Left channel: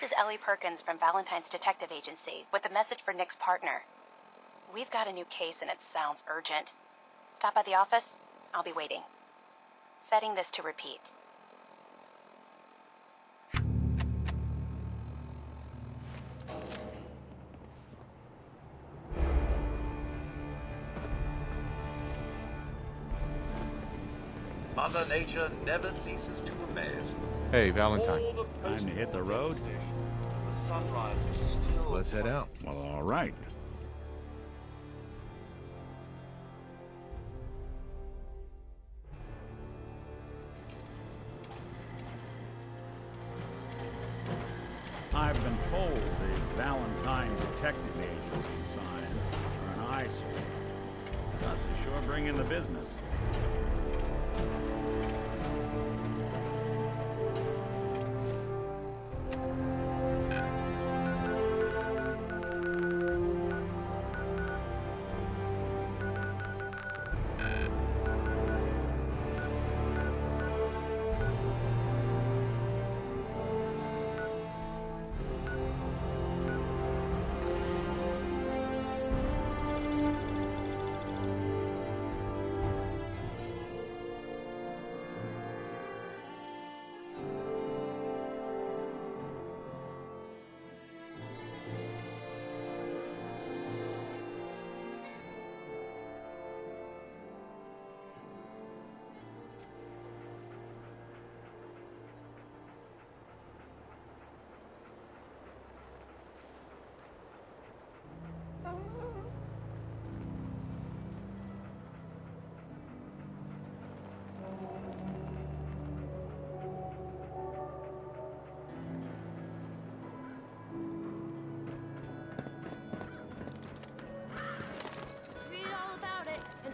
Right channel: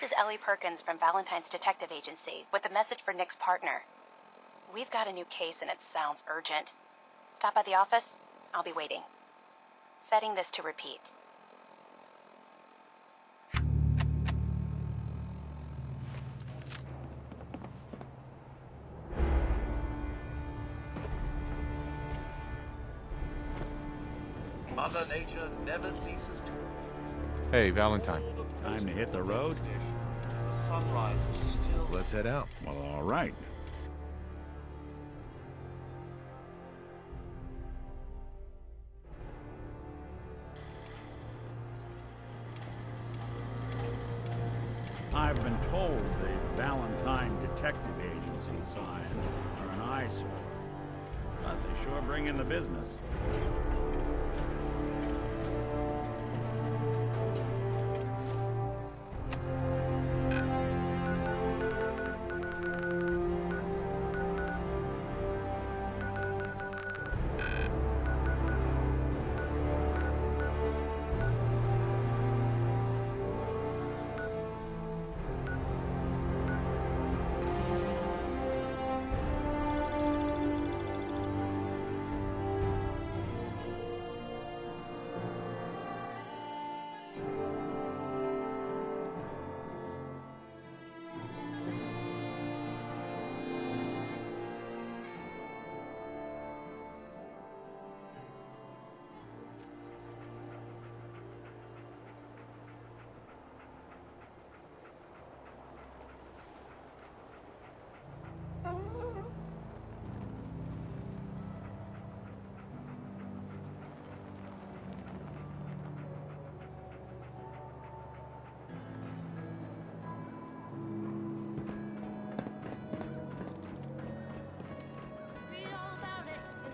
This is Ellie Perkins from Valentine's Detective Agency with a message for Nick's partner. We've got a new case and it sounds urgent. Stop by the office. I'll be waiting. Setting this to repeat. Mother Nature never ceases to amaze. Hey, Valentine. Time to hit the road? The sunrise is still... Let's head out. Well, all right. I've been told the Valentine Detective Agency signs are an eyesore, but they sure bring in the business.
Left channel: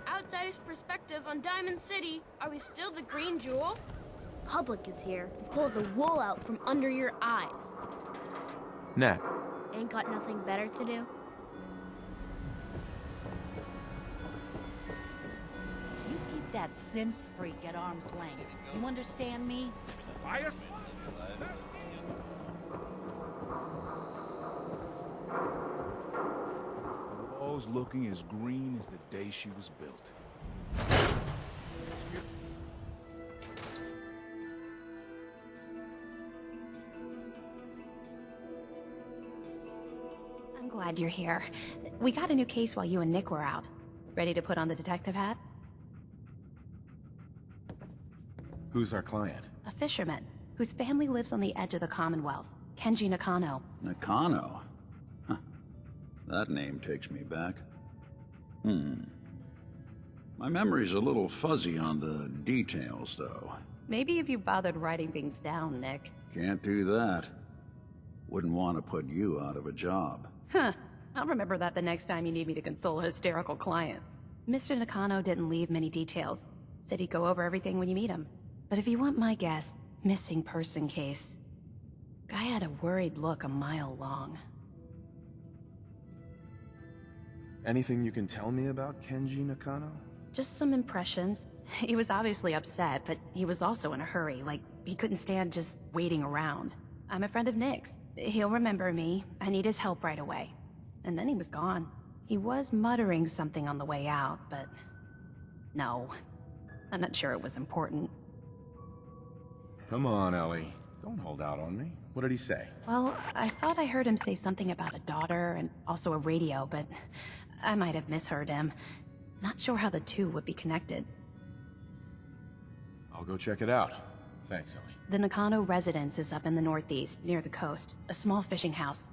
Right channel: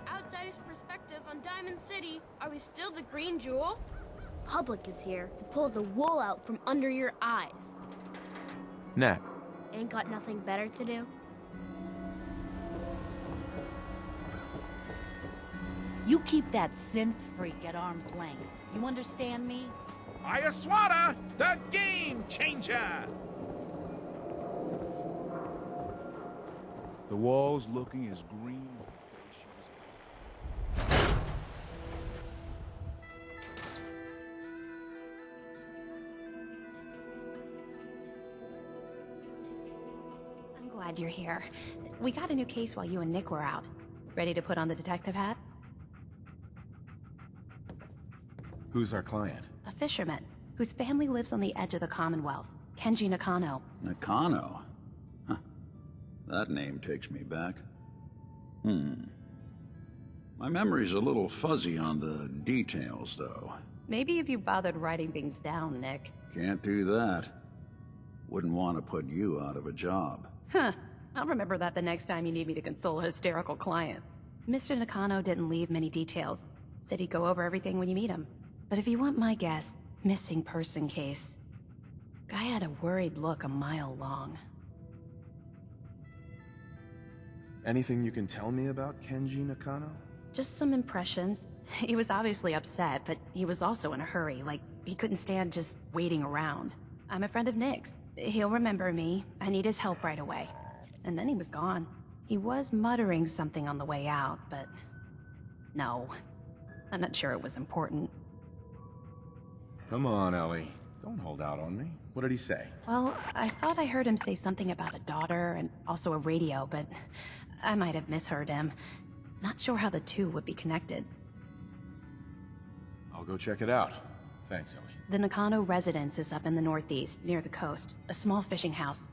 Outsider's perspective on Diamond City. Are we still the green jewel? Public is here to pull the wool out from under your eyes. Nat. Ain't got nothing better to do? You keep that synth freak at arm's length. You understand me? Ayaswara, the game changer! The wall's looking as green as the day she was built. I'm glad you're here. We got a new case while you and Nick were out. Ready to put on the detective hat? Who's our client? A fisherman, whose family lives on the edge of the Commonwealth. Kenji Nakano. Nakano? Huh. That name takes me back. My memory's a little fuzzy on the details, though. Maybe if you bothered writing things down, Nick. Can't do that. Wouldn't want to put you out of a job. Huh. I'll remember that the next time you need me to console a hysterical client. Mr. Nakano didn't leave many details. Said he'd go over everything when you meet him. But if you want my guess, missing person case. Guy had a worried look a mile long. Anything you can tell me about Kenji Nakano? Just some impressions. He was obviously upset, but he was also in a hurry, like he couldn't stand just waiting around. I'm a friend of Nick's. He'll remember me. I need his help right away. And then he was gone. He was muttering something on the way out, but... no. I'm not sure it was important. Come on, Ellie. Don't hold out on me. What did he say? Well, I thought I heard him say something about a daughter and also a radio, but I might have misheard him. Not sure how the two would be connected. I'll go check it out. Thanks, Ellie. The Nakano residence is up in the northeast, near the coast. A small fishing house.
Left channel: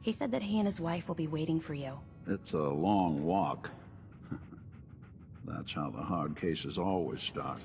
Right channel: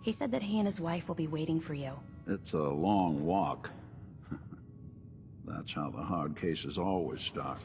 He said that he and his wife will be waiting for you. It's a long walk. That's how the hard cases always start.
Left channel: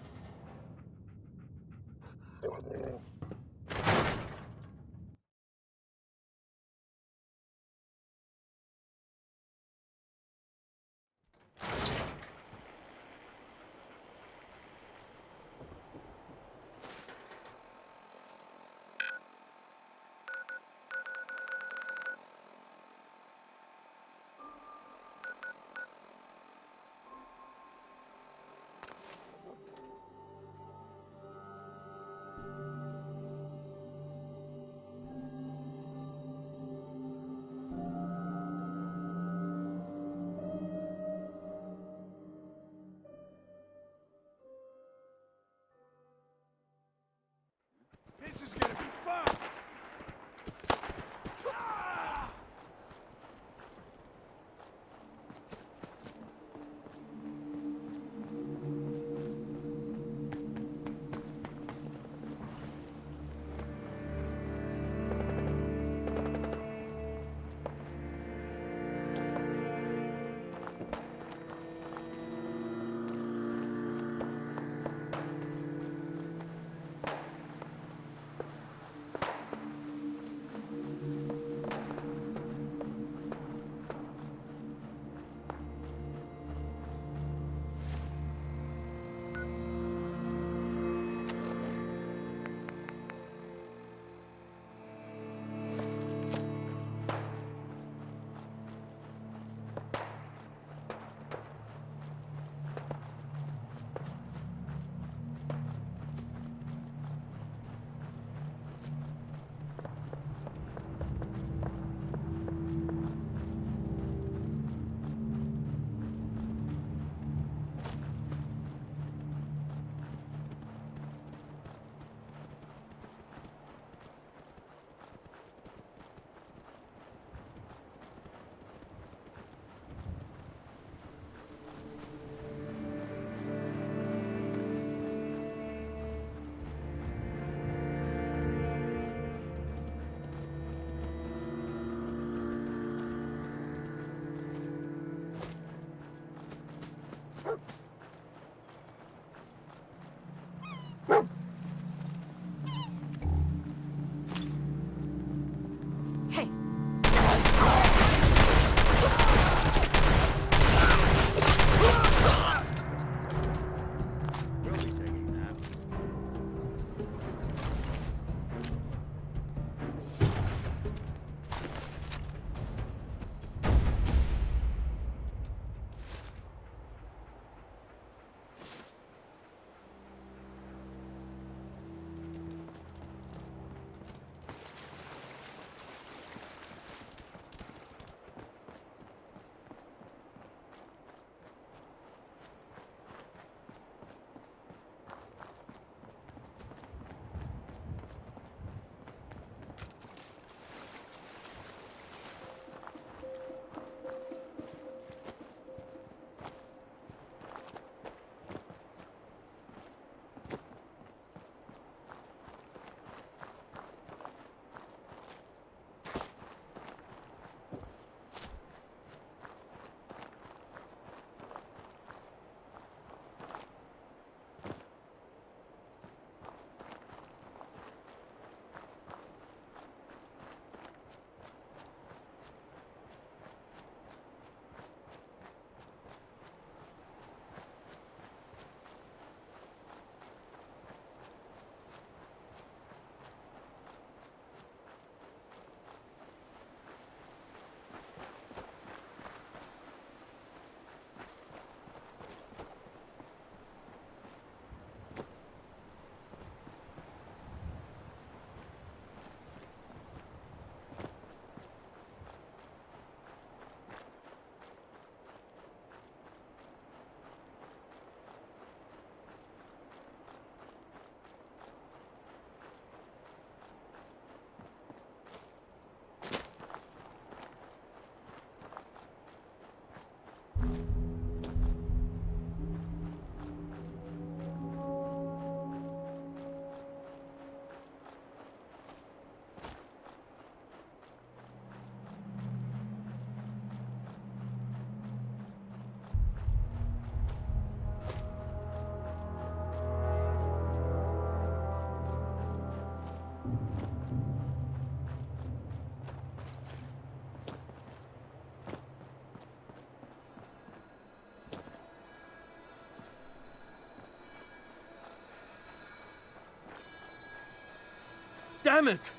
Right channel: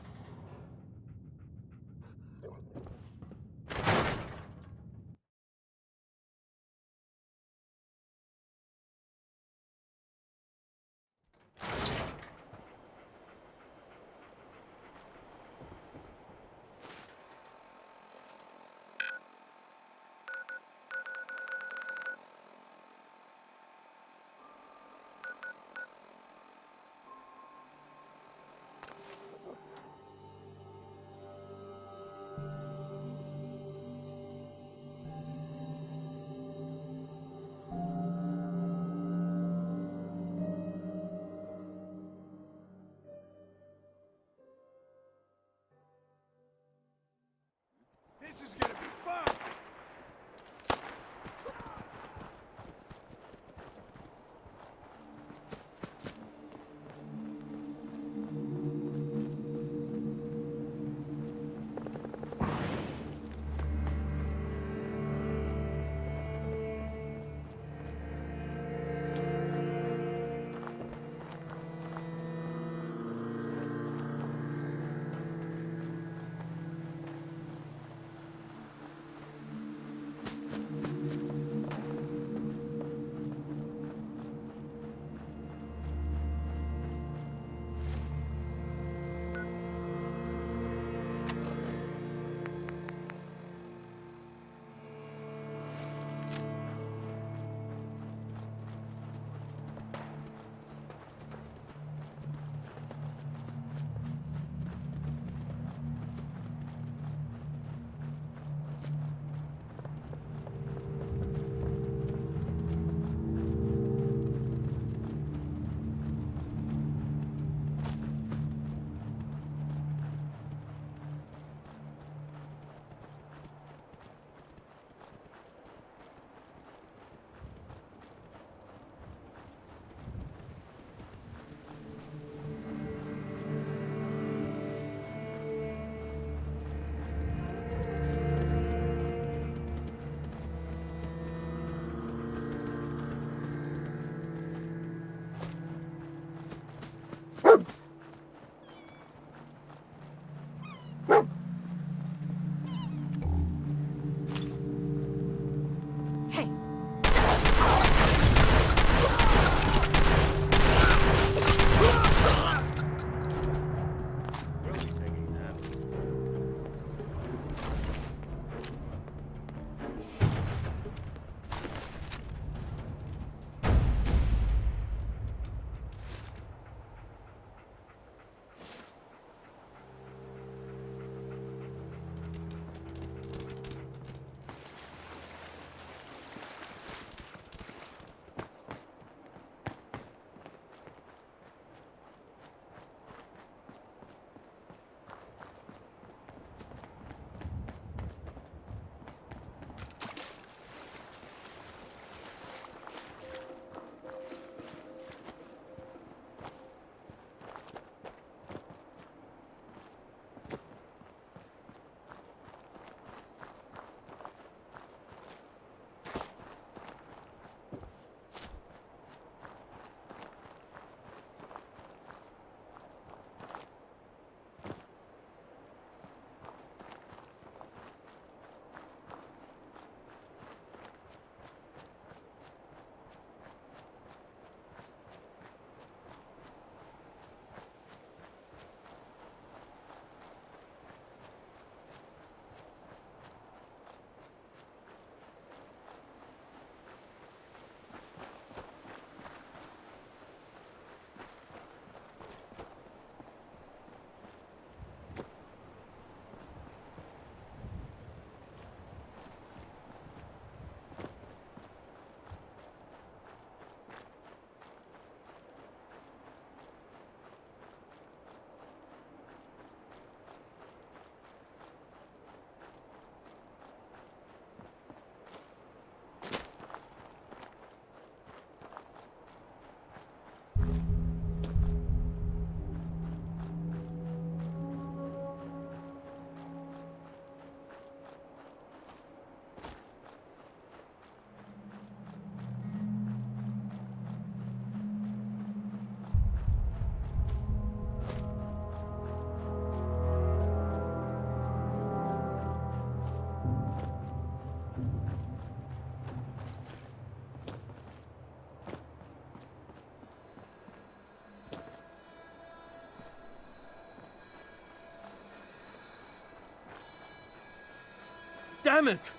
Damn it!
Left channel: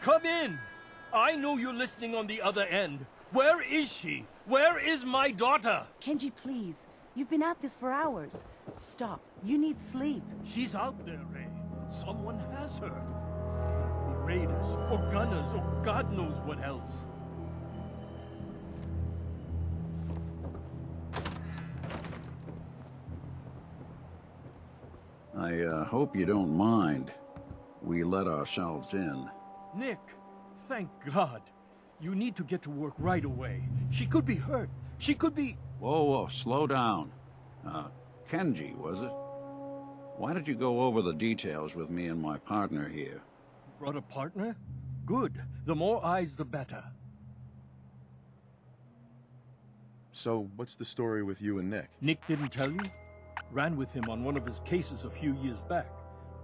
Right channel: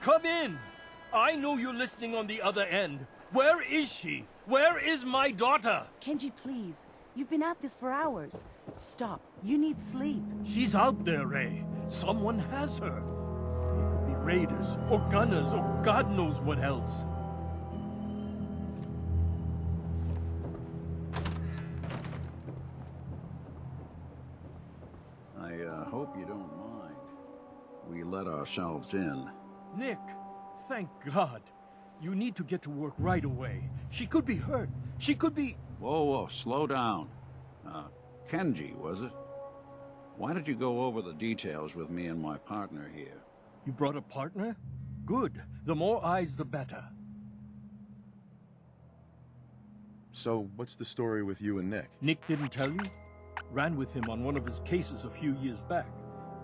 Come in! I know you're listening on the other end. Where is she? Where is my daughter? Kenji, please. You've been at this for hours. Stop. You need sleep. She's out there, Ray. Someone has her. They could be raiders, or gunners, or God knows what else. I hope you don't mind. We let ourselves in. Nick, thank God. You need to get to work right away. She could be hurt. She could be... Whoa, slow down. Kenji, was it? Why did you go over the details with me and my partner here? You brought a partner? Good. The more eyes, the better. So, what's the story with you and Nick? Nick didn't tell you? Ran with him on one of his cases a few years back,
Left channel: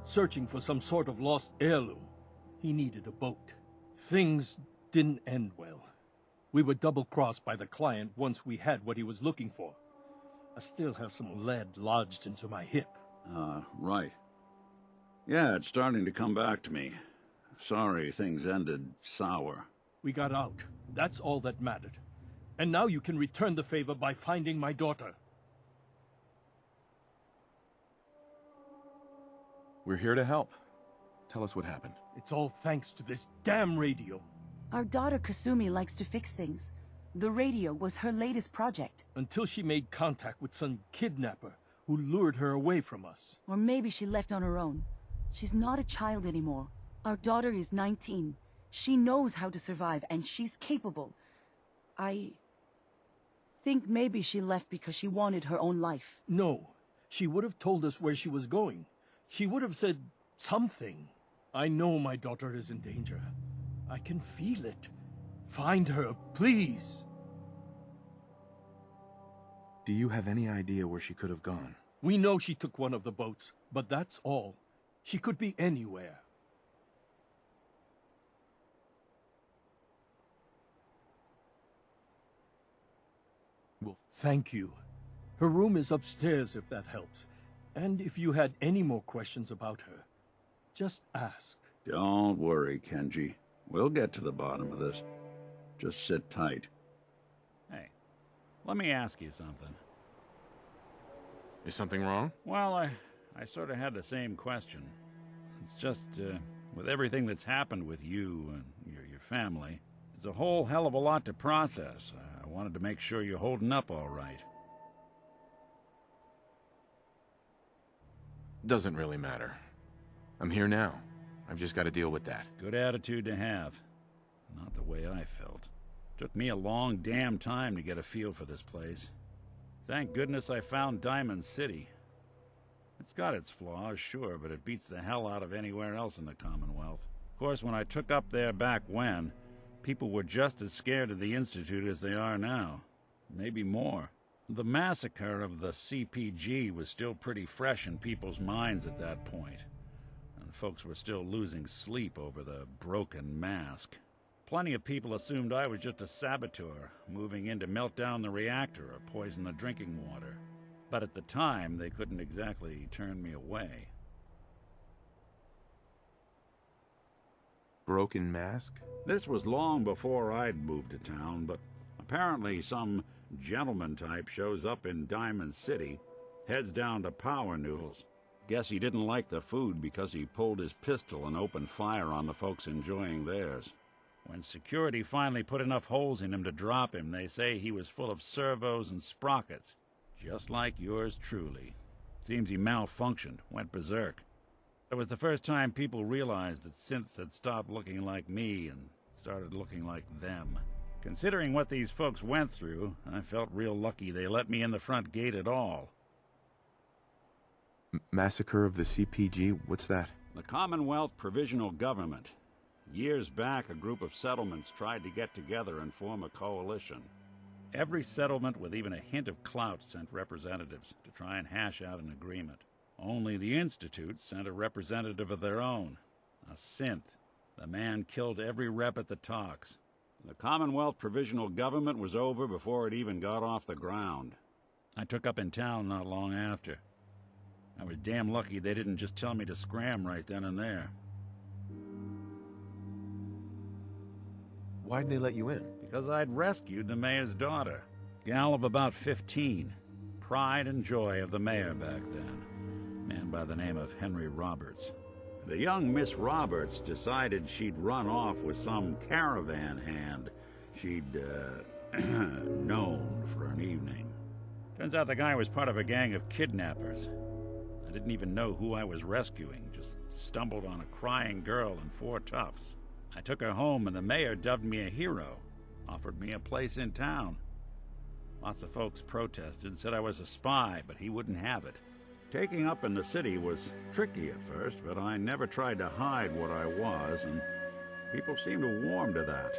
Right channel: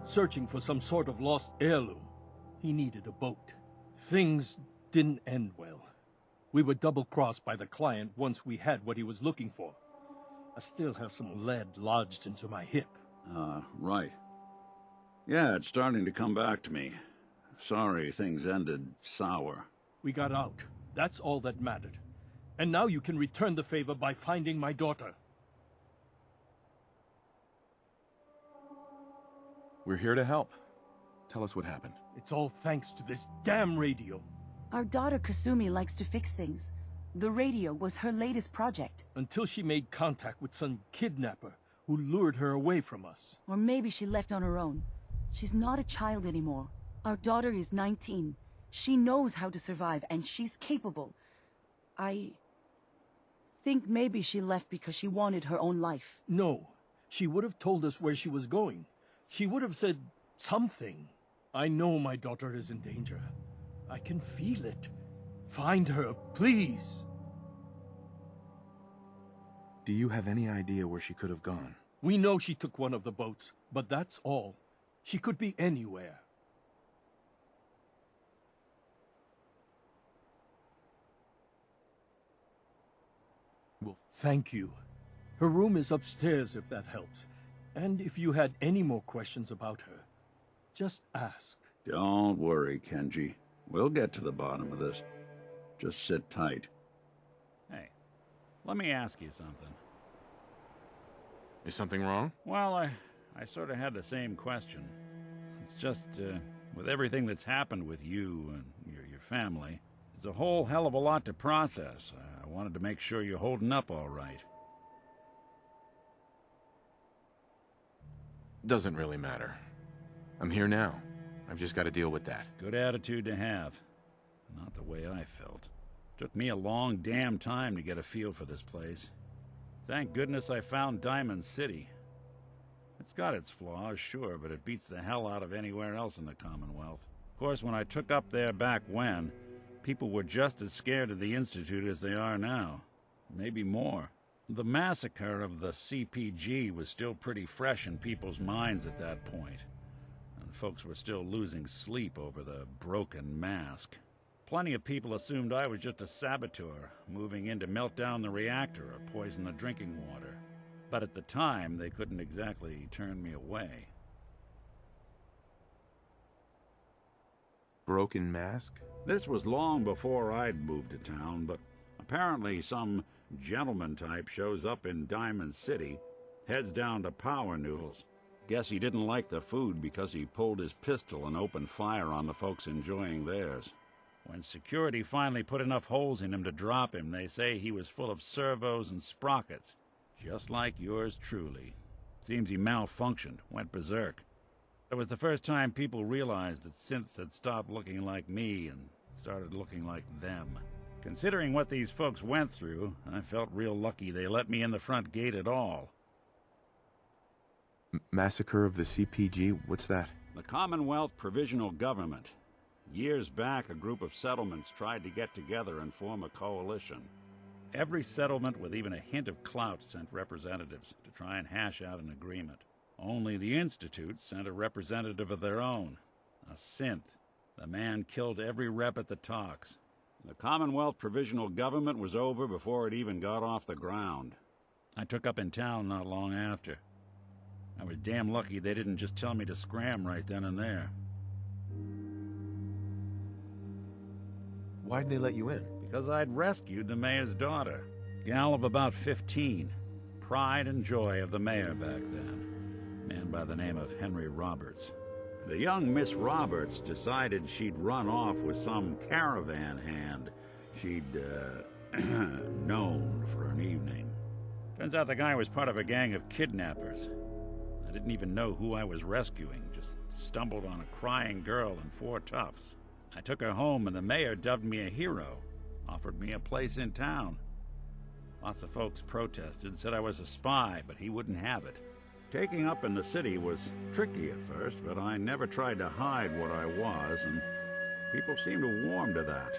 searching for some sort of lost heirloom. He needed a boat. Things didn't end well. We were double-crossed by the client once we had what he was looking for. I still have some lead lodged into my hip. Right. Yeah, it's starting to come back to me. Sorry things ended sour. We got out. That's all that mattered. And now you can return the favor by finding my daughter. We're here to help. Tell us what happened. It's all thanks to this damn radio. Our daughter Kasumi likes to fix things. The radio was her latest project. Until she made contact with some kidnapper who lured her away from us. Or maybe she left on her own. She's not a child anymore. Our daughter is 19. She knows how to survive, and she's capable. I think maybe she left because she wanted her own life. No. She would have told us where she was going. She would have said something. I know my daughter is in danger. I can feel it. Find her, please. Do you have any idea where she could have gone? We know she took one of the boats, but that's all. She could be anywhere. Well, thank you. Her room is upstairs if that helps. And if you had any more questions about her, just ask. Don't worry, Kenji. We'll get to the bottom of this. Just sit tight. Hey, let me ask you something. Is something wrong? Well, I sort of had the same question. It's just, with everything that's happened with you and your family, it's a whole hell of a lot to process. I wanted to make sure you're holding up all right. Doesn't really matter. I'm here now. I've just got to deal with that. Good attitude to have. Not the way I felt. Took me a long damn time to get a feel for this place. Thank goodness I found Diamond City. It's got its flaws, sure, but it beats the hell out of anywhere else in the Commonwealth. Of course, when I took up there back when, people were just as scared of the Institute as they are now. Maybe more. The massacre of the CPG was still pretty fresh in people's minds at that point, and folks were still losing sleep over the broken mask. Plenty of people assumed I was just a saboteur, moving in to melt down the reactor or poison the drinking water. But at the time, they couldn't exactly turn me away. Broken mask? This was long before I'd moved to town, but apparently some gentleman type shows up in Diamond City, heads down to Power Noodles. Guess he didn't like the food because he pulled his pistol and opened fire on the folks enjoying theirs. When security finally put enough holes in him to drop him, they say he was full of servos and sprockets, just like yours truly. Seems he malfunctioned, went berserk. It was the first time people realized that synths had stopped looking like me and started looking like them. Considering what these folks went through, I felt real lucky they let me in the front gate at all. Massacre of the CPG? What's that? The Commonwealth Provisional Government. Years back, a group of settlements tried to get together and form a coalition. Every settlement with even a hint of clout sent representatives to try and hash out an agreement. Only the Institute sent a representative of their own, a synth. The man killed every rep at the talks. The Commonwealth Provisional Government was over before it even got off the ground. I took up in town not long after. I was damn lucky they didn't just tell me to scram right then and there. Why'd they let you in? Because I'd rescued the mayor's daughter. Gal of about 15. Pride and joy of the mayor back then. Man by the name of Henry Roberts. The young Miss Roberts decided she'd run off with some caravan hand she'd, known for an evening. Turns out the guy was part of a gang of kidnappers. I didn't even know who I was rescuing, just stumbled on a crying girl and 4 toughs. I took her home and the mayor dubbed me a hero, offered me a place in town. Lots of folks protested, said I was a spy, but he wouldn't have it. Taking up in the city was tricky at first, but I never tried to hide what I was, and people seemed to warm to that.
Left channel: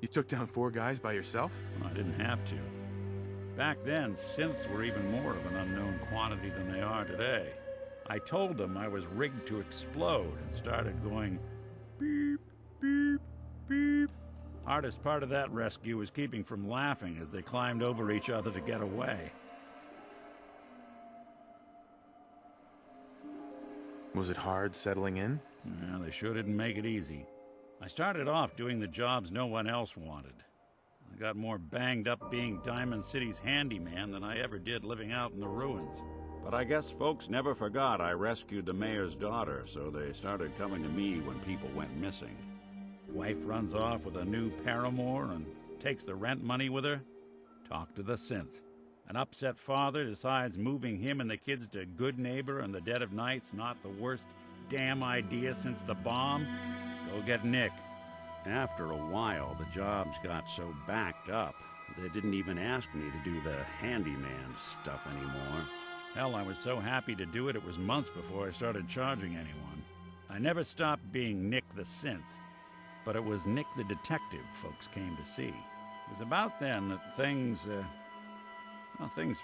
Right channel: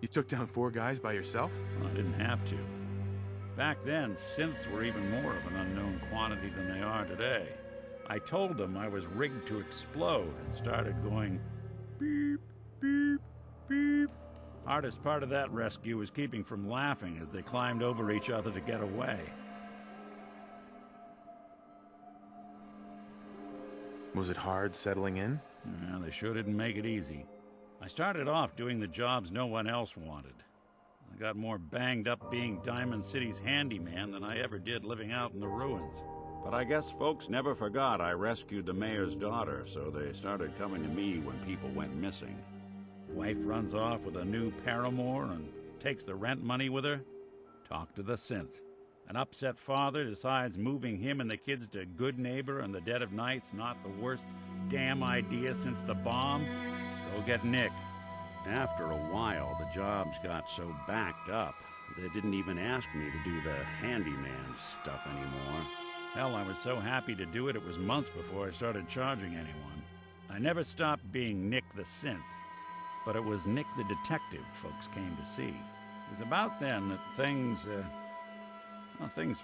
You took down 4 guys by yourself? Well, I didn't have to. Back then, synths were even more of an unknown quantity than they are today. I told them I was rigged to explode and started going beep, beep, beep. Hardest part of that rescue was keeping from laughing as they climbed over each other to get away. Was it hard settling in? Yeah, they sure didn't make it easy. I started off doing the jobs no one else wanted. I got more banged up being Diamond City's handyman than I ever did living out in the ruins. But I guess folks never forgot I rescued the mayor's daughter, so they started coming to me when people went missing. Wife runs off with a new paramour and takes the rent money with her. Talk to the synth. An upset father decides moving him and the kids to Good Neighbor in the dead of night's not the worst damn idea since the bomb. Go get Nick. After a while, the jobs got so backed up, they didn't even ask me to do the handyman stuff anymore. Hell, I was so happy to do it, it was months before I started charging anyone. I never stopped being Nick the Synth, but it was Nick the Detective folks came to see. It was about then that things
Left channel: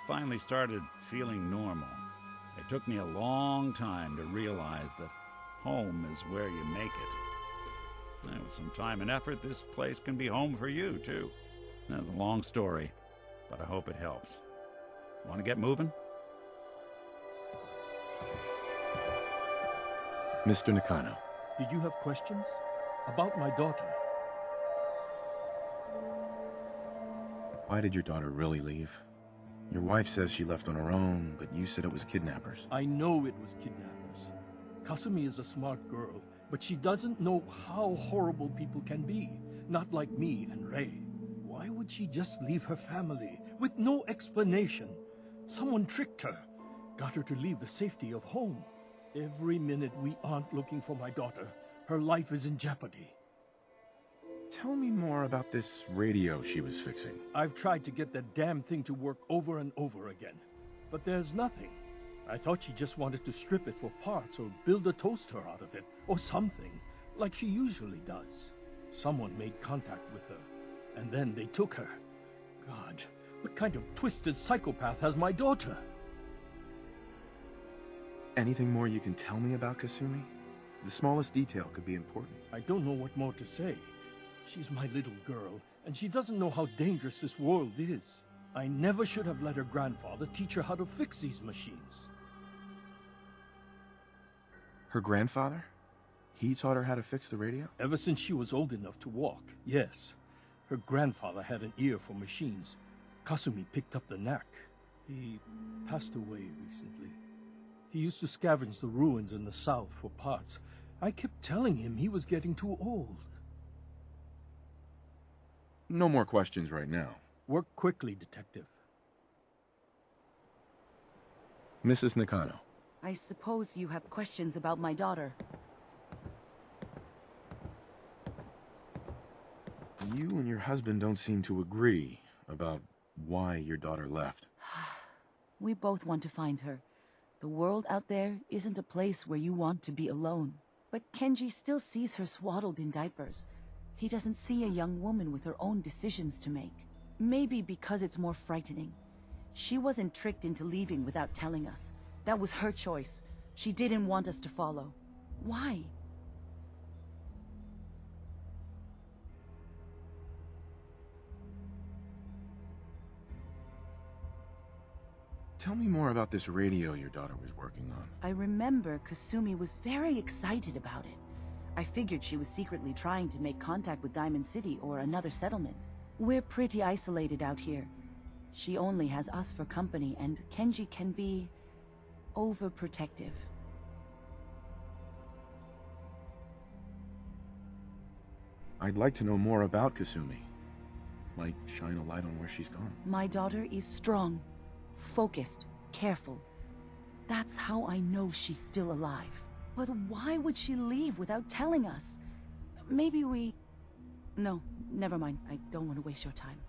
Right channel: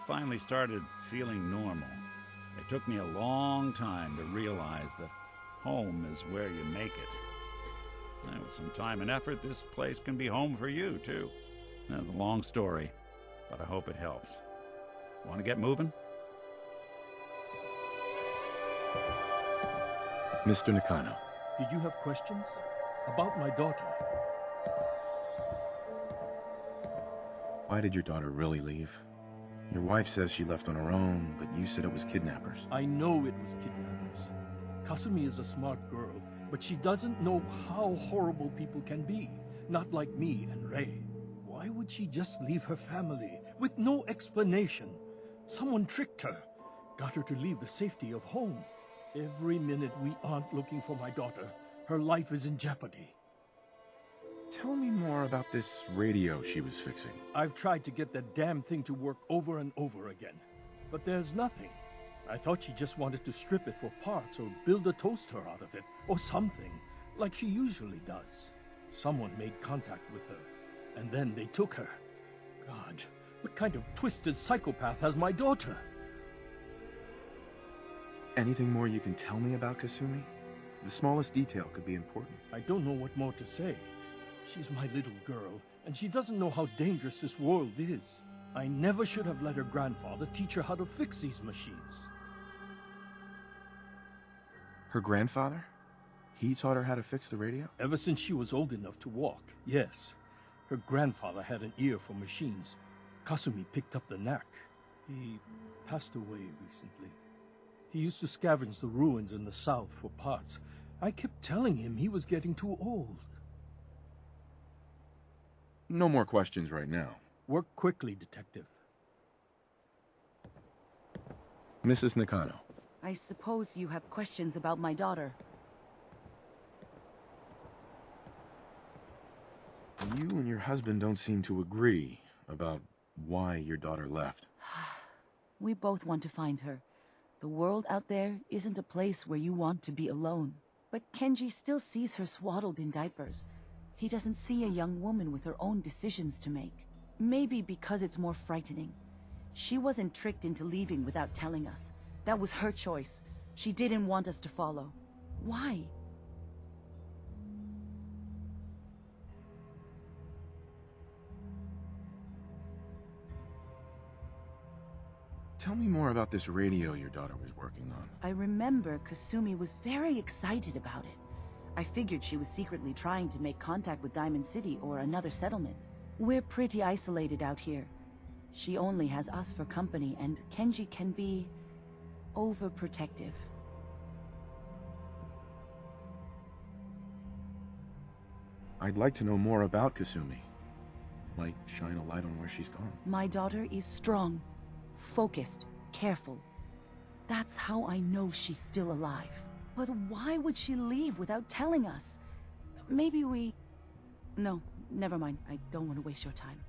finally started feeling normal. It took me a long time to realize that home is where you make it. With some time and effort, this place can be home for you, too. That's a long story, but I hope it helps. Want to get moving? Mr. Nakano. Did you have questions? About my daughter? Why did your daughter really leave? Your wife says she left on her own, but you said it was kidnappers. I know it was kidnappers. Kasumi is a smart girl, but she doesn't know how horrible people can be. Not like me and Ray. Why would she just leave her family with no explanation? Someone tricked her, got her to leave the safety of home. Every minute we aren't looking for my daughter, her life is in jeopardy. Tell me more about this radio she was fixing. I've tried to get that damn thing to work over and over again, but there's nothing. I thought she just wanted to strip it for parts or build a toaster out of it, or something, like she usually does. Someone made contact with her, and then they took her. God, what kind of twisted psychopath has my daughter? Anything more you can tell me about Kasumi? The smallest detail could be important. I don't know what more to say. She's my little girl, and she doesn't know how dangerous this world is. I never should have let her grandfather teach her how to fix these machines. Her grandfather? He taught her how to fix the radio? Ever since she was old enough to walk, yes. Her grandfather had an ear for machines. Kasumi picked up the knack. He passed away recently. He used to scavenge the ruins in the south for parts. I kept telling him he was getting too old. No more questions right now. Work quickly, Detective. Mrs. Nakano. I suppose you have questions about my daughter. You and your husband don't seem to agree about why your daughter left. We both want to find her. The world out there isn't a place where you want to be alone. But Kenji still sees her swaddled in diapers. He doesn't see a young woman with her own decisions to make. Maybe because it's more frightening. She wasn't tricked into leaving without telling us. That was her choice. She didn't want us to follow. Why? Tell me more about this radio your daughter was working on. I remember Kasumi was very excited about it. I figured she was secretly trying to make contact with Diamond City or another settlement. We're pretty isolated out here. She only has us for company, and Kenji can be overprotective. I'd like to know more about Kasumi. Might shine a light on where she's gone. My daughter is strong, focused, careful. That's how I know she's still alive. But why would she leave without telling us? Maybe we... No, never mind. I don't want to waste your time.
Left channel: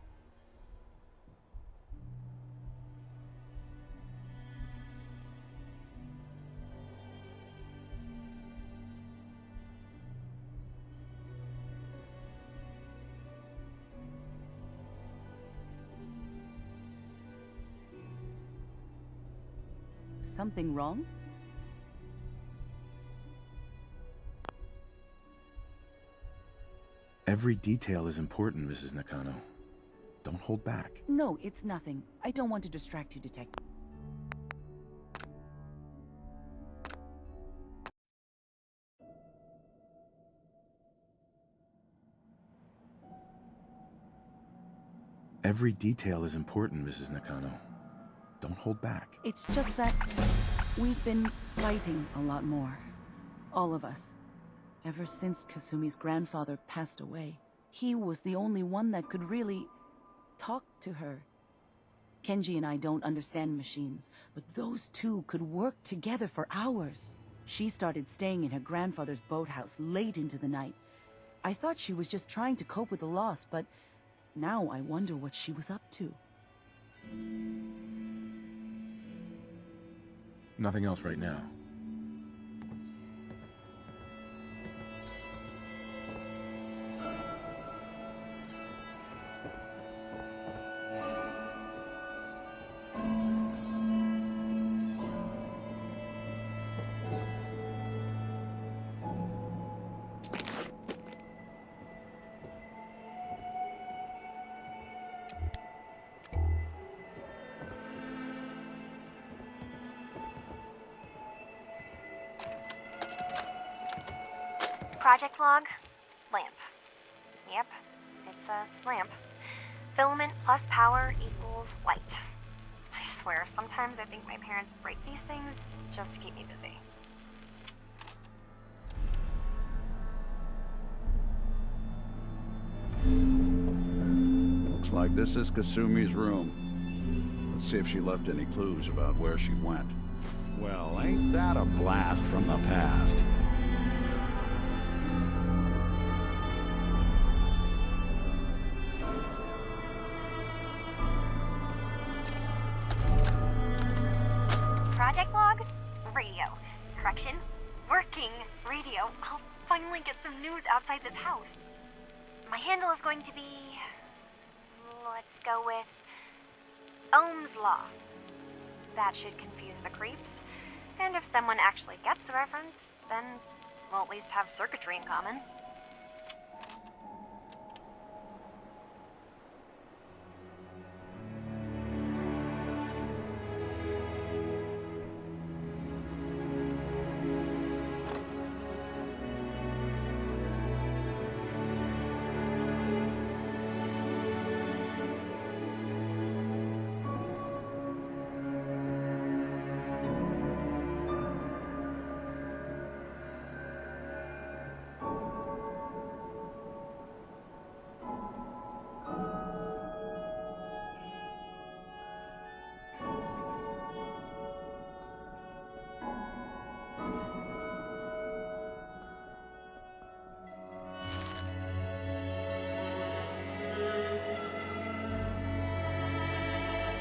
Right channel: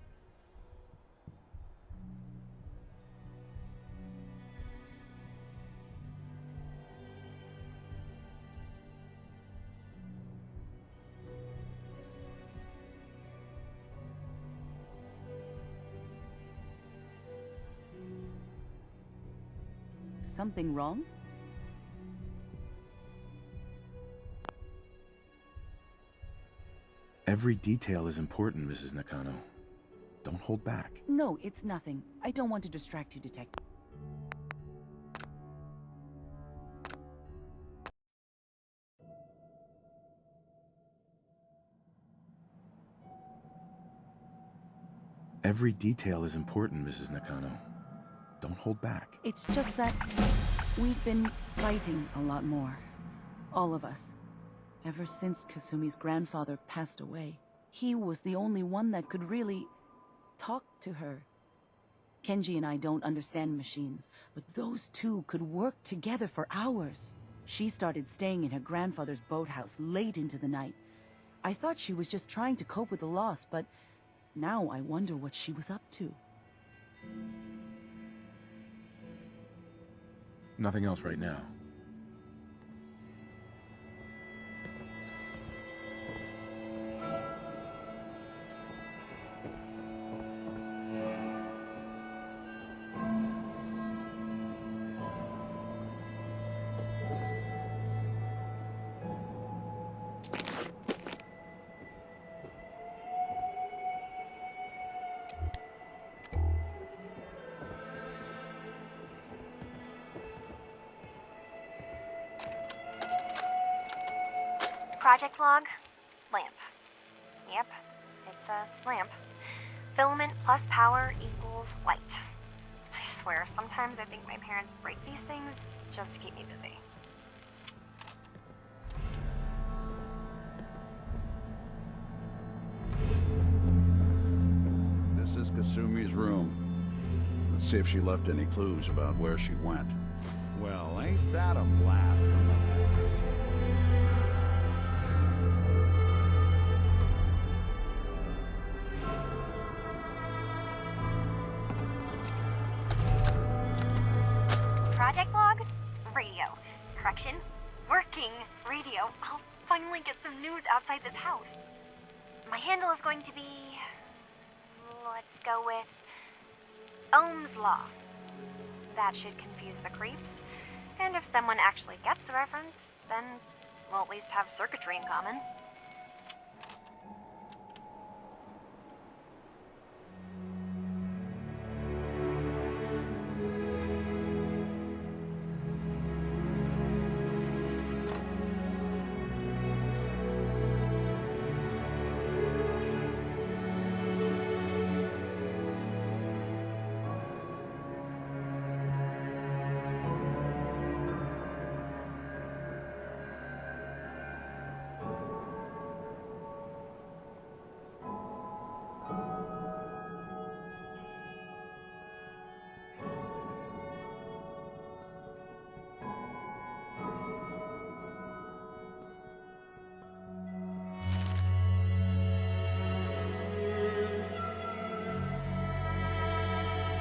Something wrong? Every detail is important, Mrs. Nakano. Don't hold back. No, it's nothing. I don't want to distract you, Detective. Every detail is important, Mrs. Nakano. Don't hold back. It's just that we've been fighting a lot more. All of us. Ever since Kasumi's grandfather passed away. He was the only one that could really talk to her. Kenji and I don't understand machines, but those two could work together for hours. She started staying in her grandfather's boathouse late into the night. I thought she was just trying to cope with the loss, but now I wonder what she was up to. Nothing else right now. Project log, lamp. Yep, it's a lamp. Filament plus power equals light. I swear, sometimes I think my parents break these things just to keep me busy. Looks like this is Kasumi's room. Let's see if she left any clues about where she went. Well, ain't that a blast from the past? Project log, radio. Correction, working radio. I'll finally get some news outside this house. My handle is going to be... let's go with... Ohm's Law. That should confuse the creeps. And if someone actually gets the reference, then we'll at least have circuitry in common.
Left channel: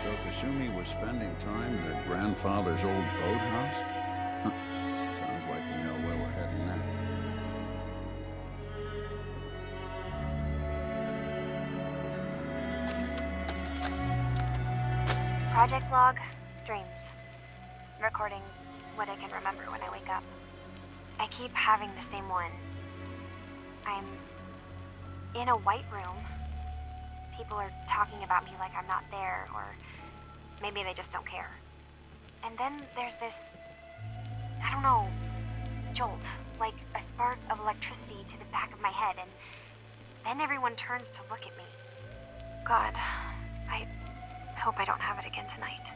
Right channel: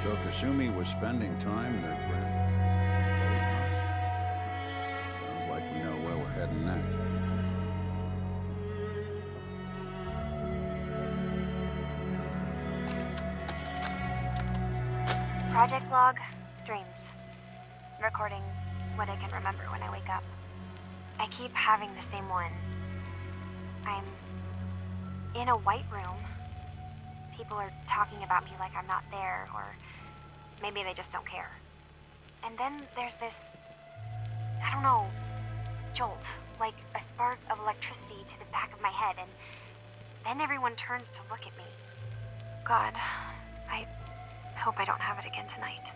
So Kasumi was spending time in her grandfather's old boathouse? Huh. Sounds like we know where we're heading next. Project log, dreams. Recording what I can remember when I wake up. I keep having the same one. I'm in a white room. People are talking about me like I'm not there, or maybe they just don't care. And then there's this, I don't know, jolt, like a spark of electricity to the back of my head, and then everyone turns to look at me. God, I hope I don't have it again tonight.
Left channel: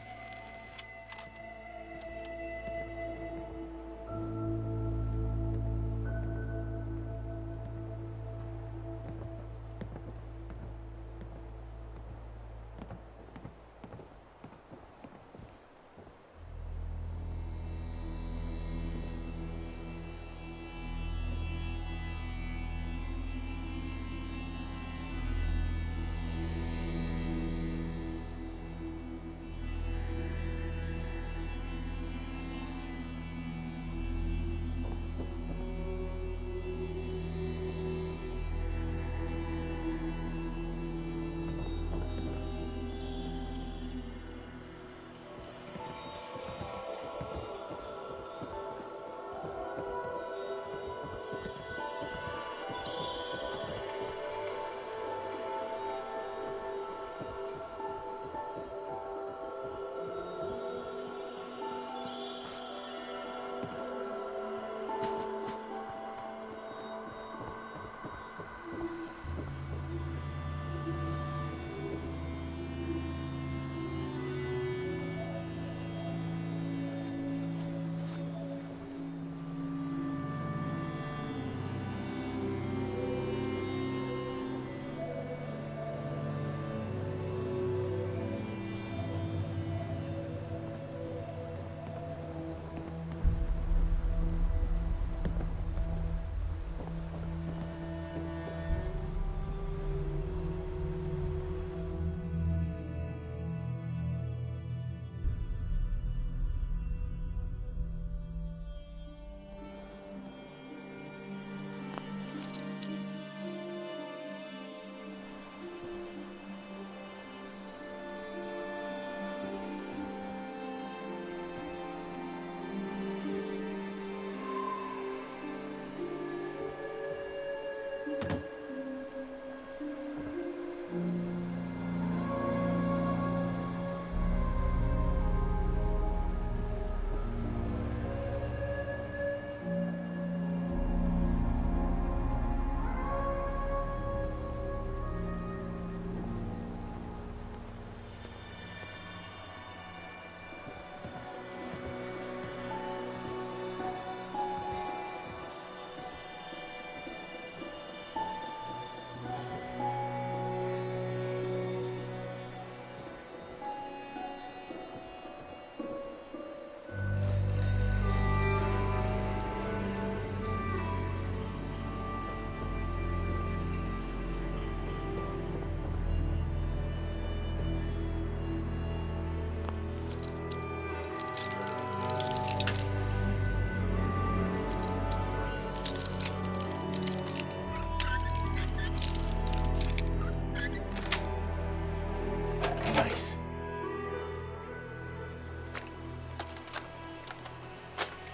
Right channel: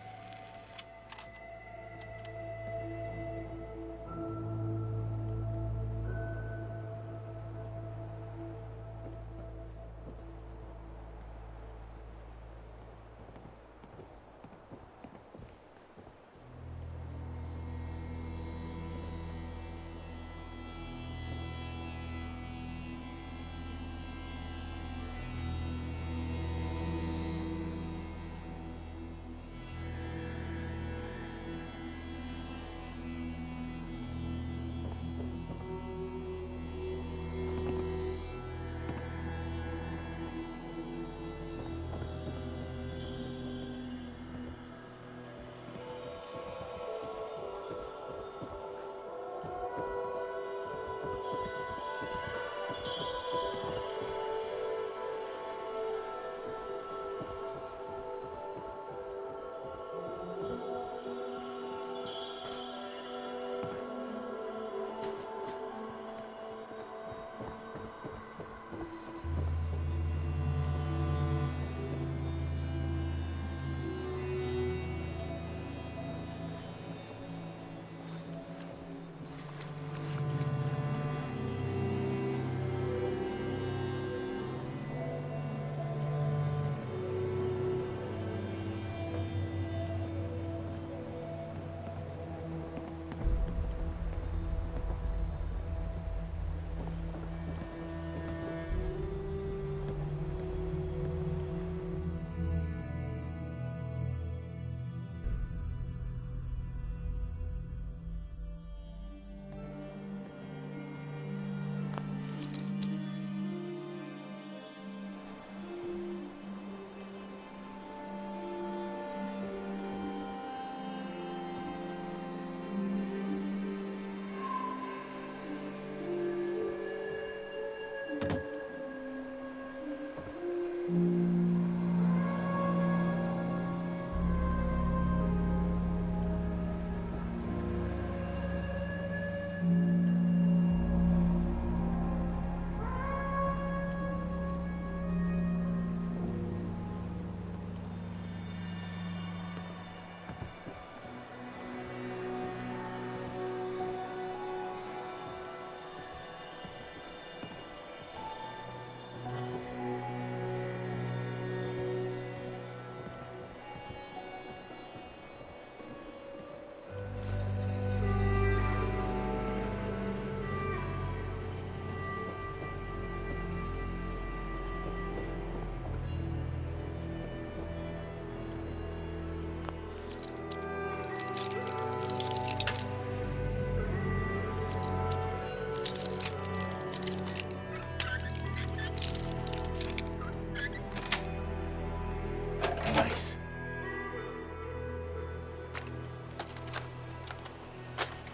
Nice.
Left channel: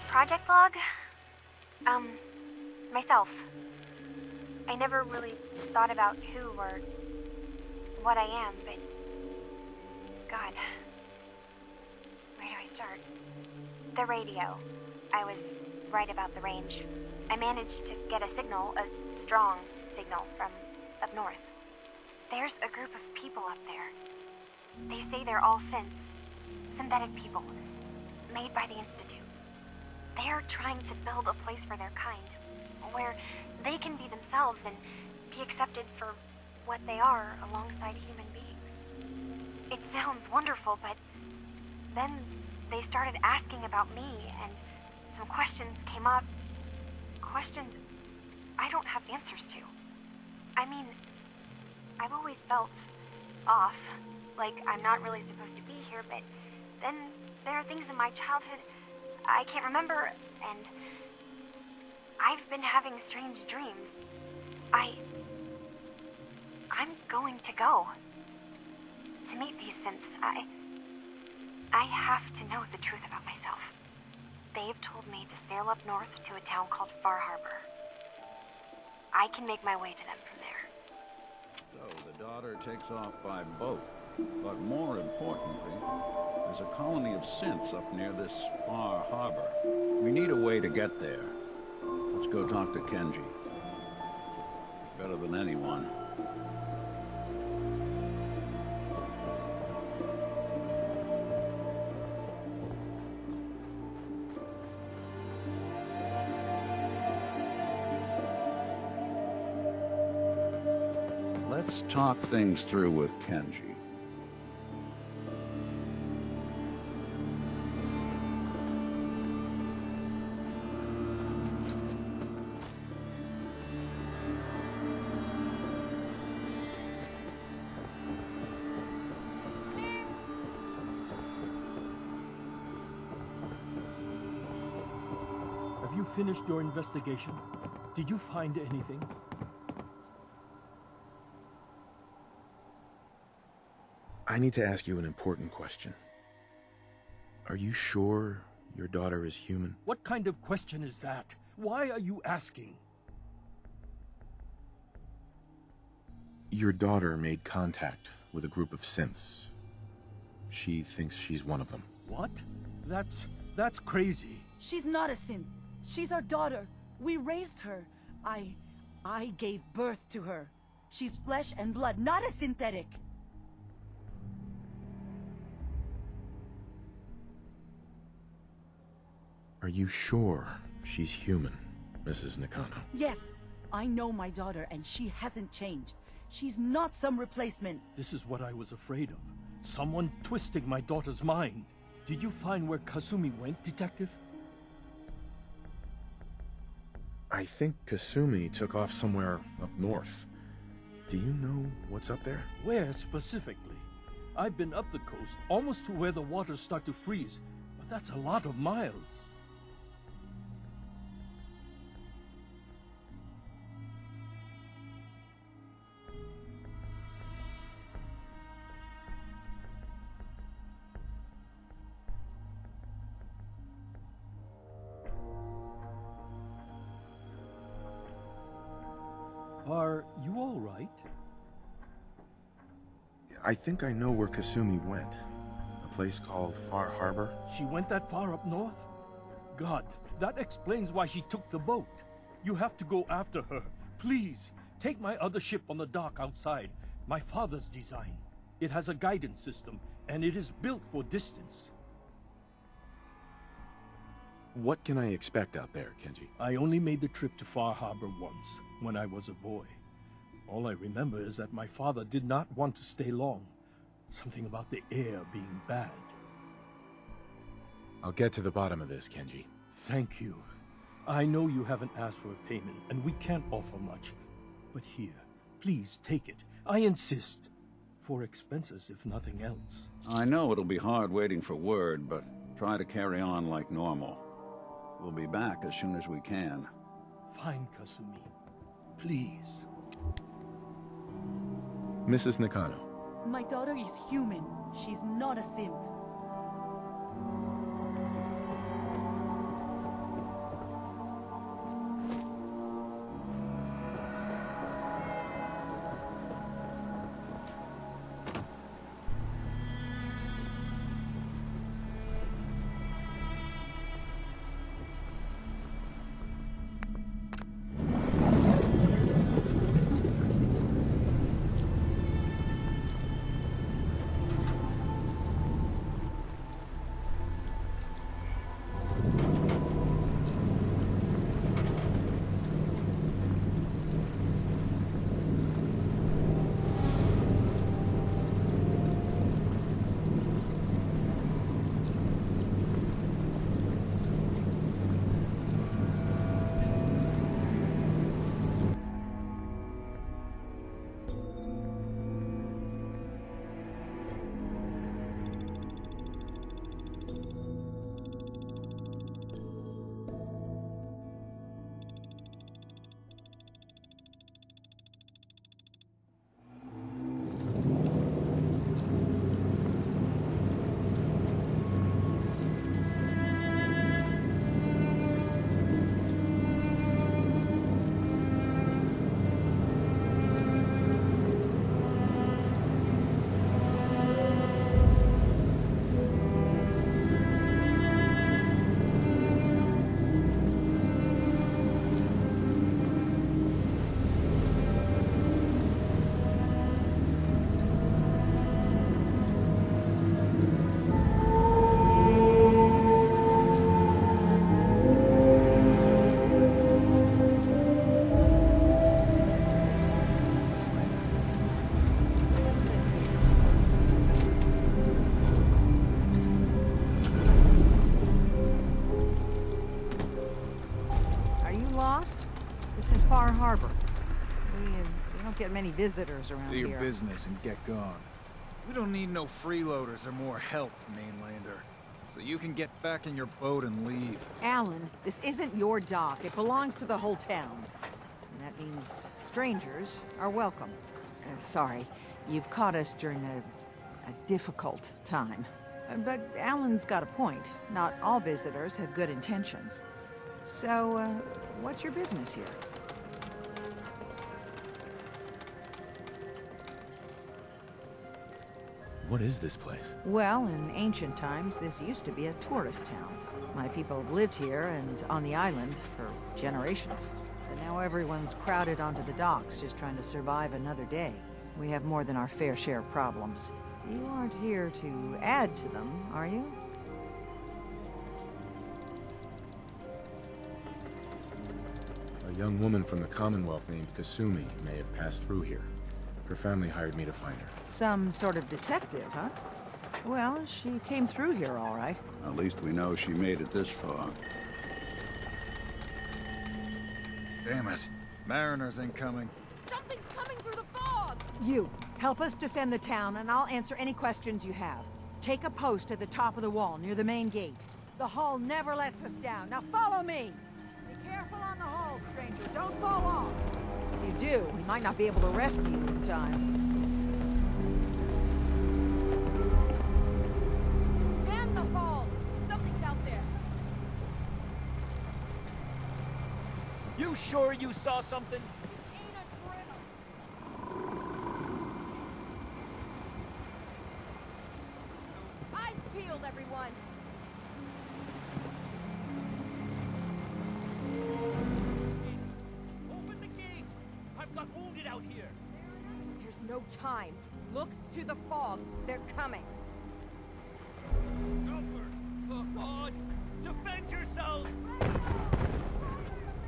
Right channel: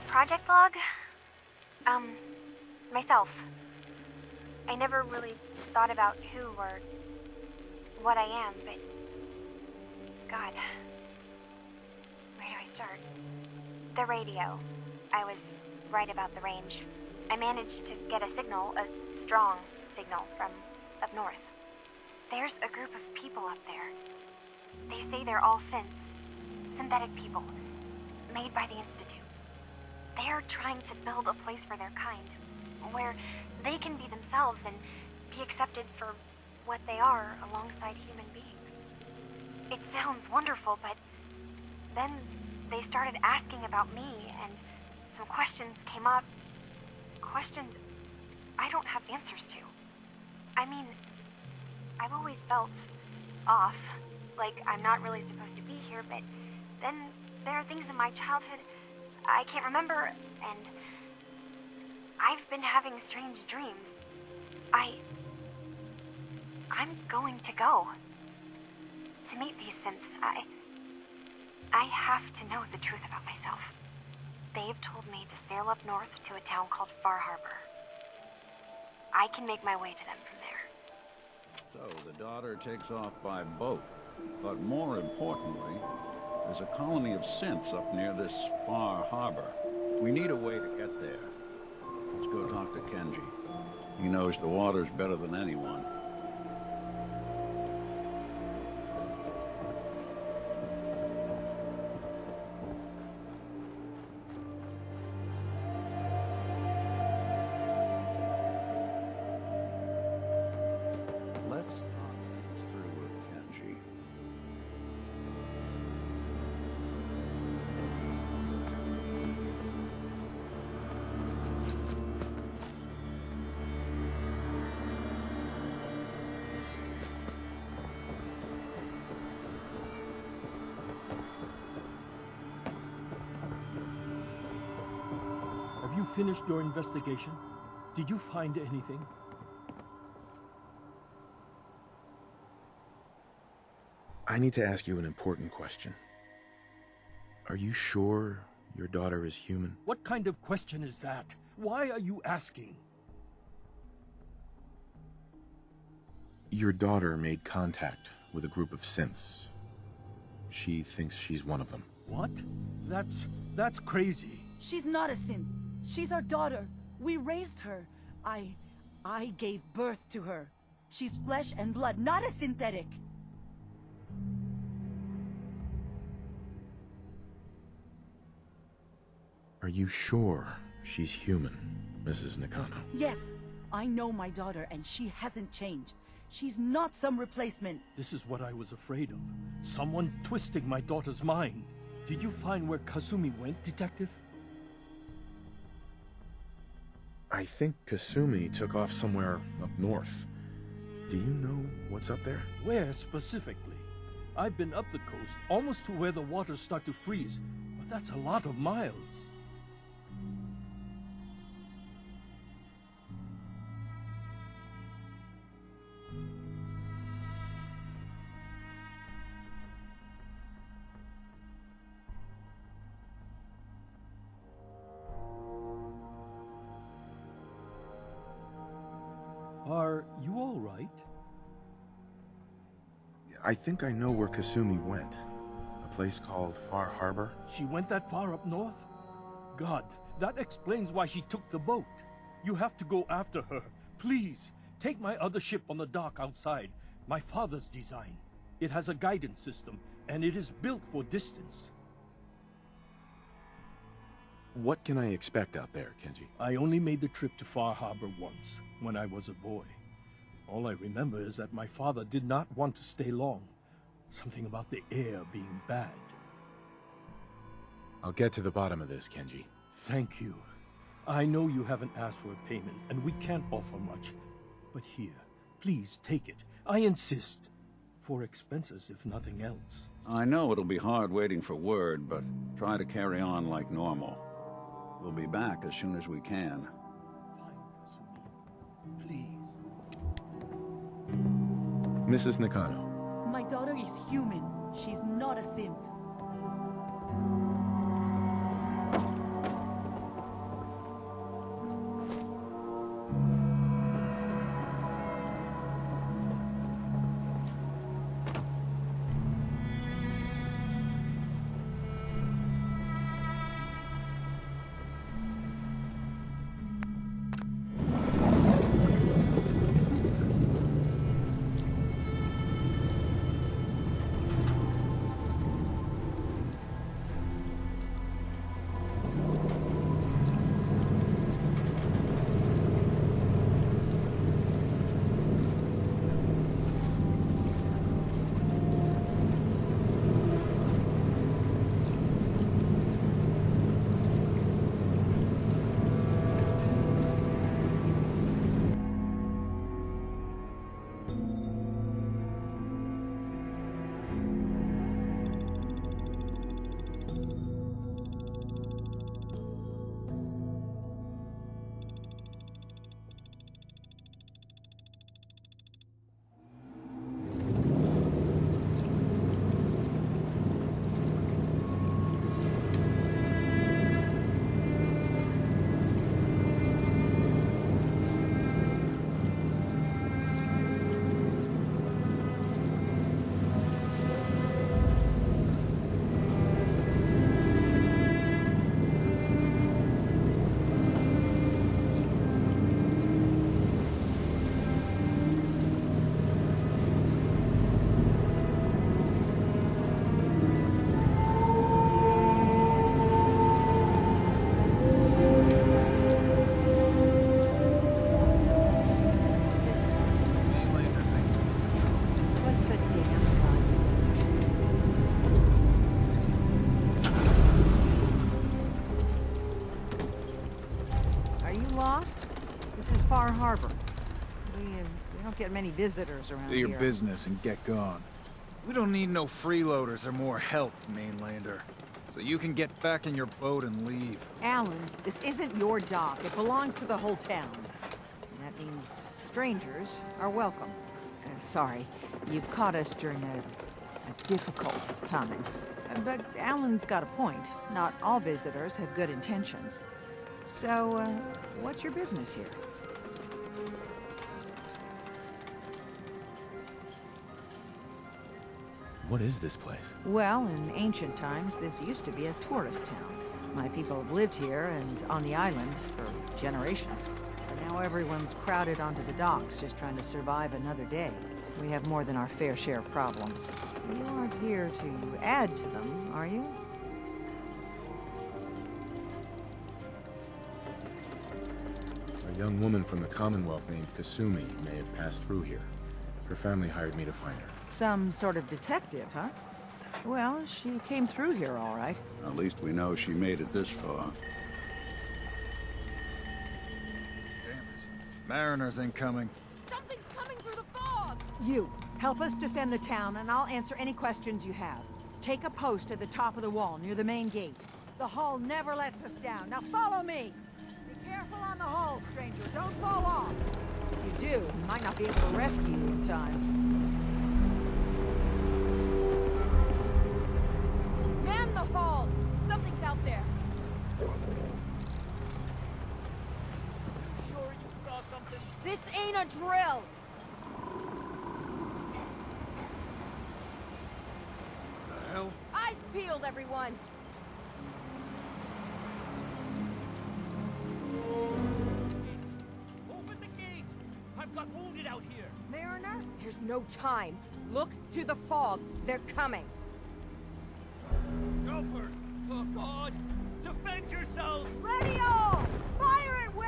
Project log? Myself. I never really thought about who or what I am, but God, where do I start? The radio. I was right about the range. I managed to get a signal, a strong signal from up north. There's a group of people up there. They say they're all synthetic people, made by the Institute. They are trying to build a place for their kind, where they can be themselves and be accepted for what they are alongside human beings. It sounds wonderful, but then they started asking about me, and some questions came up. Questions I don't have answers to. I mean, I've always felt off, like I'm not really supposed to be here, but then there are things in my childhood I can't remember, and I've been having strange dreams. I'm going to go to meet these synths. I have to know the truth about myself. They've told me to sail up north to a town called Far Harbor. I can make my way to them from there. So the daughter takes off by boat. But more importantly, there's a colony of synths up near this far harbor. We need a way to get there. Let's go talk to Kenji. He knows the waters better than anyone. Let's talk things through with Kenji. Have you finished your investigation? Did you find anything? I need to ask you an important question. Are you sure your daughter is human? What kind of question is that? Why are you asking? Your daughter made contact with a group of synths. She thinks she's one of them. What? That's crazy. She's not a synth. She's our daughter. We raised her. I gave birth to her. She's flesh and blood, not a synthetic. Are you sure she's human, Mrs. Nakano? Yes, I know my daughter, and she hasn't changed. She's not some replacement. This is what I was afraid of. Someone twisting my daughter's mind. Did you find where Kasumi went, Detective? I think Kasumi took off somewhere up north. Do you know what's up there? Where specifically? I've been up the coast, almost to where the waters start to freeze, but that's a lot of miles. Are you all right? I think I know where Kasumi went. A place called Far Harbor. She went that far up north? God, that explains why she took the boat. You have to go after her. Please, take my other ship on the dock outside. My father's design. It has a guidance system, and it is built for distance. What can I expect out there, Kenji? I only made the trip to Far Harbor once, when I was a boy. All I remember is that my father did not want to stay long. Something about the air being bad. I'll get to the bottom of this, Kenji. Thank you. I know you haven't asked for a payment, and we can't offer much. But here, please take it. I insist. For expenses, if nothing else. I know it'll be hard waiting for word, but try to carry on like normal. We'll be back as soon as we can. Fine, Kasumi. Please. Mrs. Nakano. My daughter is human. She's not a synth. our harbor. We don't get many visitors around Do here. your business and get gone. We don't need no freeloaders or more help, mainlander. So you can get back in your boat and leave. Alan, this isn't your dock. It belongs to the whole town. And that means strangers are welcome. Sorry, you've caught us during a difficult time. But Alan's got a point. Not all visitors have good intentions. So, what's your business here? What is this place? Well, in ancient times, this used to be a tourist town. My people have lived here and on the island for generations. But now everyone's crowded onto the docks, just trying to survive another day. We have more than our fair share of problems. You aren't here to add to them, are you? A young woman from the Commonwealth named Kasumi may have passed through here. Her family hired me to find her. Some sort of detective, huh? Well, she came through here all right. At least we know she made it this far. Damn it. Mariners incoming. Something's coming through the fog! You, help us defend the town, and I'll answer any questions you have. Take a post at the top of the wall, near the main gate. The hull never lets us down. Now follow me! Be careful on the hull, stranger. Don't fall off. If you do, we might not be able to rescue you in time. Man the hull! Something's out there. You sure you saw something? This ain't a drill! The hell? Eyes peeled, everyone! Open the gate! I've got wounded out here! Mariner? There's no time. Look to the fog. They're coming. Gulpers! Oh, God! Defend yourselves! Ready all! Fire at will!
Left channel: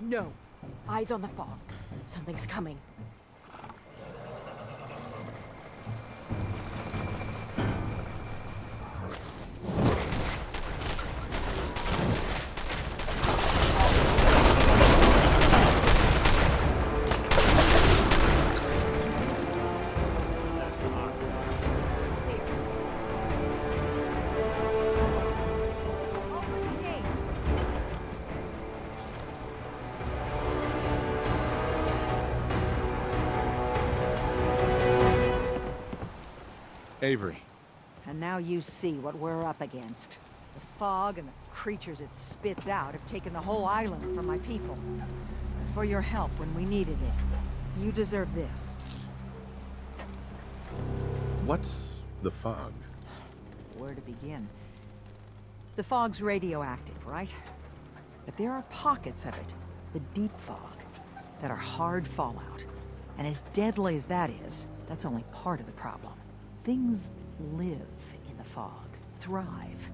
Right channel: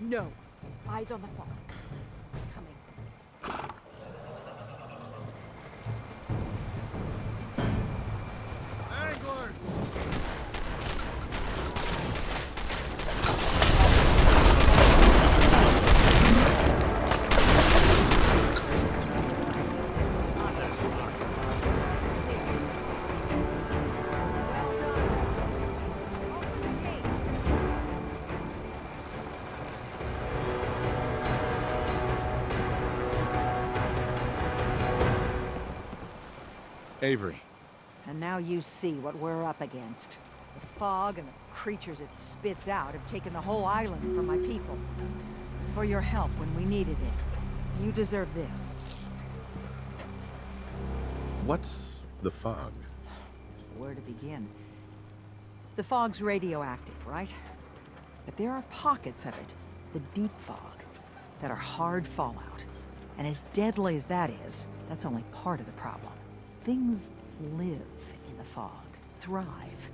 No. Eyes on the fog. Something's coming. Avery. And now you see what we're up against. The fog and the creatures it spits out have taken the whole island from my people. For your help when we needed it. You deserve this. What's the fog? Where to begin? The fog's radioactive, right? But there are pockets of it, the deep fog, that are hard fallout. And as deadly as that is, that's only part of the problem. Things live in the fog, thrive.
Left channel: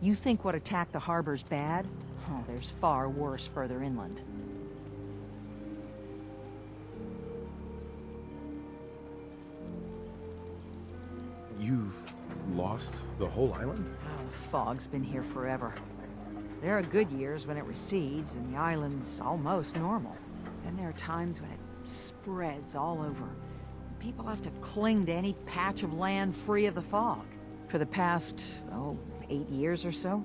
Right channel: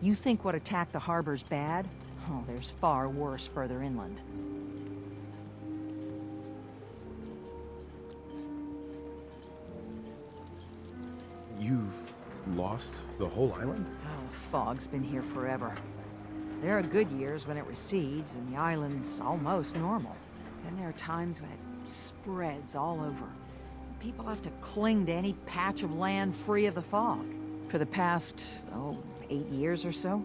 You think what attacked the harbor's bad? Oh, there's far worse further inland. You've lost the whole island? Oh, the fog's been here forever. There are good years when it recedes and the island's almost normal. Then there are times when it spreads all over. People have to cling to any patch of land free of the fog. For the past, 8 years or so.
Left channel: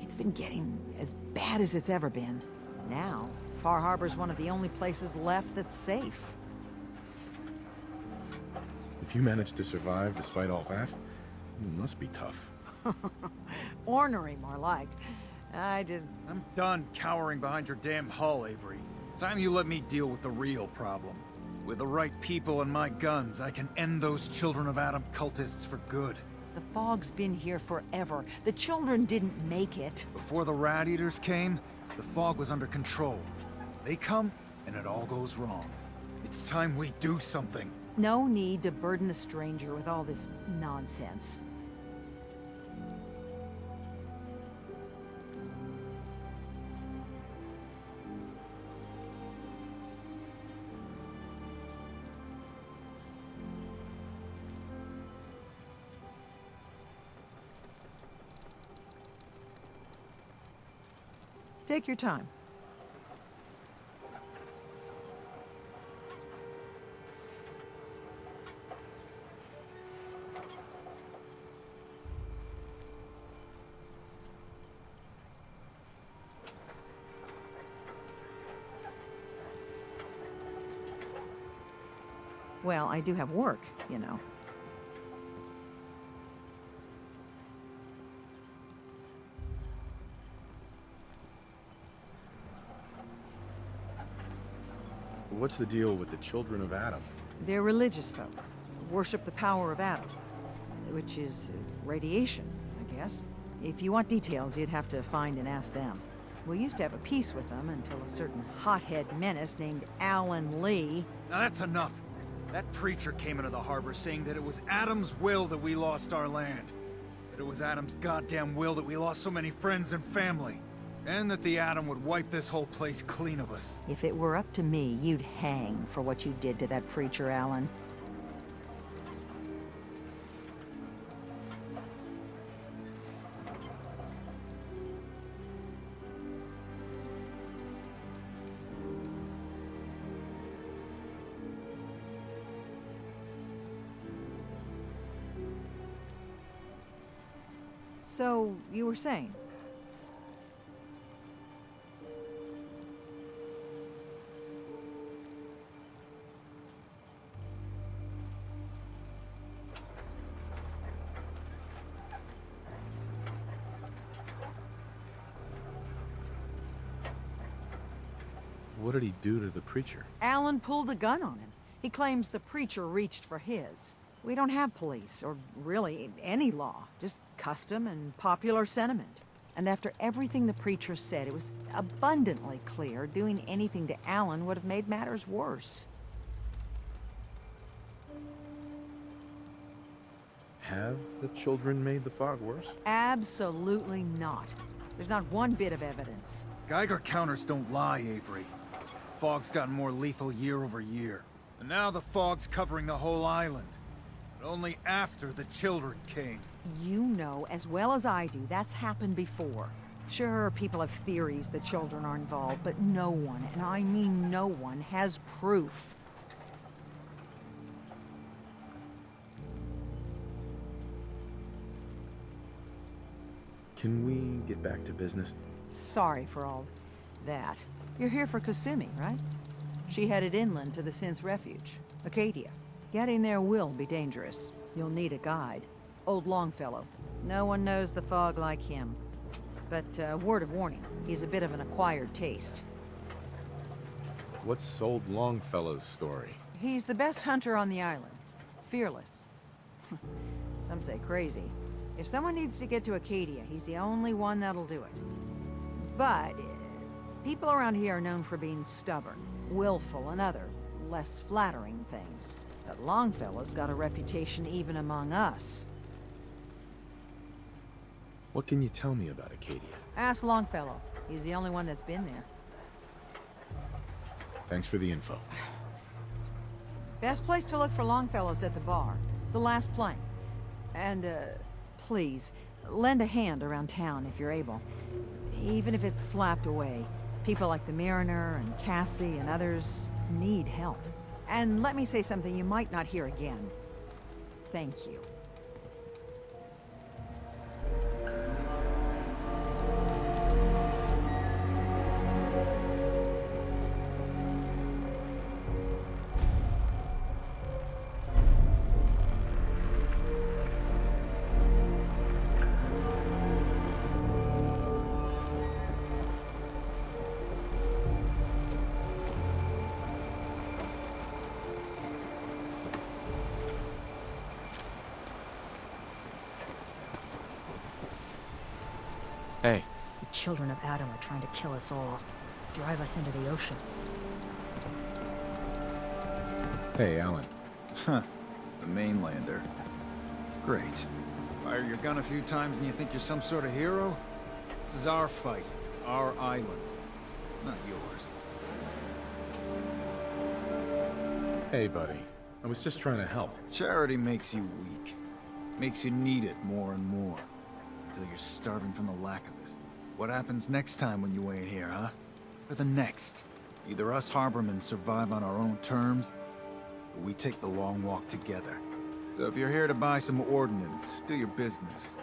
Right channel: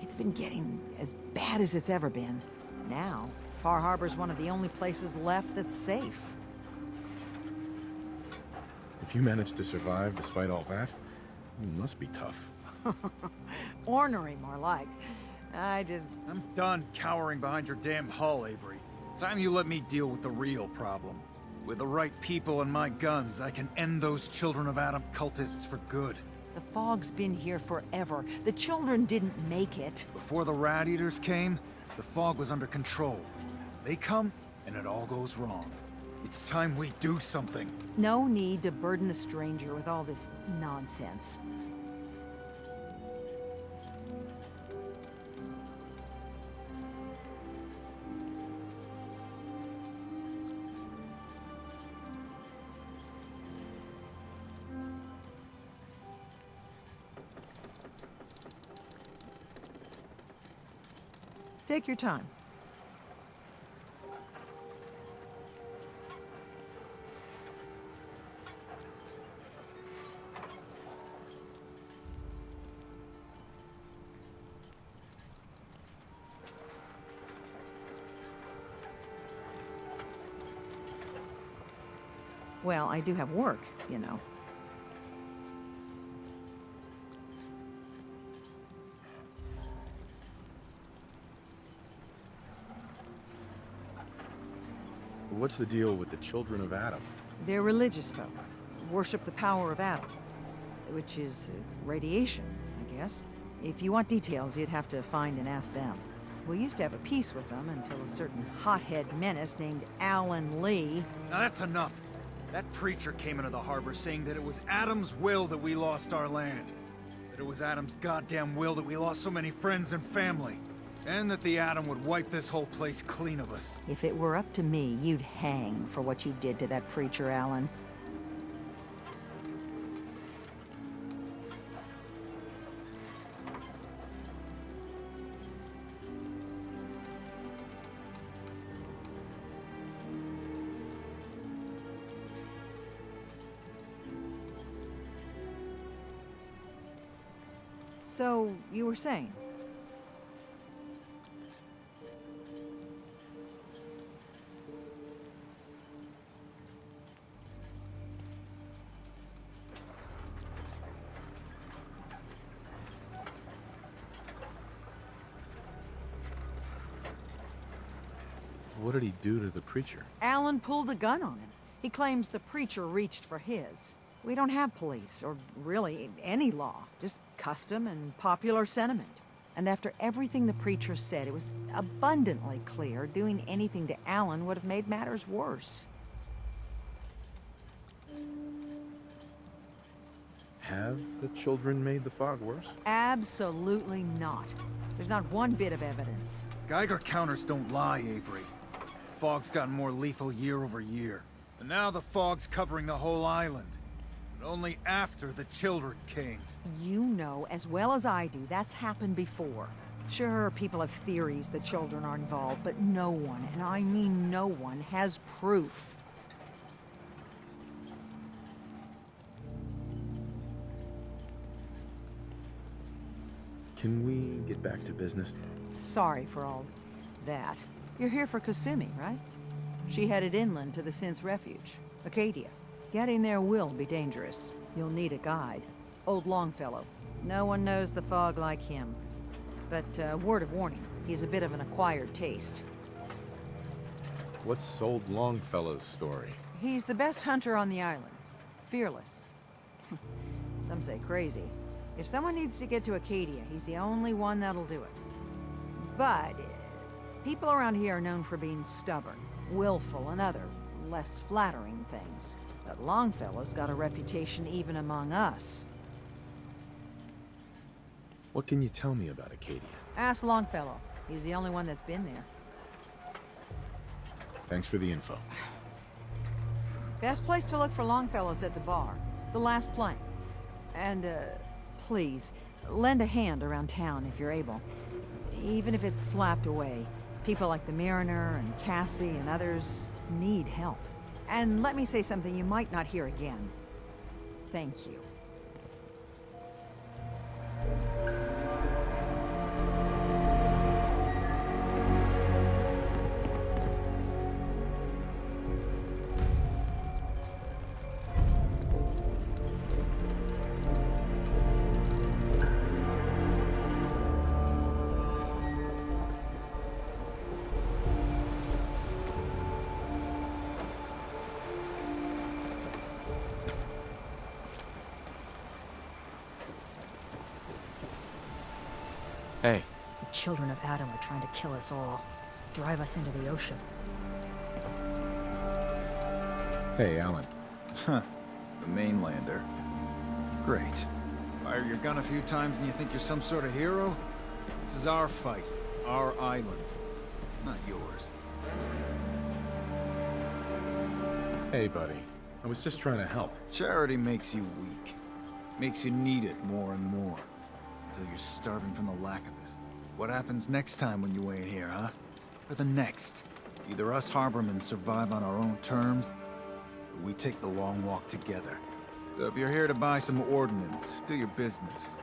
It's been getting as bad as it's ever been. Now, Far Harbor's one of the only places left that's safe. If you managed to survive despite all that, you must be tough. Ornery, more like. I'm done cowering behind your damn hull, Avery. Time you let me deal with the real problem. With the right people and my guns, I can end those Children of Adam cultists for good. The fog's been here forever. The children didn't make it. Before the Rat Eaters came, the fog was under control. They come, and it all goes wrong. It's time we do something. No need to burden the stranger with all this nonsense. Take your time. Well, I do have work, you know. What's the deal with the Children of Adam? They're religious folk. Worship the power of Adam. Which is radiation, I guess. If you want details, you'd have to find and ask them. We used to have a peace with them until a certain hothead menace named Alan Lee... Now that's enough. That preacher came into the harbor saying that it was Adam's will that we lost our land. That it was Adam's goddamn will that we lost so many friends and family. And that the Atom would wipe this whole place clean of us. If it were up to me, you'd hang for what you did to that preacher, Alan. So, you were saying? What did he do to the preacher? Alan pulled a gun on him. He claims the preacher reached for his. We don't have police, or really any law, just custom and popular sentiment. And after everything the preacher said, it was abundantly clear doing anything to Alan would have made matters worse. Have the children made the fog worse? Absolutely not. There's not one bit of evidence. Geiger counters don't lie, Avery. Fog's gotten more lethal year over year. And now the fog's covering the whole island. But only after the children came. You know as well as I do that's happened before. Sure, people have theories that children are involved, but no one, and I mean no one, has proof. Can we get back to business? Sorry for all that. You're here for Kasumi, right? She headed inland to the Synth Refuge, Acadia. Getting there will be dangerous. You'll need a guide. Old Longfellow. No one knows the fog like him. But, word of warning, he's a bit of an acquired taste. What's old Longfellow's story? He's the best hunter on the island. Fearless. Some say crazy. If someone needs to get to Acadia, he's the only one that'll do it. But people around here are known for being stubborn, willful, and other, less flattering things. But Longfellow's got a reputation even among us. What can you tell me about Acadia? Ask Longfellow. He's the only one that's been there. Thanks for the info. Best place to look for Longfellow's at the bar. The last plank. And, please, lend a hand around town if you're able. Even if it's slapped away. People like the Mariner and Cassie and others need help. And let me say something you might not hear again. Thank you. children of Adam are trying to kill us all. Drive us into the ocean. Hey, Alan. Huh. The mainlander. Great. Fire your gun a few times and you think you're some sort of hero? This is our fight. Our island. Not yours. Hey, buddy. I was just trying to help. Charity makes you weak. Makes you need it more and more. Until you're starving from the lack of it. What happens next time when you ain't here, huh? Or the next? Either us harbormen survive on our own terms, or we take the long walk together. So if you're here to buy some ordnance, do your business.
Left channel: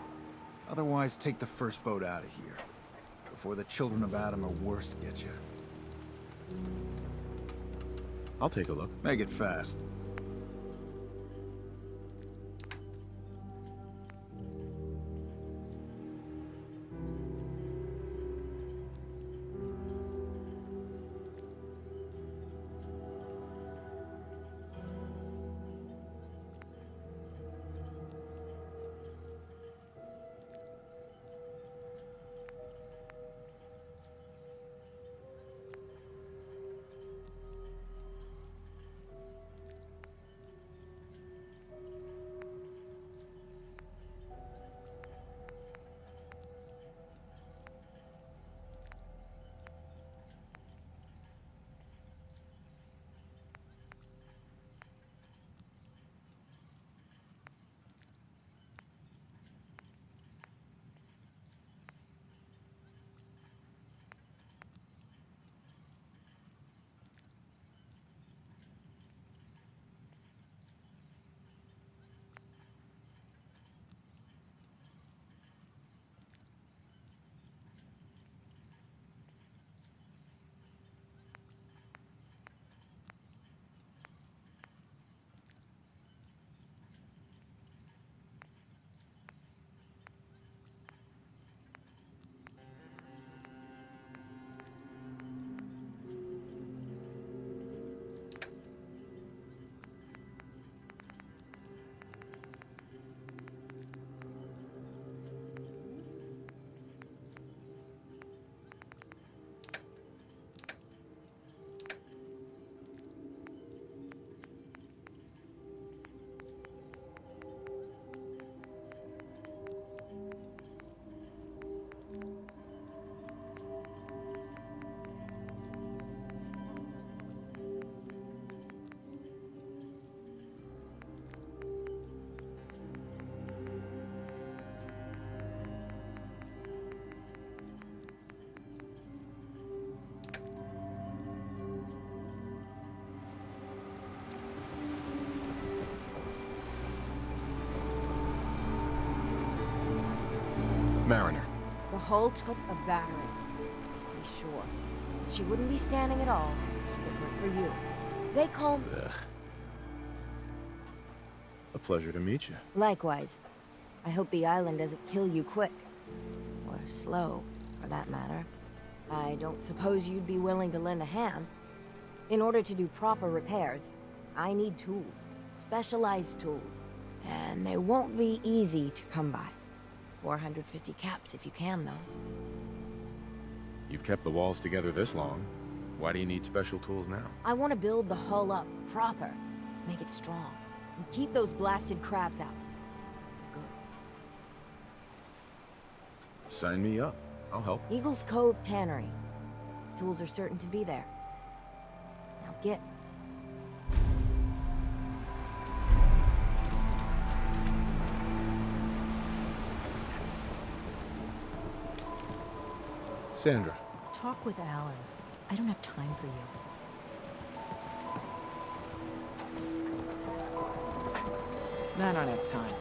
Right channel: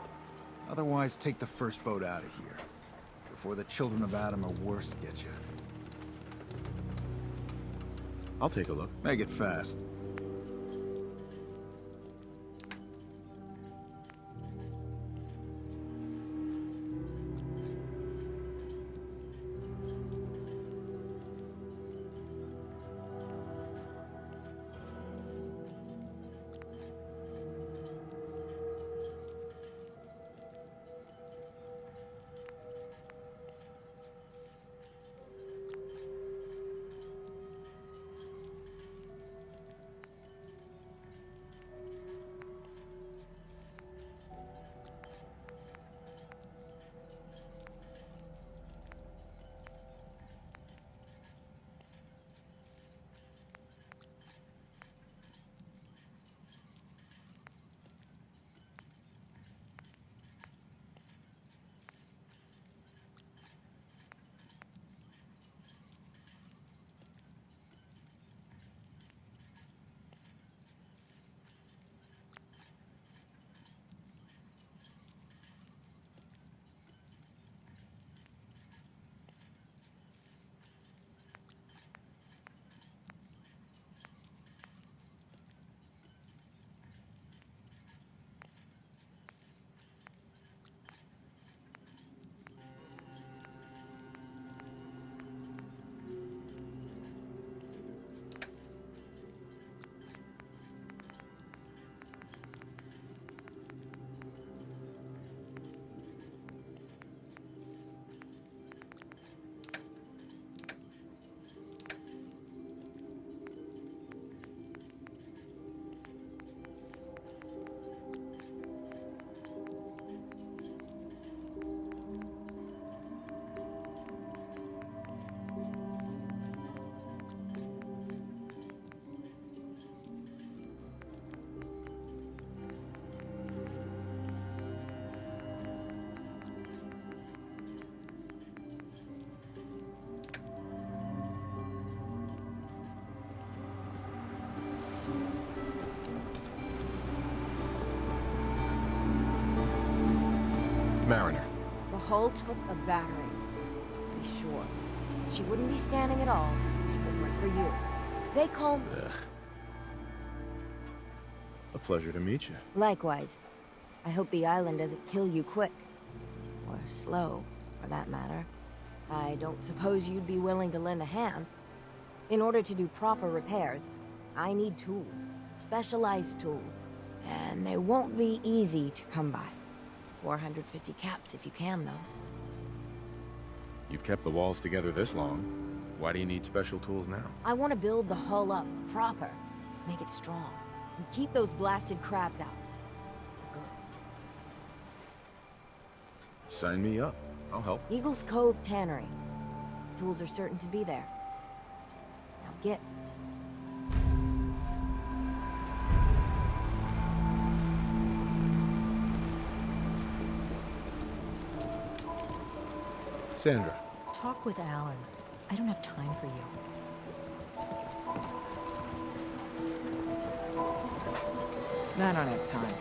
Otherwise, take the first boat out of here. Before the children of Adam or worse get you. I'll take a look. Make it fast. Mariner. The hull took a battering, to be sure. But she wouldn't be standing at all if it weren't for you. They call me... Ugh. A pleasure to meet you. Likewise. I hope the island doesn't kill you quick. Or slow, for that matter. I don't suppose you'd be willing to lend a hand. In order to do proper repairs, I need tools. Specialized tools. And they won't be easy to come by. 450 caps if you can, though. You've kept the walls together this long. Why do you need special tools now? I want to build the hull up proper. Make it strong. And keep those blasted crabs out. Good. Sign me up. I'll help. Eagle's Cove Tannery. Tools are certain to be there. Now get. Sandra. Talk with Alan. I don't have time for you. I don't have time.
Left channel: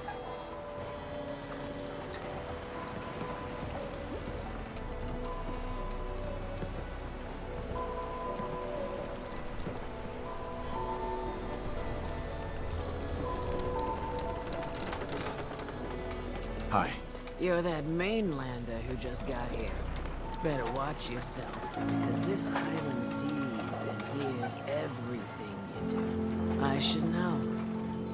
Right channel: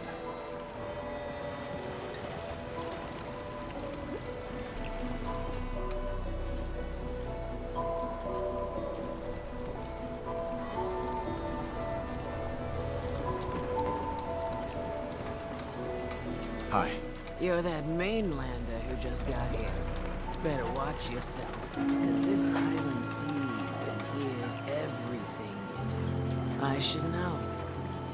Hi. You're that mainlander who just got here. Better watch yourself, because this island sees and hears everything you do. I should know.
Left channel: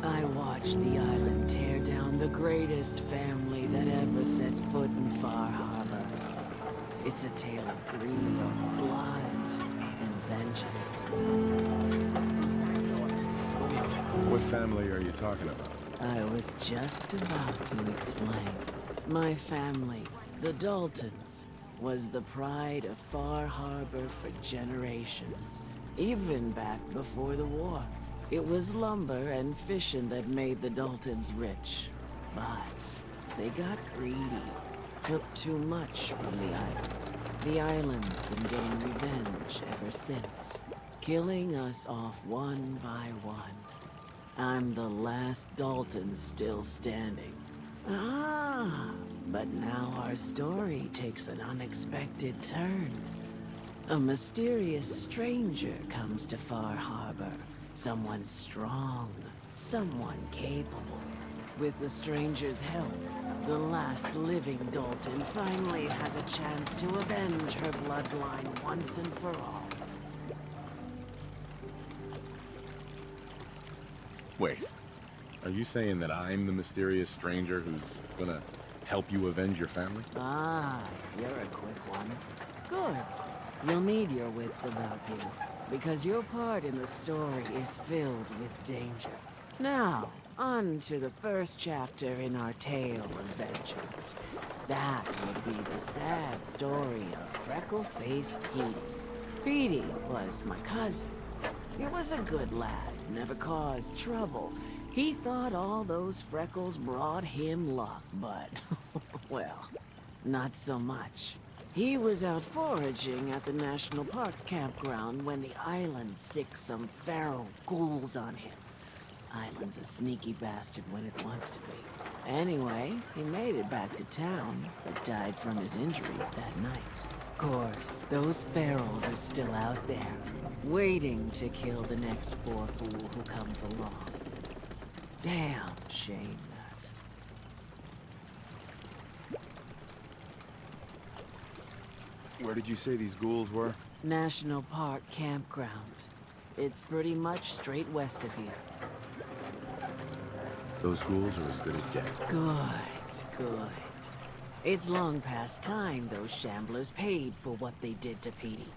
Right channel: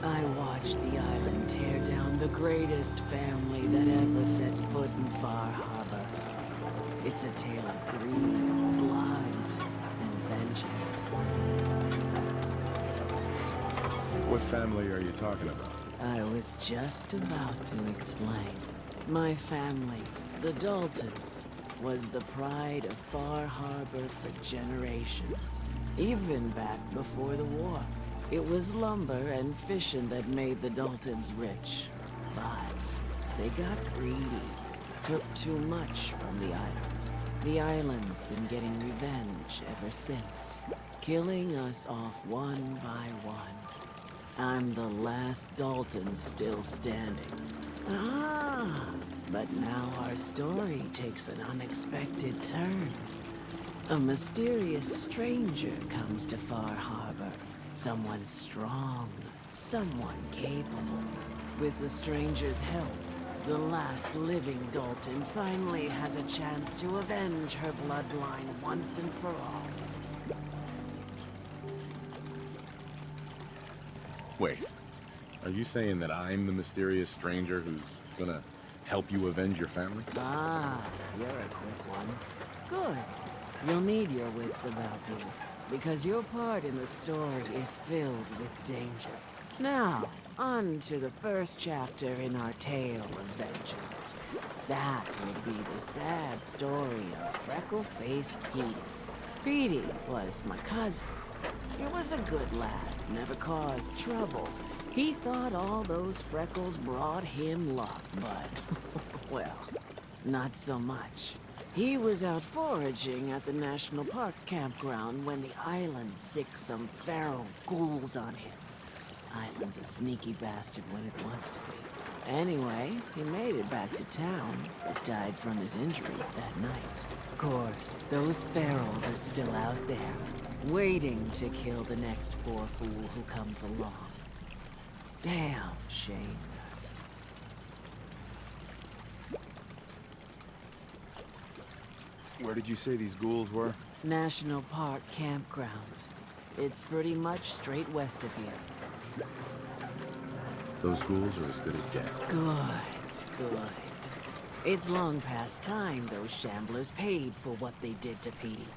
I watched the island tear down the greatest family that ever set foot in Far Harbor. It's a tale of greed, blood, and vengeance. What family are you talking about? I was just about to explain. My family, the Daltons, was the pride of Far Harbor for generations, even back before the war. It was lumber and fishing that made the Daltons rich. But they got greedy, took too much from the island. The island's been getting revenge ever since, killing us off one by one. I'm the last Dalton still standing. Ah, but now our story takes an unexpected turn. A mysterious stranger comes to Far Harbor. Someone strong, someone capable. With the stranger's help, the last living Dalton finally has a chance to avenge her bloodline once and for all. Wait, are you saying that I'm the mysterious stranger who's gonna help you avenge your family? Ah, you're a quick one. Good. You'll need your wits about you, because your part in the story is filled with danger. Now, on to the first chapter in our tale of vengeance. That would be the sad story of freckle-faced Petey. Petey was my cousin. He was a good lad, never caused trouble. He thought all those freckles brought him luck, but, well, not so much. He was out foraging at the National Park campground when the island sicked some feral ghouls on him. Island's a sneaky bastard when it wants to be. Anyway, he made it back to town, but died from his injuries that night. Of course, those ferals are still out there, waiting to kill the next poor fool who comes along. Damn shame that. Where did you say these ghouls were? National Park campground. It's pretty much straight west of here. Those ghouls are as good as dead. Good. It's long past time those shamblers paid for what they did to Petey.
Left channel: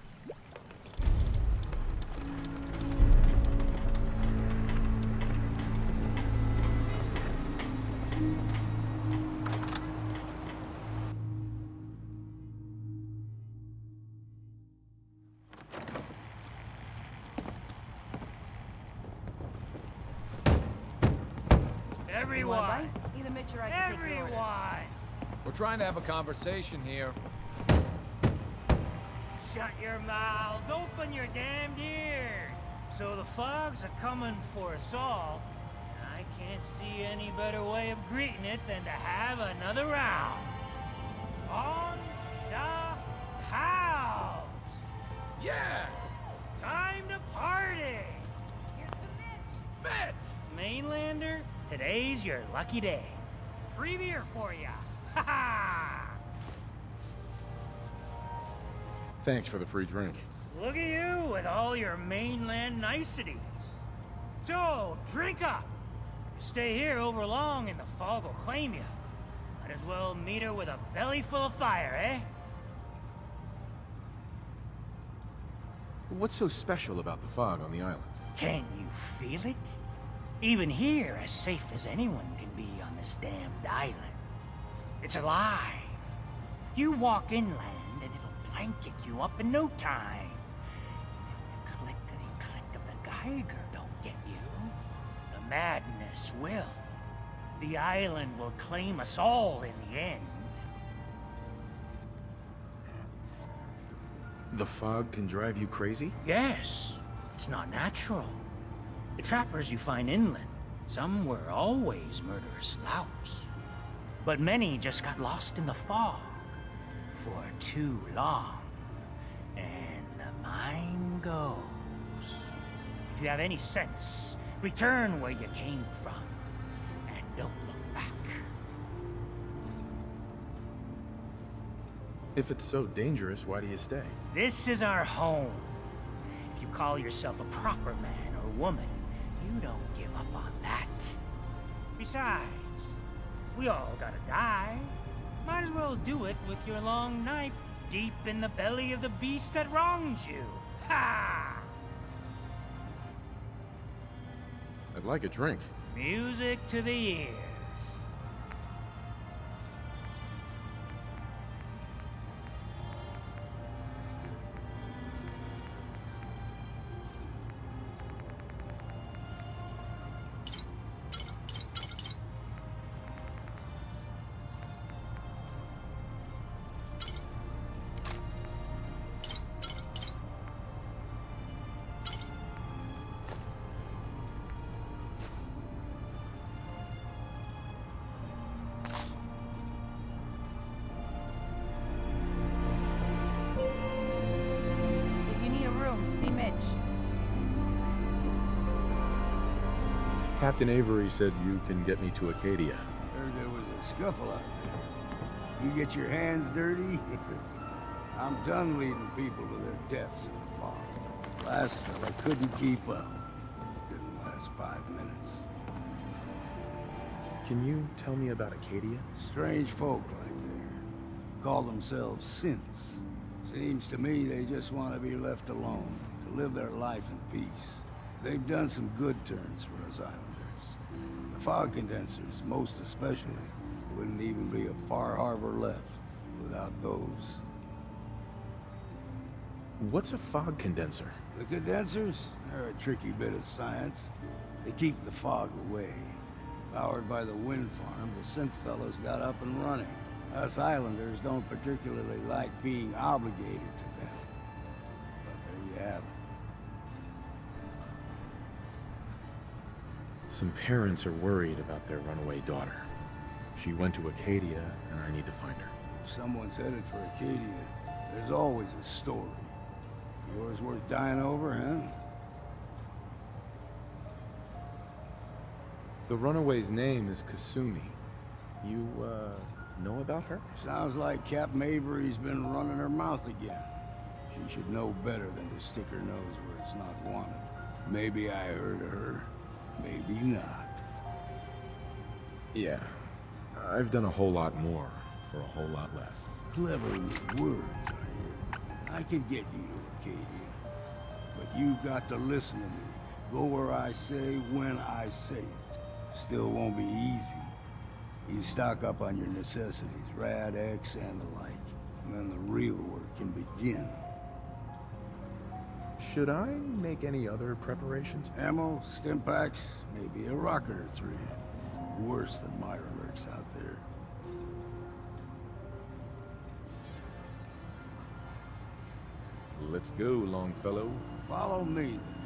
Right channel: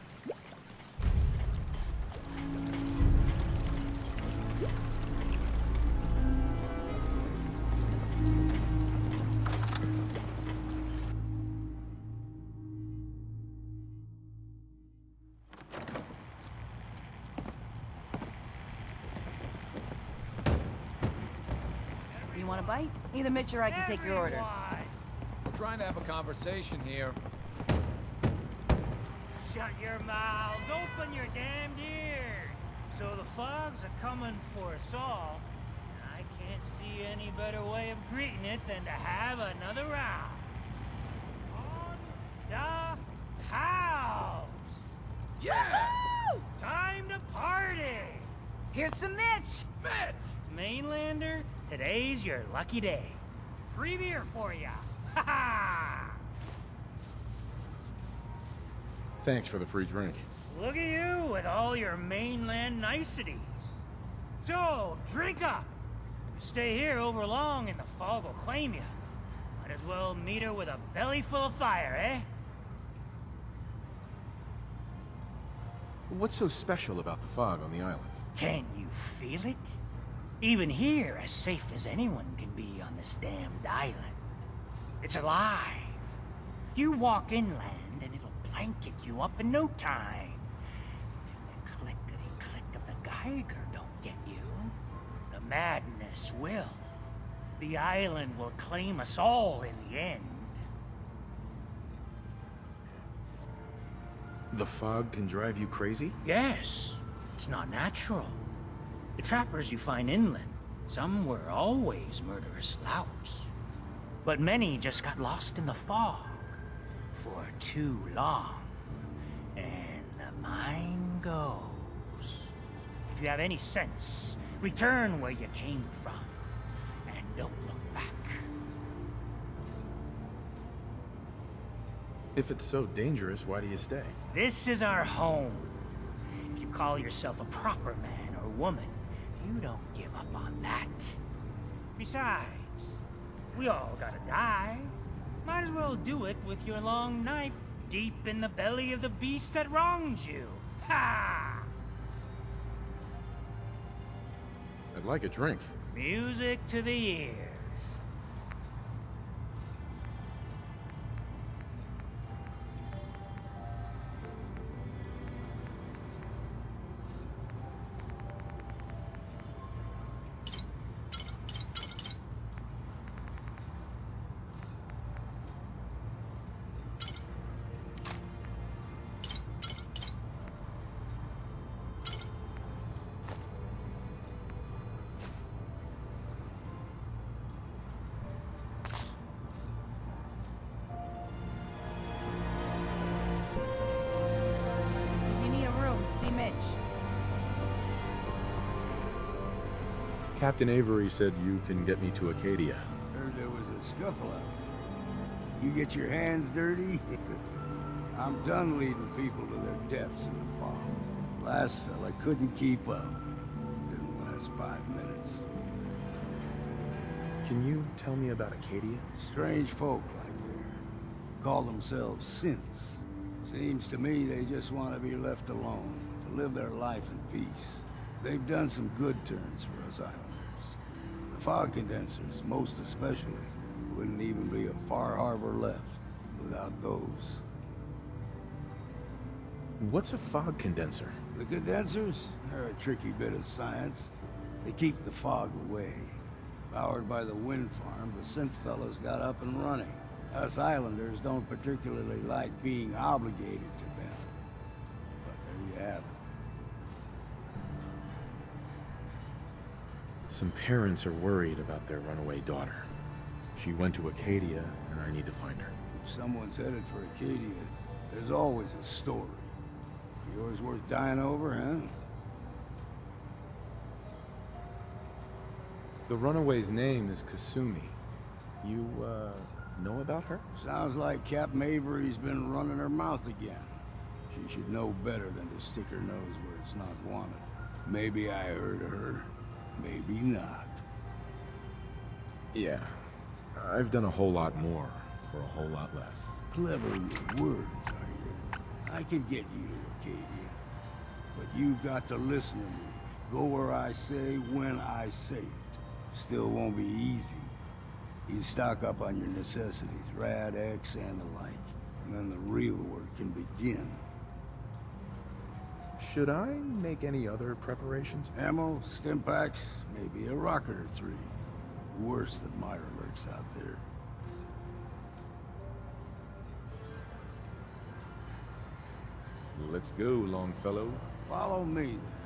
You want a bite? Either Mitch or I can take your order. We're trying to have a conversation here. Shut your mouths, open your damned ears. So the fogs are coming for us all. I can't see any better way of greeting it than to have another round. On the house. Yeah! Time to party. Here's some Mitch. Mainlander, today's your lucky day. Free beer for ya. Ha ha! Thanks for the free drink. Look at you with all your mainland niceties. So, drink up. If you stay here over long and the fog will claim you. Might as well meet her with a belly full of fire, eh? What's so special about the fog on the island? Can you feel it? Even here, as safe as anyone can be on this damned island. It's alive. You walk inland and it'll blanket you up in no time. If the clickety-click of the Geiger don't get you, the madness will. The island will claim us all in the end. The fog can drive you crazy? Yes, it's not natural. The trappers you find inland, some were always murderous louts. But many just got lost in the fog for too long. And the mind goes. If you have any sense, return where you came from. And don't look back. If it's so dangerous, why do you stay? This is our home. If you call yourself a proper man or woman, you don't give up on that. Besides, we all gotta die. Might as well do it with your long knife deep in the belly of the beast that wronged you. Ha! I'd like a drink. Music to the ears. If you need a room, see Mitch. Captain Avery said you can get me to Acadia. Heard there was a scuffle out there. You get your hands dirty? I'm done leading people to their deaths in the fog. Last fella couldn't keep up. Didn't last 5 minutes. Can you tell me about Acadia? Strange folk like there. Call themselves synths. Seems to me they just want to be left alone, to live their life in peace. They've done some good turns for us islanders. The fog condensers, most especially, wouldn't even be a far harbor left without those. What's a fog condenser? The condensers? They're a tricky bit of science. They keep the fog away. Powered by the wind farm, the synth fellows got up and running. Us islanders don't particularly like being obligated to them. But there you have it. Some parents are worried about their runaway daughter. She went to Acadia, and I need to find her. If someone's headed for Acadia, there's always a story. Yours worth dying over, huh? The runaway's name is Kasumi. You, know about her? Sounds like Captain Avery's been running her mouth again. She should know better than to stick her nose where it's not wanted. Maybe I heard of her, maybe not. Yeah. I've done a whole lot more for a whole lot less. Clever with words, are you? I can get you to Acadia. But you've got to listen to me. Go where I say, when I say it. Still won't be easy. You stock up on your necessities, Rad X and the like, and then the real work can begin. Should I make any other preparations? Ammo, stim packs, maybe a rocket or 3. Worse than Myra lurks out there. Let's go, Longfellow. Follow me, then.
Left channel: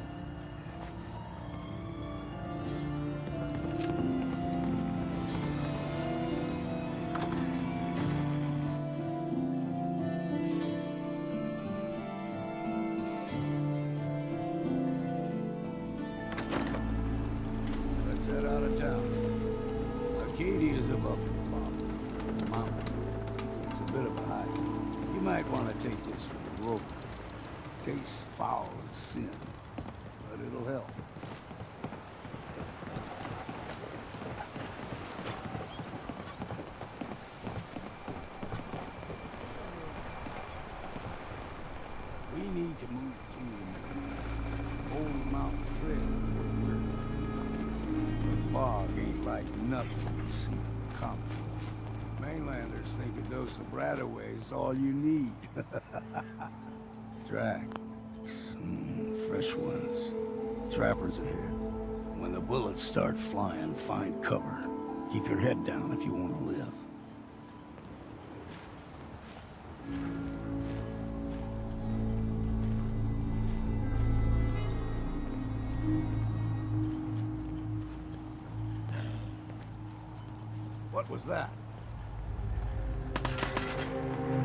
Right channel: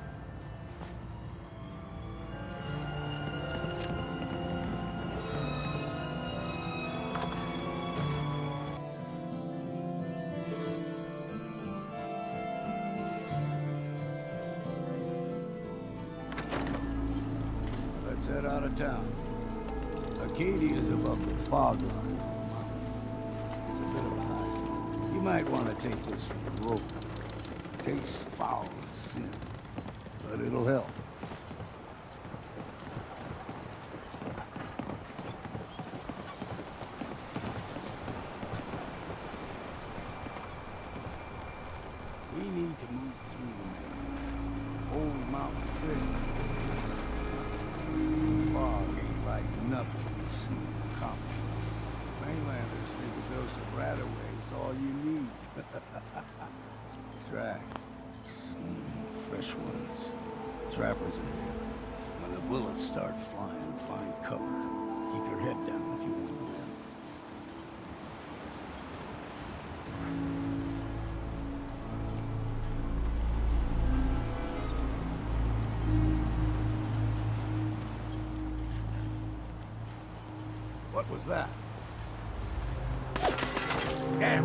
Let's head out of town. Acadia's above the fog line of the mountain. It's a bit of a hike. You might want to take this for the road. Tastes foul as sin, but it'll help. We need to move through the main old mountain trail. The fog ain't like nothing you've seen in the comic books. Mainlanders think a dose of Bradaway's all you need. Tracks. Fresh ones. Trappers ahead. When the bullets start flying, find cover. Keep your head down if you want to live. What was that? Damn.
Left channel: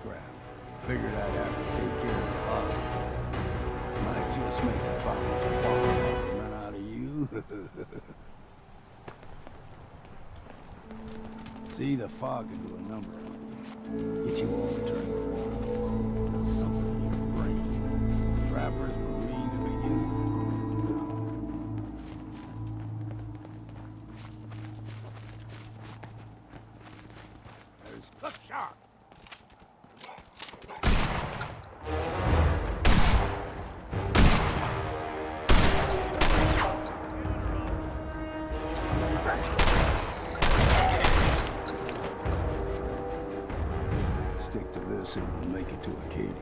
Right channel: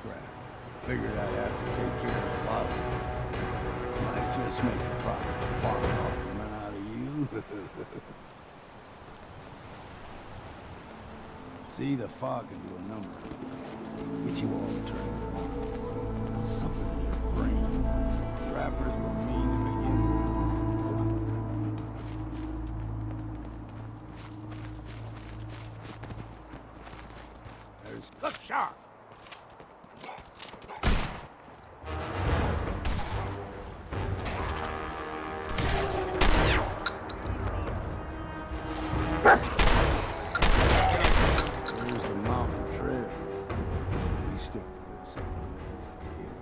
scrap. Figured I'd have to take care of a lot of it. Might just make a proper fog argument out of you. See, the fog can do a number of things. Get you all turned around. Does something in your brain. Trappers were mean to begin with. Look sharp! There's the mountain trail. Stick to this and we'll make it to Acadia.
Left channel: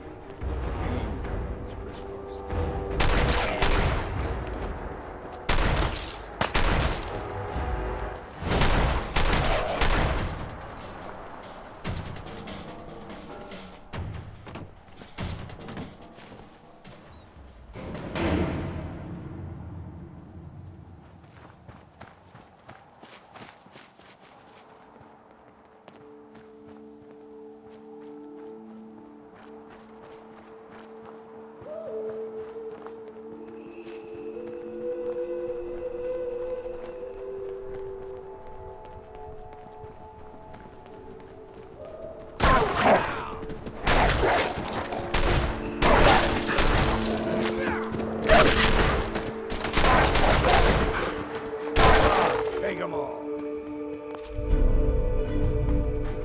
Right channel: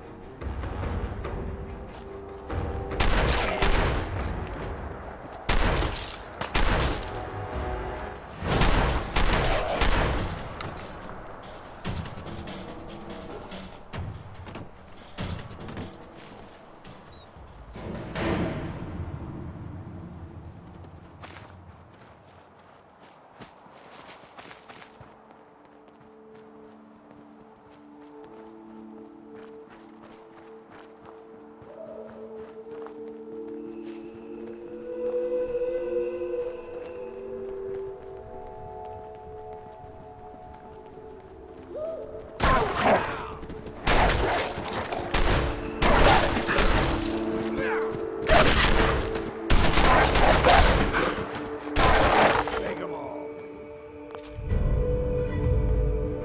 Take 'em all.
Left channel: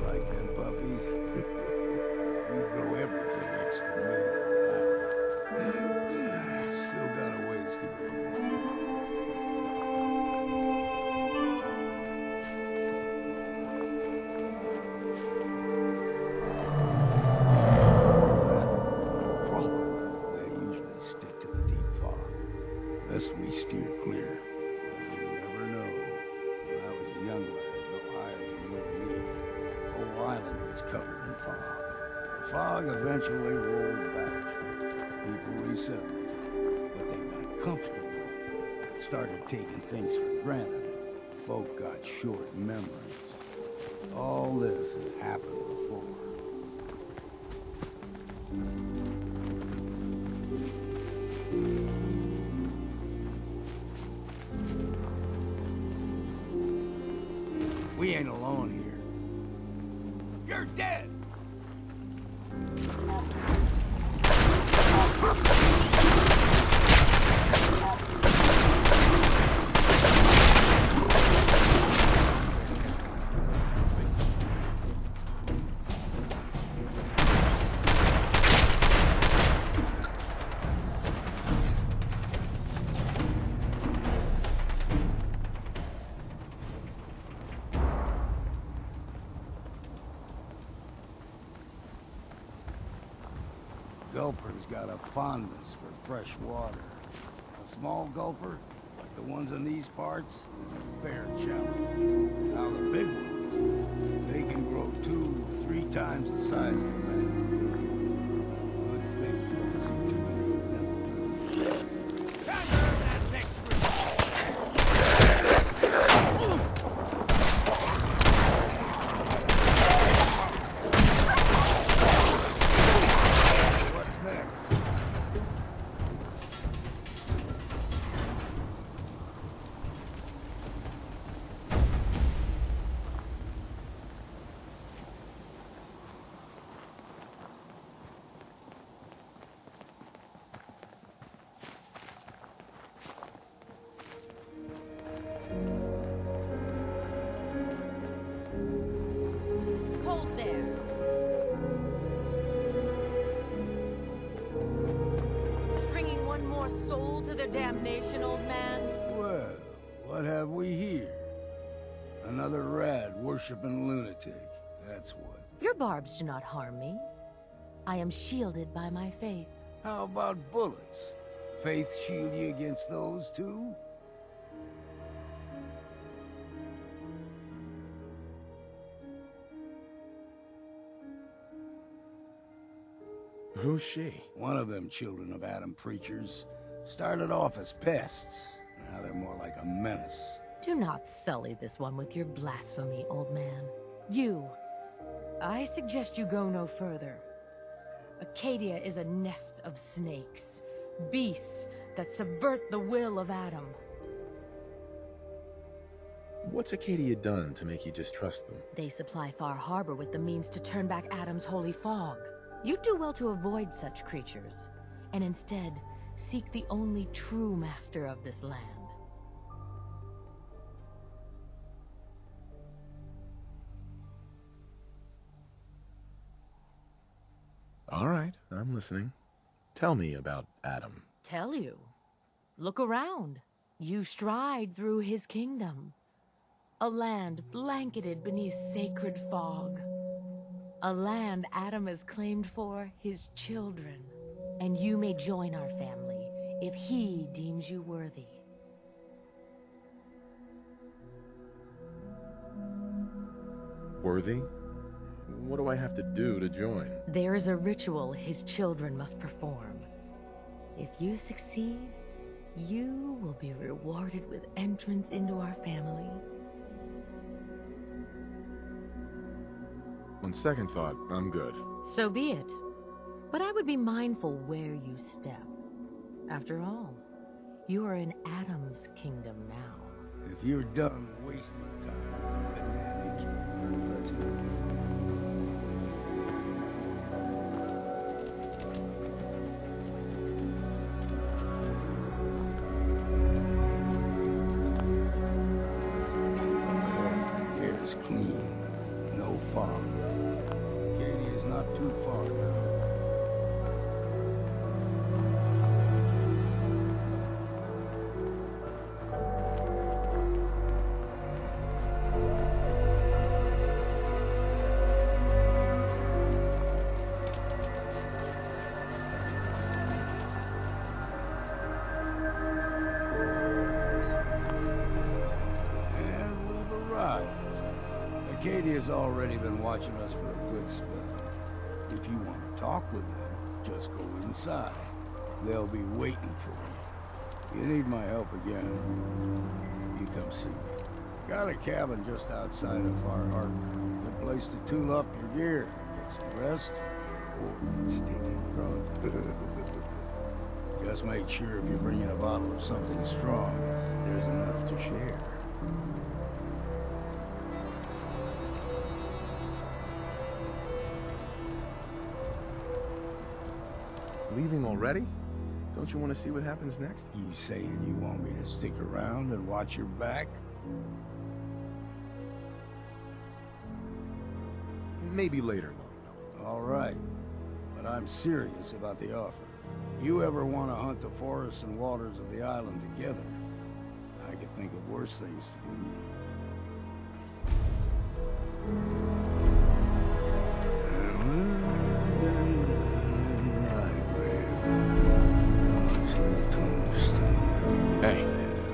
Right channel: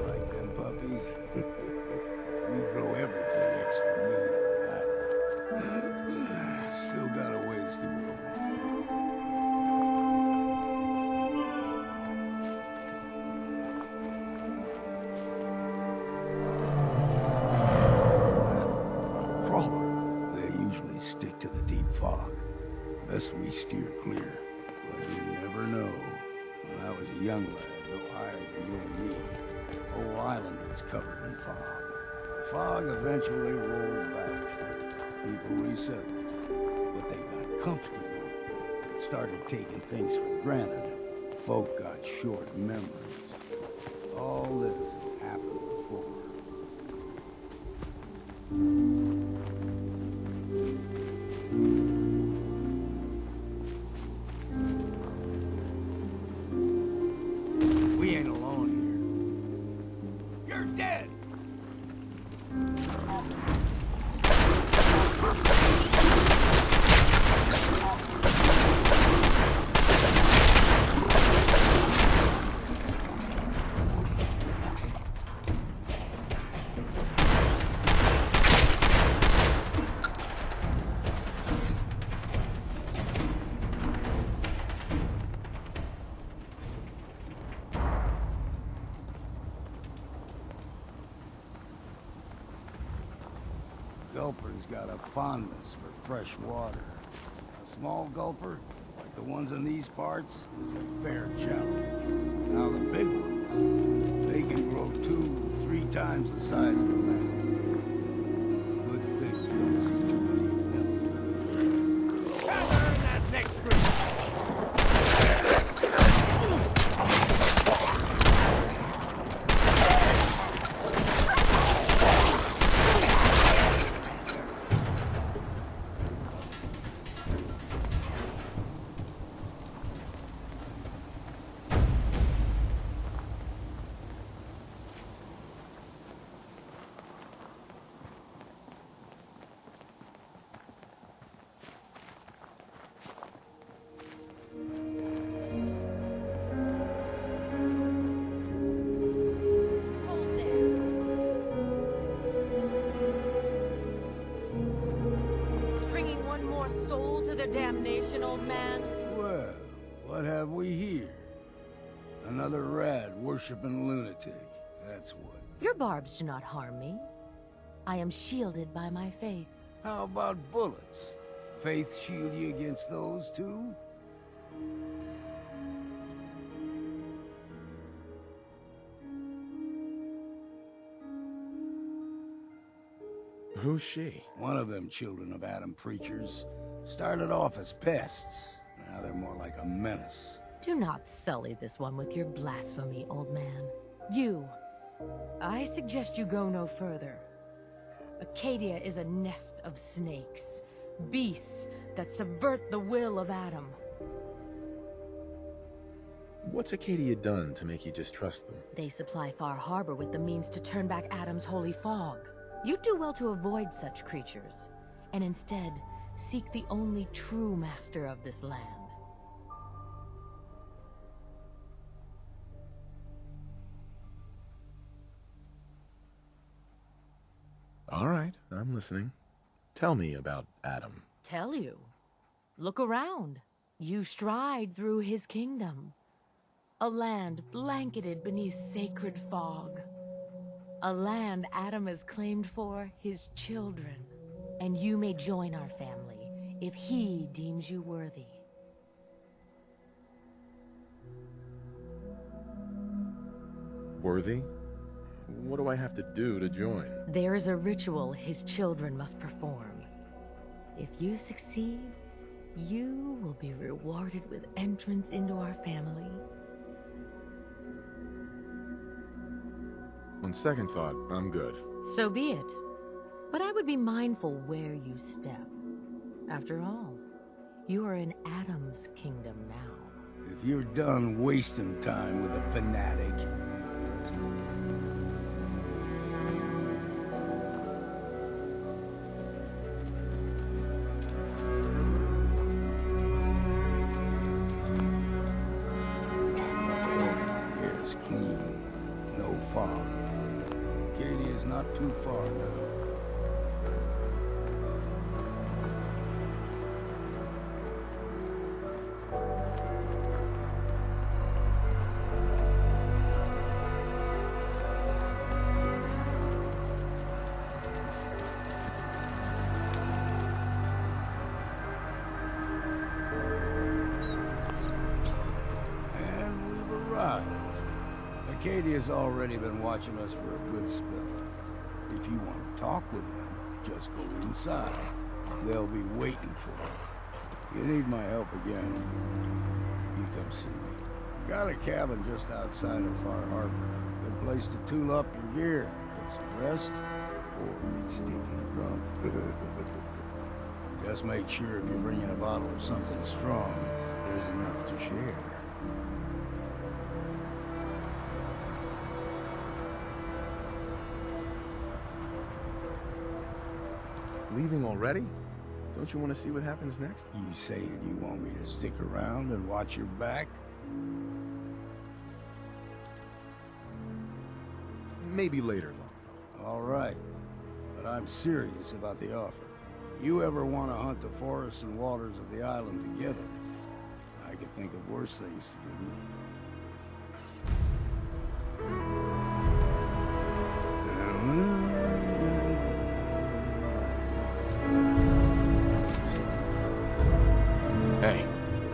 Like them puppies? We grow everything extra mean on that. Still got a ways to go. Crawler, they usually stick to the deep fog. Best we steer clear. But you never know. When I was a young lad, no higher than you and me, the whole island was covered in fog. The fog eventually rolled back. People resettled, but they got comfortable. Started taking things for granted. Folk got short memories. All this has happened before. We ain't alone here. You're dead! Gulper's got a fondness for fresh water. A small gulper, like the ones in these parts, is a fair challenge. Now the big ones, they can grow 2-3 times the size of a man. Good thing you don't see too many of them. Gather that next group! Hold there. Stringing one more soul to their damnation, old man? Well, what have we here? Another rad worshipping lunatic. That's what. Your barbs do not harm me. I am shielded by my faith. How about bullets? Faith shield you against those too? Who's she? One of them children of Adam preachers. Started off as pests. Now they're more like a menace. Do not sully this one with your blasphemy, old man. You, I suggest you go no further. Acadia is a nest of snakes. Beasts that subvert the will of Adam. What's Acadia done to make you distrust them? They supply Far Harbor with the means to turn back Adam's holy fog. You'd do well to avoid such creatures, and instead seek the only true master of this land. All right, I'm listening. Tell me about Adam. Tell you. Look around. You stride through his kingdom. A land blanketed beneath sacred fog. A land Adam has claimed for his children. And you may join our family if he deems you worthy. Worthy? What do I have to do to join? There is a ritual his children must perform. If you succeed, you will be rewarded with entrance into our family. On second thought, I'm good. So be it. But I would be mindful where you step. After all, you are in Adam's kingdom now. If you're done wasting time with a fanatic, let's go. The air's clean. No fog. Katie is not too far now. And we've arrived. Acadia's already been watching us for a good spell. If you want to talk with them, just go inside. They'll be waiting for you. You need my help again, you come see me. Got a cabin just outside of Far Harbor. Good place to tool up your gear, get some rest, or get stinking drunk. Just make sure if you're bringing a bottle of something strong, there's enough to share. Leaving already? Don't you want to see what happens next? You saying you want me to stick around and watch your back? Maybe later, Longfellow. All right. But I'm serious about the offer. You ever want to hunt the forests and waters of the island together, I could think of worse things to do. Hey.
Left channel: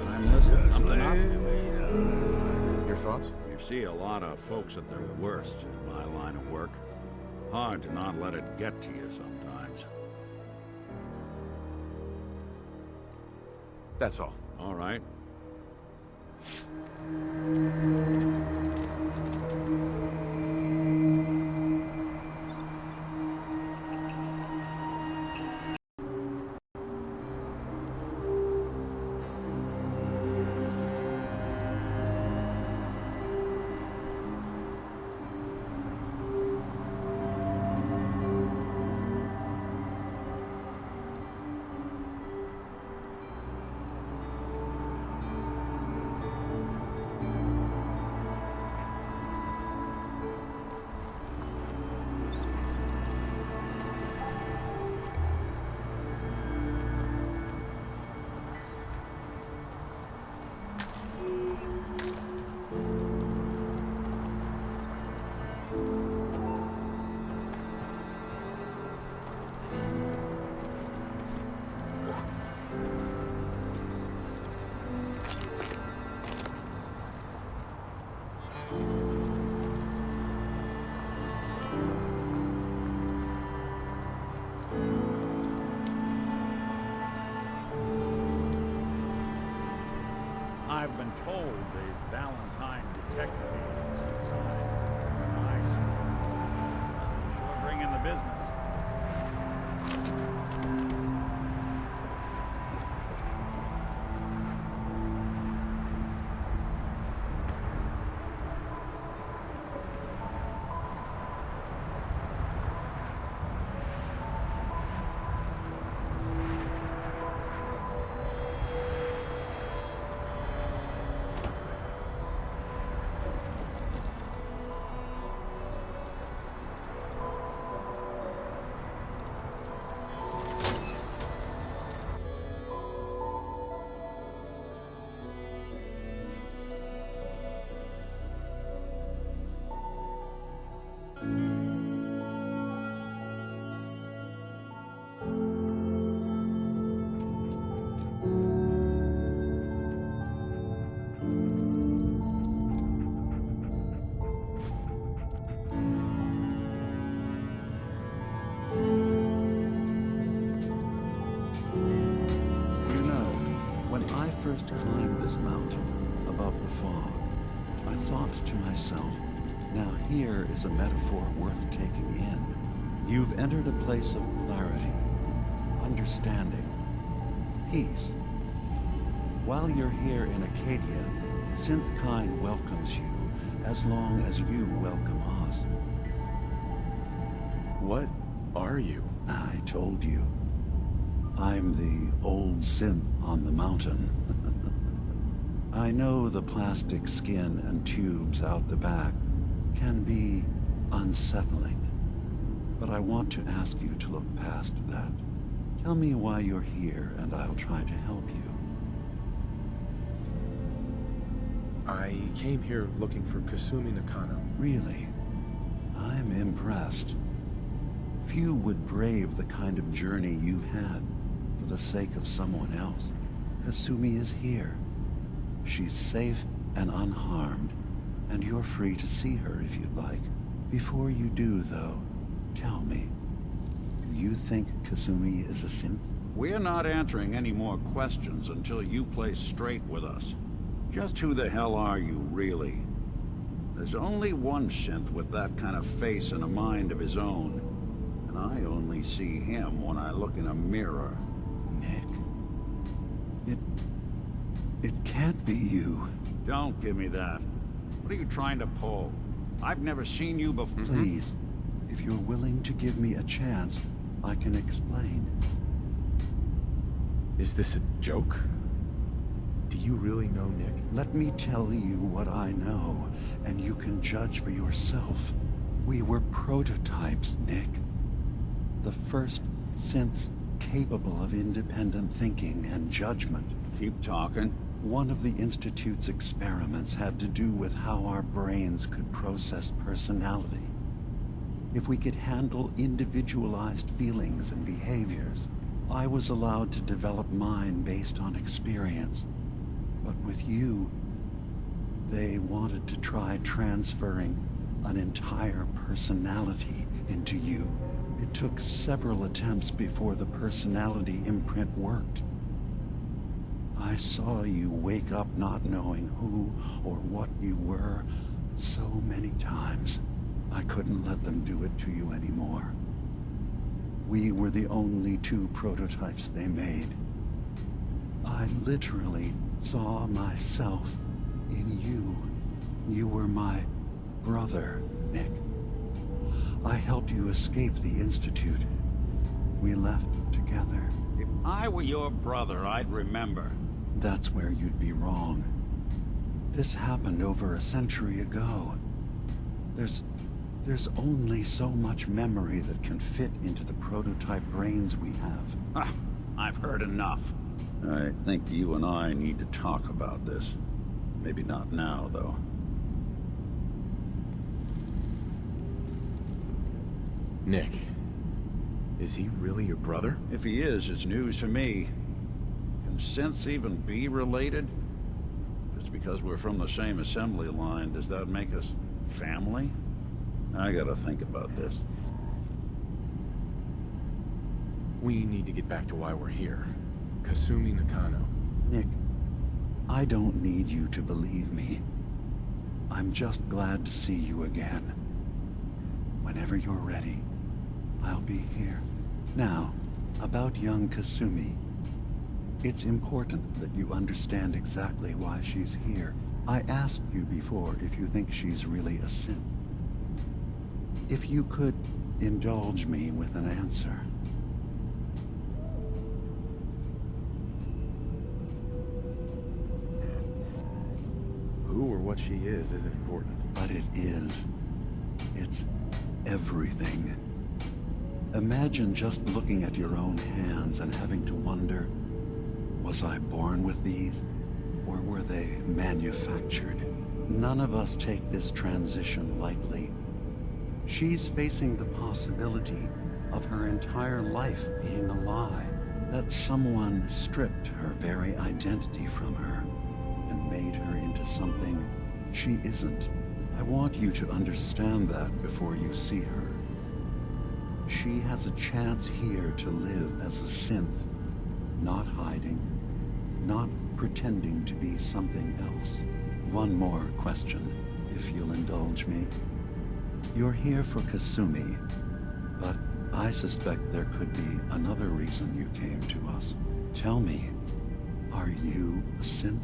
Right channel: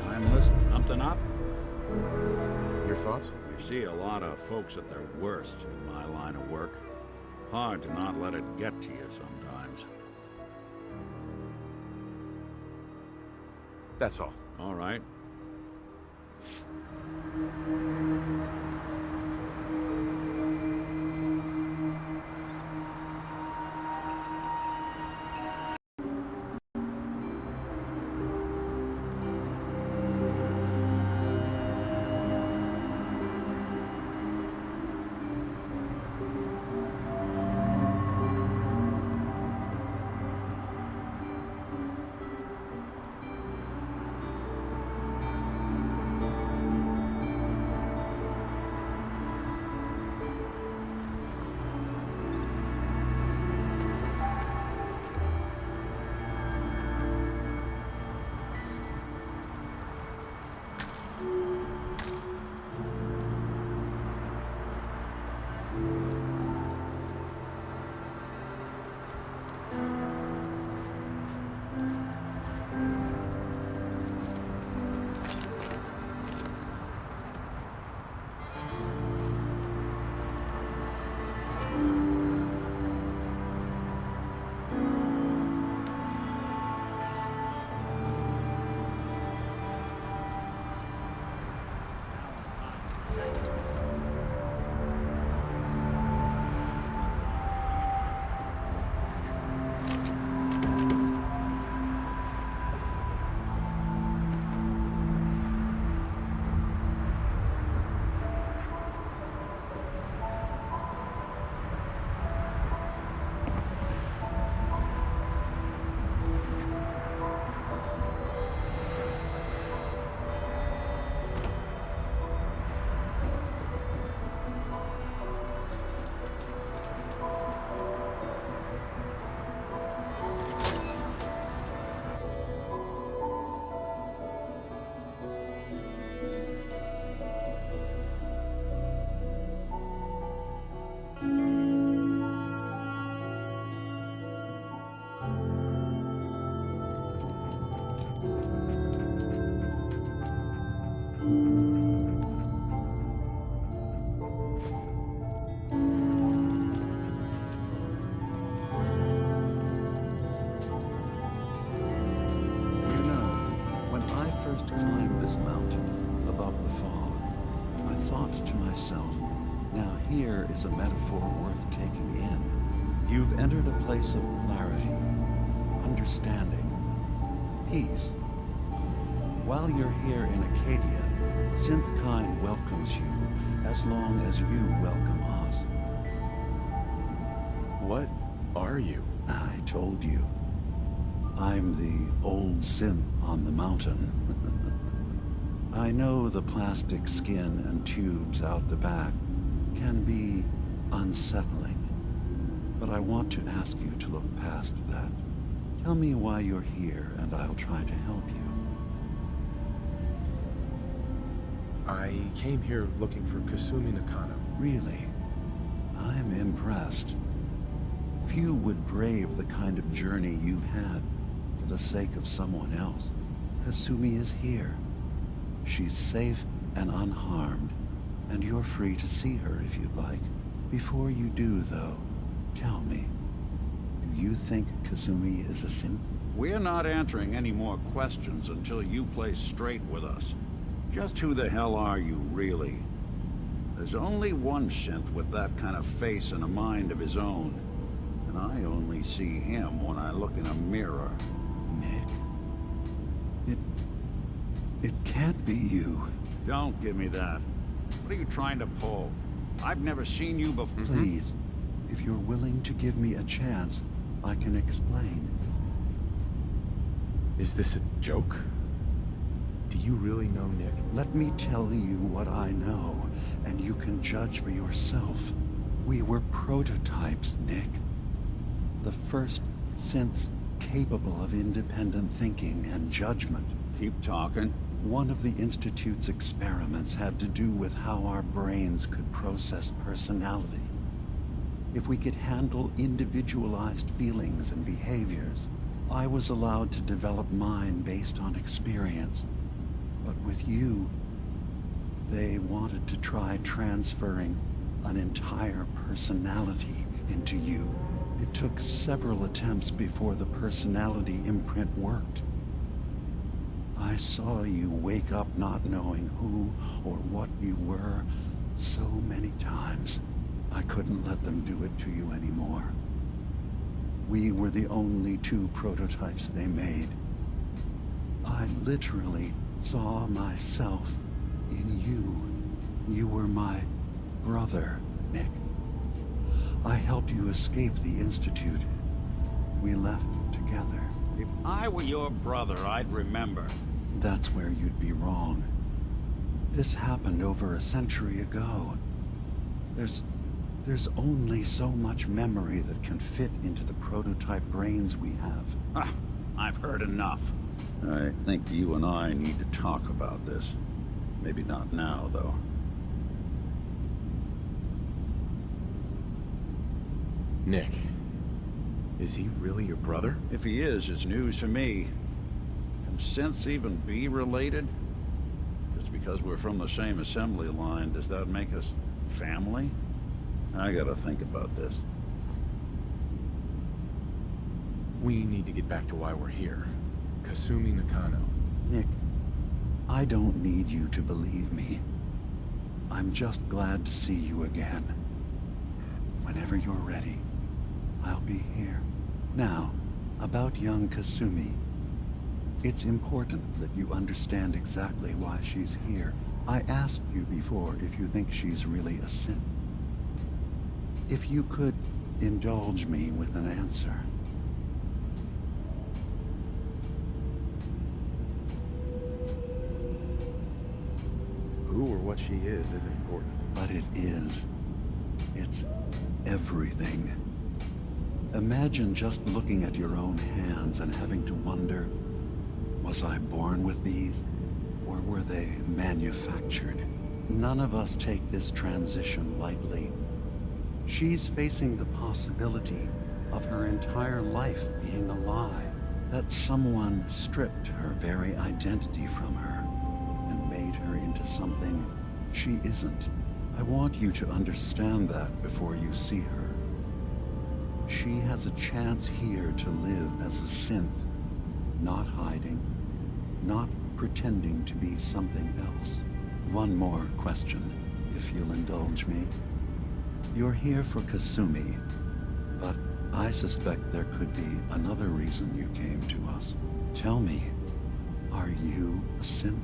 I'm listening. Something up? Your thoughts? You see a lot of folks at their worst in my line of work. Hard to not let it get to you sometimes. That's all. All right. first climbed this mountain above the fog, I thought to myself, now here is a metaphor worth taking in. You've entered a place of clarity, understanding, peace. While you're here in Acadia, Synthkind welcomes you as long as you welcome us. What are you? I told you. I'm the old synth on the mountain. I know the plastic skin and tubes out the back can be unsettling, but I want to ask you to look past that. Tell me why you're here, and I'll try to help you. I came here looking for Kasumi Nakano. Really? I'm impressed. Few would brave the kind of journey you've had for the sake of someone else. Kasumi is here. She's safe and unharmed, and you're free to see her if you'd like. Before you do, though, tell me, do you think Kasumi is a synth? We're not answering any more questions until you play straight with us. Just who the hell are you, really? There's only one synth with that kind of face and a mind of his own, and I only see him when I look in a mirror. Nick? It can't be you. Don't give me that. What are you trying to pull? I've never seen you before. Please, if you're willing to give me a chance, I can explain. Is this a joke? Do you really know Nick? Let me tell you what I know, and you can judge for yourself. We were prototypes, Nick. The first synths capable of independent thinking and judgment. Keep talking. One of the Institute's experiments had to do with how our brains could process personality. If we could handle individualized feelings and behaviors, I was allowed to develop mine based on experience. But with you, they wanted to try transferring an entire personality into you. It took several attempts before the personality imprint worked. I saw you wake up not knowing who or what you were so many times. I couldn't let them do it to you anymore. We were the only two prototypes they made. I literally saw myself in you. You were my brother, Nick. I helped you escape the Institute. We left together. If I were your brother, I'd remember. That's where you'd be wrong. This happened over a century ago. There's only so much memory that can fit into the prototype brains we have. I've heard enough. I think you and I need to talk about this. Maybe not now, though. Nick, is he really your brother? If he is, it's news to me. Can synths even be related? Just because we're from the same assembly line, does that make us family? I gotta think about this. We need to get back to why we're here. Kasumi Nakano. Nick, I don't need you to believe me. I'm just glad to see you again. Whenever you're ready, I'll be here. Now, about young Kasumi. It's important that you understand exactly why she's here. I asked you before if you think she's really a synth. If you could indulge me with an answer. Who or what she is isn't important. But it is. It's everything. Imagine just looking at your own hands and having to wonder, was I born with these, or were they manufactured? None of us take this transition lightly. She's facing the possibility of her entire life being a lie, that someone stripped her very identity from her and made her into something she isn't. I want you to understand that before you see her. She has a chance here to live as a synth, not hiding, not pretending to be something else. One more question, if you'll indulge me. You're here for Kasumi, but I suspect there could be another reason you came to us. Tell me, are you a synth?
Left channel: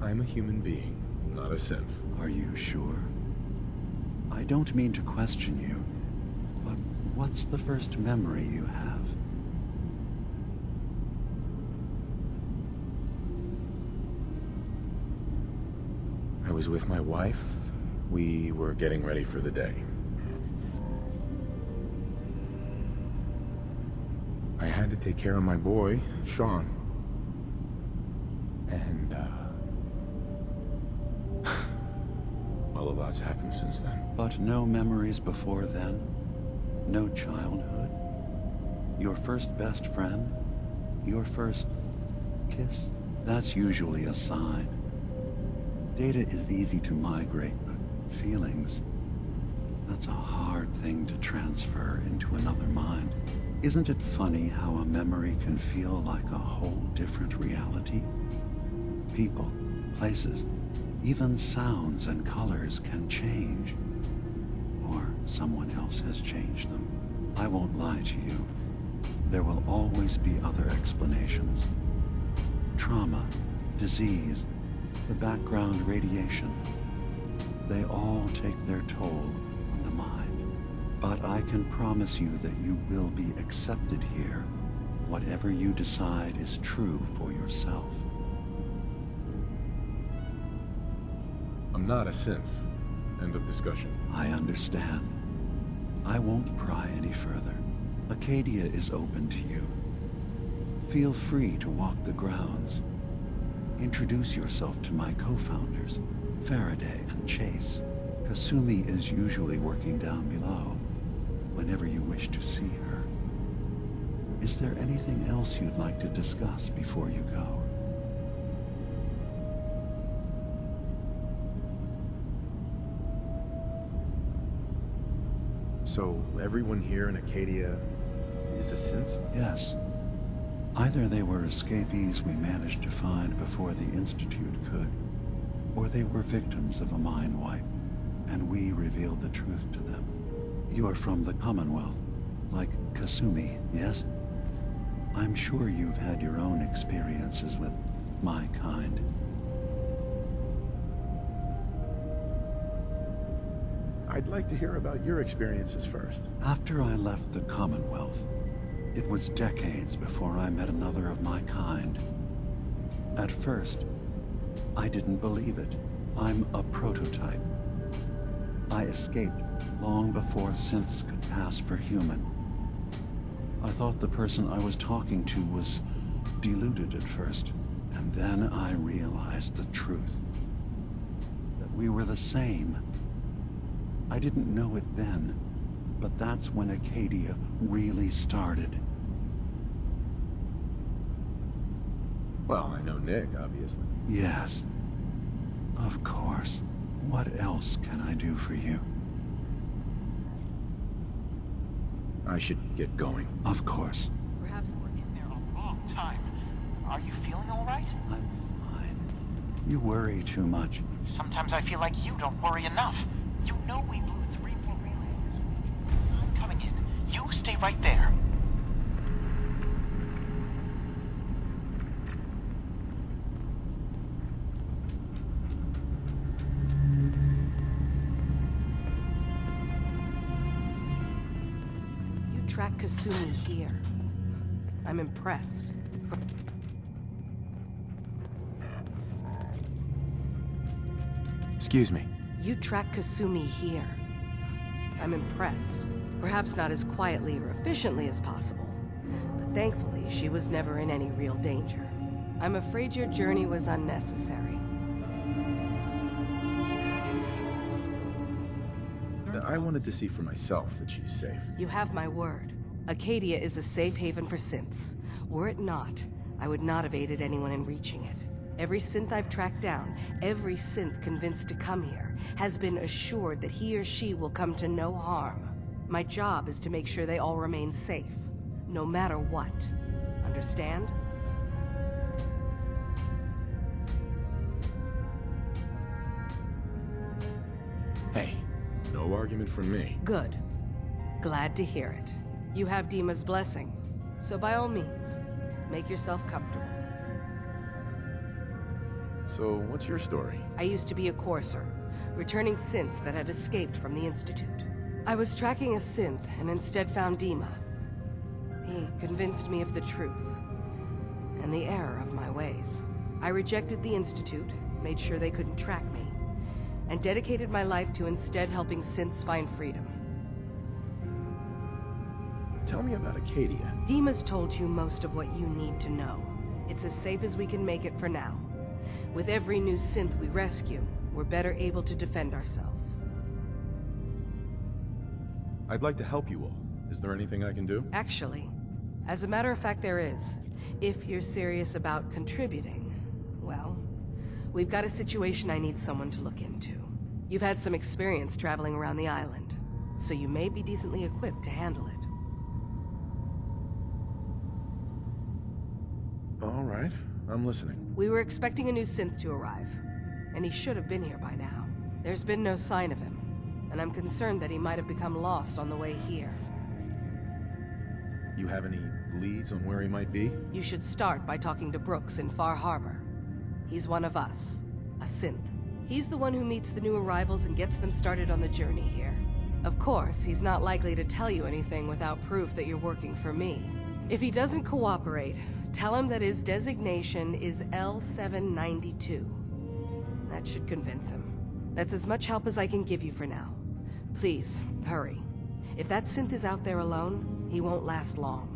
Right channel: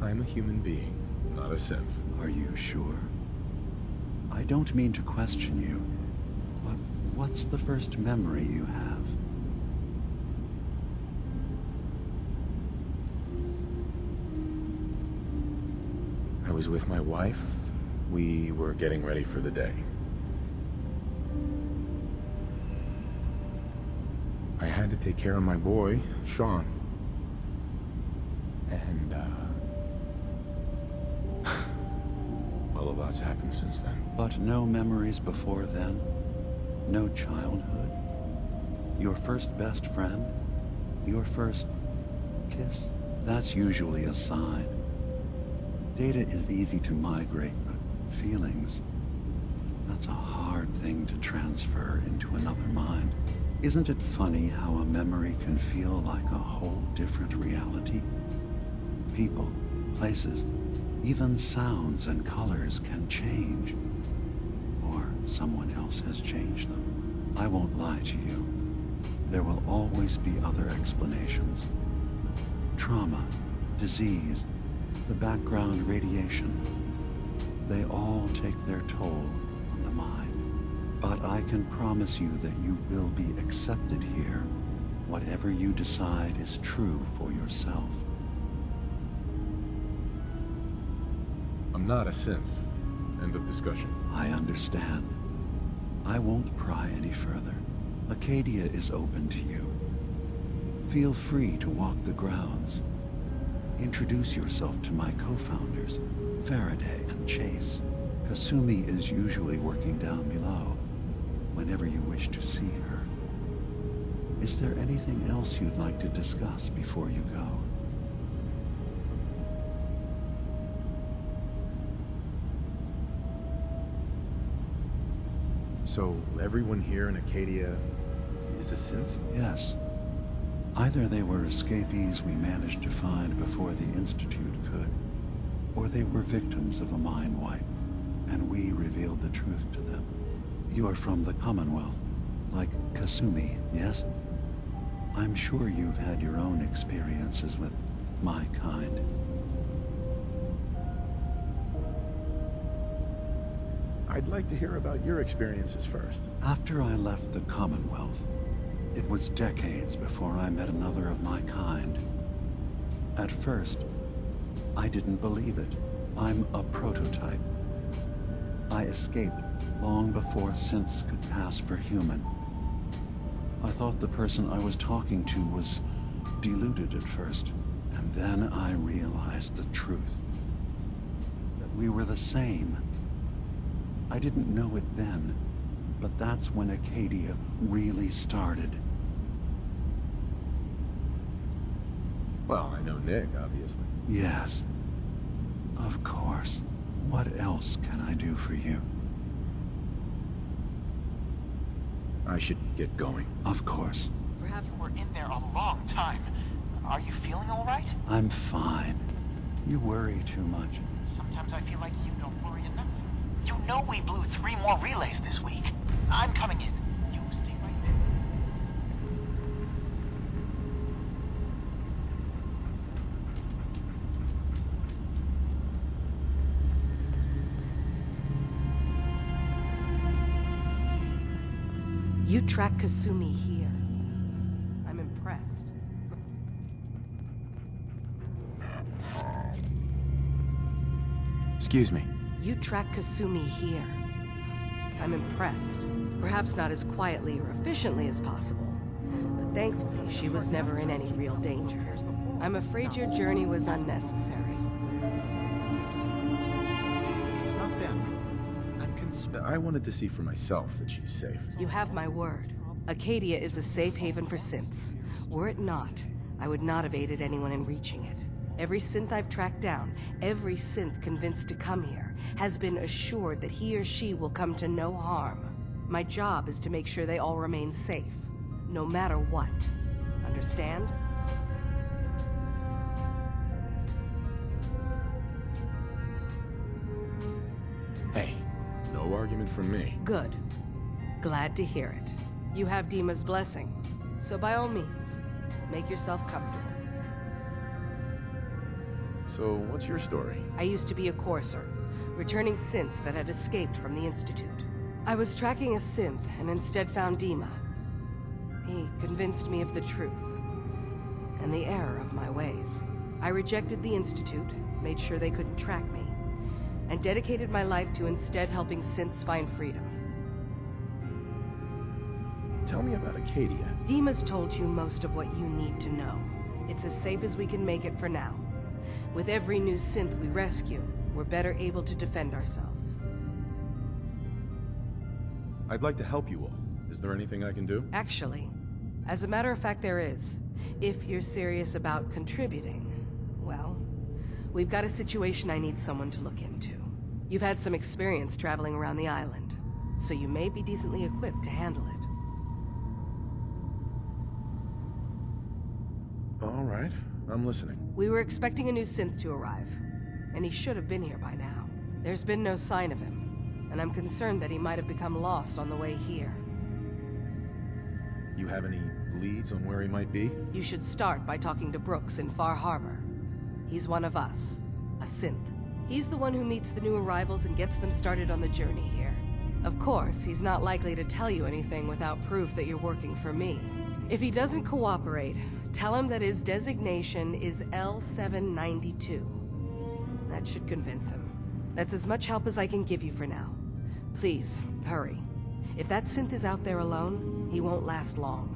I'm a human being, not a synth. Are you sure? I don't mean to question you, but what's the first memory you have? I was with my wife. We were getting ready for the day. I had to take care of my boy, Sean. And, well, a lot's happened since then. But no memories before then? No childhood? Your first best friend? Your first kiss? That's usually a sign. Data is easy to migrate, but feelings, that's a hard thing to transfer into another mind. Isn't it funny how a memory can feel like a whole different reality? People, places, even sounds and colors can change. Or someone else has changed them. I won't lie to you. There will always be other explanations. Trauma, disease, the background radiation. They all take their toll on the mind. But I can promise you that you will be accepted here. Whatever you decide is true for yourself. I'm not a synth. End of discussion. I understand. I won't pry any further. Acadia is open to you. Feel free to walk the grounds. Introduce yourself to my co-founders, Faraday and Chase. Kasumi is usually working down below, whenever you wish to see her. Is there anything else you'd like to discuss before you go? So, everyone here in Acadia is a synth? Yes. Either they were escapees we managed to find before the Institute could, or they were victims of a mind wipe, and we revealed the truth to them. You're from the Commonwealth, like Kasumi, yes? I'm sure you've had your own experiences with my kind. I'd like to hear about your experiences first. After I left the Commonwealth, it was decades before I met another of my kind. At first, I didn't believe it. I'm a prototype. I escaped long before synths could pass for human. I thought the person I was talking to was deluded at first, and then I realized the truth. That we were the same. I didn't know it then, but that's when Acadia really started. Well, I know Nick, obviously. Yes. Of course. What else can I do for you? I should get going. Of course. Perhaps we're in there a long time. Are you feeling all right? I'm fine. You worry too much. Sometimes I feel like you don't worry enough. You know we blew 3 more relays this week. I'm coming in. You stay right there. You track Kasumi here. I'm impressed. Excuse me. You track Kasumi here. I'm impressed. Perhaps not as quietly or efficiently as possible, but thankfully she was never in any real danger. I'm afraid your journey was unnecessary. It's not them. I'm concerned. I wanted to see for myself that she's safe. You have my word. Acadia is a safe haven for synths. Were it not, I would not have aided anyone in reaching it. Every synth I've tracked down, every synth convinced to come here, has been assured that he or she will come to no harm. My job is to make sure they all remain safe, no matter what. Understand? Hey, no argument from me. Good. Glad to hear it. You have Dima's blessing, so by all means, make yourself comfortable. So, what's your story? I used to be a Corsair, returning synths that had escaped from the Institute. I was tracking a synth and instead found Dima. He convinced me of the truth and the error of my ways. I rejected the Institute, made sure they couldn't track me, and dedicated my life to instead helping synths find freedom. Tell me about Acadia. Dima's told you most of what you need to know. It's as safe as we can make it for now. With every new synth we rescue, we're better able to defend ourselves. I'd like to help you all. Is there anything I can do? Actually, as a matter of fact, there is. If you're serious about contributing, well, we've got a situation I need someone to look into. You've had some experience traveling around the island, so you may be decently equipped to handle it. All right, I'm listening. We were expecting a new synth to arrive, and he should have been here by now. There's been no sign of him, and I'm concerned that he might have become lost on the way here. You have any leads on where he might be? You should start by talking to Brooks in Far Harbor. He's one of us, a synth. He's the one who meets the new arrivals and gets them started on the journey here. Of course, he's not likely to tell you anything without proof that you're working for me. If he doesn't cooperate, tell him that his designation is L792. That should convince him. That's as much help as I can give you for now. Please, hurry. If that synth is out there alone, he won't last long.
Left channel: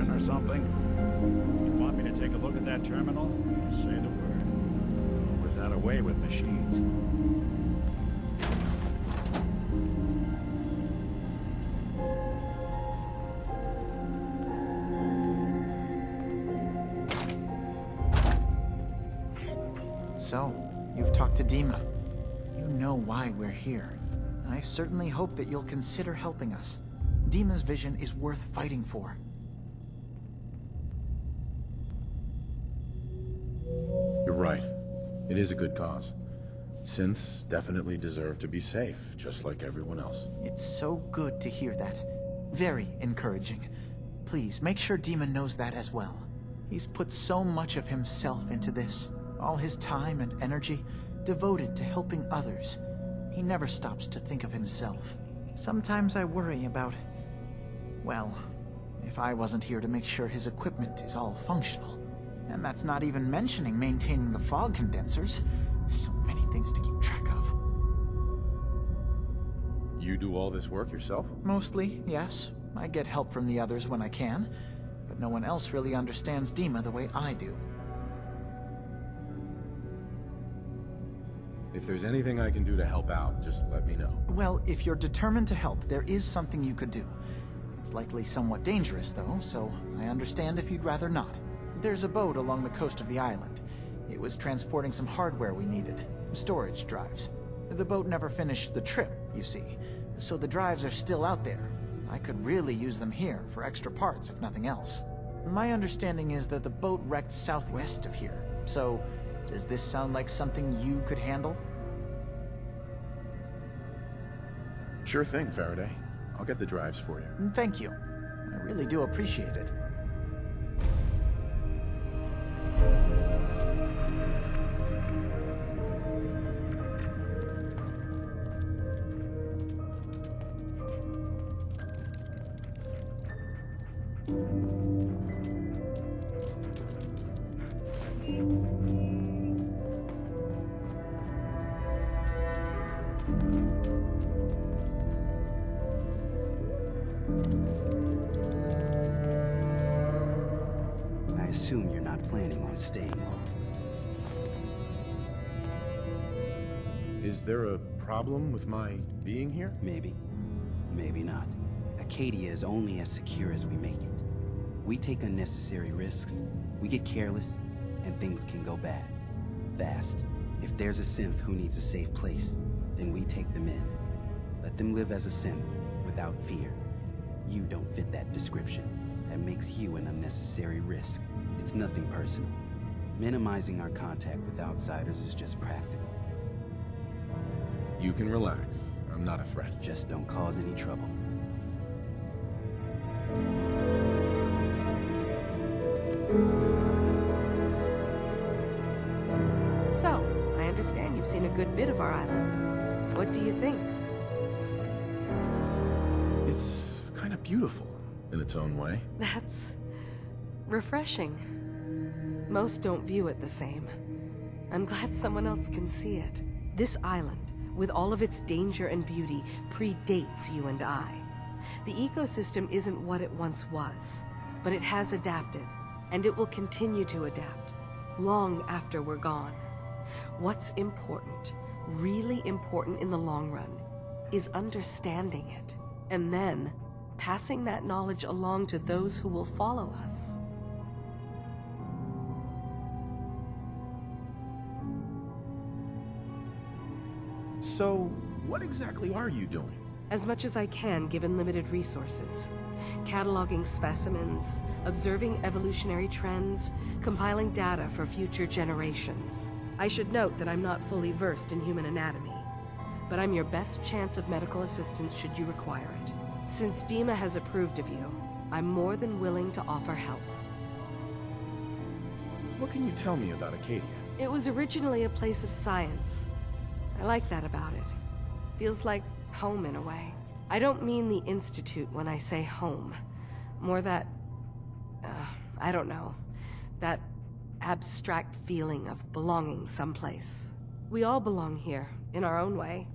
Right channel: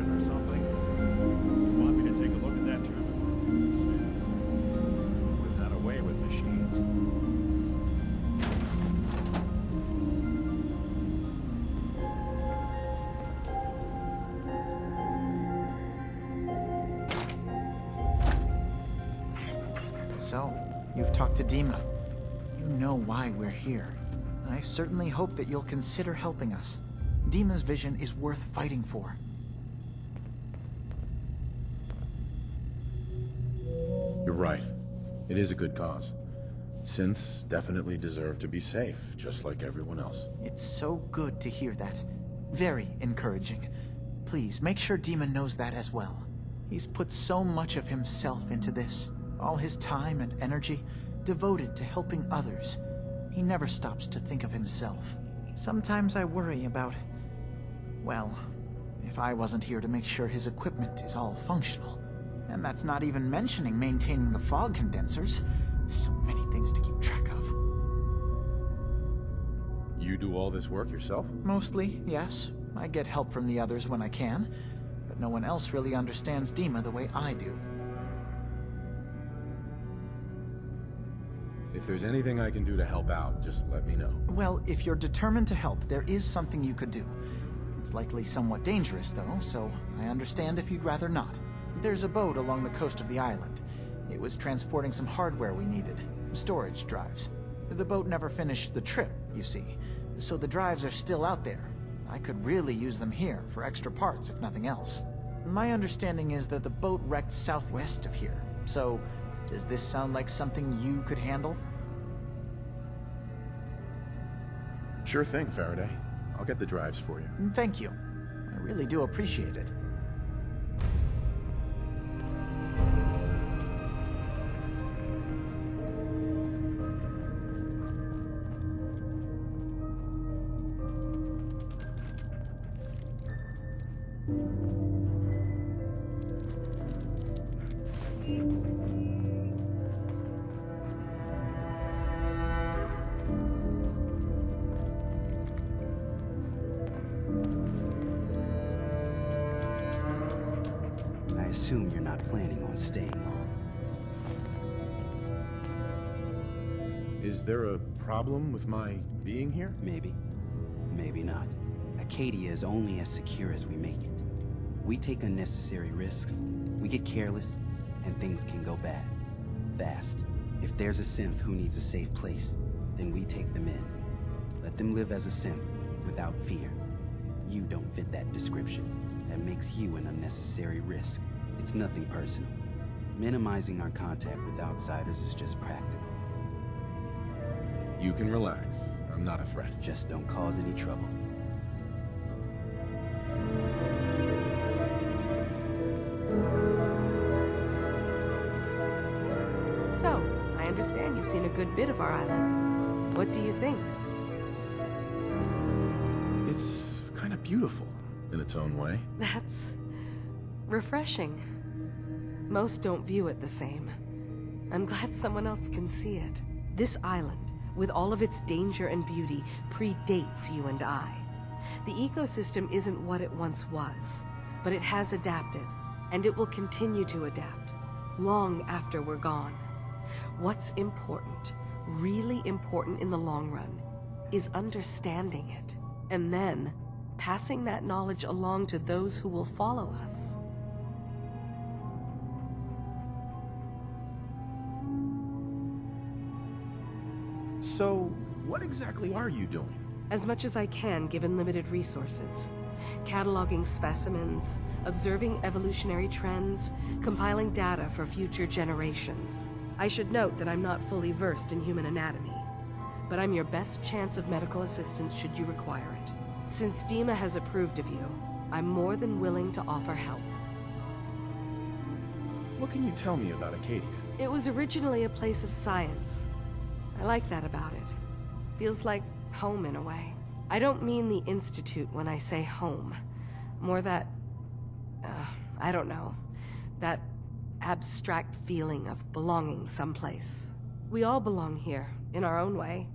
Or something? You want me to take a look at that terminal? Say the word. Was that away with machines? So, you've talked to Dima. You know why we're here. I certainly hope that you'll consider helping us. Dima's vision is worth fighting for. You're right. It is a good cause. Synths definitely deserve to be safe, just like everyone else. It's so good to hear that. Very encouraging. Please, make sure Dima knows that as well. He's put so much of himself into this. All his time and energy devoted to helping others. He never stops to think of himself. Sometimes I worry about... well, if I wasn't here to make sure his equipment is all functional. And that's not even mentioning maintaining the fog condensers. So many things to keep track of. You do all this work yourself? Mostly, yes. I get help from the others when I can. But no one else really understands Dima the way I do. If there's anything I can do to help out, just let me know. Well, if you're determined to help, there is something you could do. It's likely somewhat dangerous, though, so I understand if you'd rather not. There's a boat along the coast of the island. It was transporting some hardware we needed. Storage drives. The boat never finished the trip, you see. So the drives are still out there. I could really use them here for extra parts, if nothing else. My understanding is that the boat wrecked southwest of here. So, does this sound like something you could handle? Sure thing, Faraday. I'll get the drives for you. Thank you. I really do appreciate it. assume you're not planning on staying long. Is there a problem with my being here? Maybe. Maybe not. Acadia is only as secure as we make it. We take unnecessary risks, we get careless, and things can go bad. Fast. If there's a synth who needs a safe place, then we take them in. Let them live as a synth, without fear. You don't fit that description. That makes you an unnecessary risk. It's nothing personal. Minimizing our contact with outsiders is just practical. You can relax. I'm not a threat. Just don't cause any trouble. So, I understand you've seen a good bit of our island. What do you think? It's kind of beautiful in its own way. That's refreshing. Most don't view it the same. I'm glad someone else can see it. This island, with all of its danger and beauty, predates you and I. The ecosystem isn't what it once was, but it has adapted, and it will continue to adapt, long after we're gone. What's important, really important in the long run, is understanding it, and then passing that knowledge along to those who will follow us. So, what exactly are you doing? As much as I can, given limited resources. Cataloging specimens, observing evolutionary trends, compiling data for future generations. I should note that I'm not fully versed in human anatomy, but I'm your best chance of medical assistance should you require it. Since Dima has approved of you, I'm more than willing to offer help. What can you tell me about Acadia? It was originally a place of science. I like that about it. Feels like home in a way. I don't mean the Institute when I say home. More that, I don't know, that abstract feeling of belonging someplace. We all belong here, in our own way.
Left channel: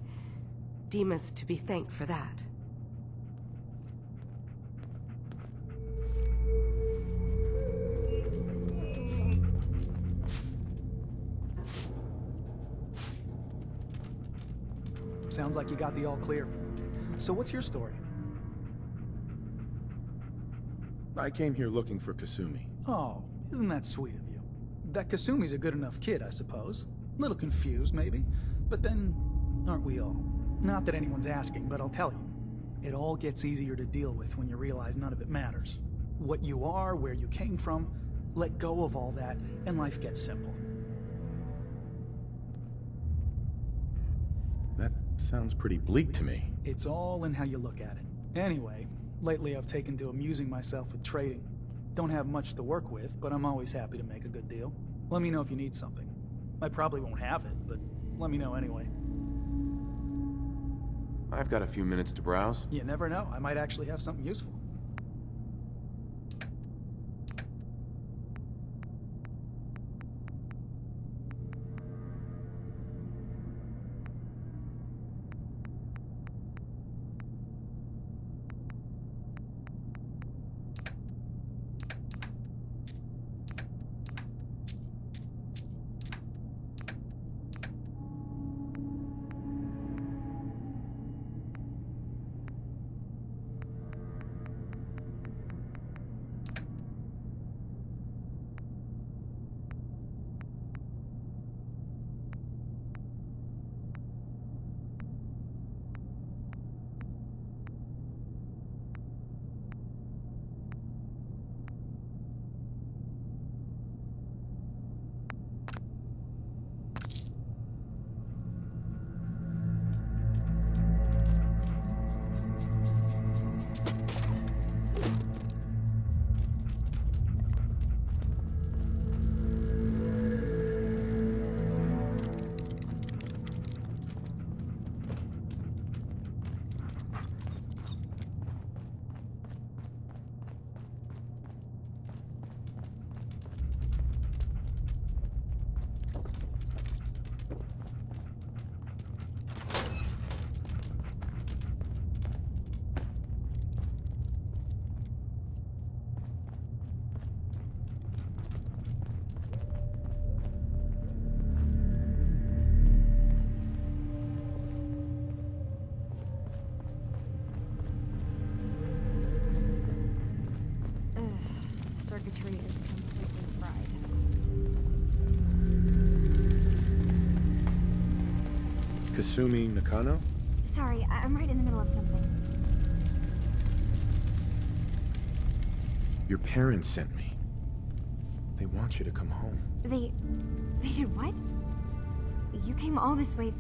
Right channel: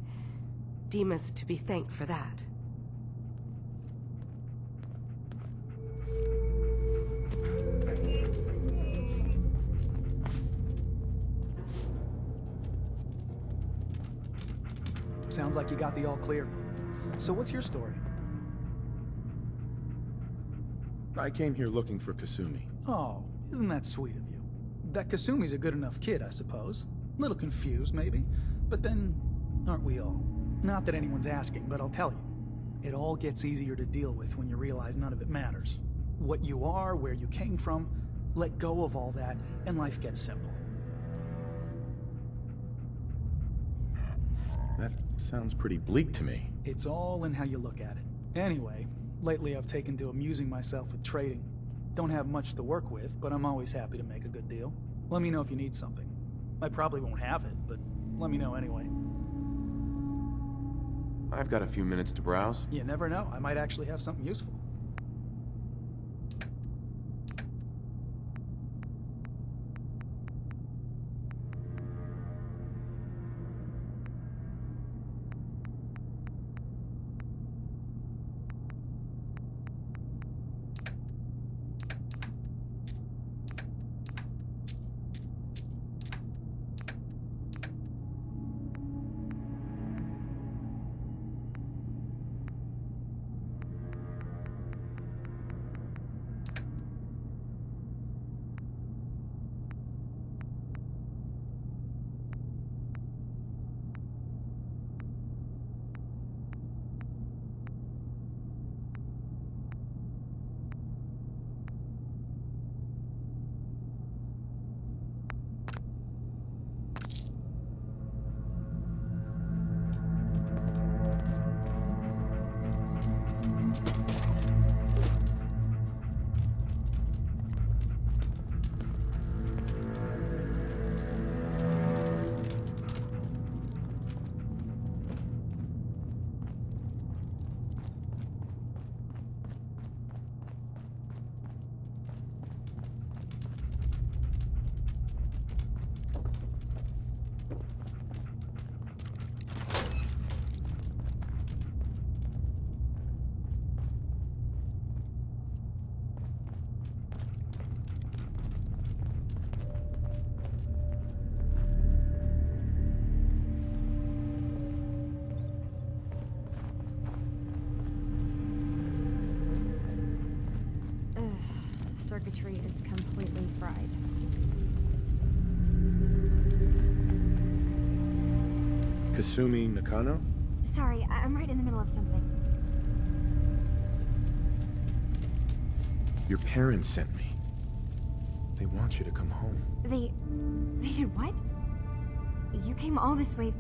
Dima's to be thanked for that. Sounds like you got the all clear. So what's your story? I came here looking for Kasumi. Oh, isn't that sweet of you? That Kasumi's a good enough kid, I suppose. Little confused, maybe. But then, aren't we all? Not that anyone's asking, but I'll tell you. It all gets easier to deal with when you realize none of it matters. What you are, where you came from, let go of all that, and life gets simple. That sounds pretty bleak to me. It's all in how you look at it. Anyway, lately I've taken to amusing myself with trading. Don't have much to work with, but I'm always happy to make a good deal. Let me know if you need something. I probably won't have it, but let me know anyway. I've got a few minutes to browse. You never know, I might actually have something useful. circuitry is completely fried. Kasumi Nakano? Sorry, I'm right in the middle of something. Your parents sent me. They want you to come home. They did what? You came all this way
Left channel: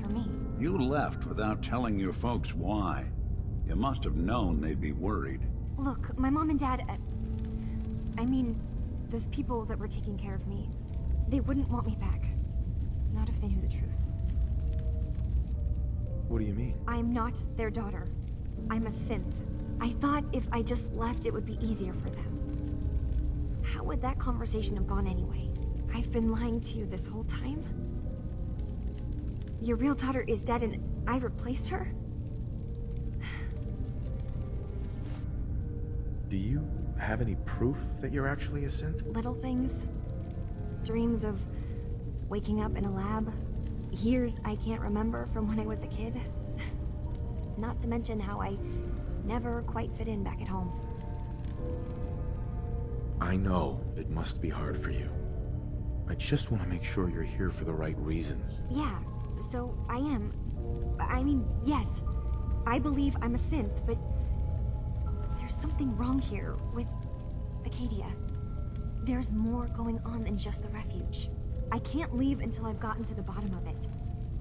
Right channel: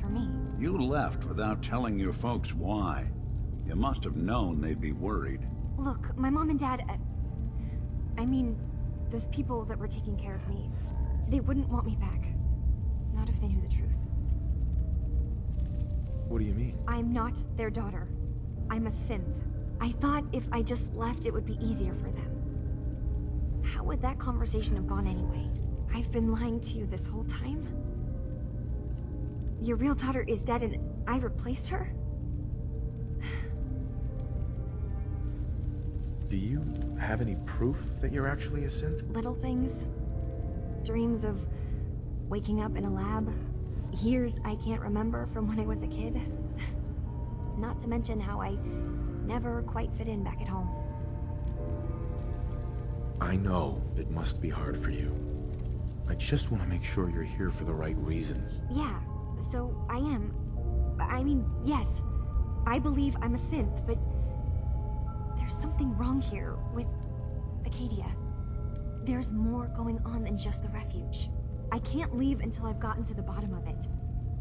for me. You left without telling your folks why. You must have known they'd be worried. Look, my mom and dad... I mean, those people that were taking care of me, they wouldn't want me back. Not if they knew the truth. What do you mean? I'm not their daughter. I'm a synth. I thought if I just left, it would be easier for them. How would that conversation have gone anyway? I've been lying to you this whole time? Your real daughter is dead and I replaced her? Do you have any proof that you're actually a synth? Little things. Dreams of waking up in a lab. Years I can't remember from when I was a kid. Not to mention how I never quite fit in back at home. I know it must be hard for you. I just want to make sure you're here for the right reasons. Yeah, so I am. I mean, yes, I believe I'm a synth, but there's something wrong here with Acadia. There's more going on than just the refuge. I can't leave until I've gotten to the bottom of it.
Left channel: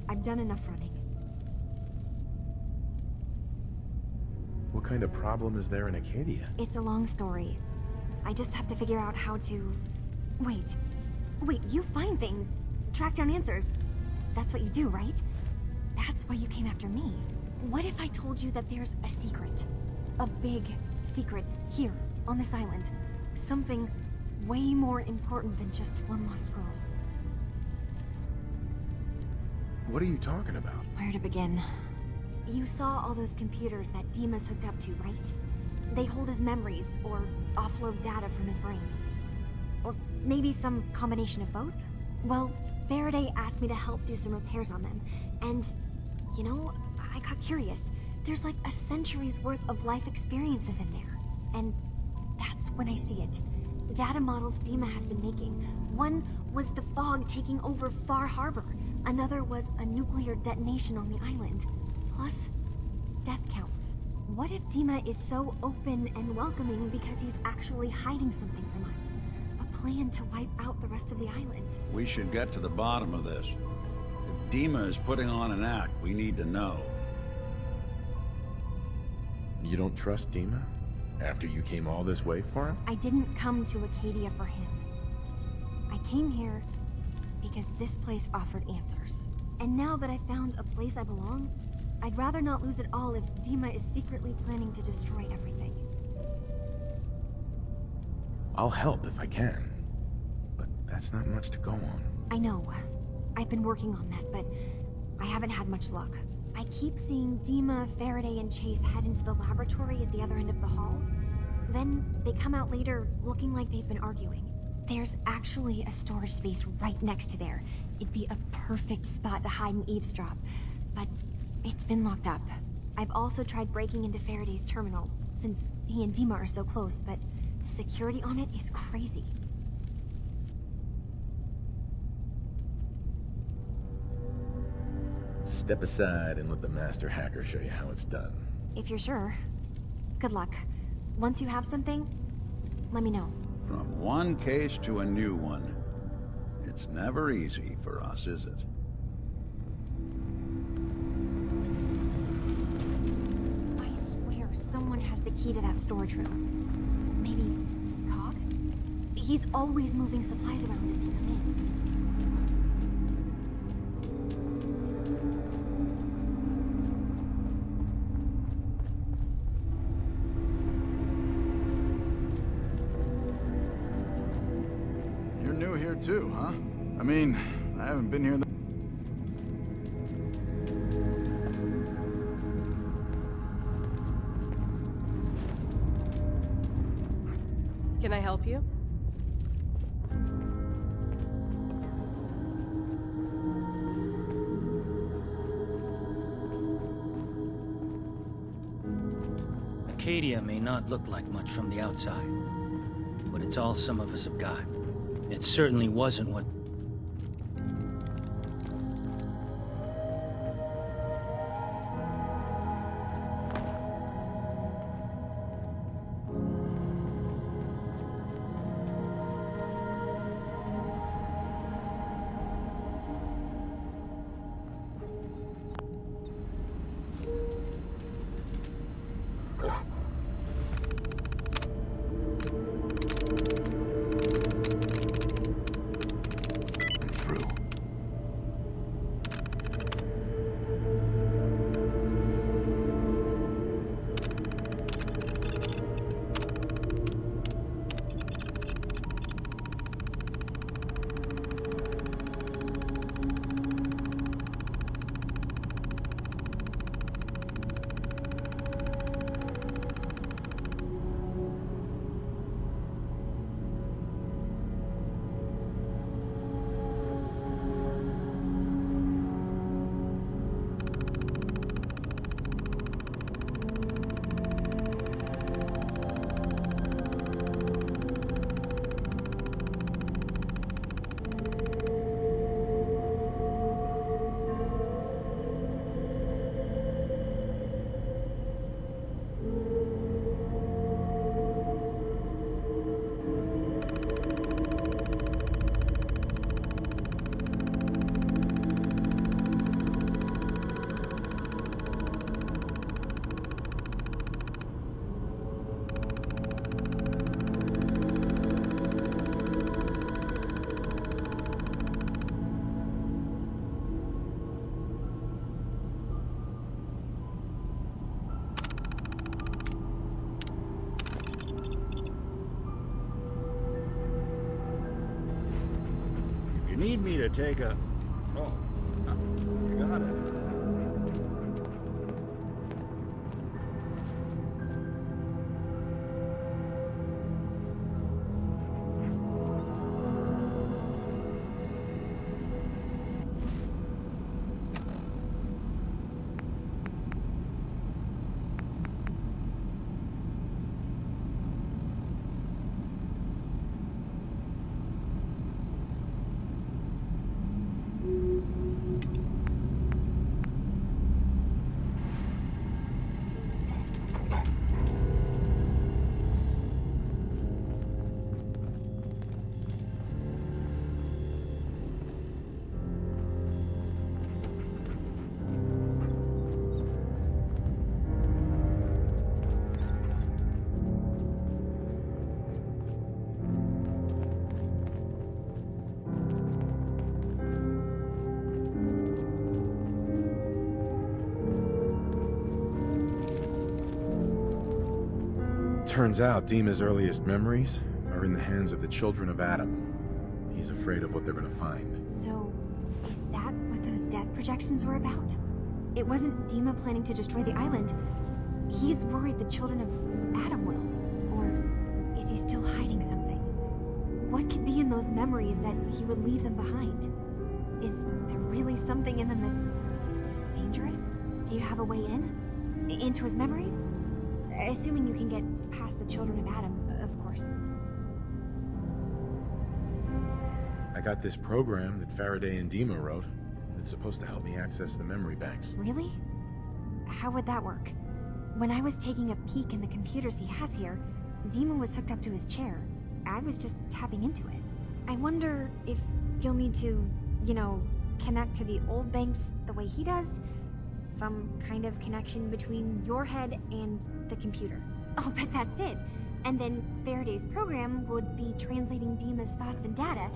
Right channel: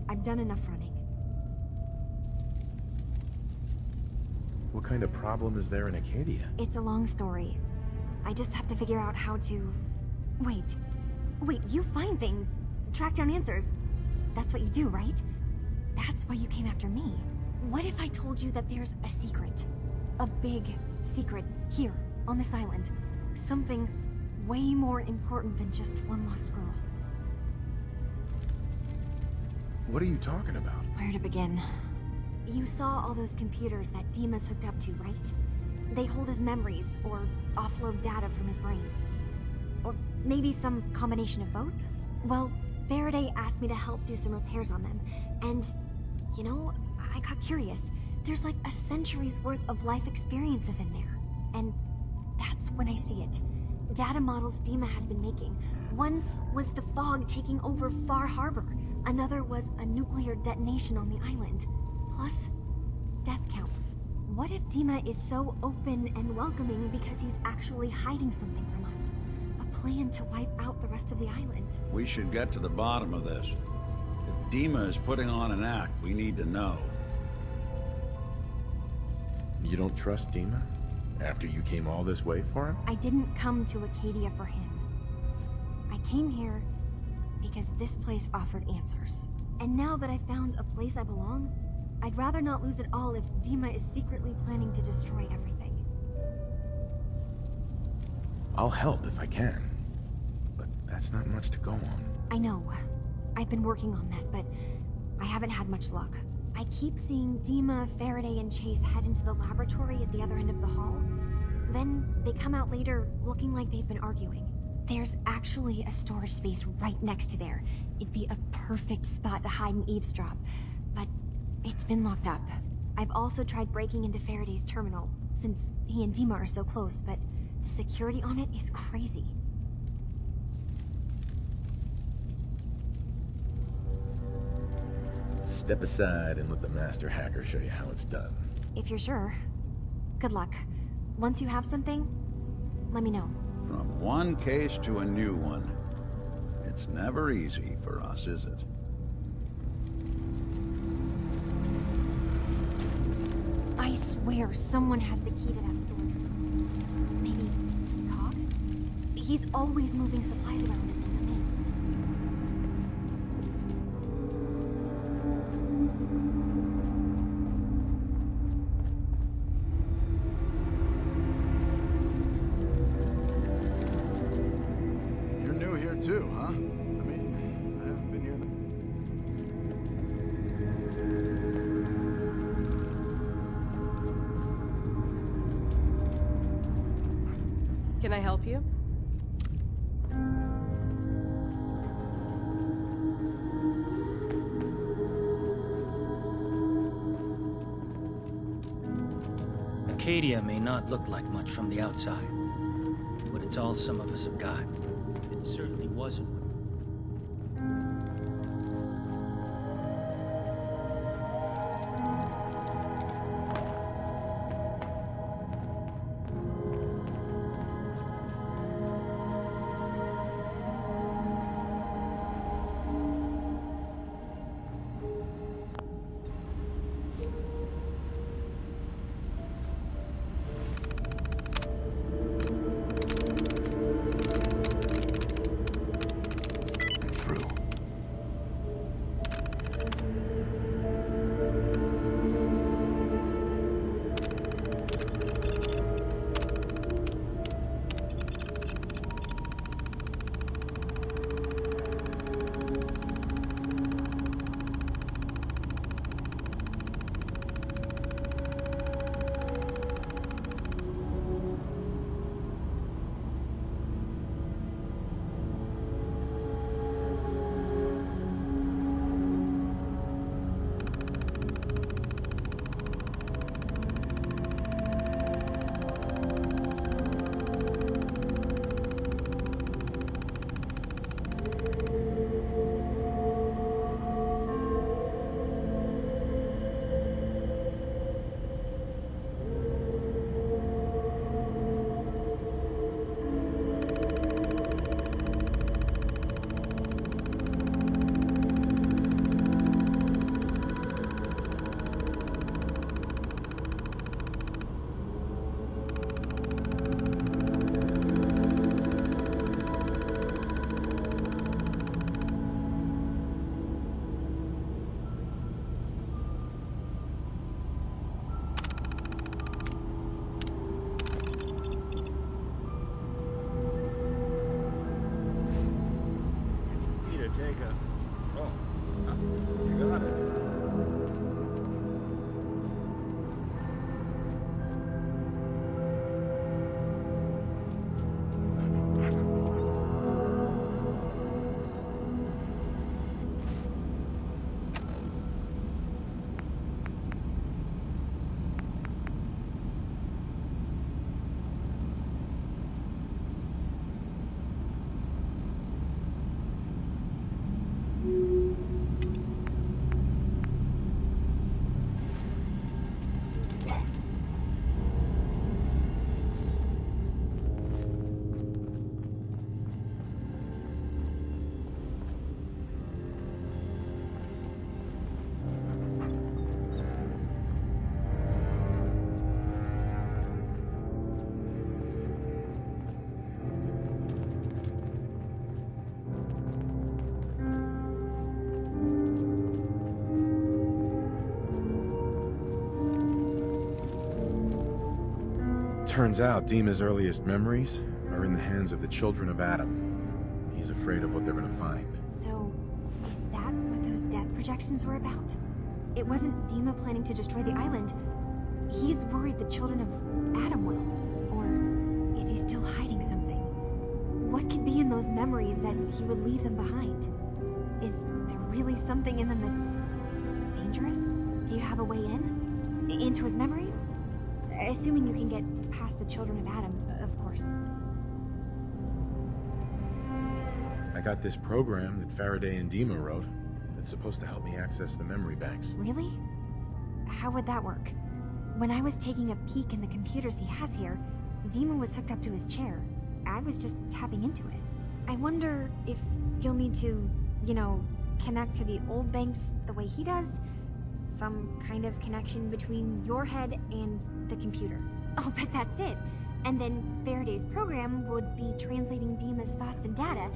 I've done enough running. What kind of problem is there in Acadia? It's a long story. I just have to figure out how to... Wait, you find things, track down answers. That's what you do, right? That's why you came after me. What if I told you that there's a secret? A big secret here, on this island. Something way more important than just one lost girl. What are you talking about? Where to begin? You saw all those computers that Dima's hooked up to, right? They hold his memories, or offload data from his brain. Or maybe some combination of both? Well, Faraday asked me to help do some repairs on them, and, you know, I got curious. There's like a century's worth of life experiences in there. And that's when I see it. Data models Dima has been making. One was the fog taking over Far Harbor. Another was a nuclear detonation on the island. Plus, death counts. What if Dima is so open and welcoming because he's actually hiding something from us? A plan to wipe out the rest of the island. We should get to the bottom of this. If Dima is putting on an act, we need to know. You don't trust Dima? After you came all this way for him? I didn't come to Acadia for him. I came here because this place offered answers. And now that I found a place I belong, I'd rather not lose it all if Dima is secretly planning to destroy everything. I'll help if I can. But that's not much to go on. I know. I've been working on that, but I haven't had much luck. I keep seeing Dima, Faraday, and Chase head into the laboratory at the other end of the hall. Then they come out later looking like they've been arguing. There's actually a storage space right next to there. It'd be a perfect spot to hide and eavesdrop, but it's been locked up. I've also tried breaking into Faraday's terminal, since he and Dima are so close, but the security on it is crazy. Step aside and let the master hacker show you how it's done. If you're sure. Good luck. Once you have something, let me know. From one case to a new one. It's never easy for us, is it? I swear someone has the key to that storage room. Maybe Cog? He's always moving supplies around as they come in. You're new here too, huh? I mean, I haven't been here Can I help you? Acadia may not look like much from the outside, but It's all some of us have got. It certainly wasn't what... Need me to take a... Oh, you got it. Turns out Dima's earliest memories are in the hands of the children of Adam. He's afraid of what they're gonna find. So, is that what those death projections were about? It wasn't Dima planning to destroy the island. He's worried the children of Adam will. Or is he still hiding something? What could be in those memories that he would leave them behind? Is there really something in them that's dangerous? Do you have a way in? Into his memories? Assuming you can get past the children of Adam, of course. I got this program that Faraday and Dima wrote. It's supposed to help me access the memory banks. Really? How would that work? When I was taking a peek in the computers he has here, Dima was hooked up to his chair. I was just tapping into it. I wonder if you'll need to, you know, connect to the old banks the way he does? Some kind of connection between your head and the computer. Oh, but that's it. And then Faraday's program would be translating Dima's thoughts and data,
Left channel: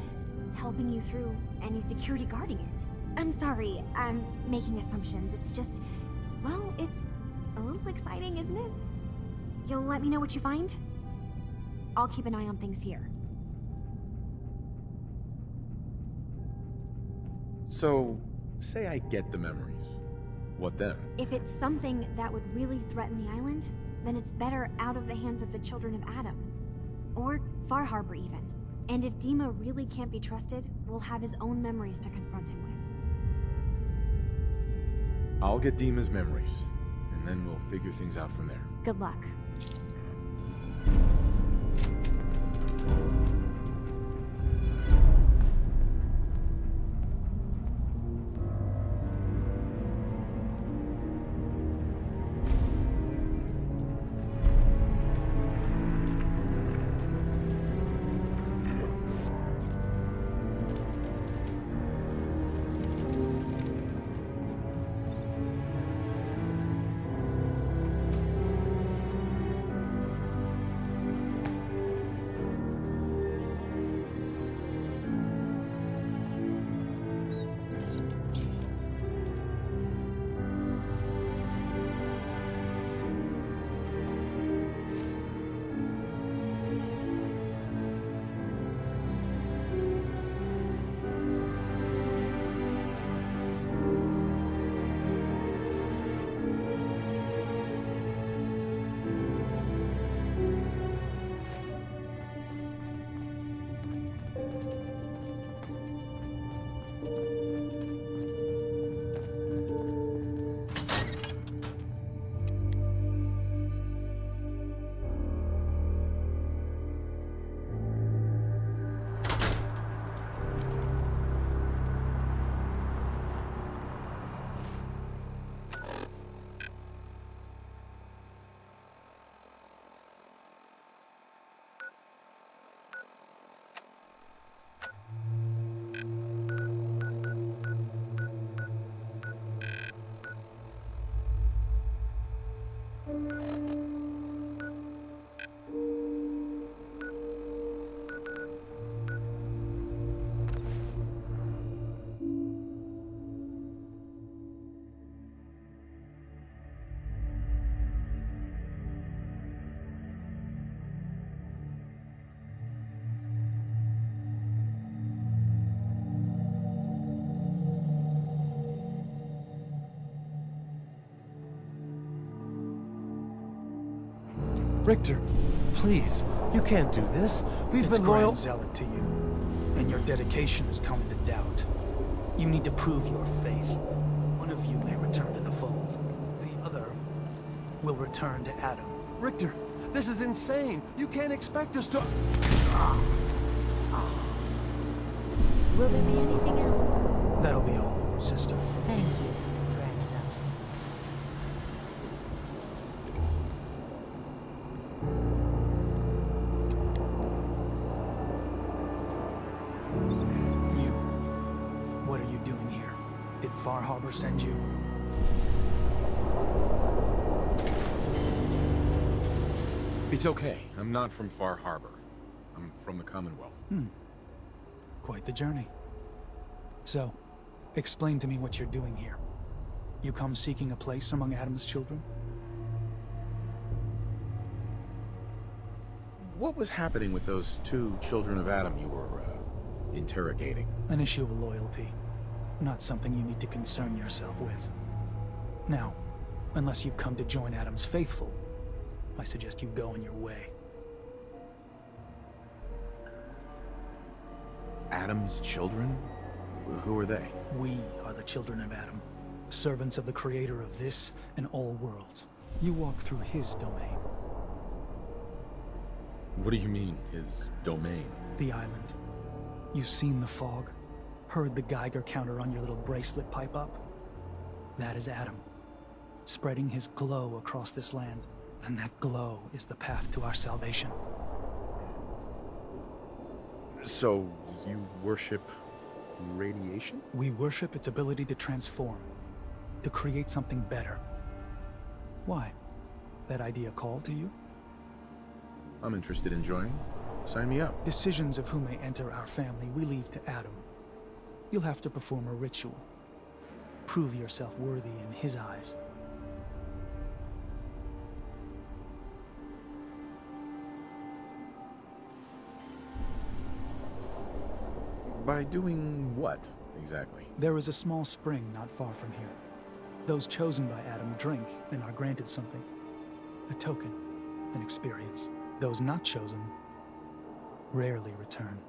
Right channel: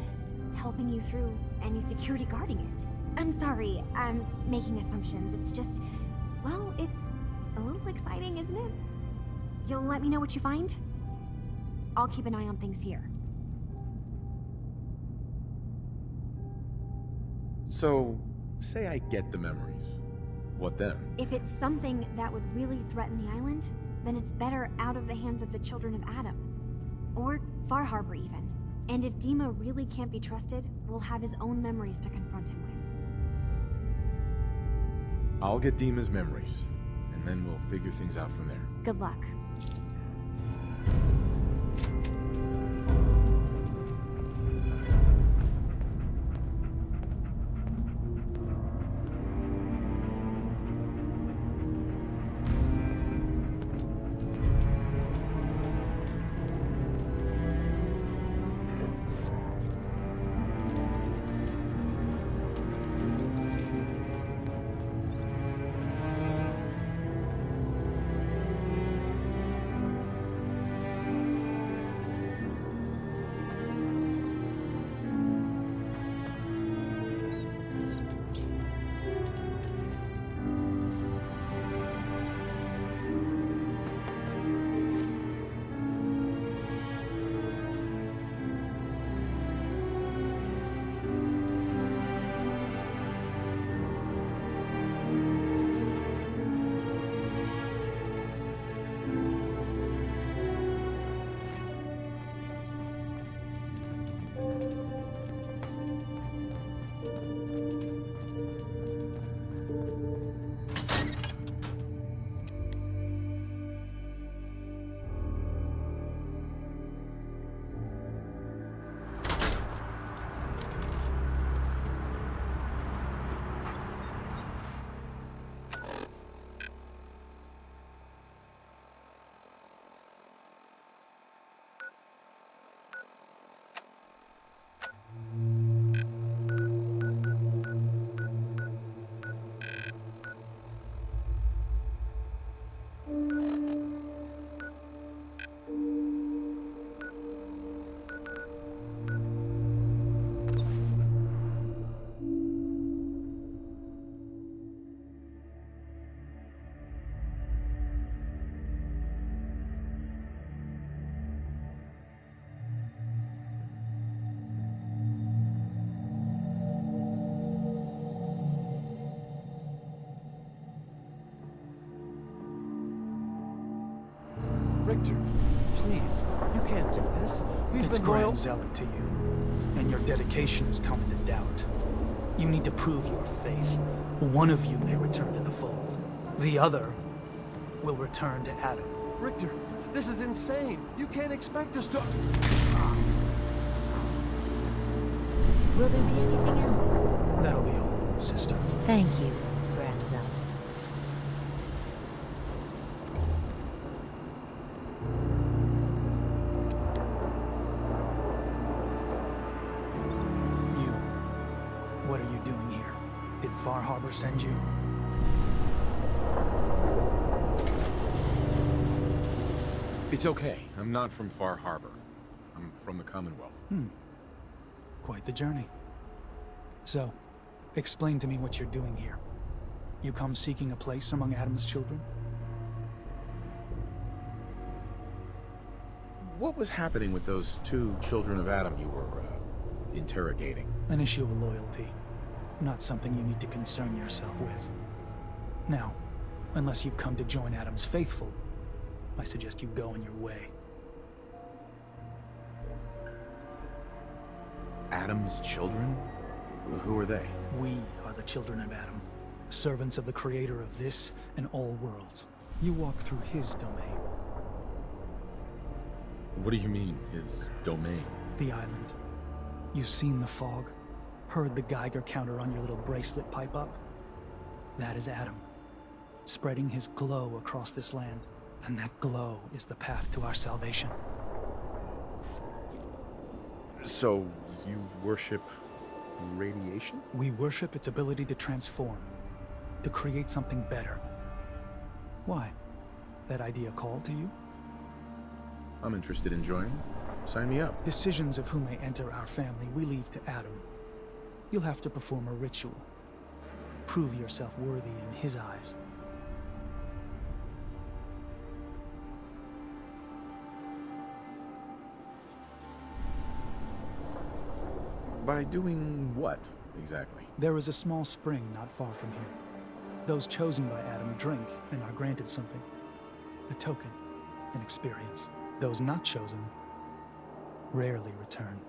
helping you through any security guarding it. I'm sorry, I'm making assumptions. It's just, well, it's a little exciting, isn't it? You'll let me know what you find? I'll keep an eye on things here. So, say I get the memories. What then? If it's something that would really threaten the island, then it's better out of the hands of the children of Adam. Or Far Harbor, even. And if Dima really can't be trusted, we'll have his own memories to confront him with. I'll get Dima's memories, and then we'll figure things out from there. Good luck. Richter, please, you can't do this. We've It's been loyal. grand zealot to you, and your dedication has come into doubt. You need to prove your faith. One of you may return to the fold. The other will return to Adam. Richter, this is insane. You can't expect us to... Will there be anything else? That'll be all, sister. Thank you, Grand Zealot. You. What are you doing here? Did Far Harbor send you? It's okay. I'm not from Far Harbor. I'm from the Commonwealth. Quite the journey. So, explain to me what you're doing here. You come seeking a place among Adam's children? What was happening with those two children of Adam you were, interrogating? An issue of loyalty. Not something you need to concern yourself with. Now, unless you've come to join Adam's faithful, I suggest you go on your way. Adam's children? Who are they? We are the children of Adam, servants of the creator of this and all worlds. You walk through his domain. What do you mean, his domain? The island. You've seen the fog, heard the Geiger counter on your little bracelet pipe up? That is Adam, spreading his glow across this land, and that glow is the path to our salvation. So, you worship radiation? We worship its ability to transform, to create something better. Why? That idea call to you? I'm interested in joining. Sign me up. Decisions of who may enter our family we leave to Adam. You'll have to perform a ritual. Prove yourself worthy in his eyes. By doing what, exactly? There is a small spring not far from here. Those chosen by Adam drink and are granted something. A token, an experience. Those not chosen rarely return.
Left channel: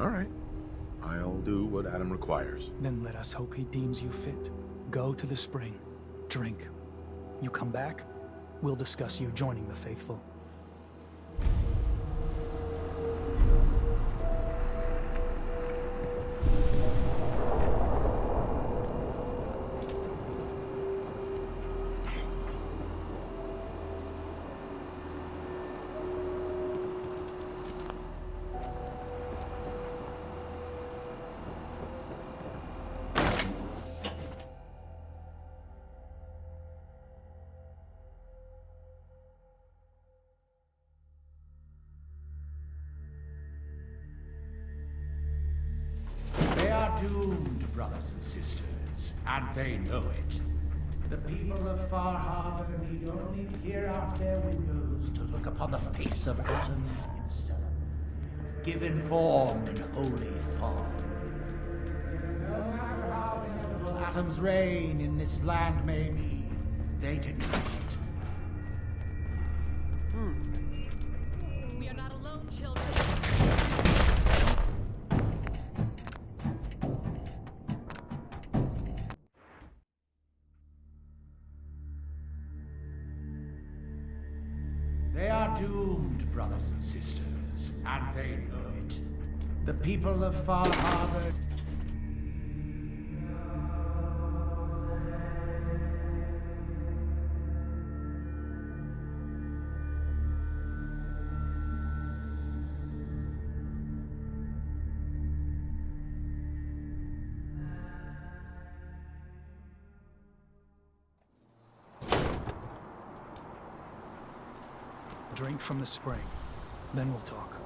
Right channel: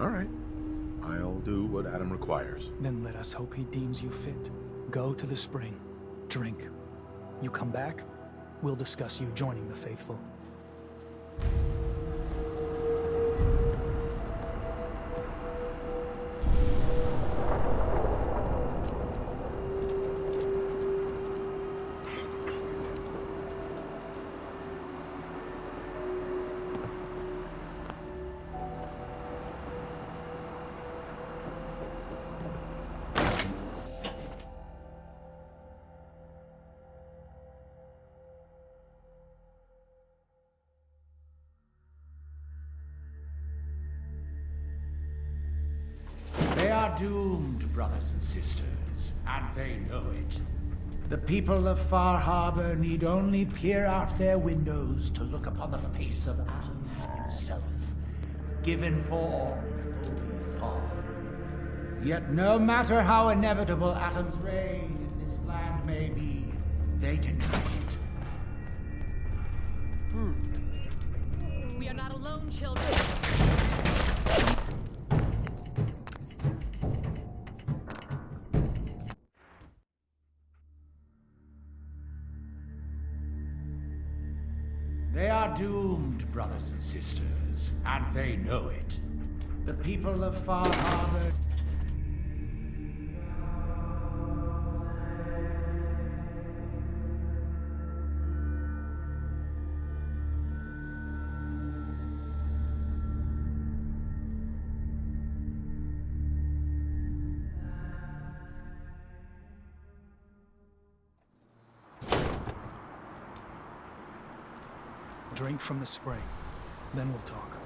All right. I'll do what Adam requires. Then let us hope he deems you fit. Go to the spring. Drink. You come back, we'll discuss you joining the faithful. They are doomed, brothers and sisters, and they know it. The people of Far Harbor need only peer out their windows to look upon the face of Adam himself, given form in holy fog. Yet no matter how inevitable Adam's reign in this land may be, they deny it. We are not alone, children. They are doomed, brothers and sisters, and they know it. The people of Far Harbor... Drink from the spring, then we'll talk.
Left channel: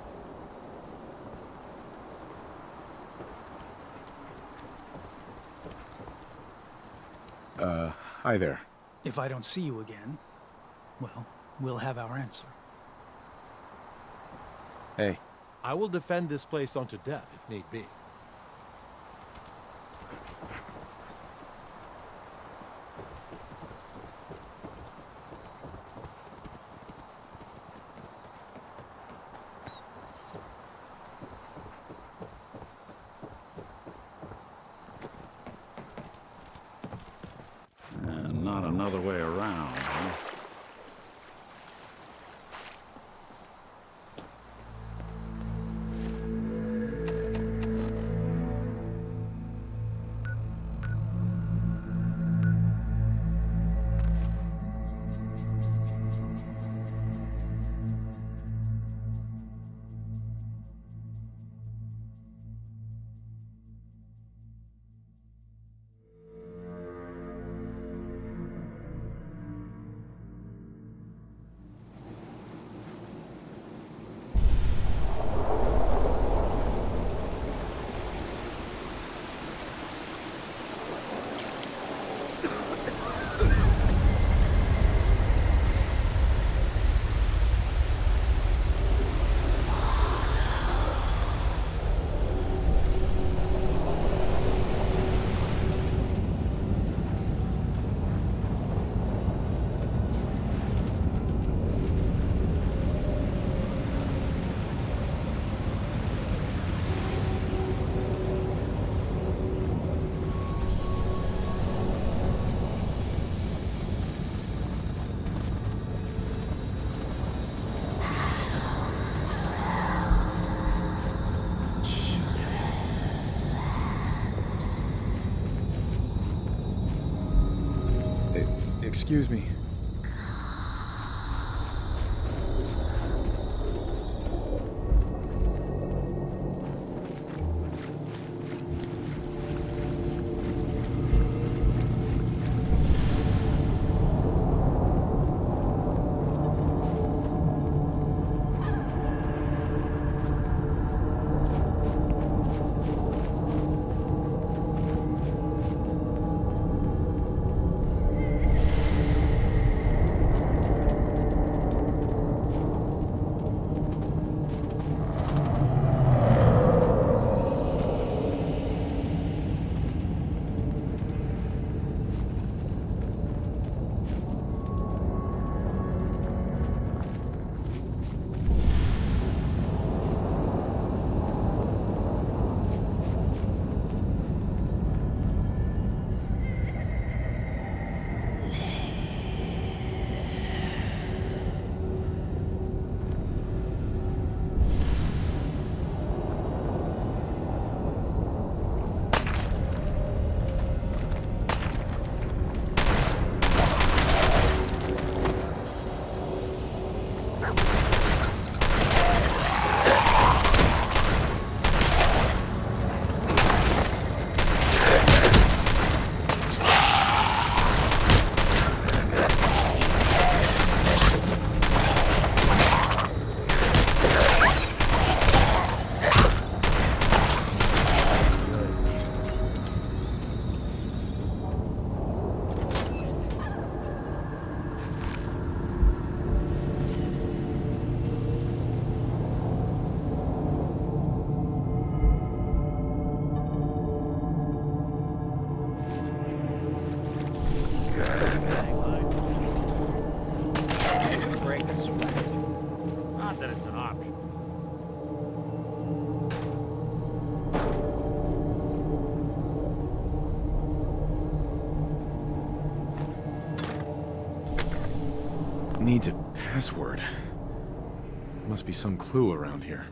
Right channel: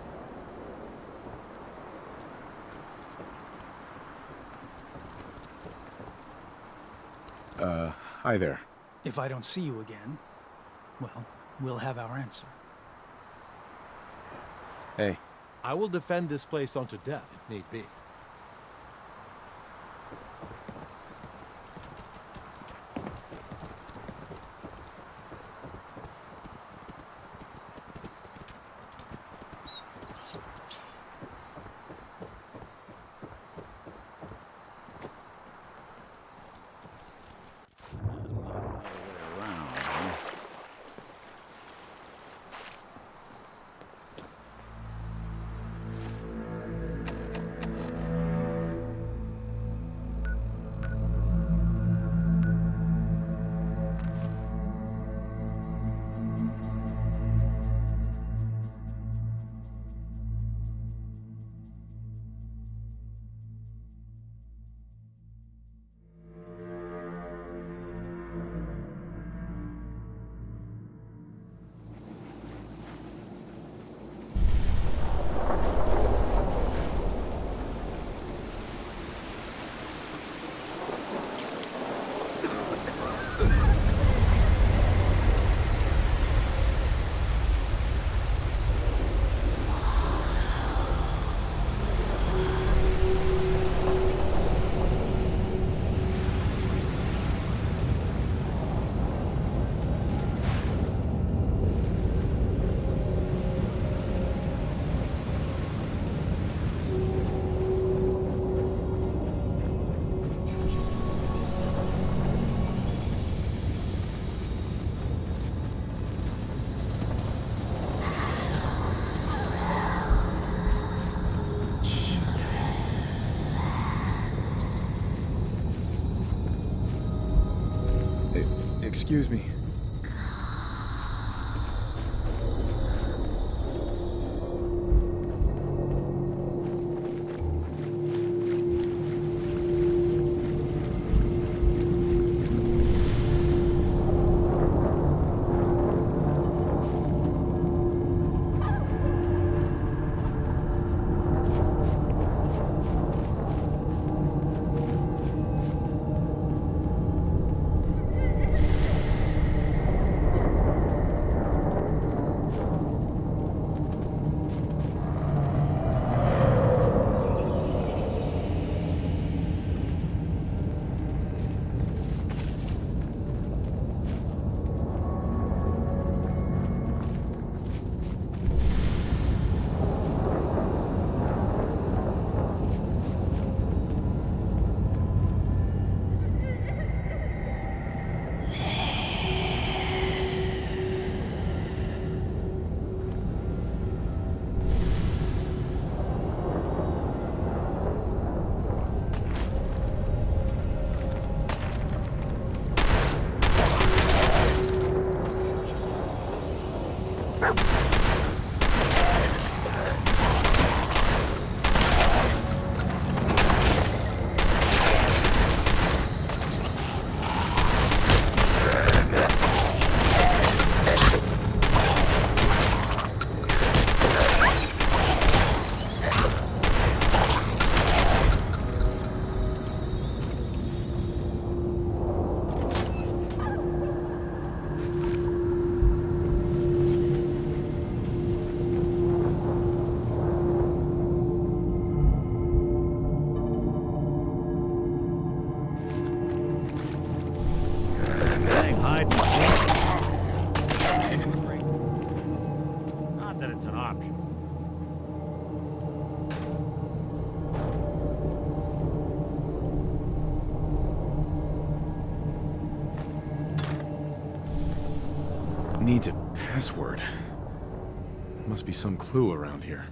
Hi there. If I don't see you again, well, we'll have our answer. Hey. I will defend this place unto death if need be. Not another way around, huh? Excuse me. Not that it's an option. Needs a password. Must be some clue around here.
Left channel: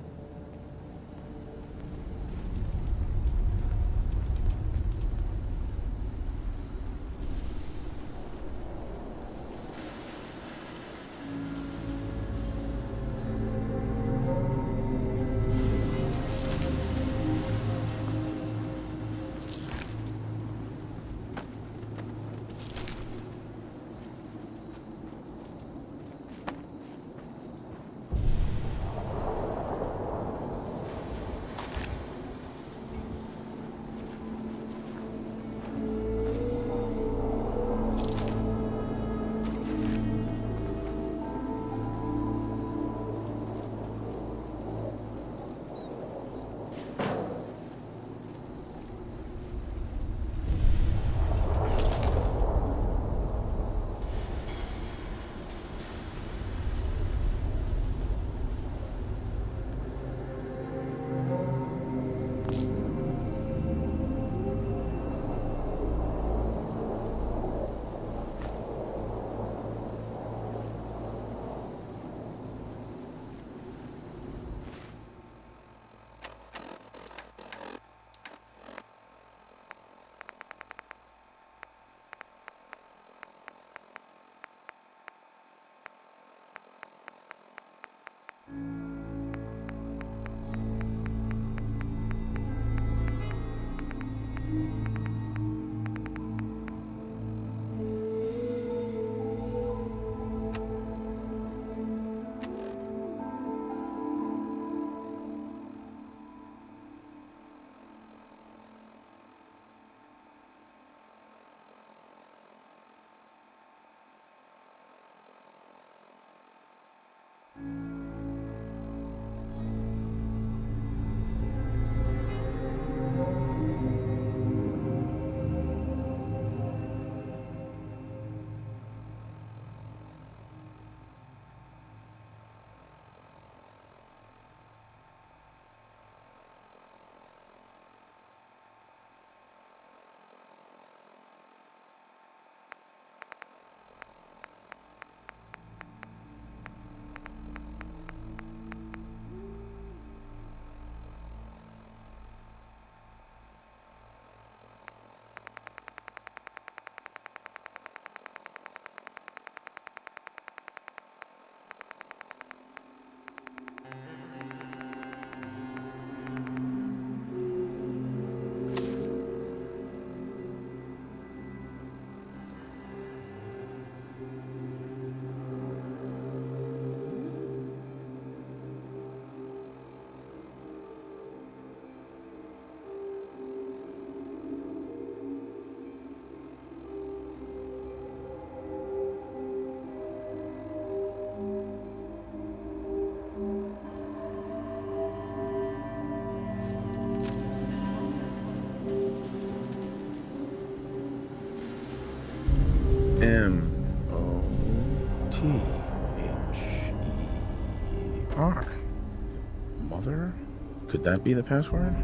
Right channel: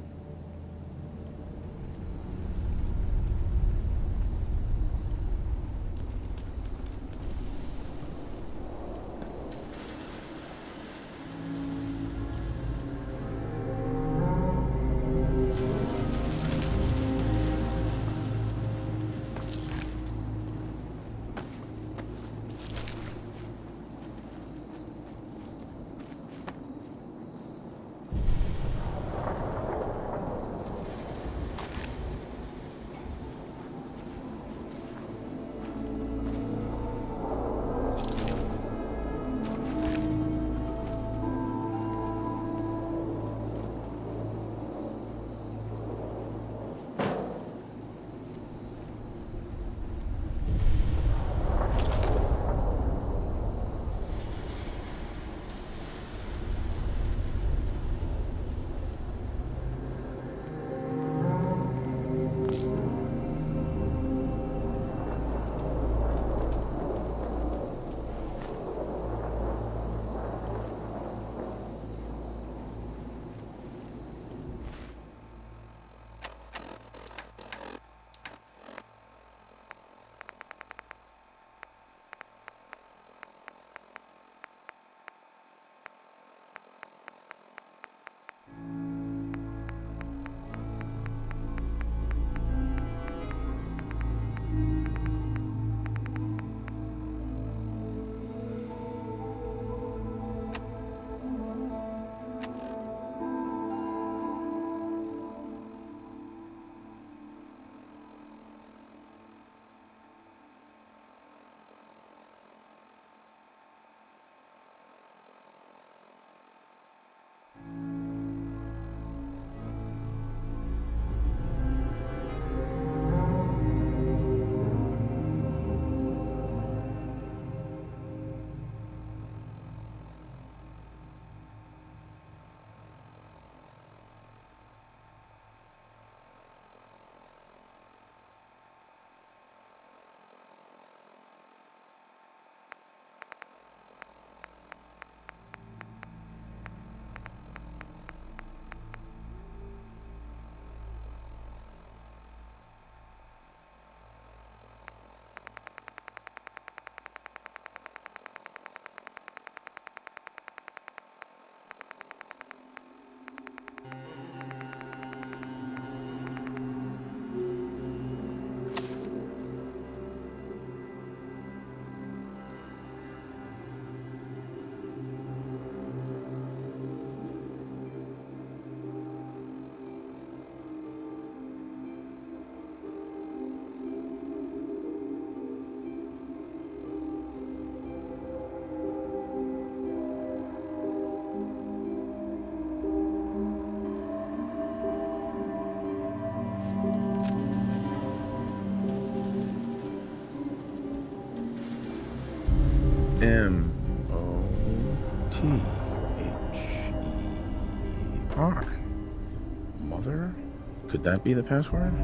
T-H-E-R. Mother? Could that be the password?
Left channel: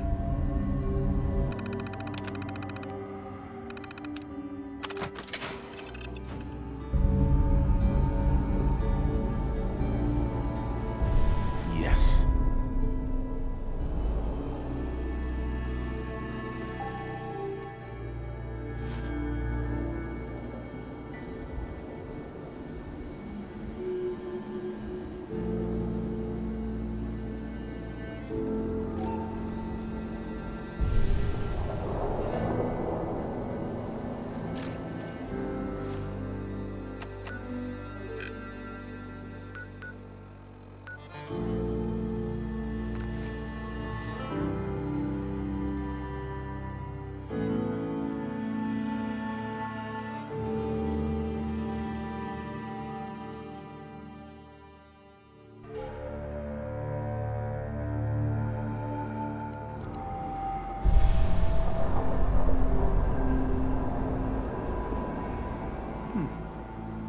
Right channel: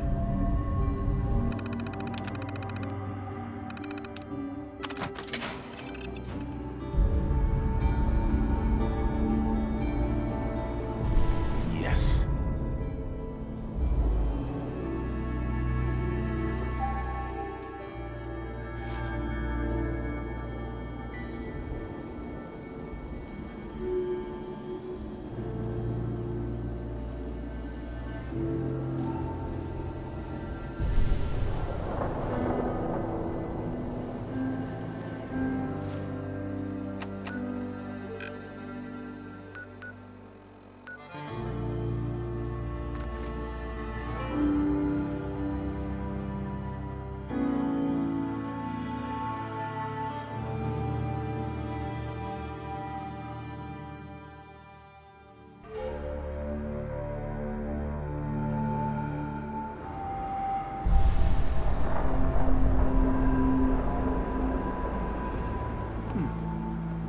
Yes.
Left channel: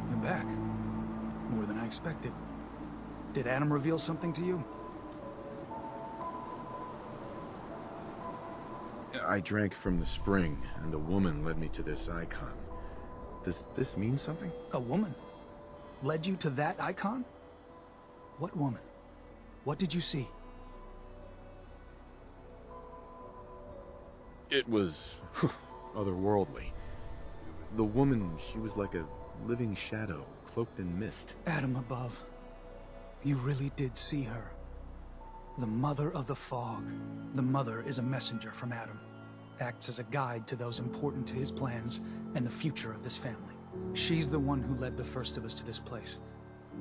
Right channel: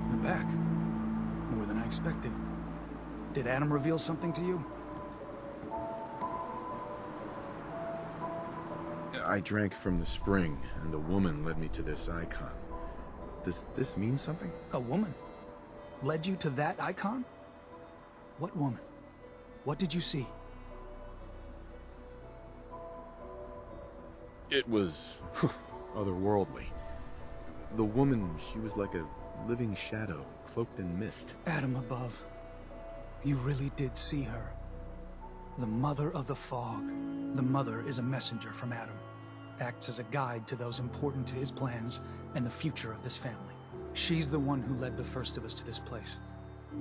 You're back. More than I expected. Did Adam reveal something to you? I drank from the spring, and a woman led me to this icon. Does this mean something? A woman? Led you to that icon? What woman? What did you see? It was otherworldly. The woman, she was like a living shadow, cloaked in mist. Adam above. You really did see her. The Mother of the Fog. The Mother is a messenger from Adam. Acts as a guide to those important to his plans and the future of this family. She's the one who led the first of us to this place.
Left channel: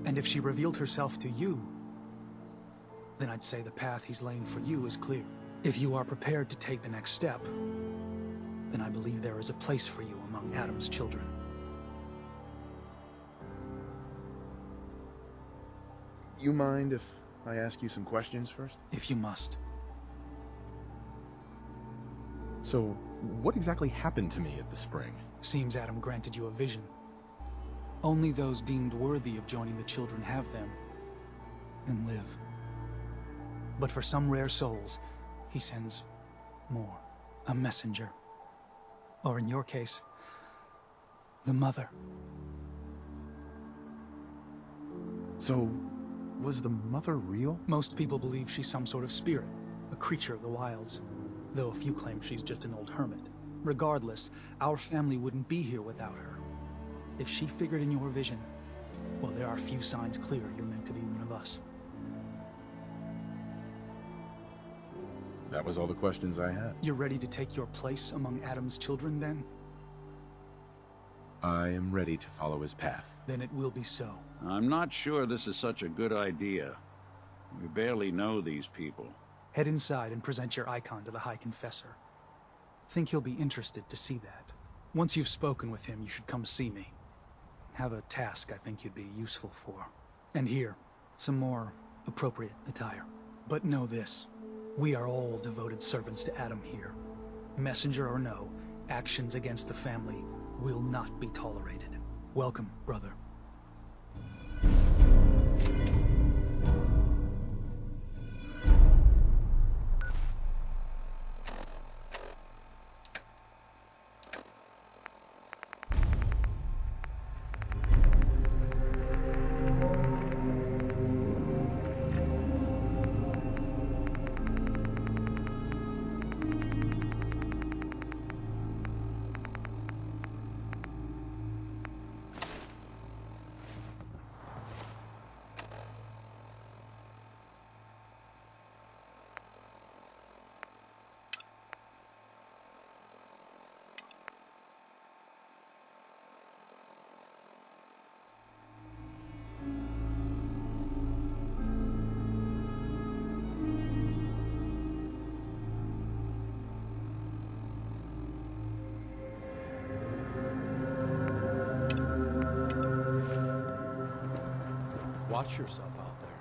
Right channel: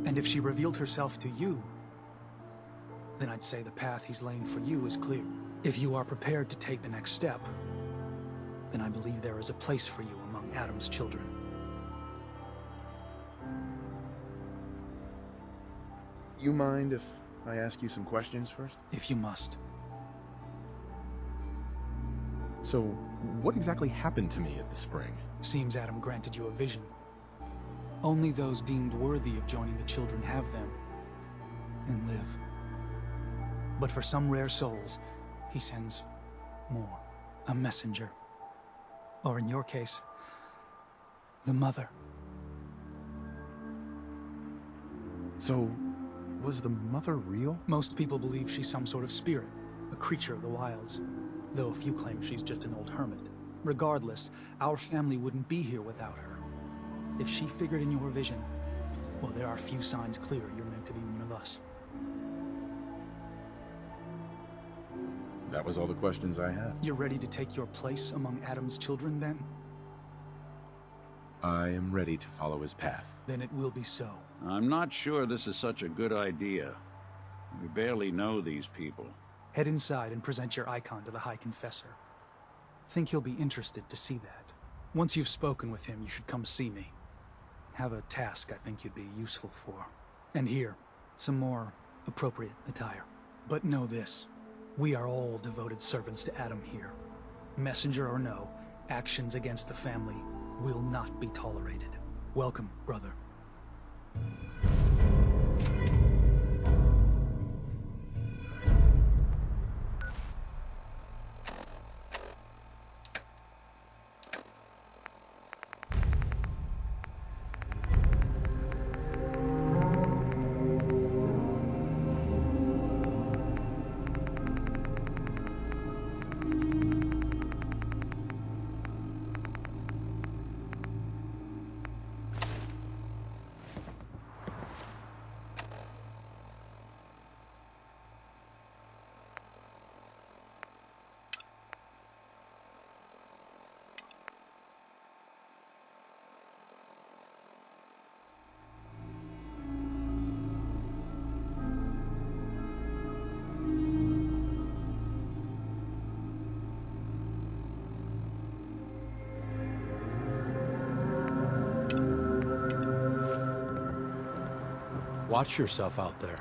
And if she revealed herself to you, then I'd say the path he's laying for you is clear. If you are prepared to take the next step, then I believe there is a place for you among Adam's children. You mind if I ask you some questions first? If you must. So, what exactly happened to me at the spring? Seems Adam granted you a vision. Only those deemed worthy of joining the children have them and live. But for some rare souls, he sends more. A messenger. Or in your case, the Mother. So, was the Mother real? Most people believe she's some sort of spirit, a creature of the wilds, though a few claim she's just an old hermit. Regardless, our family wouldn't be here without her. If she figured in your vision, well, there are few signs clear you're meant to be one of us. That was all the questions I had. You're ready to take your place among Adam's children, then? I am ready to follow his path. Then it will be so. I'm not sure this is such a good idea. We barely know these people. Head inside and present your icon to the High Confessor. Think he'll be interested to see that. Once you've spoken with him, you should come see me. Have a task I think you'd be useful for. And here, some more appropriate attire. But know this. We are all devoted servants to Adam here. Messenger or no, actions against the family will not be tolerated. Welcome, brother. Watch yourself out there.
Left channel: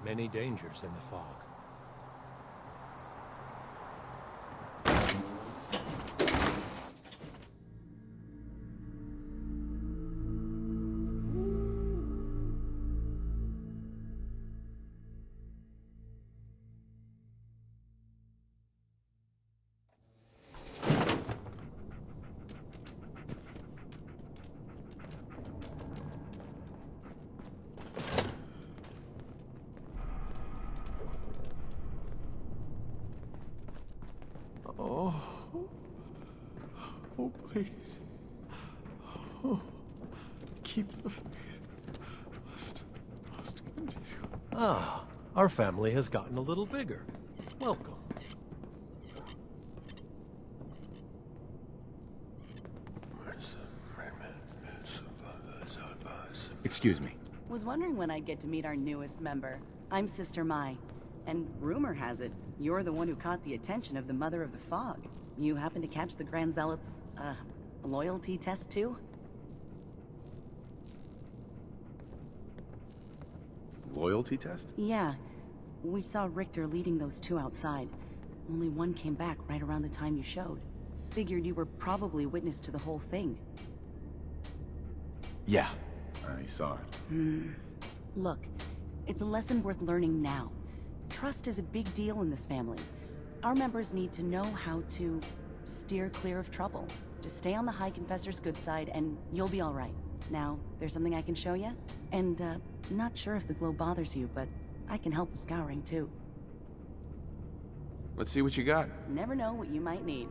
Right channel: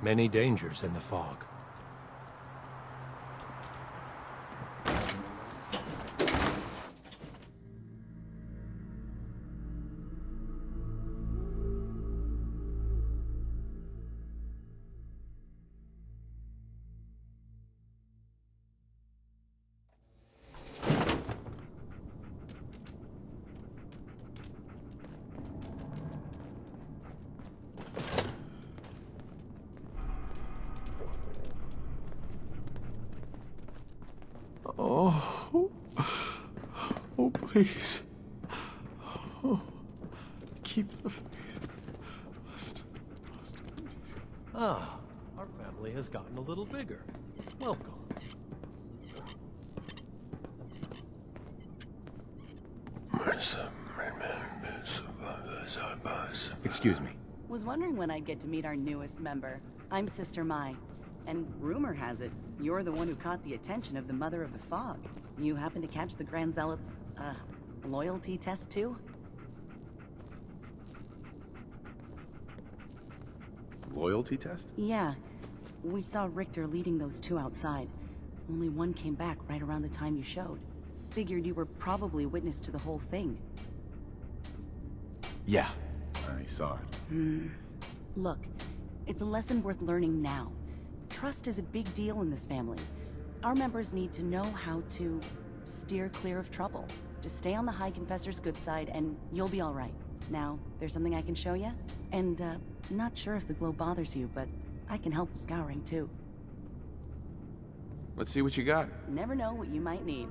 Many dangers in the fog. Please. Oh, keep the faith. Must continue. Ah, our family has gotten a little bigger. Welcome. Excuse me. Was wondering when I'd get to meet our newest member. I'm Sister Mai, and rumor has it, you're the one who caught the attention of the Mother of the Fog. You happen to catch the Grand Zealot's, loyalty test too? Loyalty test? Yeah. We saw Richter leading those two outside. Only one came back right around the time you showed. Figured you were probably witness to the whole thing. Yeah, I saw it. Look, it's a lesson worth learning now. Trust is a big deal in this family. Our members need to know how to steer clear of trouble. Just stay on the High Confessor's good side and you'll be alright. Now, there's something I can show you? And, not sure if the glow bothers you, but I can help with scouring too. Let's see what you got. Never know what you might need.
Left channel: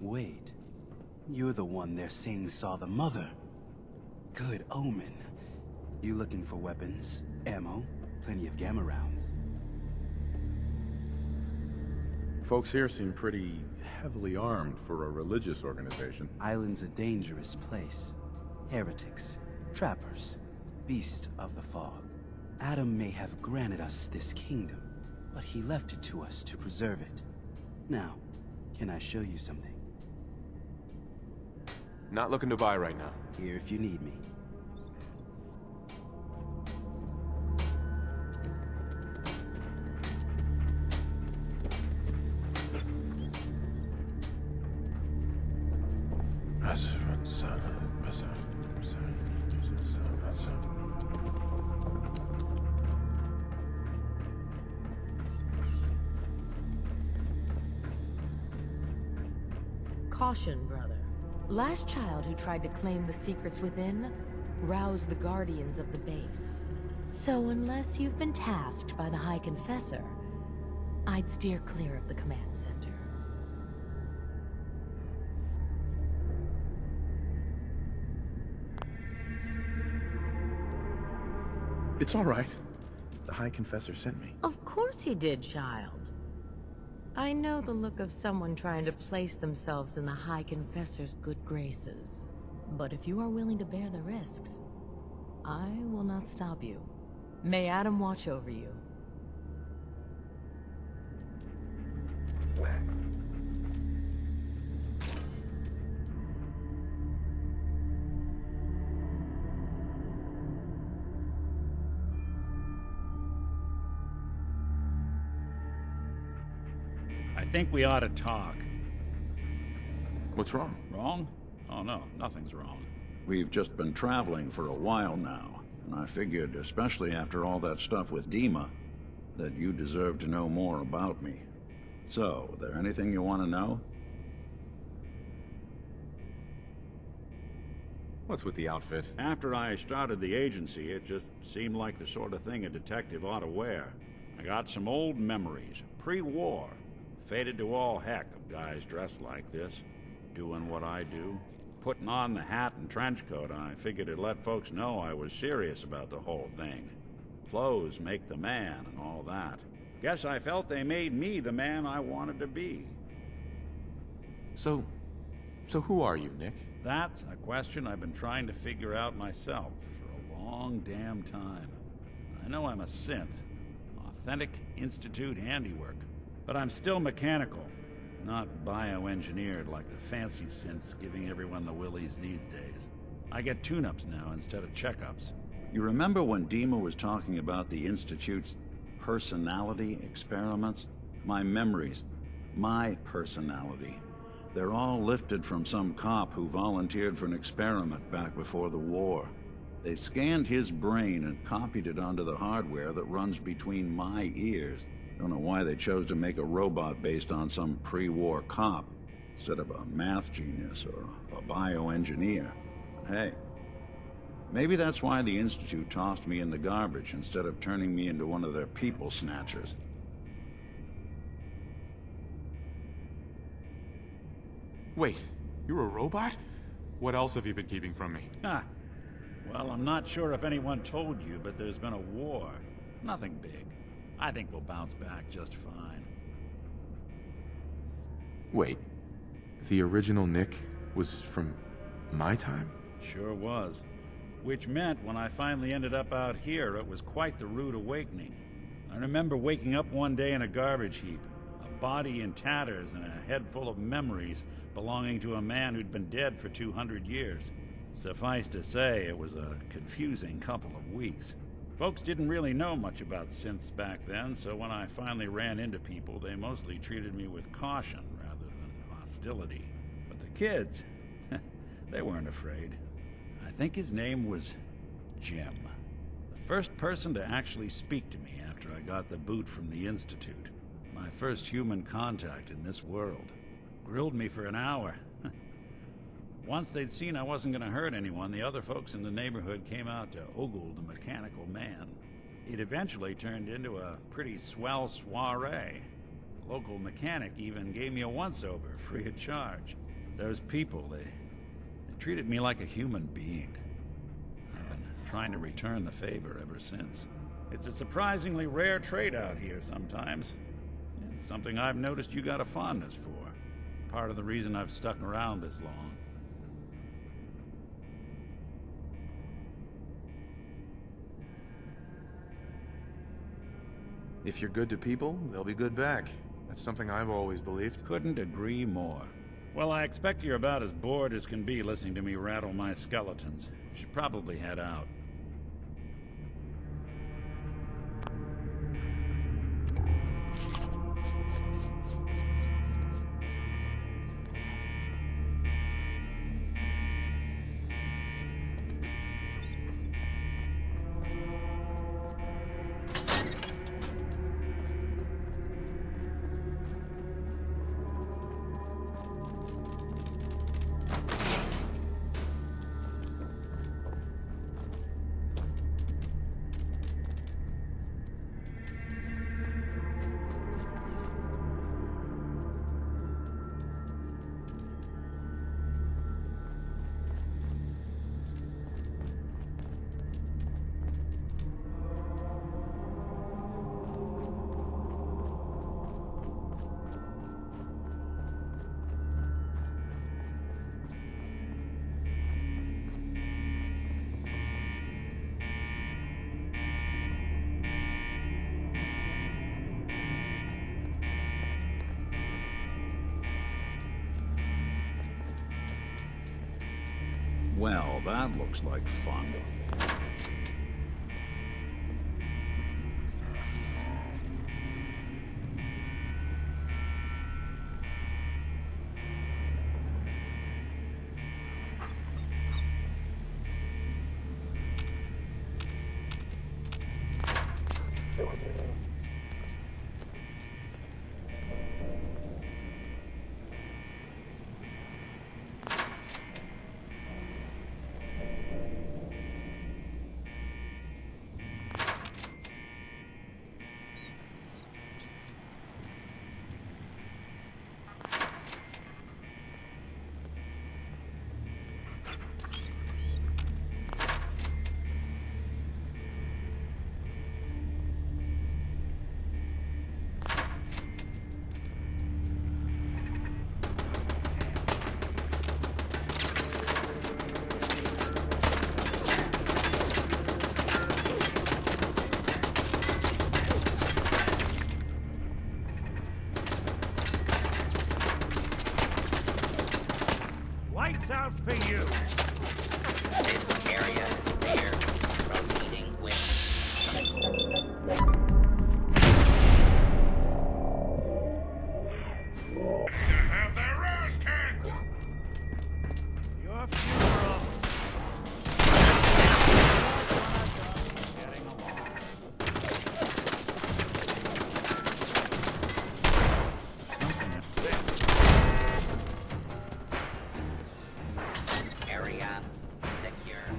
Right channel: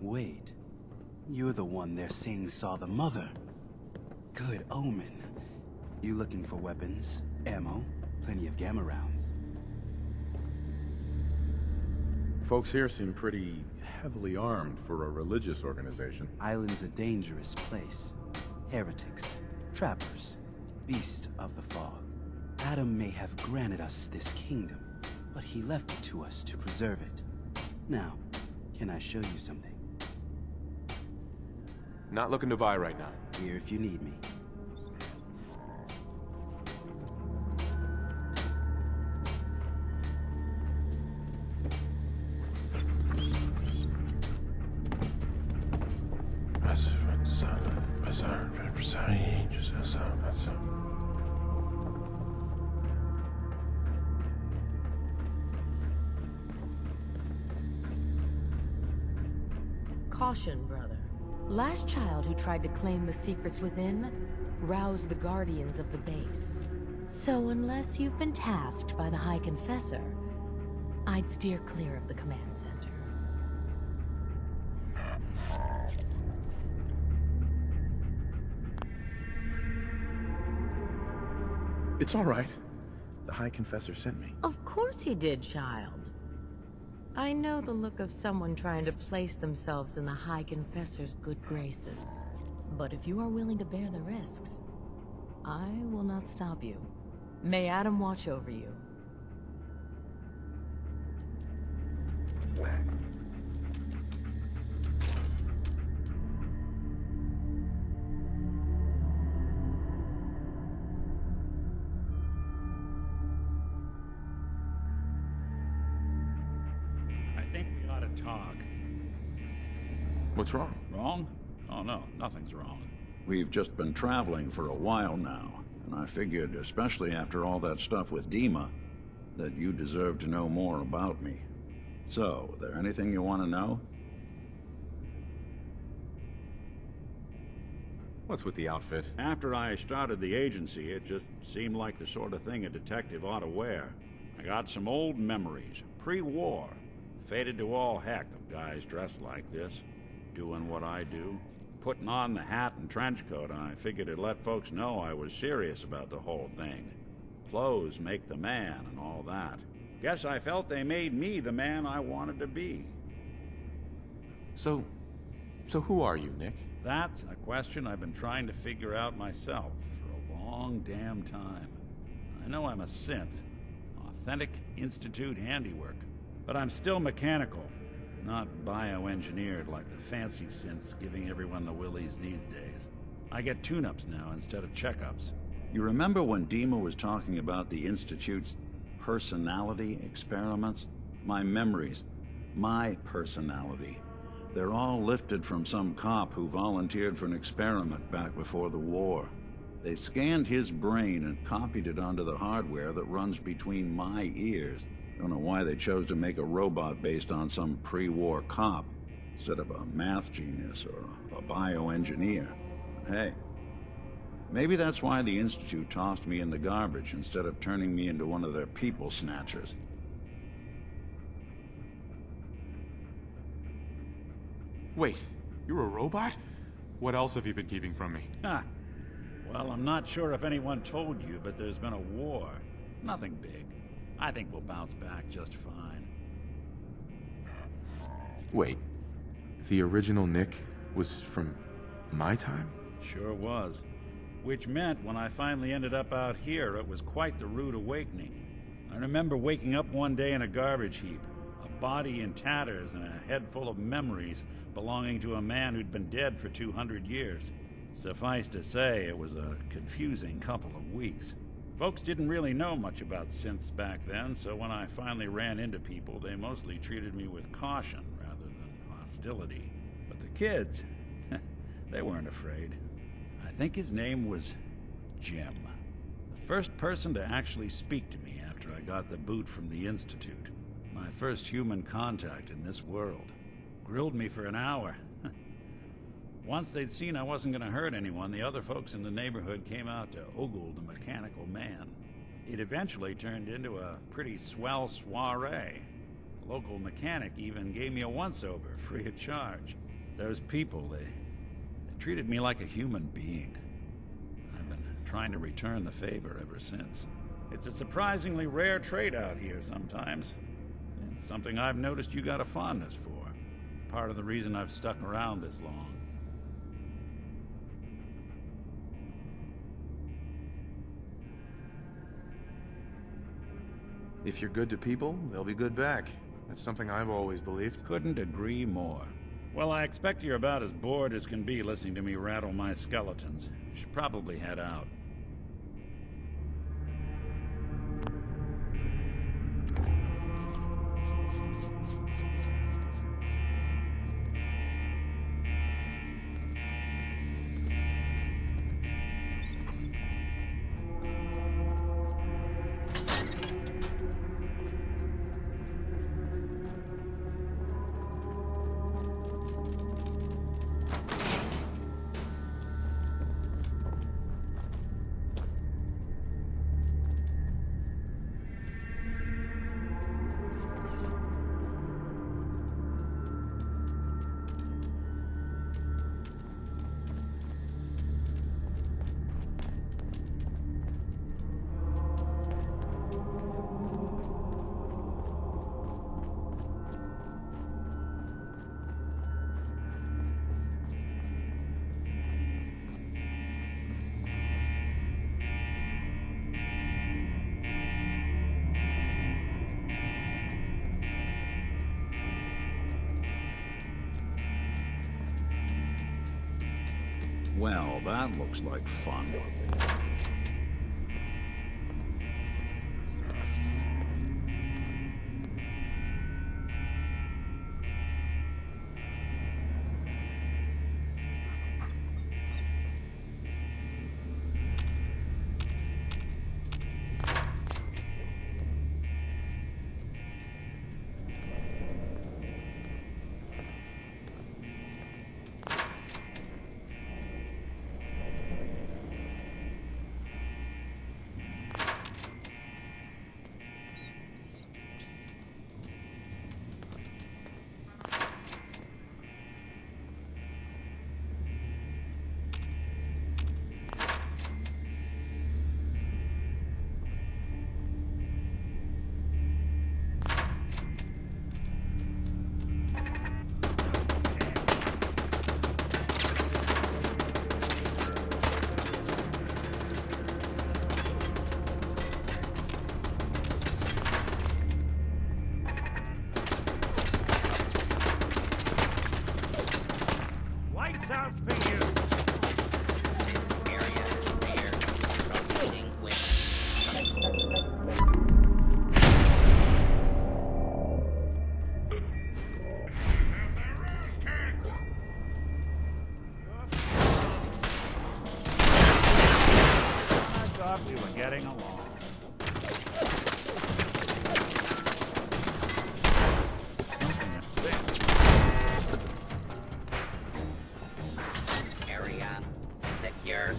Wait, you're the one they're saying saw the mother. Good omen. You looking for weapons, ammo, plenty of gamma rounds? Folks here seem pretty heavily armed for a religious organization. Island's a dangerous place. Heretics, trappers, beasts of the fog. Adam may have granted us this kingdom, but he left it to us to preserve it. Now, can I show you something? Not looking to buy right now. Here if you need me. Caution, brother. Last child who tried to claim the secrets within roused the guardians of the base. So unless you've been tasked by the High Confessor, I'd steer clear of the command center. It's all right. The High Confessor sent me. Of course he did, child. I know the look of someone trying to place themselves in the High Confessor's good graces. But if you are willing to bear the risks, I will not stop you. May Adam watch over you. I think we ought to talk. What's wrong? Wrong? Oh no, nothing's wrong. We've just been traveling for a while now, and I figured, especially after all that stuff with Dima, that you deserve to know more about me. So, there anything you want to know? What's with the outfit? After I started the agency, it just seemed like the sort of thing a detective ought to wear. I got some old memories, pre-war. Faded to all heck of guys dressed like this, doing what I do. Putting on the hat and trench coat, I figured it'd let folks know I was serious about the whole thing. Clothes make the man and all that. Guess I felt they made me the man I wanted to be. So who are you, Nick? That's a question I've been trying to figure out myself for a long damn time. I know I'm a synth, authentic Institute handiwork, but I'm still mechanical, not bioengineered like the fancy synths giving everyone the willies these days. I get tune-ups now instead of checkups. You remember when Dima was talking about the Institute's personality experiments? My memories, my personality. They're all lifted from some cop who volunteered for an experiment back before the war. They scanned his brain and copied it onto the hardware that runs between my ears. Don't know why they chose to make a robot based on some pre-war cop instead of a math genius or a bioengineer. But hey, maybe that's why the Institute tossed me in the garbage instead of turning me into one of their people snatchers. Wait, you're a robot? What else have you been keeping from me? Ha! Well, I'm not sure if anyone told you, but there's been a war. Nothing big. I think we'll bounce back just fine. Wait, the original Nick was from my time? Sure was. Which meant when I finally ended up out here, it was quite the rude awakening. I remember waking up one day in a garbage heap, a body in tatters and a head full of memories belonging to a man who'd been dead for 200 years. Suffice to say, it was a confusing couple of weeks. Folks didn't really know much about synths back then, so when I finally ran into people, they mostly treated me with caution rather than hostility. But the kids, they weren't afraid. I think his name was Jim. The first person to actually speak to me after I got the boot from the Institute. My first human contact in this world. Grilled me for an hour. Once they'd seen I wasn't going to hurt anyone, the other folks in the neighborhood came out to ogle the mechanical man. It eventually turned into a pretty swell soiree. A local mechanic even gave me a once-over, free of charge. Those people, they treated me like a human being. I've been trying to return the favor ever since. It's a surprisingly rare trait out here sometimes. It's something I've noticed you got a fondness for. Part of the reason I've stuck around this long. If you're good to people, they'll be good back. That's something I've always believed. Couldn't agree more. Well, I expect you're about as bored as can be listening to me rattle my skeletons. You should probably head out. Well, that looks like fun. For you. This area is clear. Proceeding with... Have their ass kicked! Your funeral. I thought we were getting along. Area secure.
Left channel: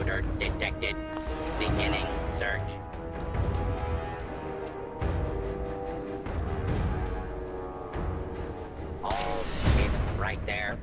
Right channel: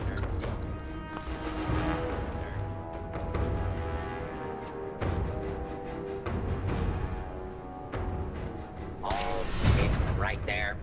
Intruder detected. Beginning search. Hold it right there.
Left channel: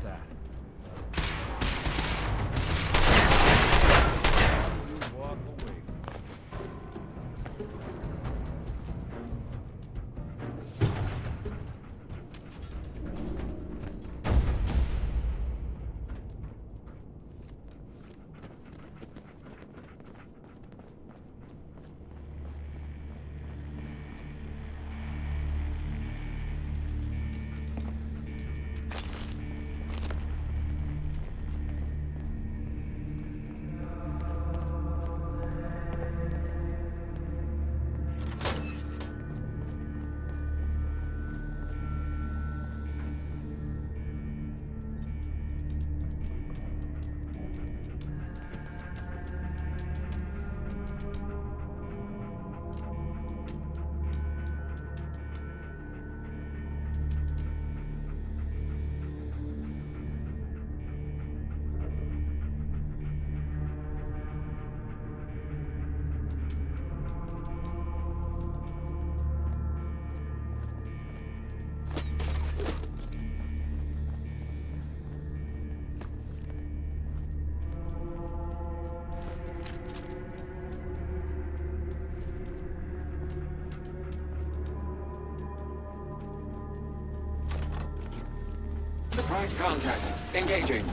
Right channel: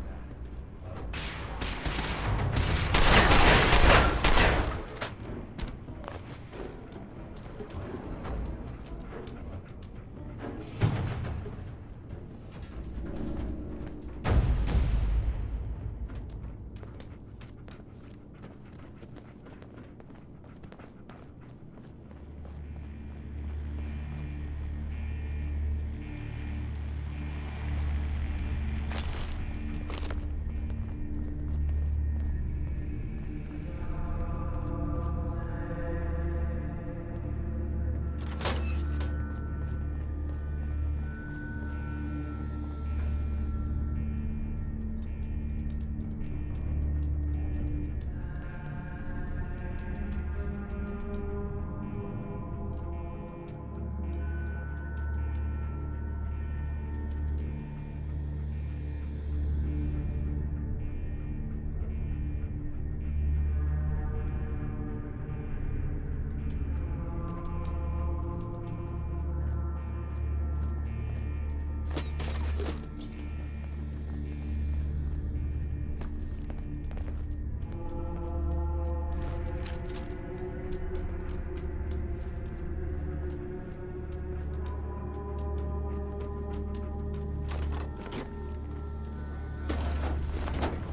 Surprise contact. Engaging.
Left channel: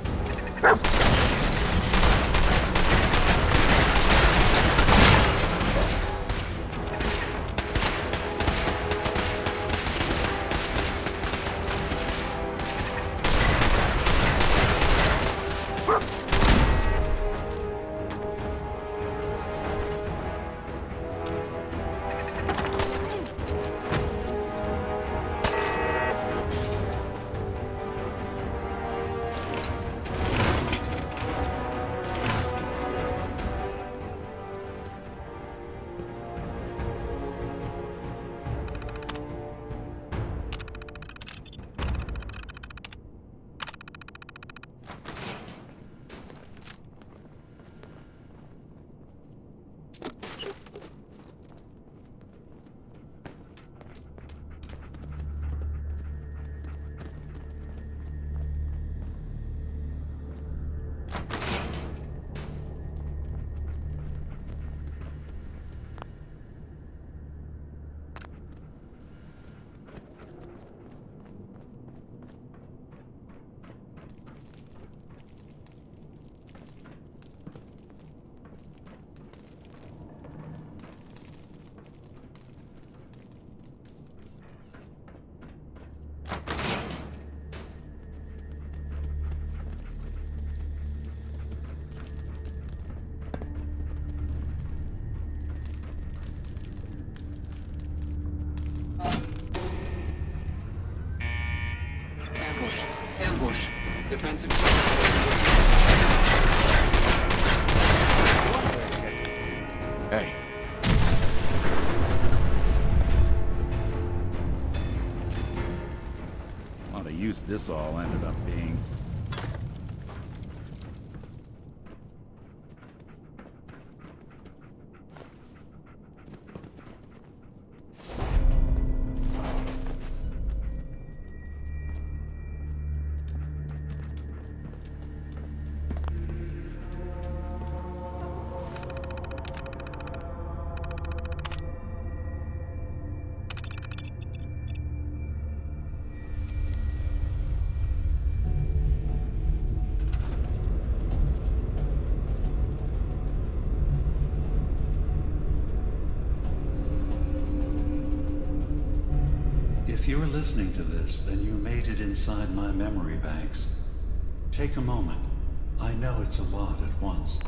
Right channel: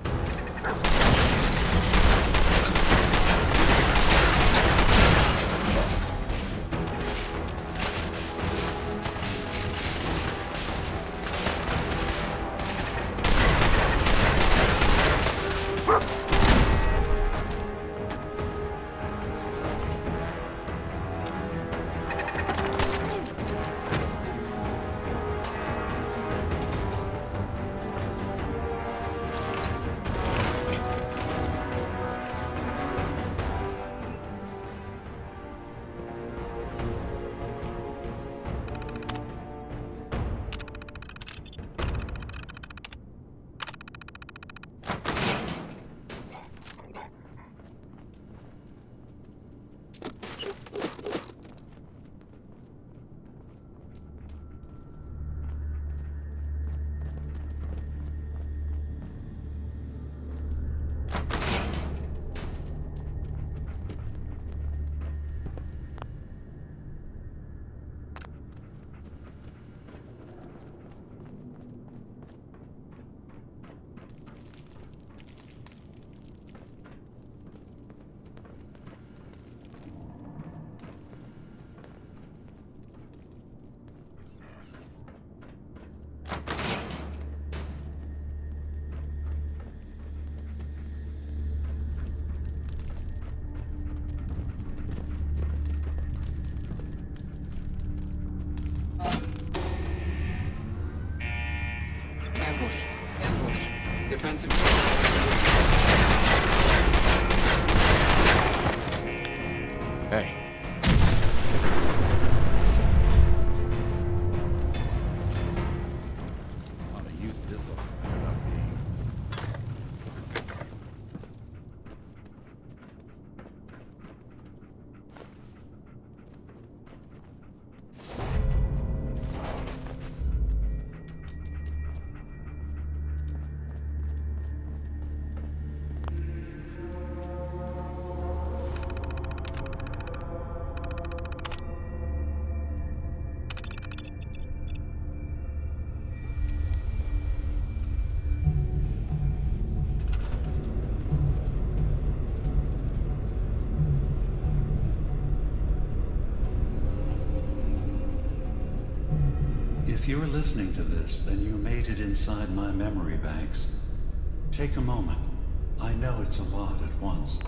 Ambush. Ambush. Defensive. Hey. A lot of use this all ended up being. If you're listening to this, then you made it inside my memory banks. Take a moment. I know it's a lot at once.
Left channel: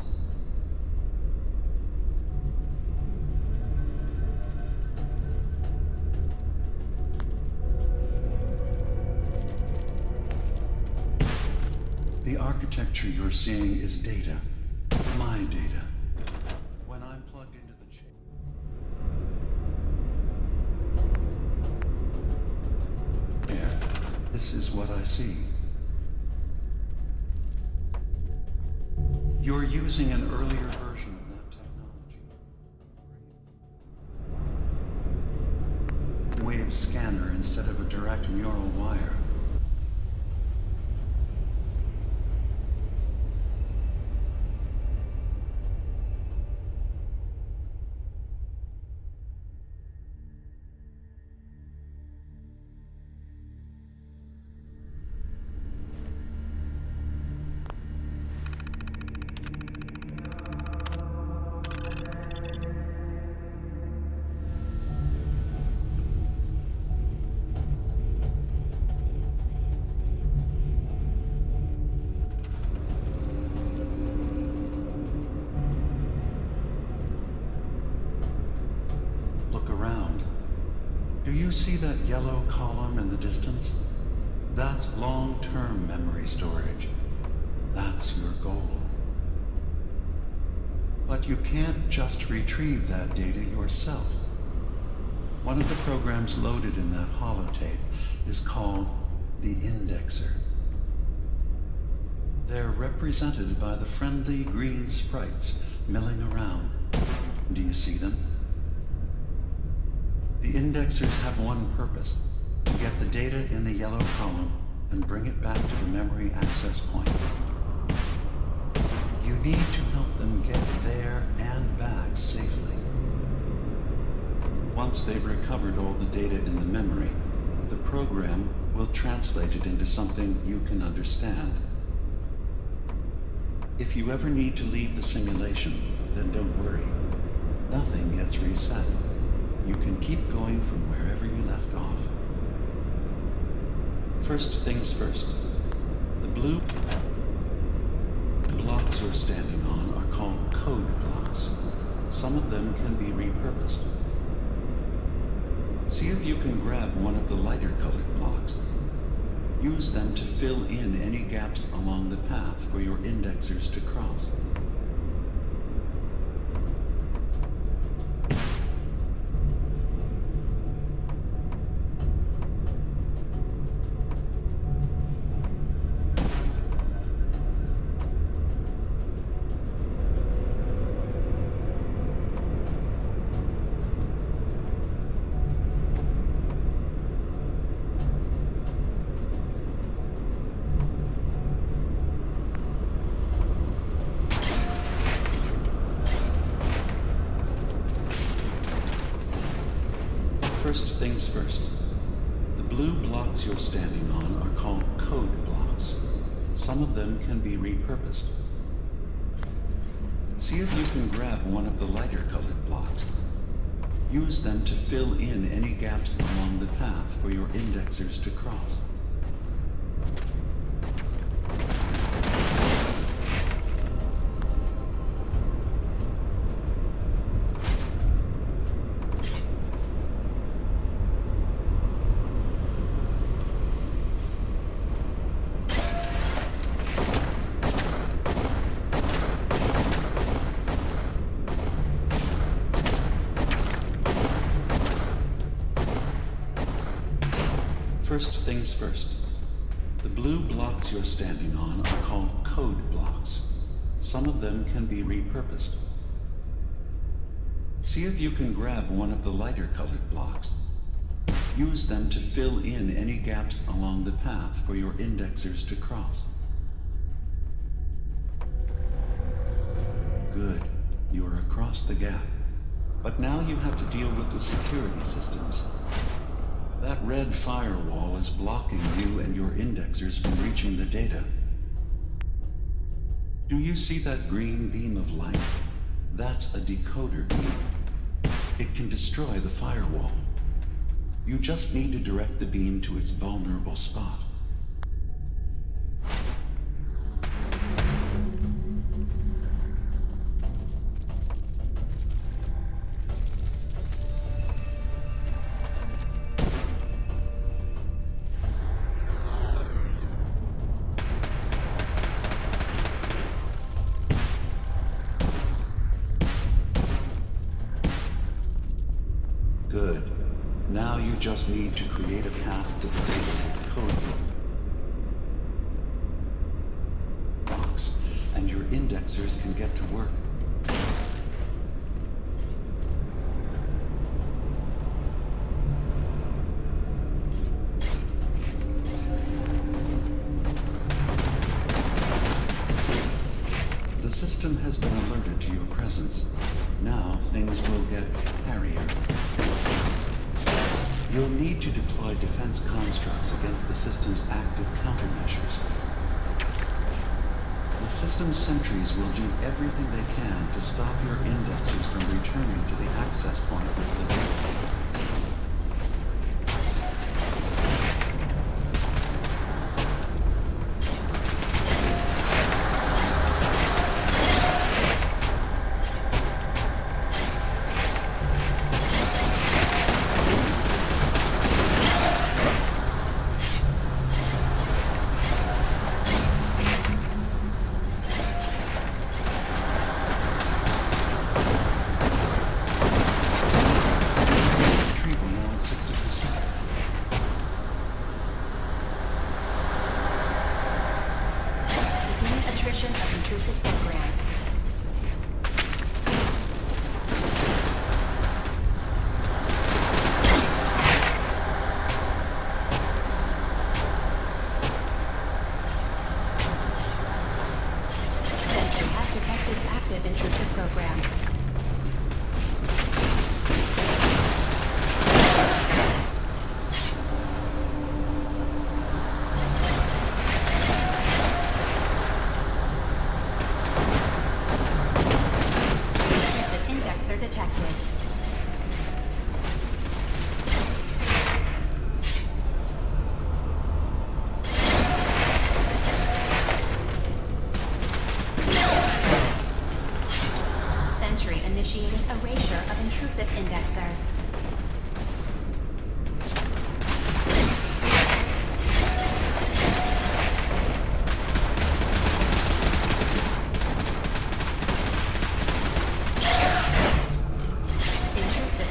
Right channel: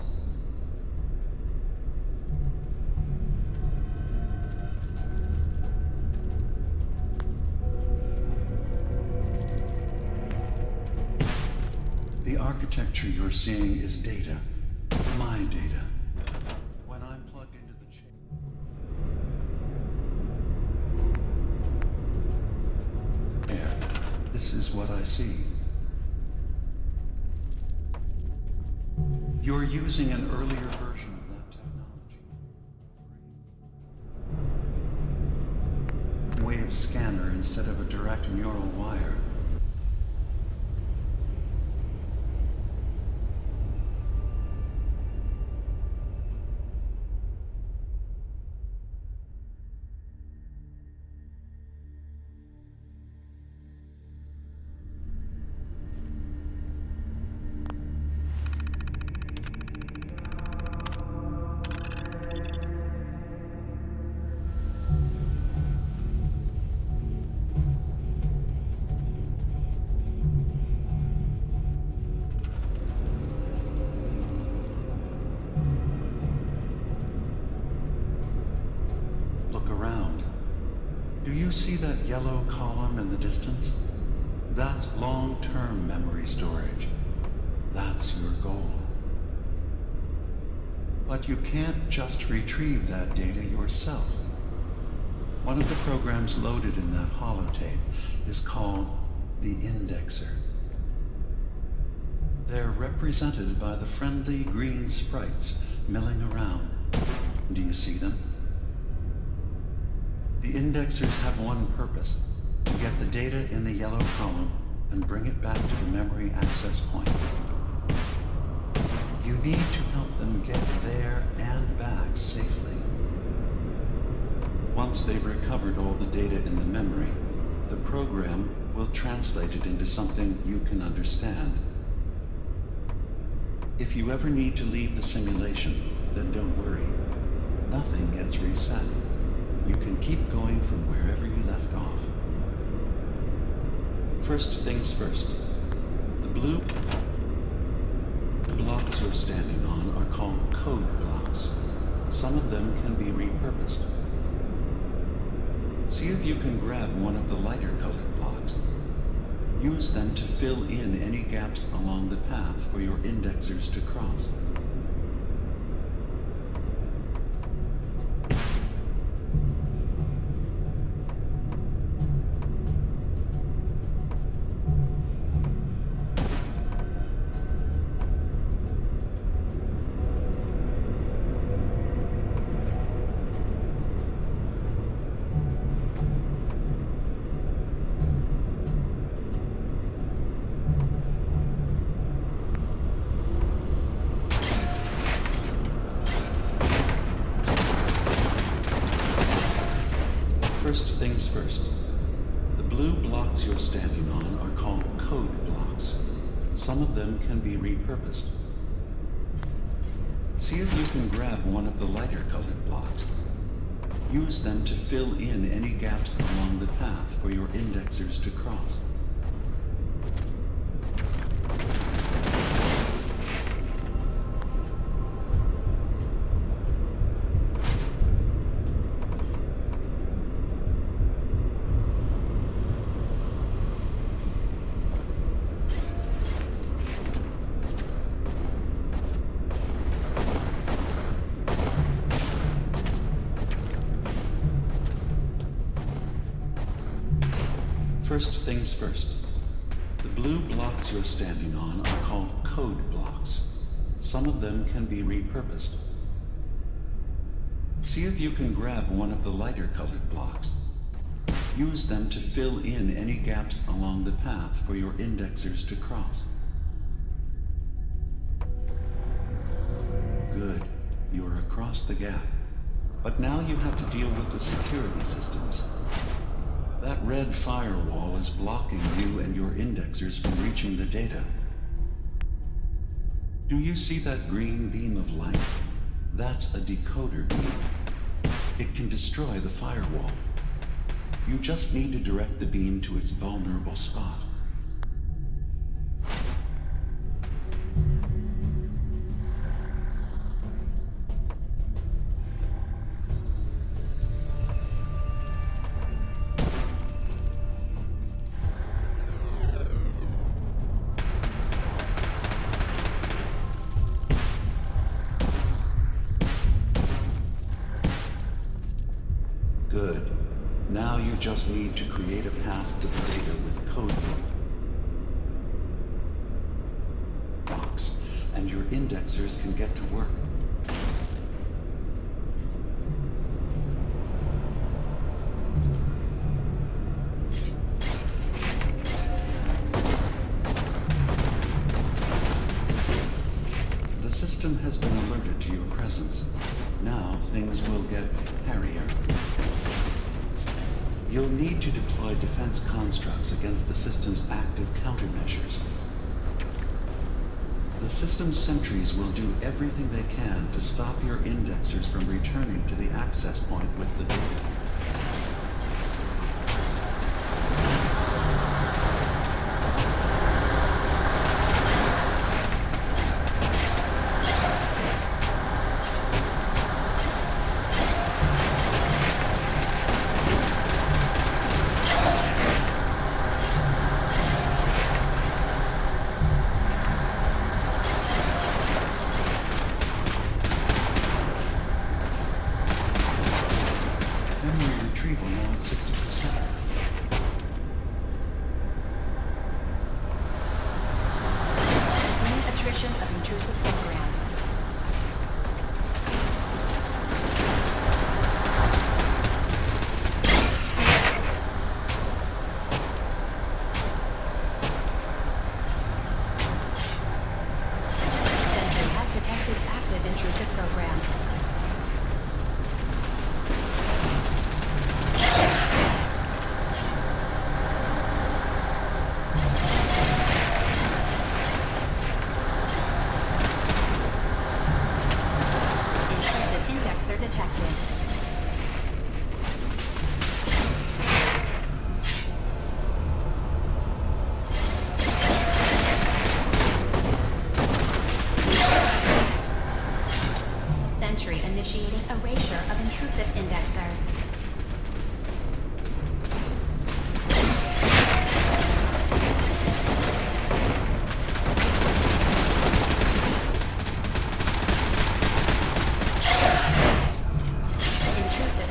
The architecture you're seeing is data. My data. When I'm plugged into the chip. There. This is what I see. You're using an earlier version of that technology. Wave scanner instead of a direct neural wire. Look around. Do you see that yellow column in the distance? That's long-term memory storage. That's your goal. But you can't just retrieve that data yourself. One of the programs loaded in that holotape is called the indexer. They're represented by the friendly green sprites milling around. Do you see them? The indexers have one purpose: to get the data in the yellow column and bring it back to the memory access point. You need to help them get there and back safely. Once they've recovered all the data in the memory, the program will translate it into something you can understand. If you ever need to leave the simulation, then don't worry. Nothing gets reset. You can keep going from wherever you left off. First things first. The blue blocks you're standing on are called code blocks. Some of them can be repurposed. See if you can grab one of the lighter colored blocks. Use them to fill in any gaps along the path for your indexers to cross. First things first. The blue blocks you're standing on are called code blocks. Some of them can be repurposed. See if you can grab one of the lighter colored blocks. Use them to fill in any gaps along the path for your indexers to cross. First things first. The blue blocks you're standing on are called code blocks. Some of them can be repurposed. See if you can grab one of the lighter colored blocks. Use them to fill in any gaps along the path for your indexers to cross. Good. You're across the gap. But now you have to deal with the security systems. That red firewall is blocking you and your indexers from reaching the data. Do you see that green beam of light? That's a decoder beam. It can destroy the firewall. You just need to direct the beam to its vulnerable spot. Good. Now you just need to create a path to the data with code blocks, and your indexers can get to work. The system has been alerted to your presence. Now things will get hairier. You'll need to deploy defense constructs against the system's active countermeasures. The system's sentries will do everything they can to stop your indexers from returning to the access point with the data. Attrition of intrusive program. Sentry has detected active intrusive program. Detected. Sentry initiating erasure of intrusive indexer.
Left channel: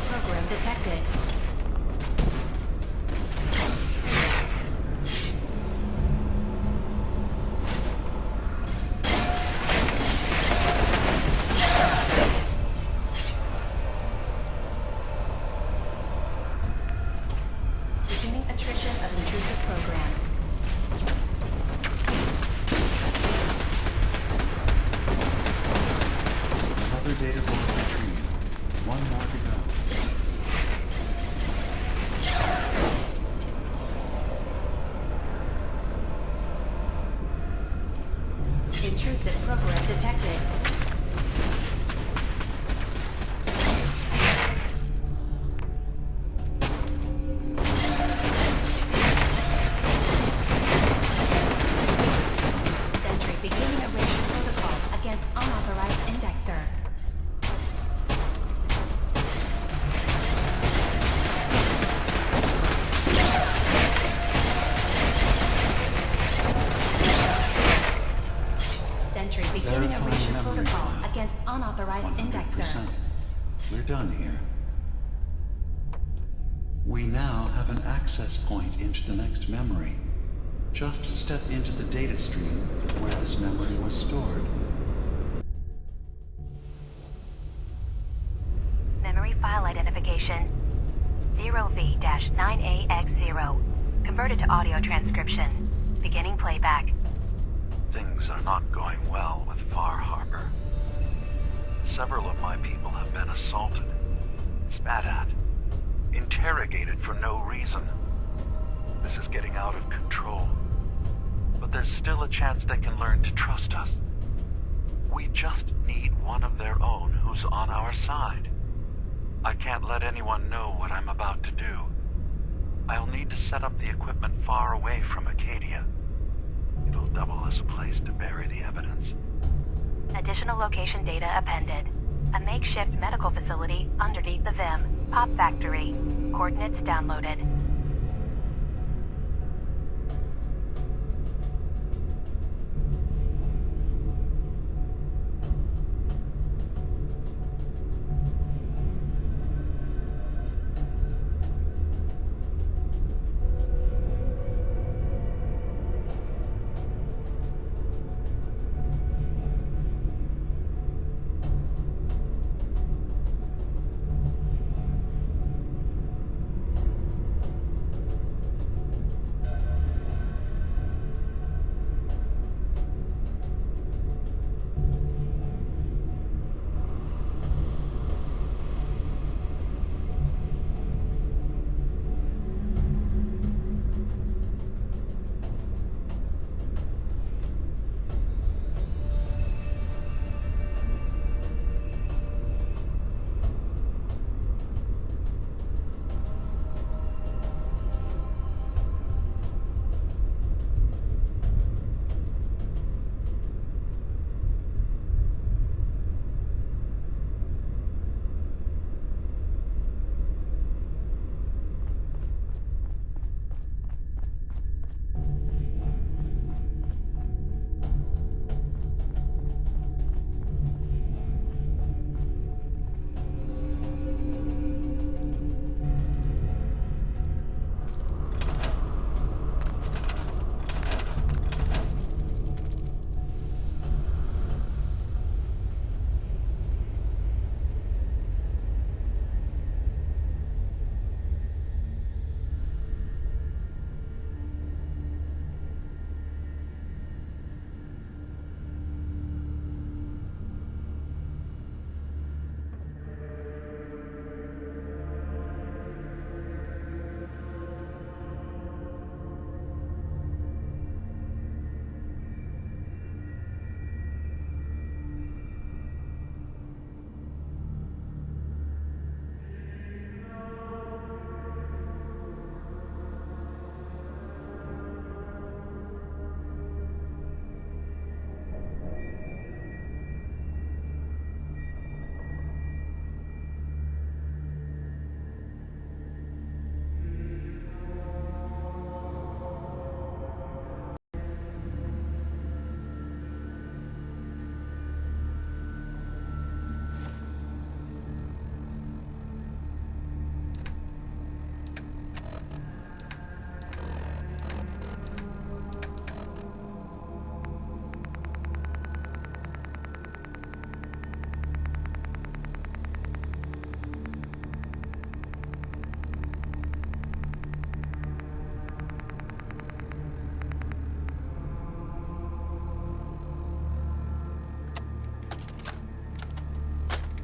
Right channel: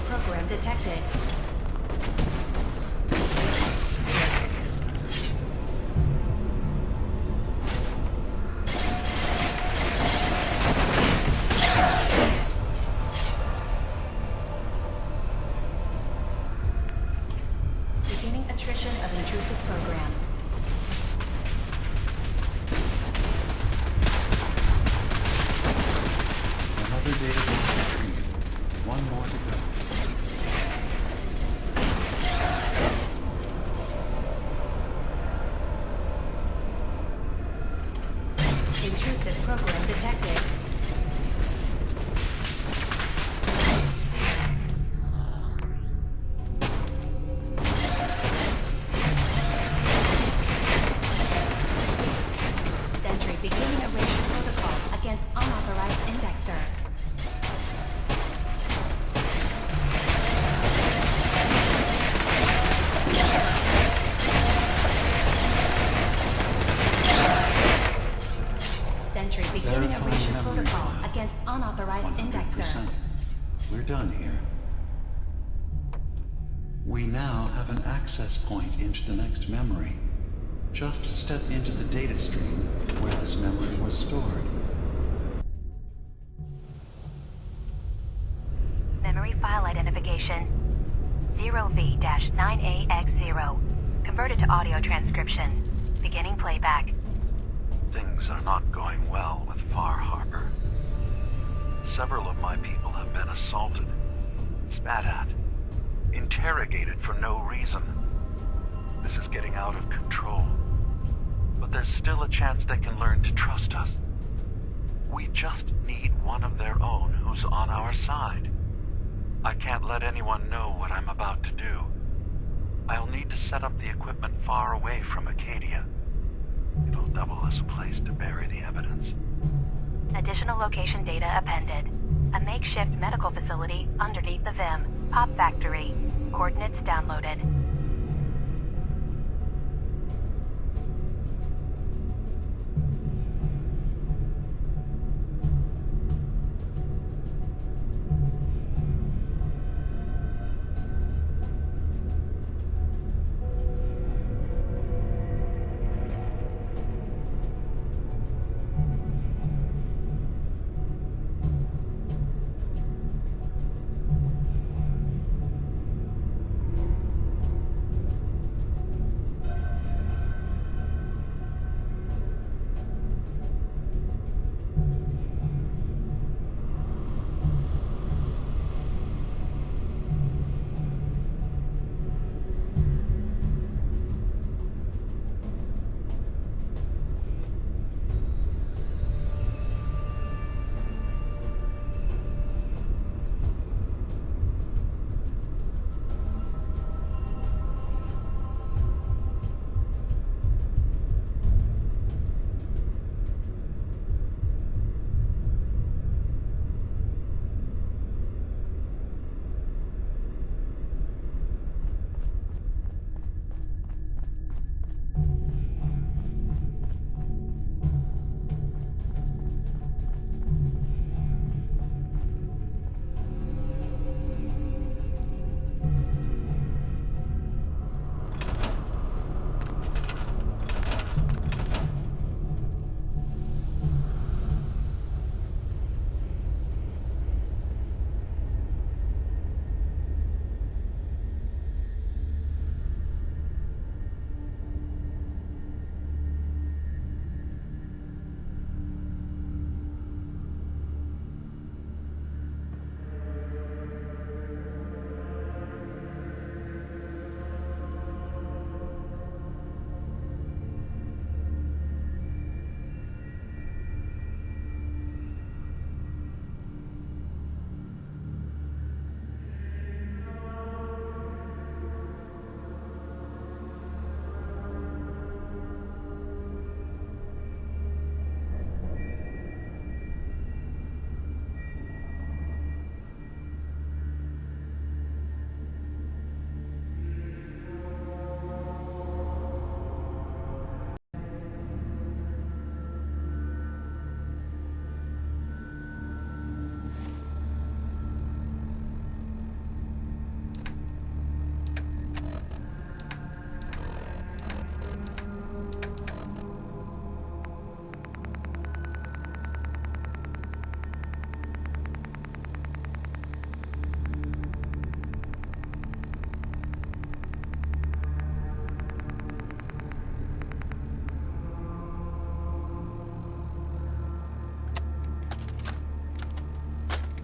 Program detected. Beginning attrition of intrusive program. Another data block retrieved. One more to go. Intrusive program detected. Sentry beginning erasure protocol against unauthorized indexer. Sentry beginning erasure protocol against unauthorized 100%. indexer. We're done here. We now have an access point into the next memory. Just step into the data stream where this memory was stored. Memory file identification 0V-9AX0. Converted to audio transcription. Beginning playback. Things are not going well with Far Harbor. Several of my people have been assaulted, spat at, interrogated for no reason. This is getting out of control. But there's still a chance they can learn to trust us. We just need one of their own who's on our side. I can't let anyone know what I'm about to do. I'll need to set up the equipment far away from Acadia. It'll double as a place to bury the evidence. Additional location data appended. A makeshift medical facility underneath the VIM. Pop Factory. Coordinates downloaded.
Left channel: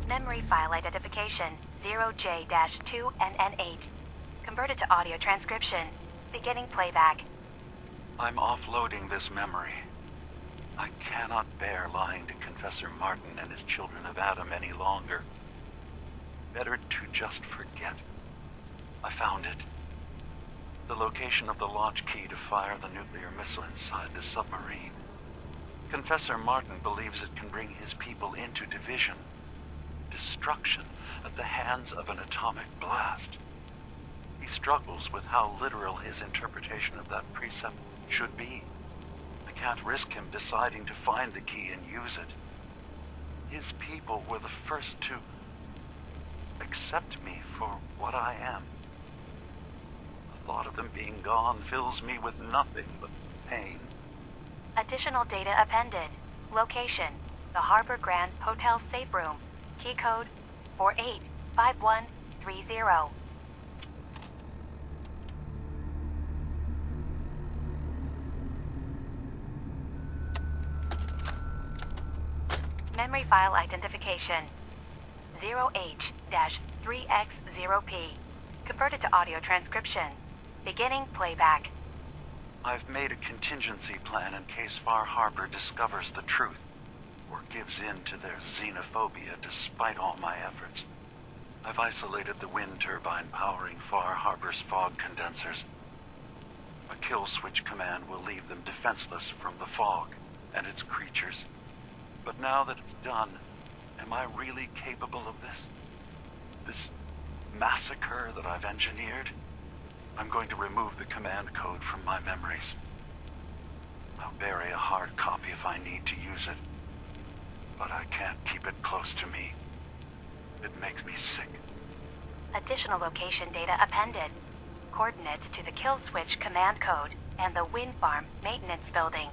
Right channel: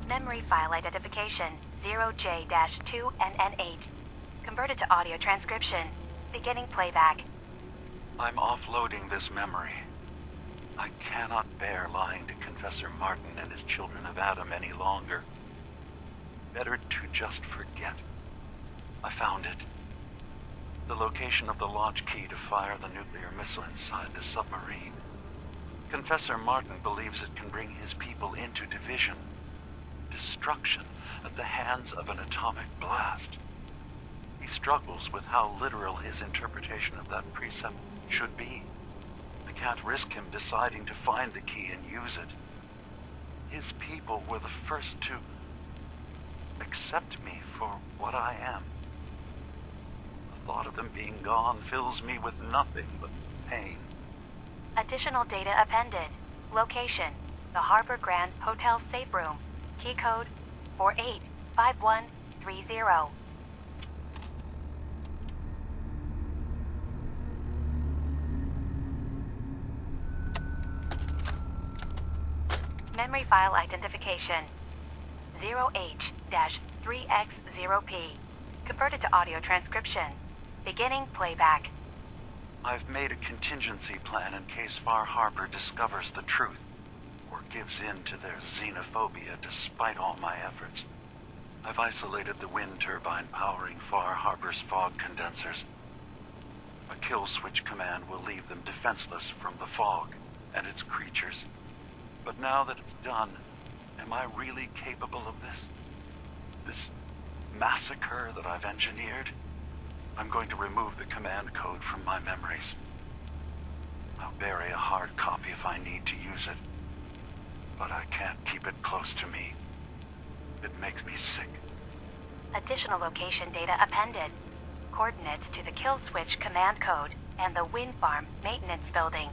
Memory file identification 0J-2NN8. Converted to audio transcription. Beginning playback. I'm offloading this memory. I cannot bear lying to Confessor Martin and his children of Adam any longer. Better to just forget. I found it. The location of the launch key to fire the nuclear missile inside the submarine. Confessor Martin believes it can bring his people into division. Destruction at the hands of an atomic blast. He struggles with how literal his interpretation of that precept should be. I can't risk him deciding to find the key and use it. His people were the first to accept me for what I am. The thought of them being gone fills me with nothing but pain. Additional data appended. Location: the Harbor Grand Hotel safe room. Key code 485130. Memory file identification 0H-3X0P. Converted to audio transcription. Beginning playback. I've made a contingency plan in case Far Harbor discovers the truth, or gives in to their xenophobia despite all my efforts. I've isolated the wind turbine powering Far Harbor's fog condensers. A kill switch command will leave them defenseless from the fog and its creatures. But now that it's done, am I really capable of this? This massacre that I've engineered? I'm going to remove the command code from my memories. I'll bury a hard copy if I need to use it. But I can't keep it close to me. It makes me sick. Additional location data appended. Coordinates to the kill switch command code and the wind farm maintenance building.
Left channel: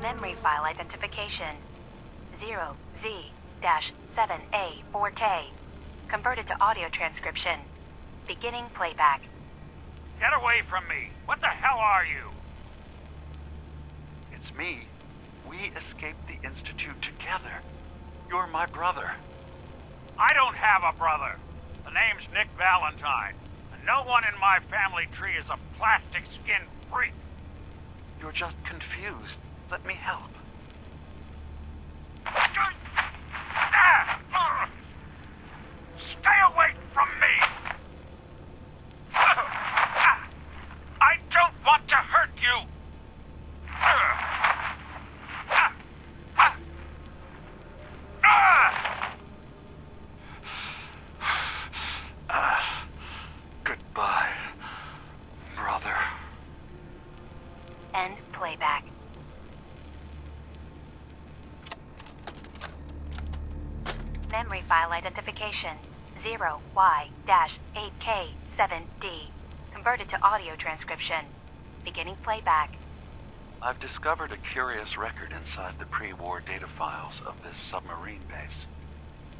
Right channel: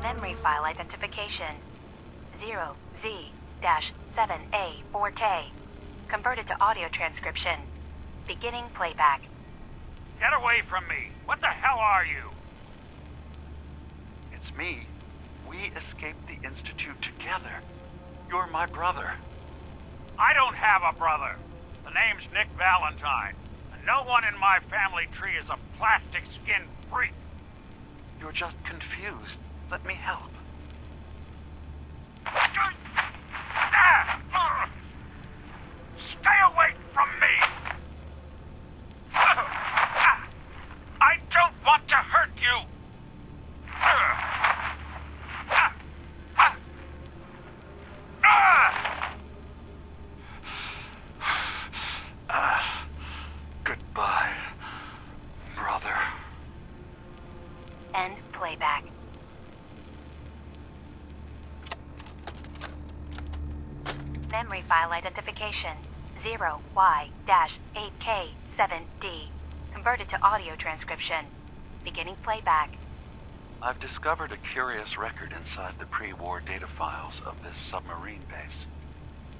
Memory file identification 0Z-7A4K. Converted to audio transcription. Beginning playback. Get away from me! What the hell are you? It's me. We escaped the Institute together. You're my brother. I don't have a brother. The name's Nick Valentine. And no one in my family tree is a plastic-skinned freak. You're just confused. Let me help. Stay away from me! I don't want to hurt you! Goodbye, brother. End playback. Memory file identification 0Y-8K7D. Converted to audio transcription. Beginning playback. I've discovered a curious record inside the pre-war data files of this submarine base.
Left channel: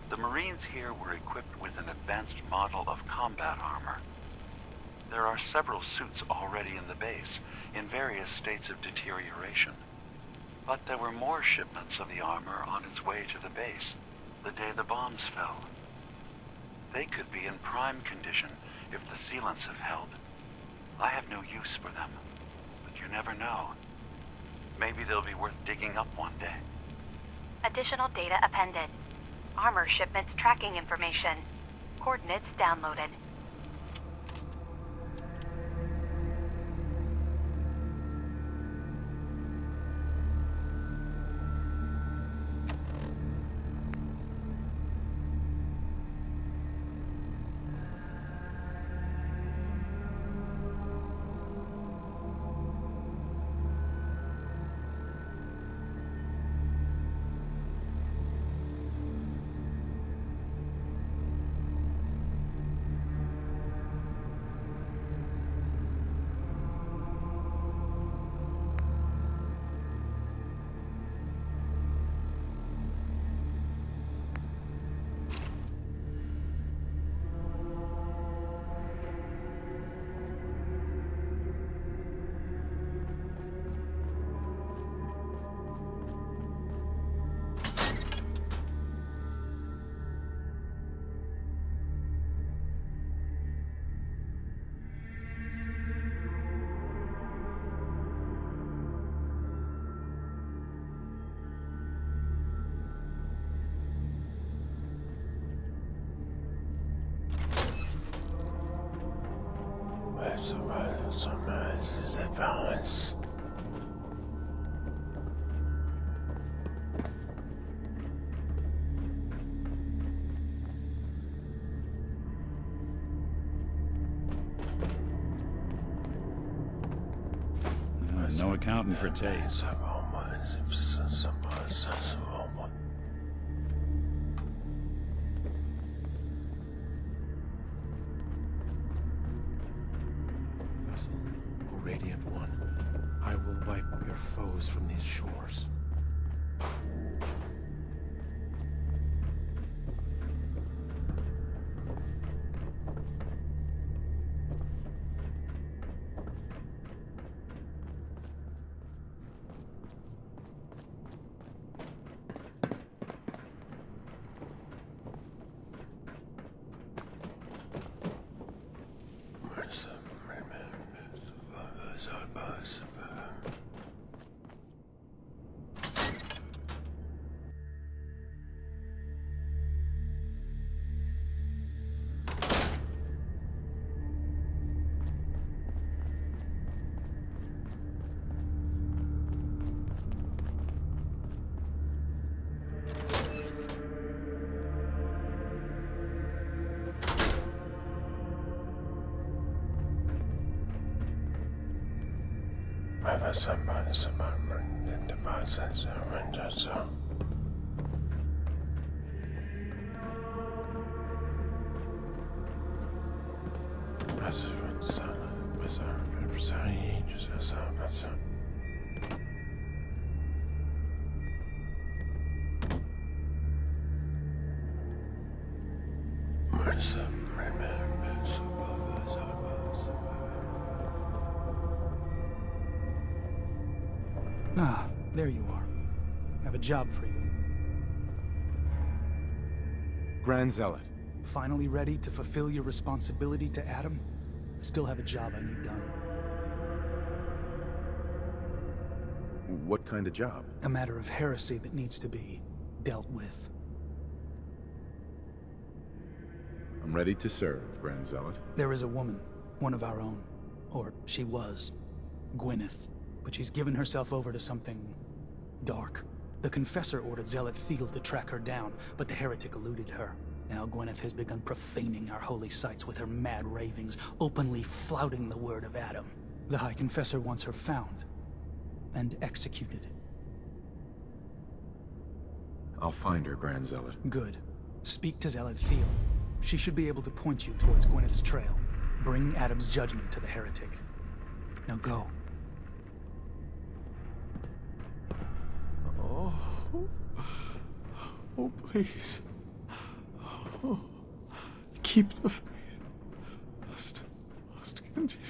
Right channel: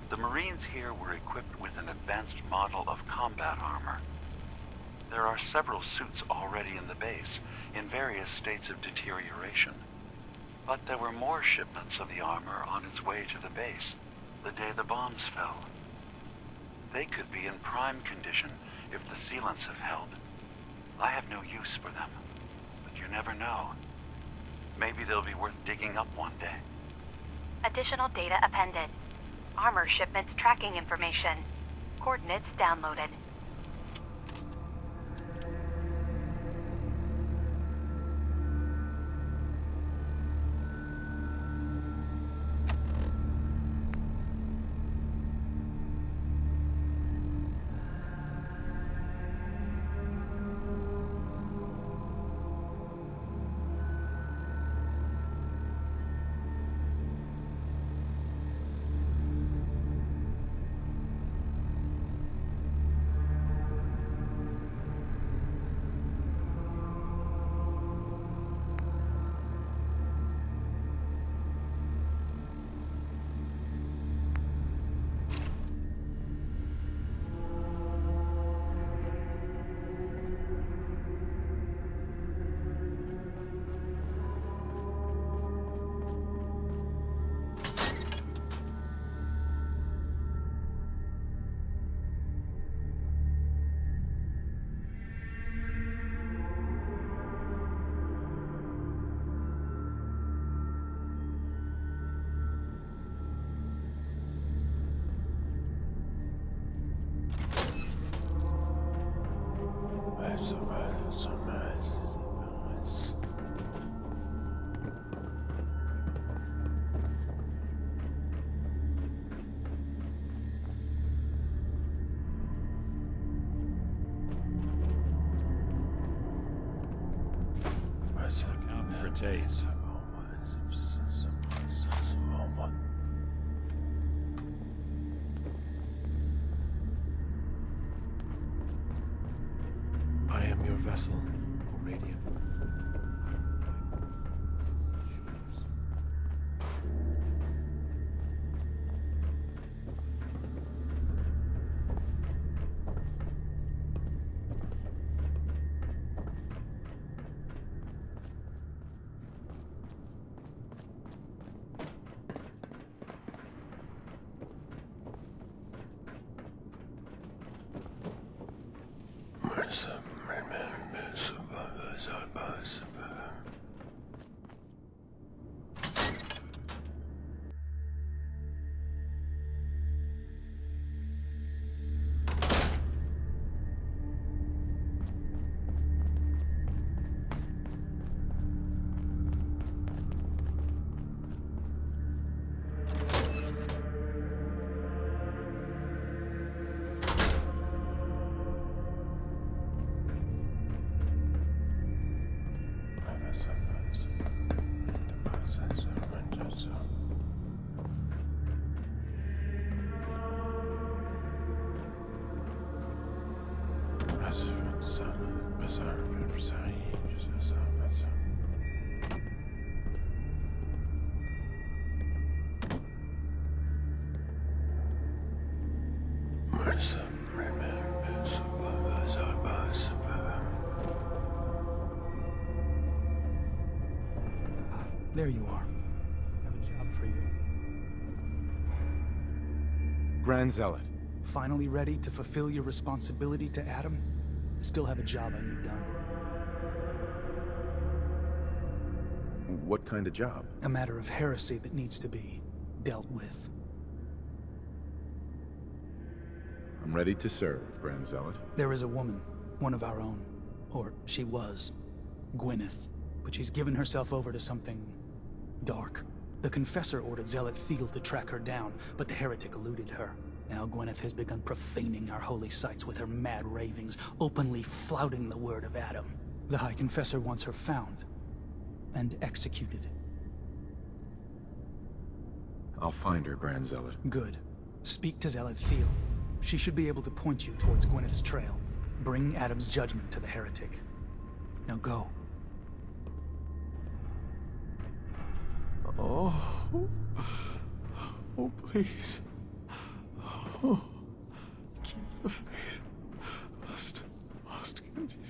The Marines here were equipped with an advanced model of combat armor. There are several suits already in the base, in various states of deterioration. But there were more shipments of the armor on its way to the base, the day the bombs fell. They could be in prime condition if the sealants have held. I have no use for them, but you never know. Maybe they'll be worth digging up one day. Additional data appended. Armor shipments tracking information. Coordinates downloaded. No accounting for taste. I am your vessel, O Radiant One. I will wipe your foes from these shores. Ah, there you are. I have a job for you. Grand Zealot. Finally ready to fulfill your responsibility to Adam? I still have a job I need done. What kind of job? A matter of heresy that needs to be dealt with. I'm ready to serve, Grand Zealot. There is a woman, one of our own. Or she was. Gwyneth. But she's given herself over to something dark. The Confessor ordered Zealot Thiel to track her down, but the heretic eluded her. Now Gwyneth has begun profaning our holy sites with her mad ravings, openly flouting the word of Adam. The High Confessor wants her found and executed. I'll find her, Grand Zealot. Good. Speak to Zealot Thiel. She should be able to point you towards Gwyneth's trail. Bring Adam's judgment to the heretic. Now go. Oh, please. Oh, keep the faith. Must continue.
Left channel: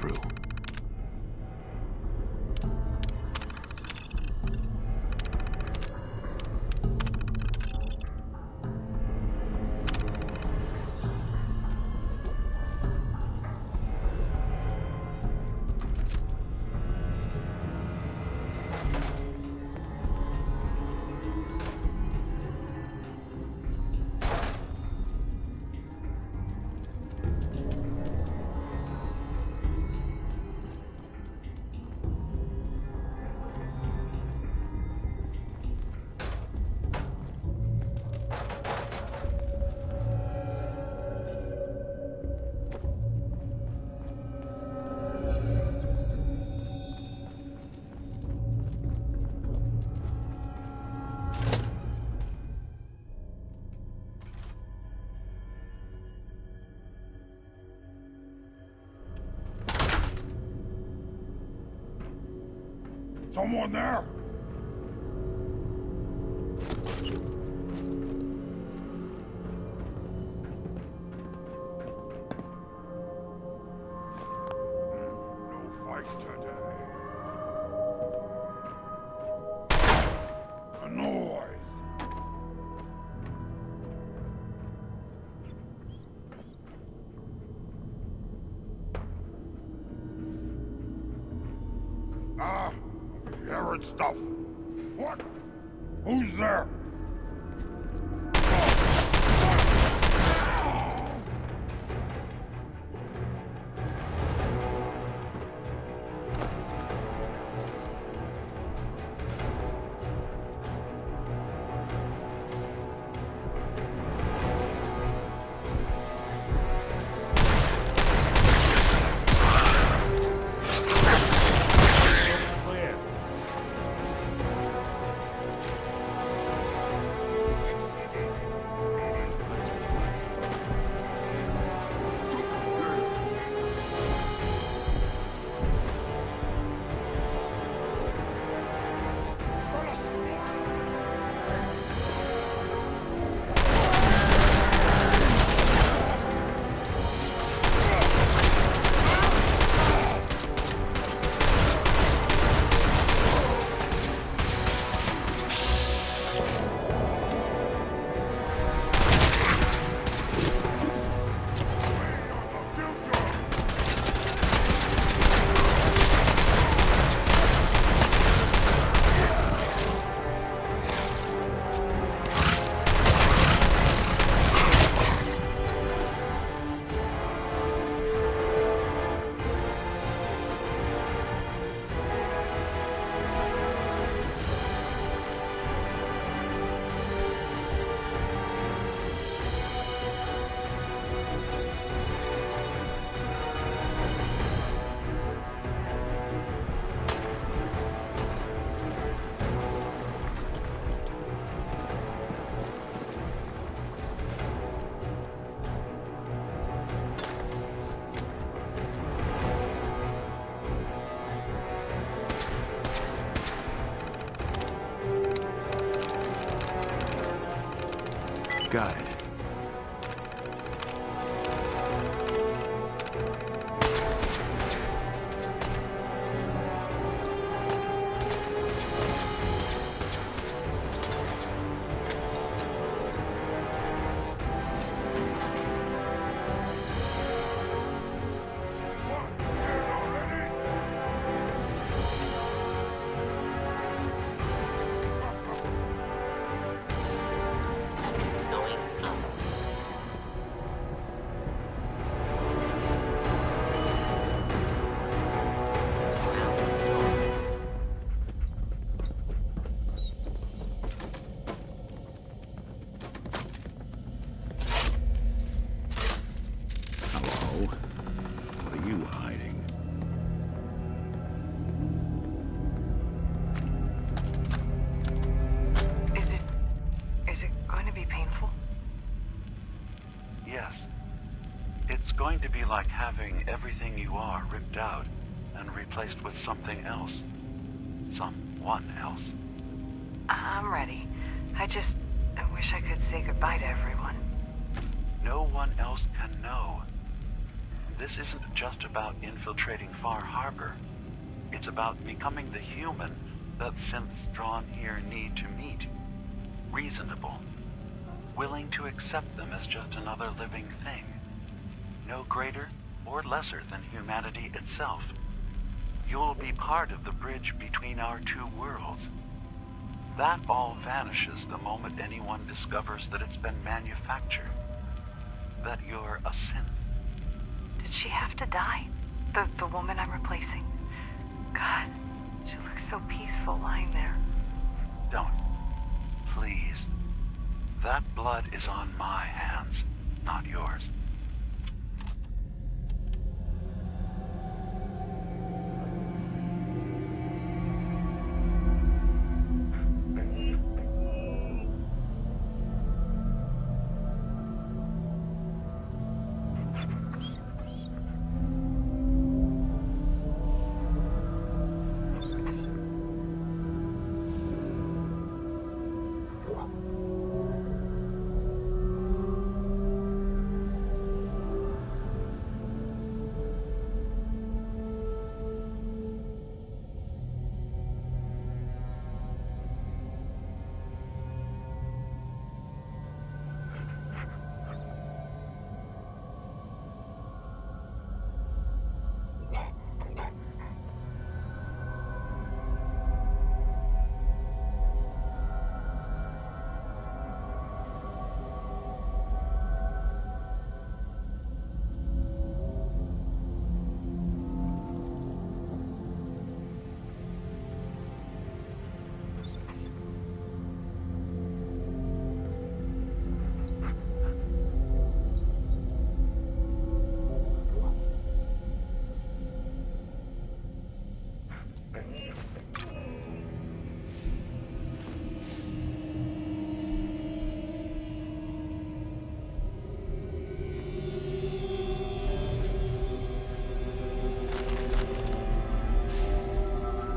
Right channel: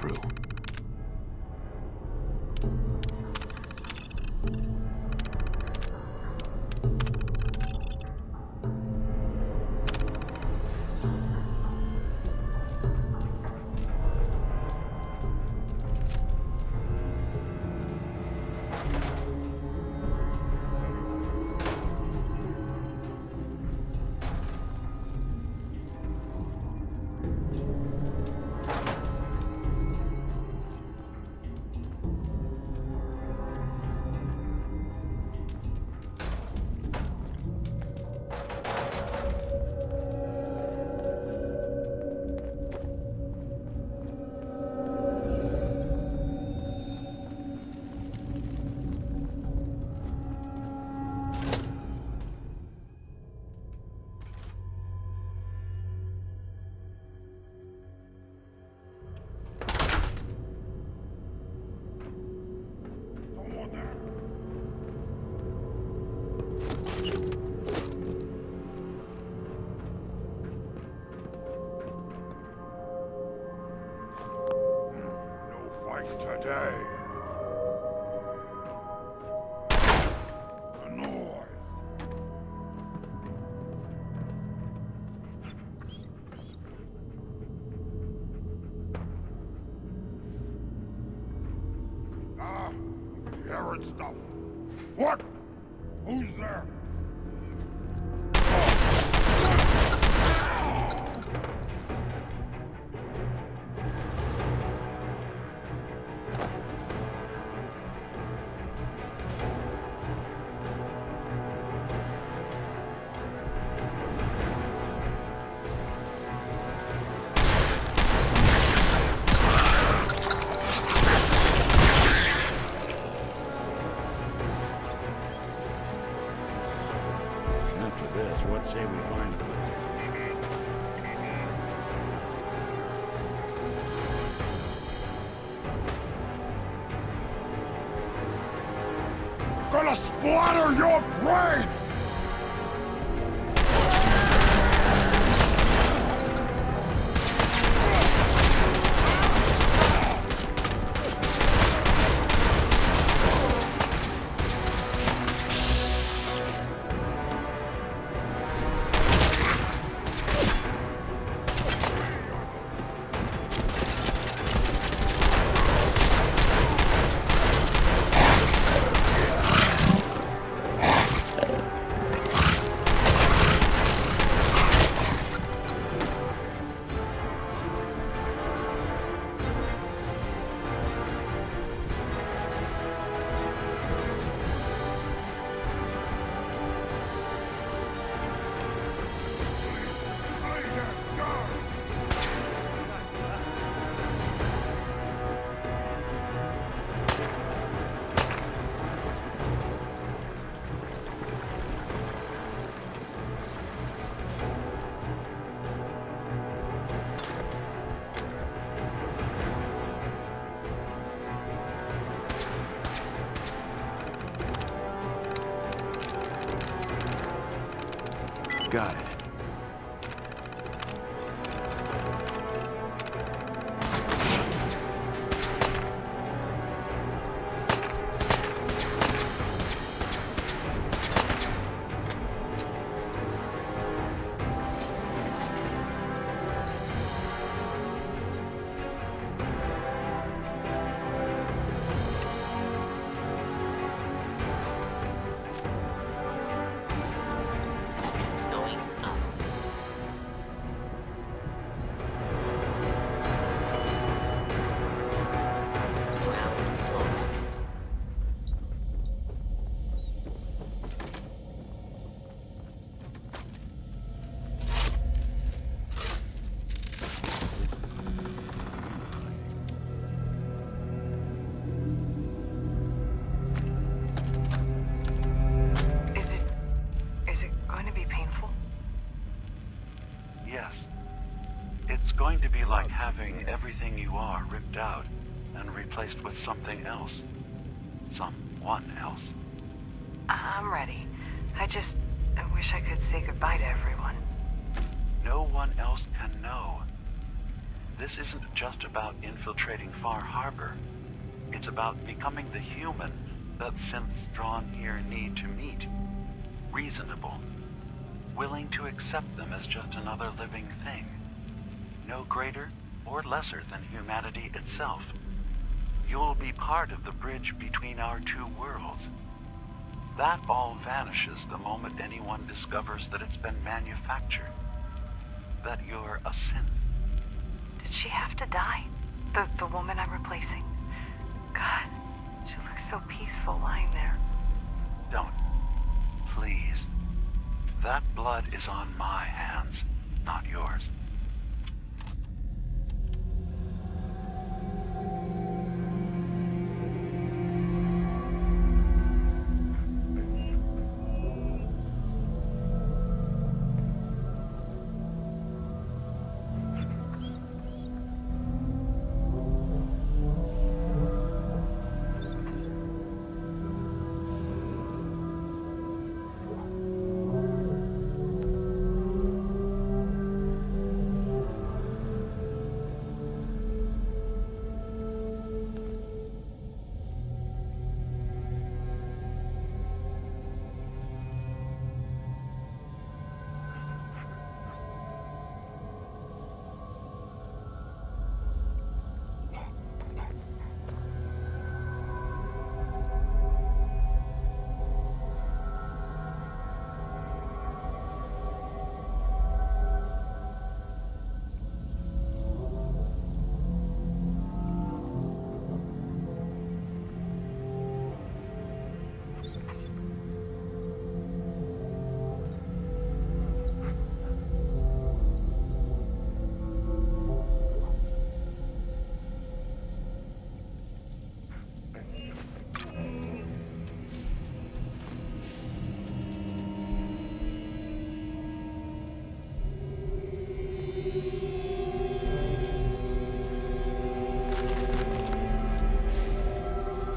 through. Someone there? No fight today. A noise. Hearing stuff. What? Who's there? Let's see if we find a place. Gonna splatter your brain! Got it. It's going to be like having everything you are ripped out and replaced with something else. Someone else. I'm ready. I wish I could say goodbye to everyone. No one else can know. This isn't just about infiltrating Far Harbor. It's about becoming the human that synths drawn here need to meet. Reasonable. Willing to accept them as just another living thing. No greater or lesser than humanity itself. You'll be part of the bridge between our two worlds. That all vanishes the moment anyone discovers that it's been manufactured. That you're a synth. Did she have to die? The woman I'm replacing? God, she looks so peaceful lying there. Don't. Please. That blood is on my hands, not yours.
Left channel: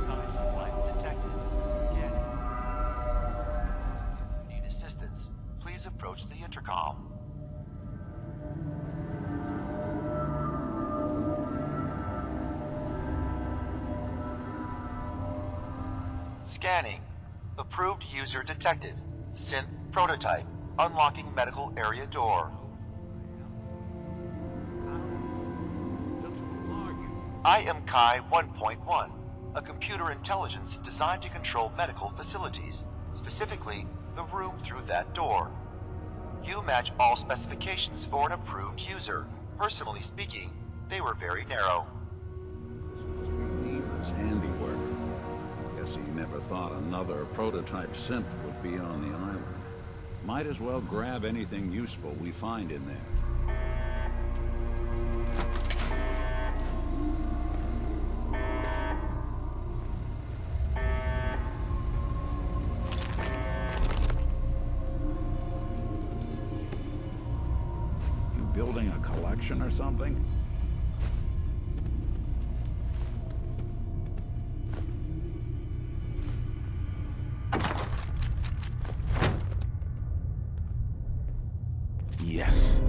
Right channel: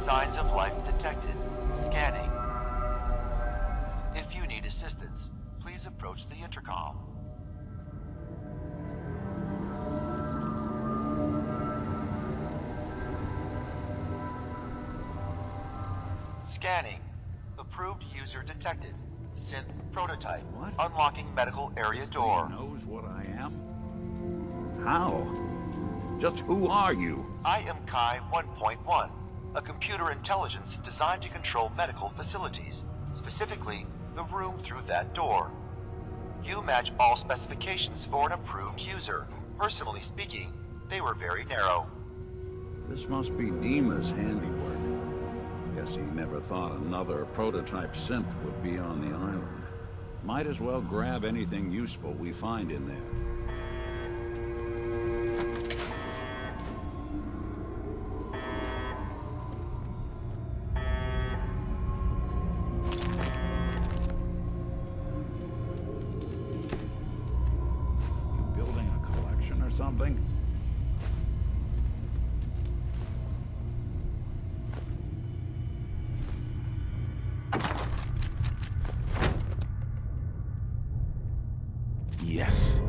Signs of life detected. Scanning. If you need assistance, please approach the intercom. Scanning. Approved user detected. Synth prototype. Unlocking medical area door. Knows what I am? How? Just who are you? I am Kai 1.1. A computer intelligence designed to control medical facilities, specifically the room through that door. You match all specifications for an approved user. Personally speaking, they were very narrow. This must be Dima's handiwork. Guess he never thought another prototype synth would be on the island. Might as well grab anything useful we find in there. Building a collection or something? Yes.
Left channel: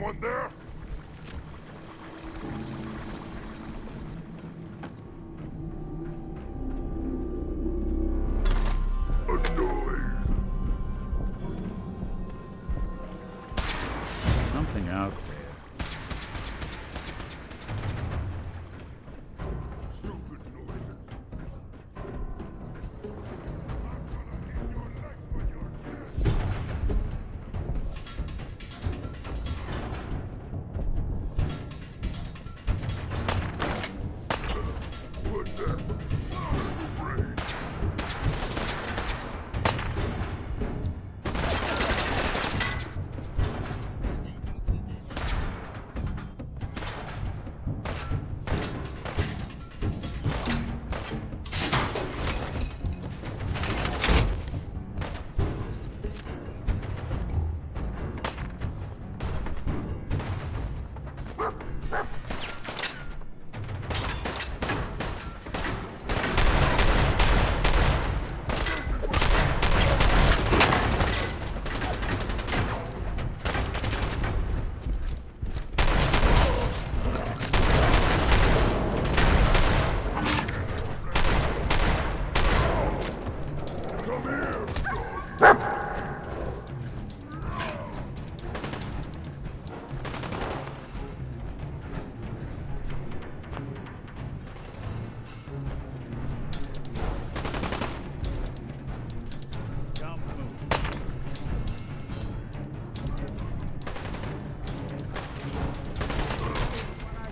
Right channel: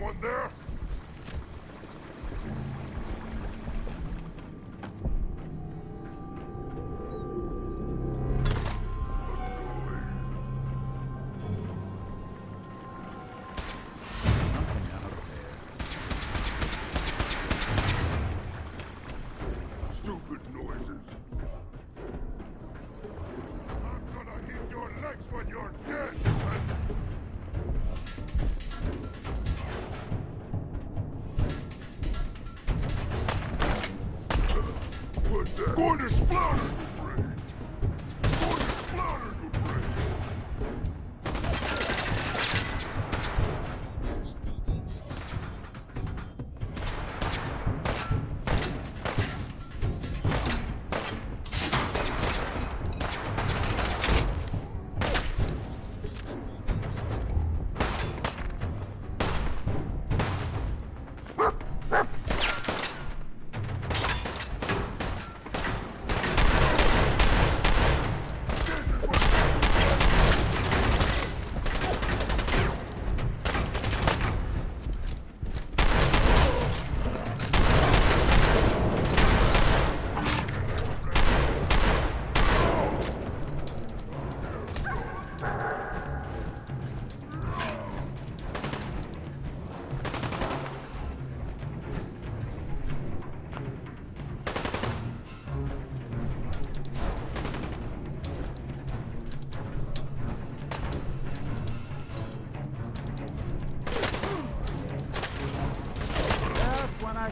Someone there? Something out there. Stupid noises. I'm gonna hit your legs when you're dead. What the? Going to slaughter the brain.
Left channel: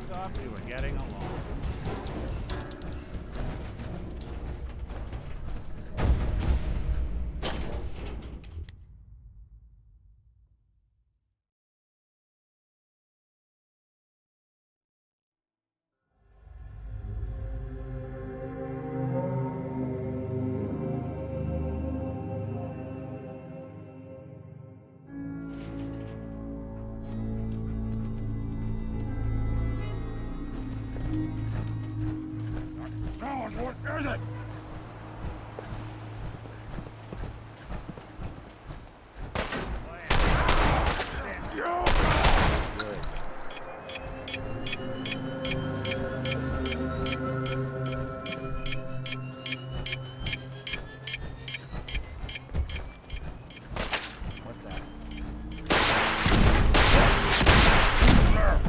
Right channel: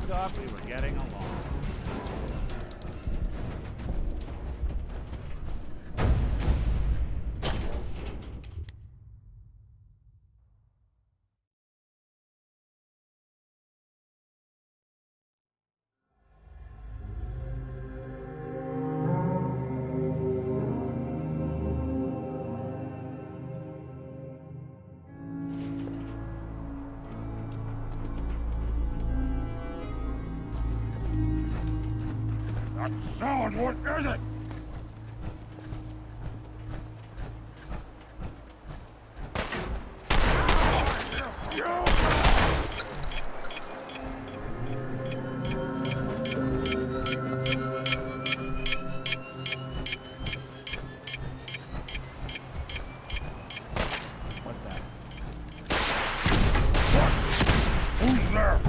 Thought we were getting along. Sound, what is it? What's that? Who's there?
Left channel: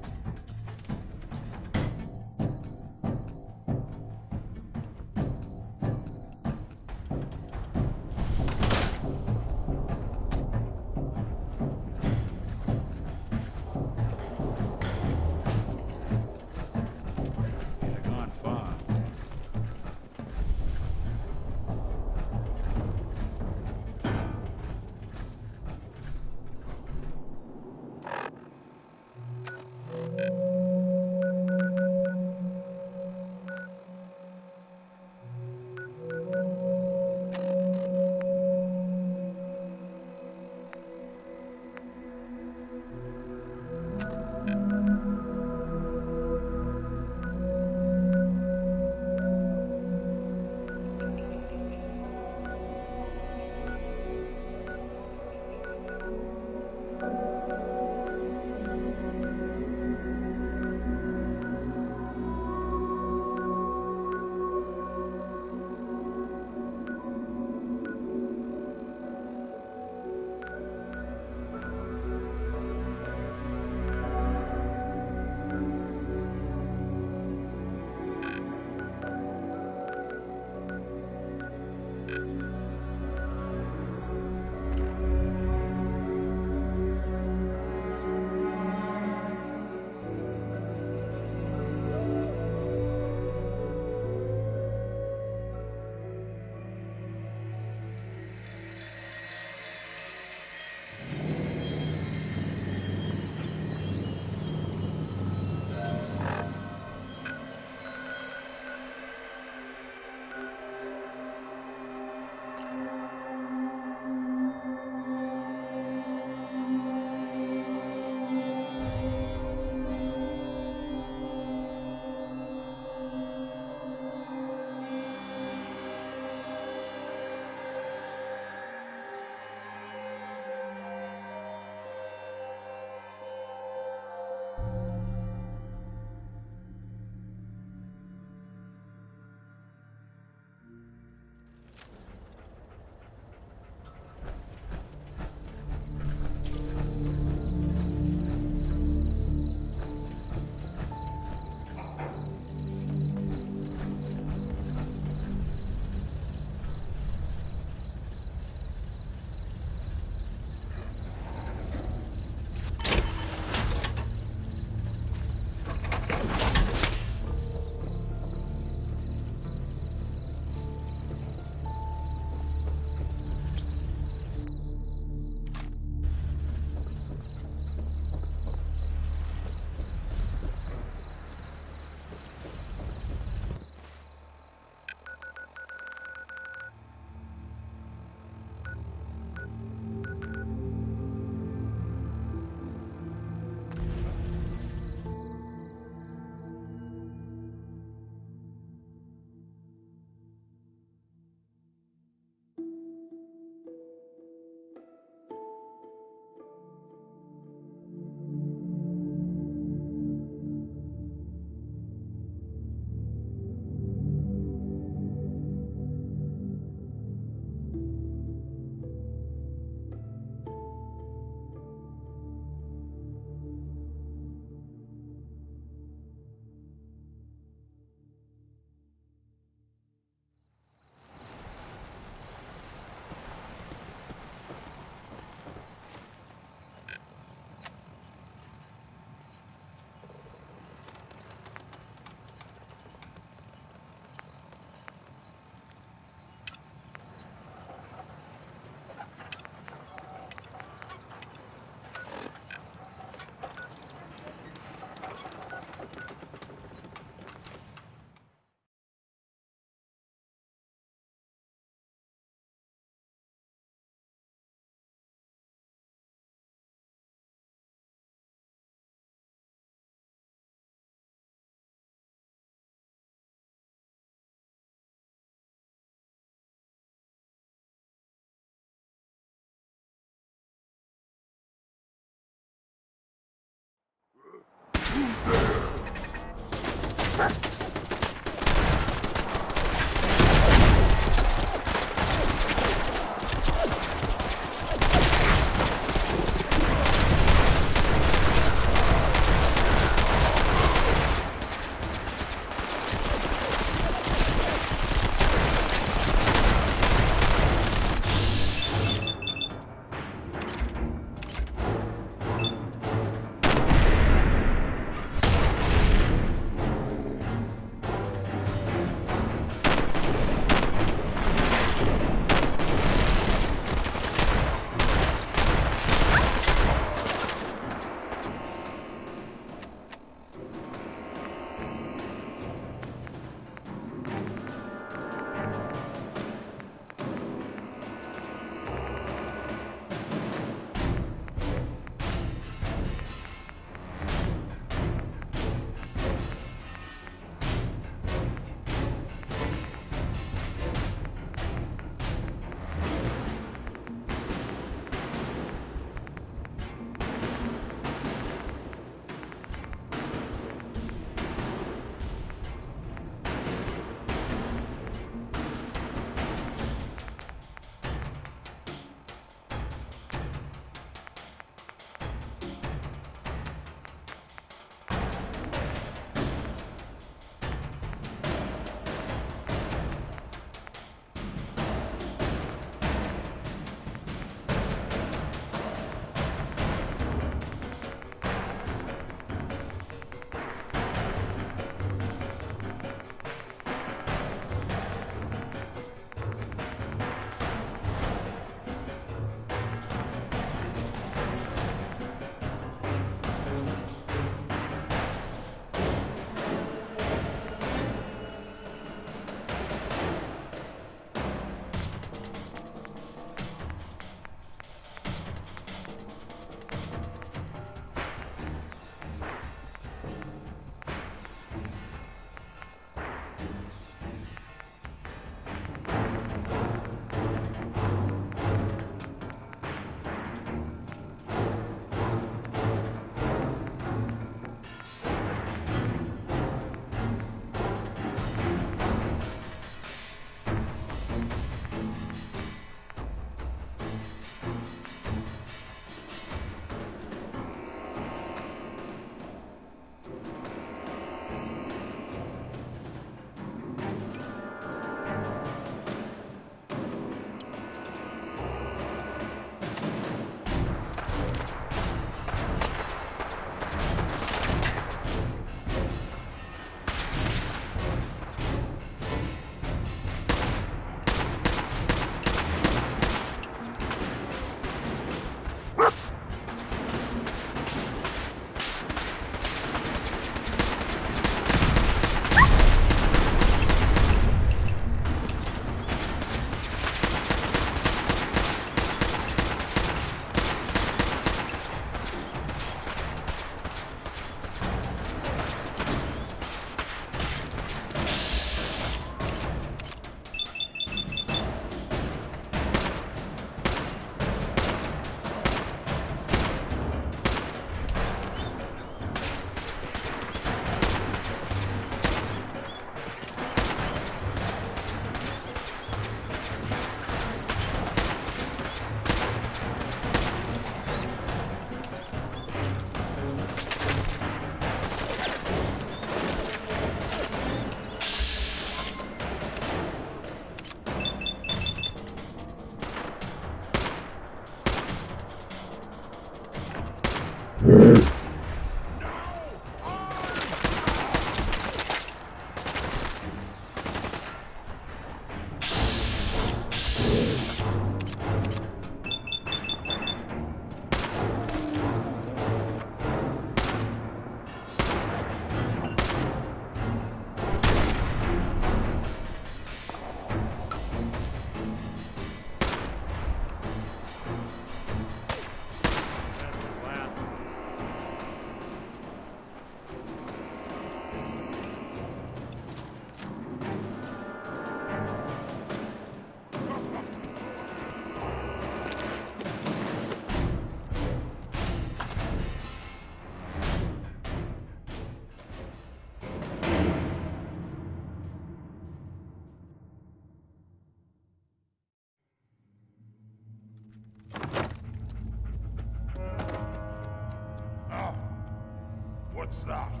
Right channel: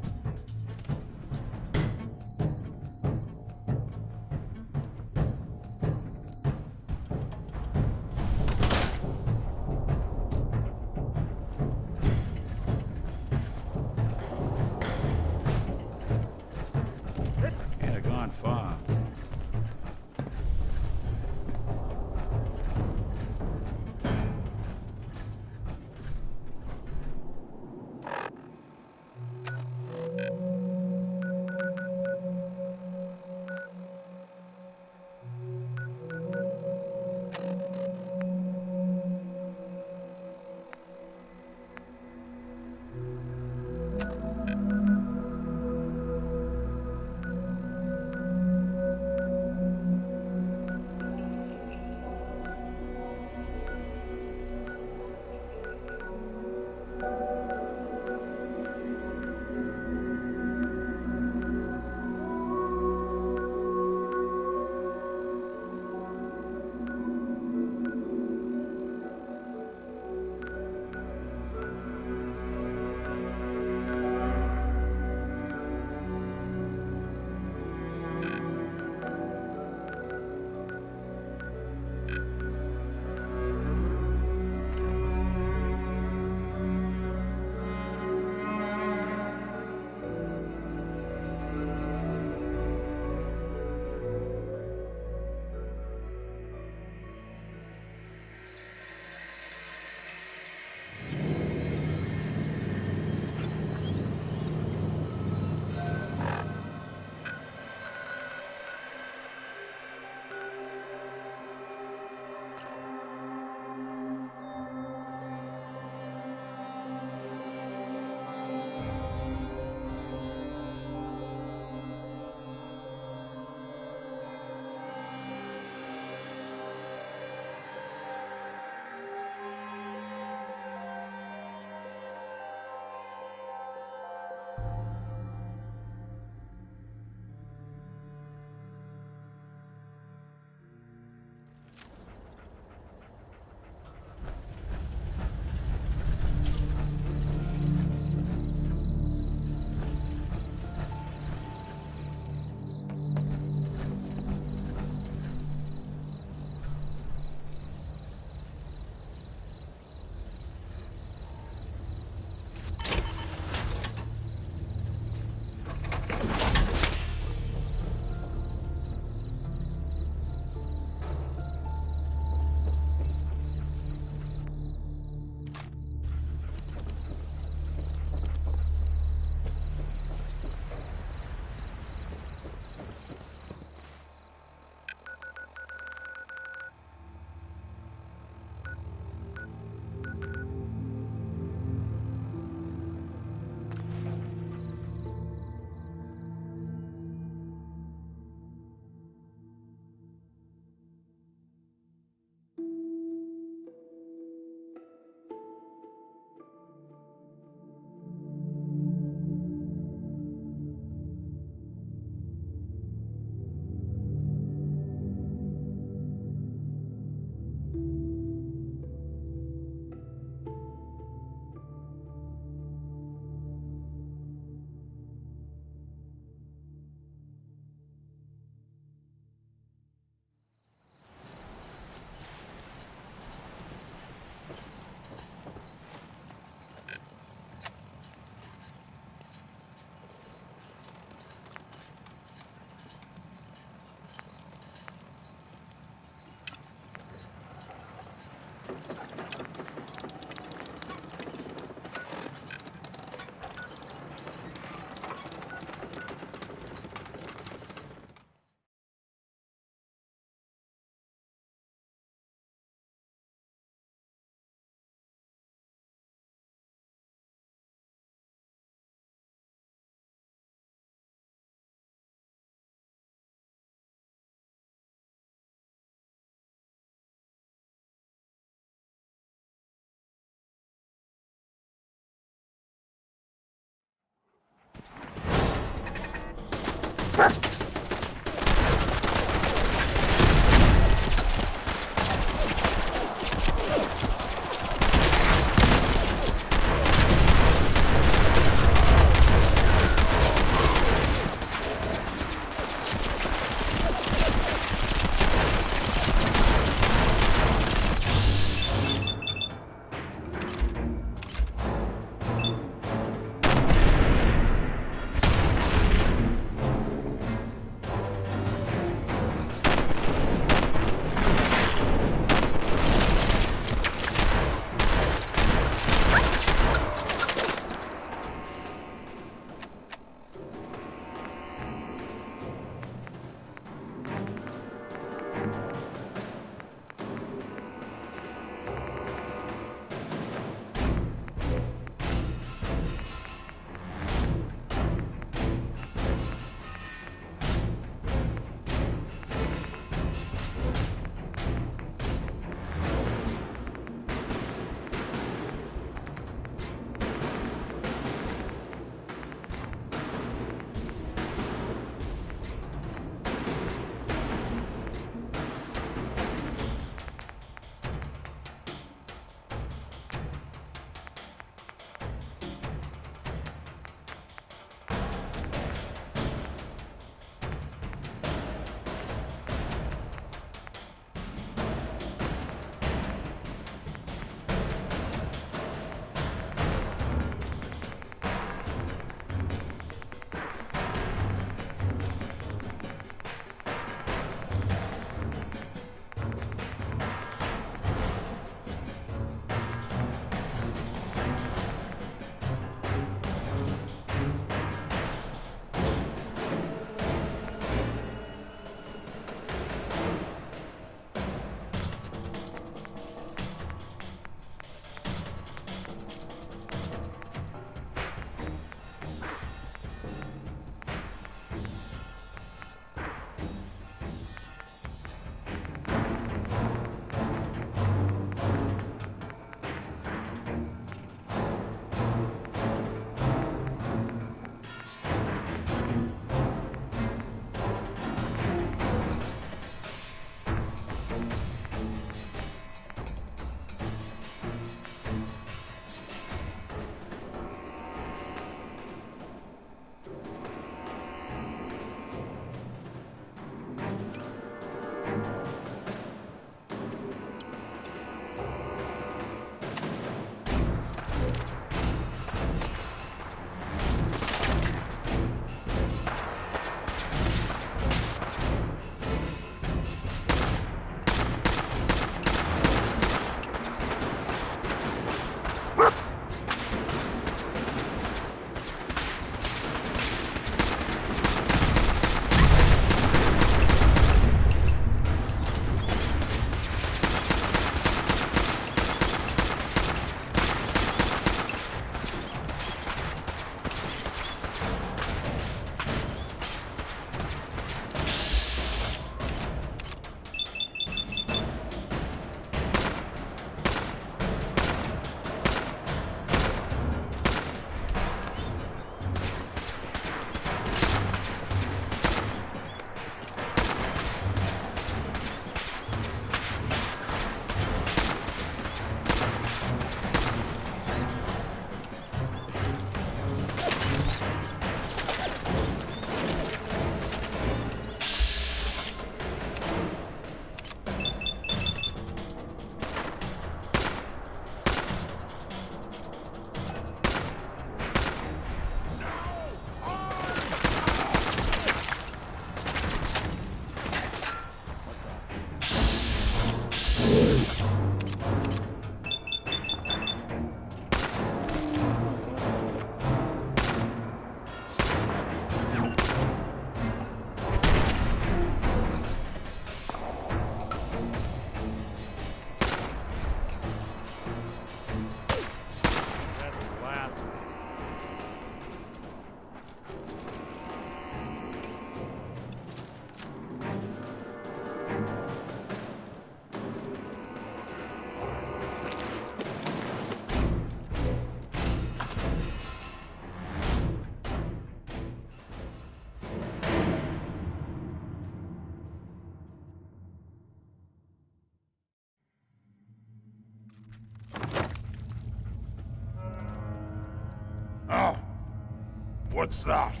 What's that?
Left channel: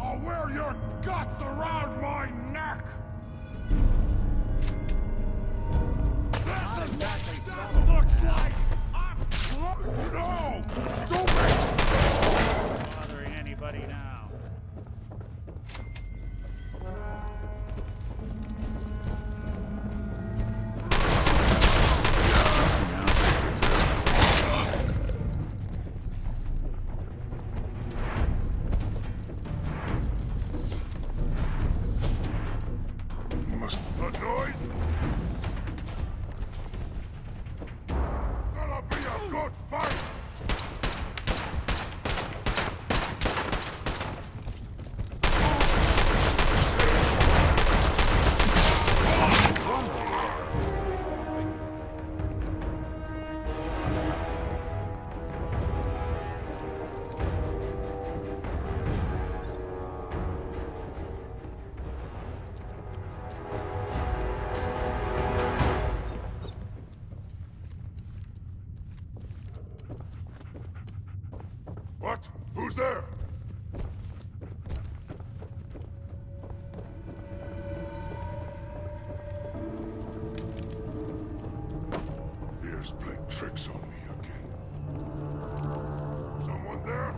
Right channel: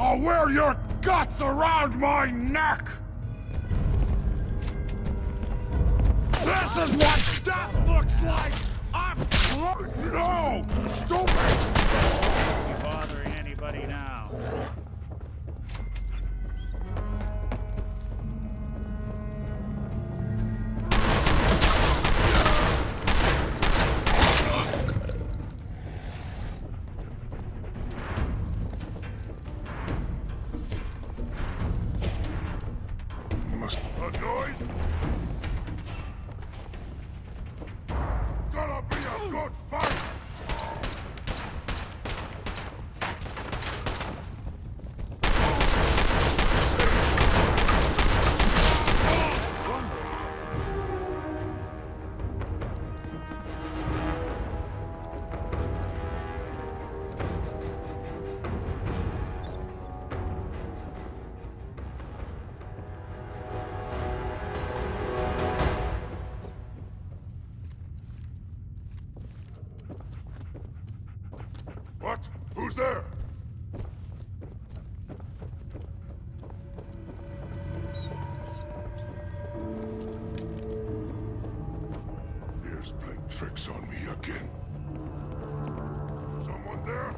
I'll wear your guts around my neck! This is what death looks like! No! Stupid! Bothering anybody now. A noise? Gonna be a good fight! What? Who's there? Here's playing tricks on me again. Someone there?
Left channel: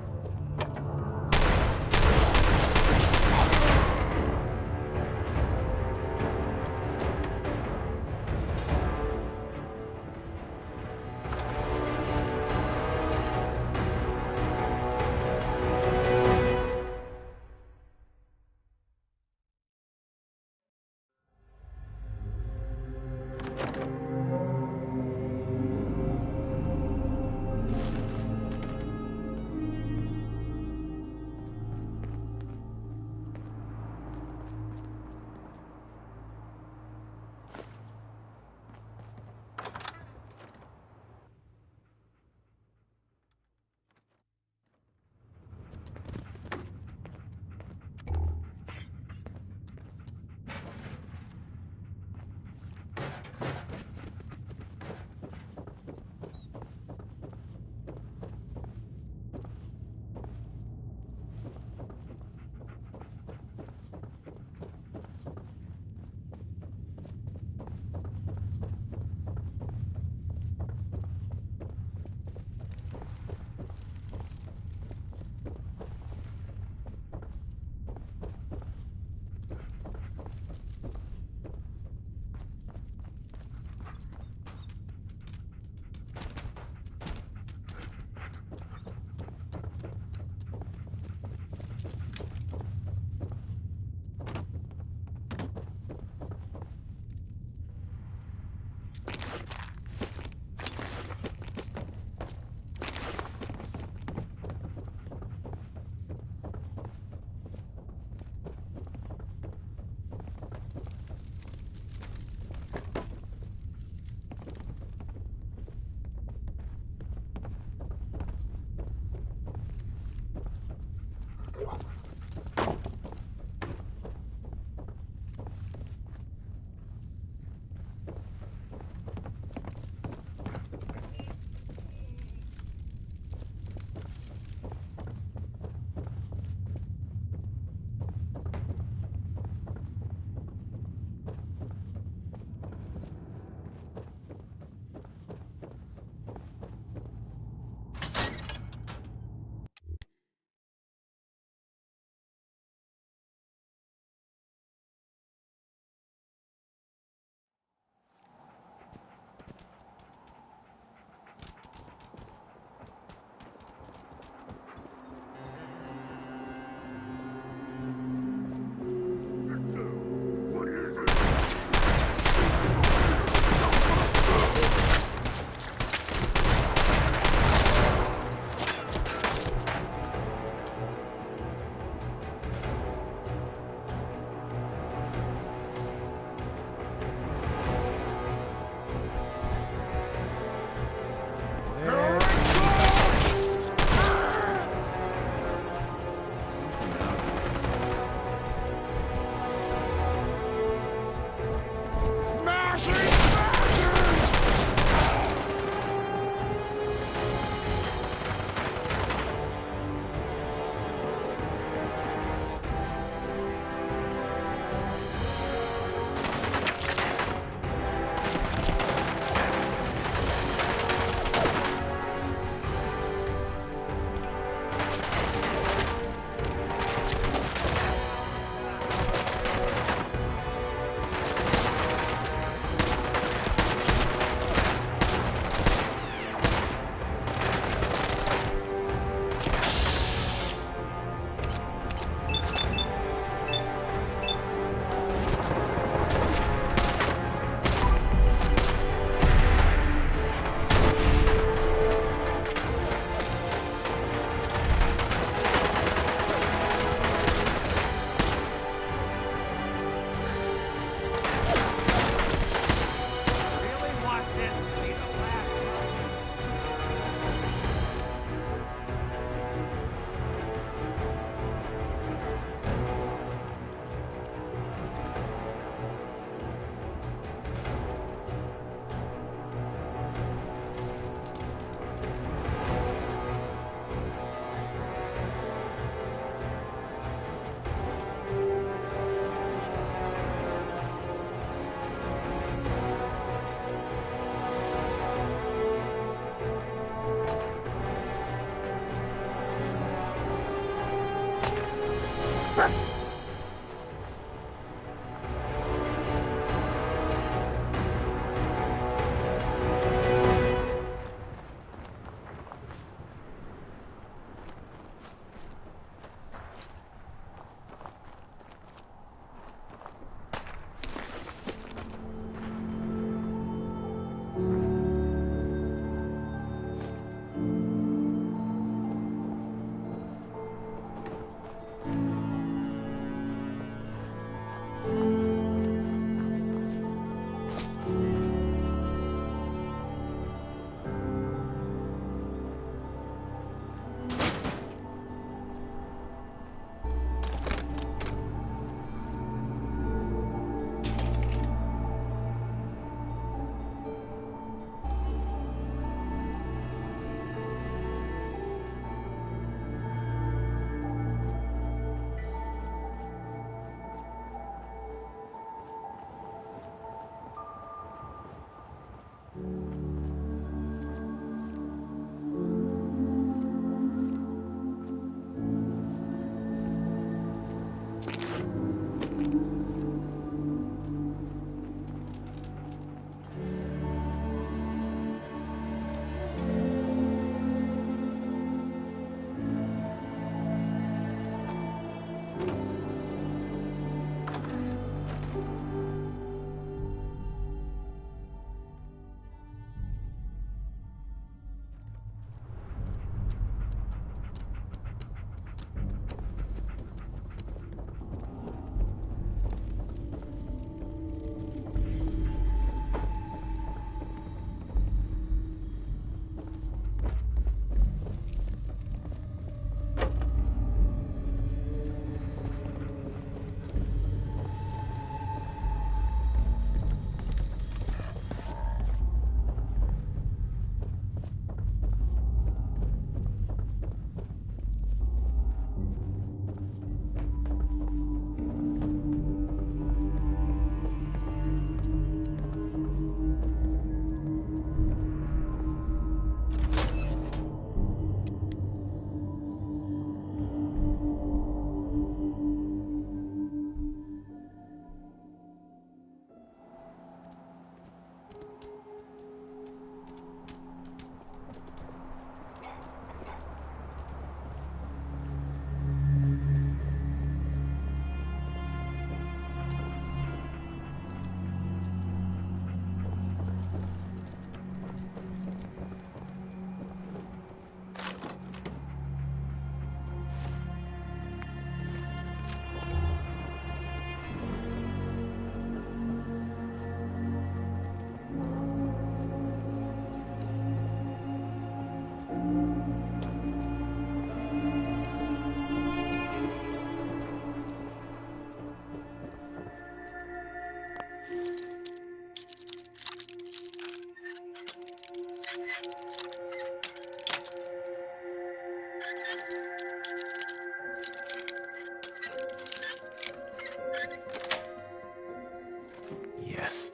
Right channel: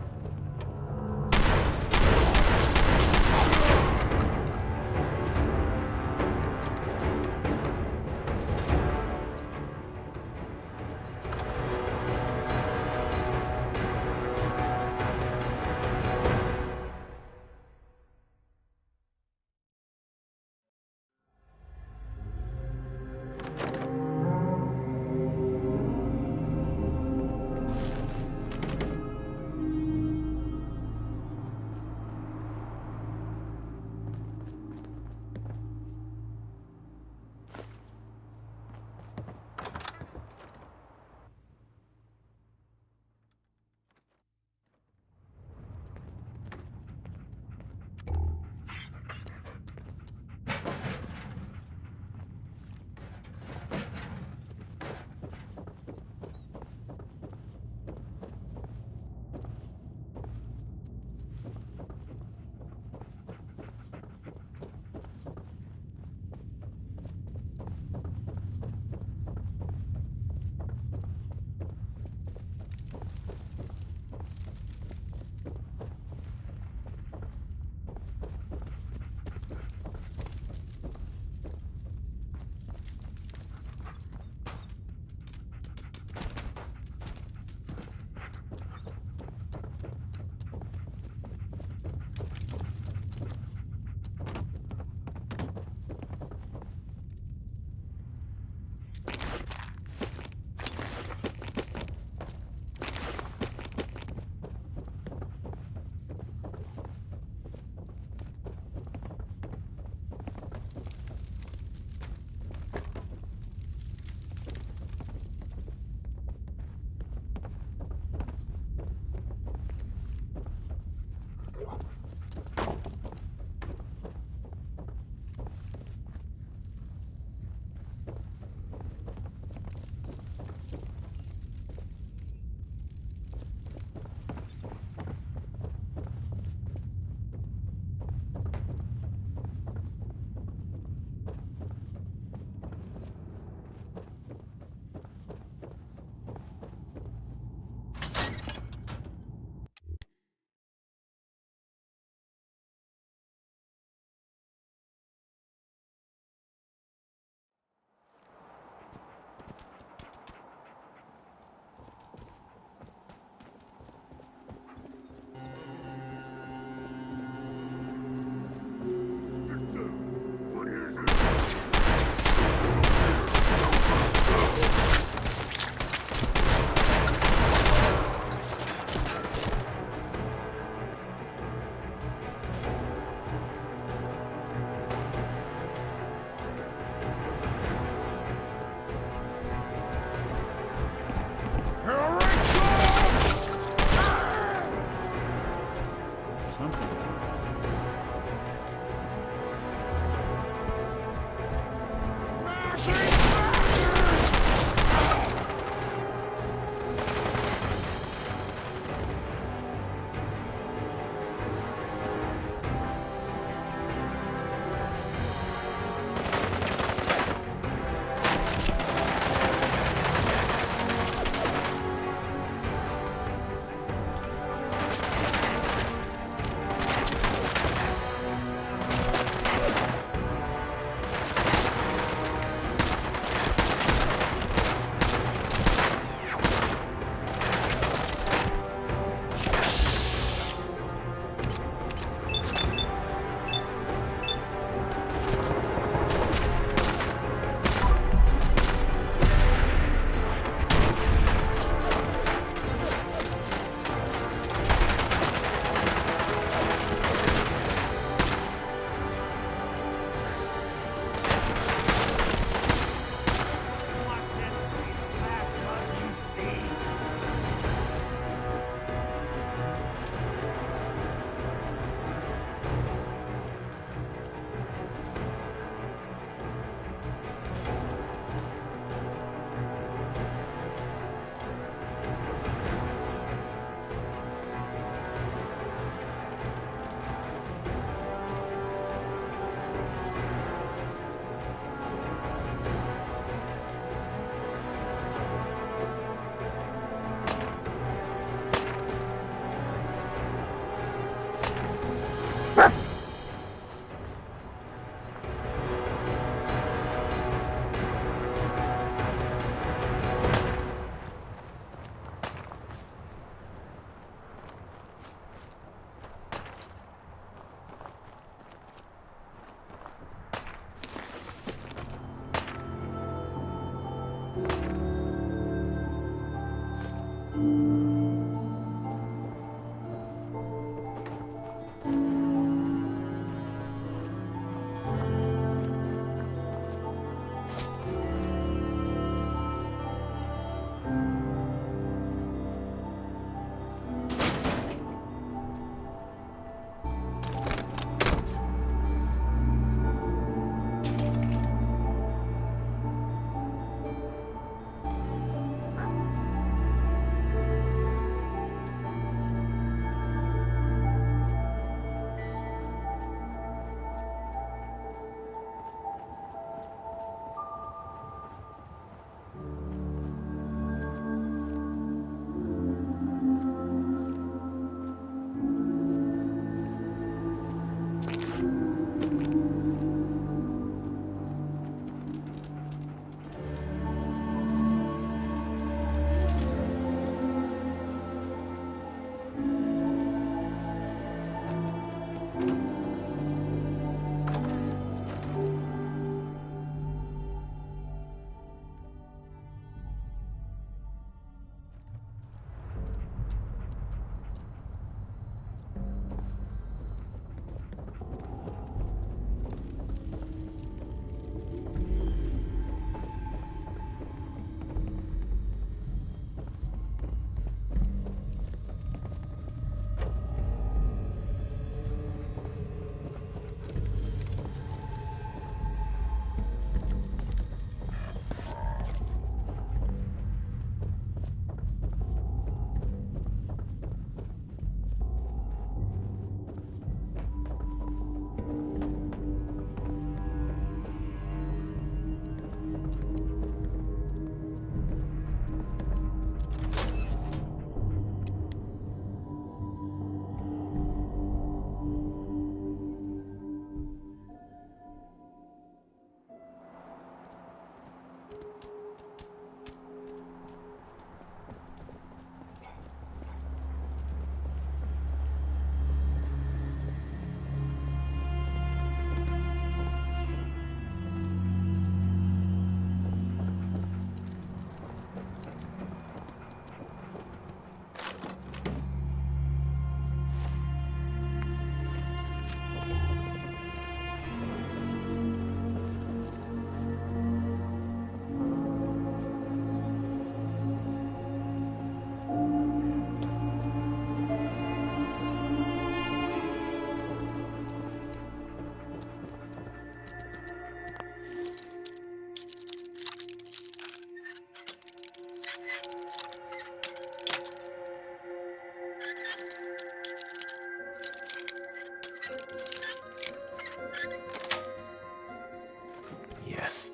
Yes.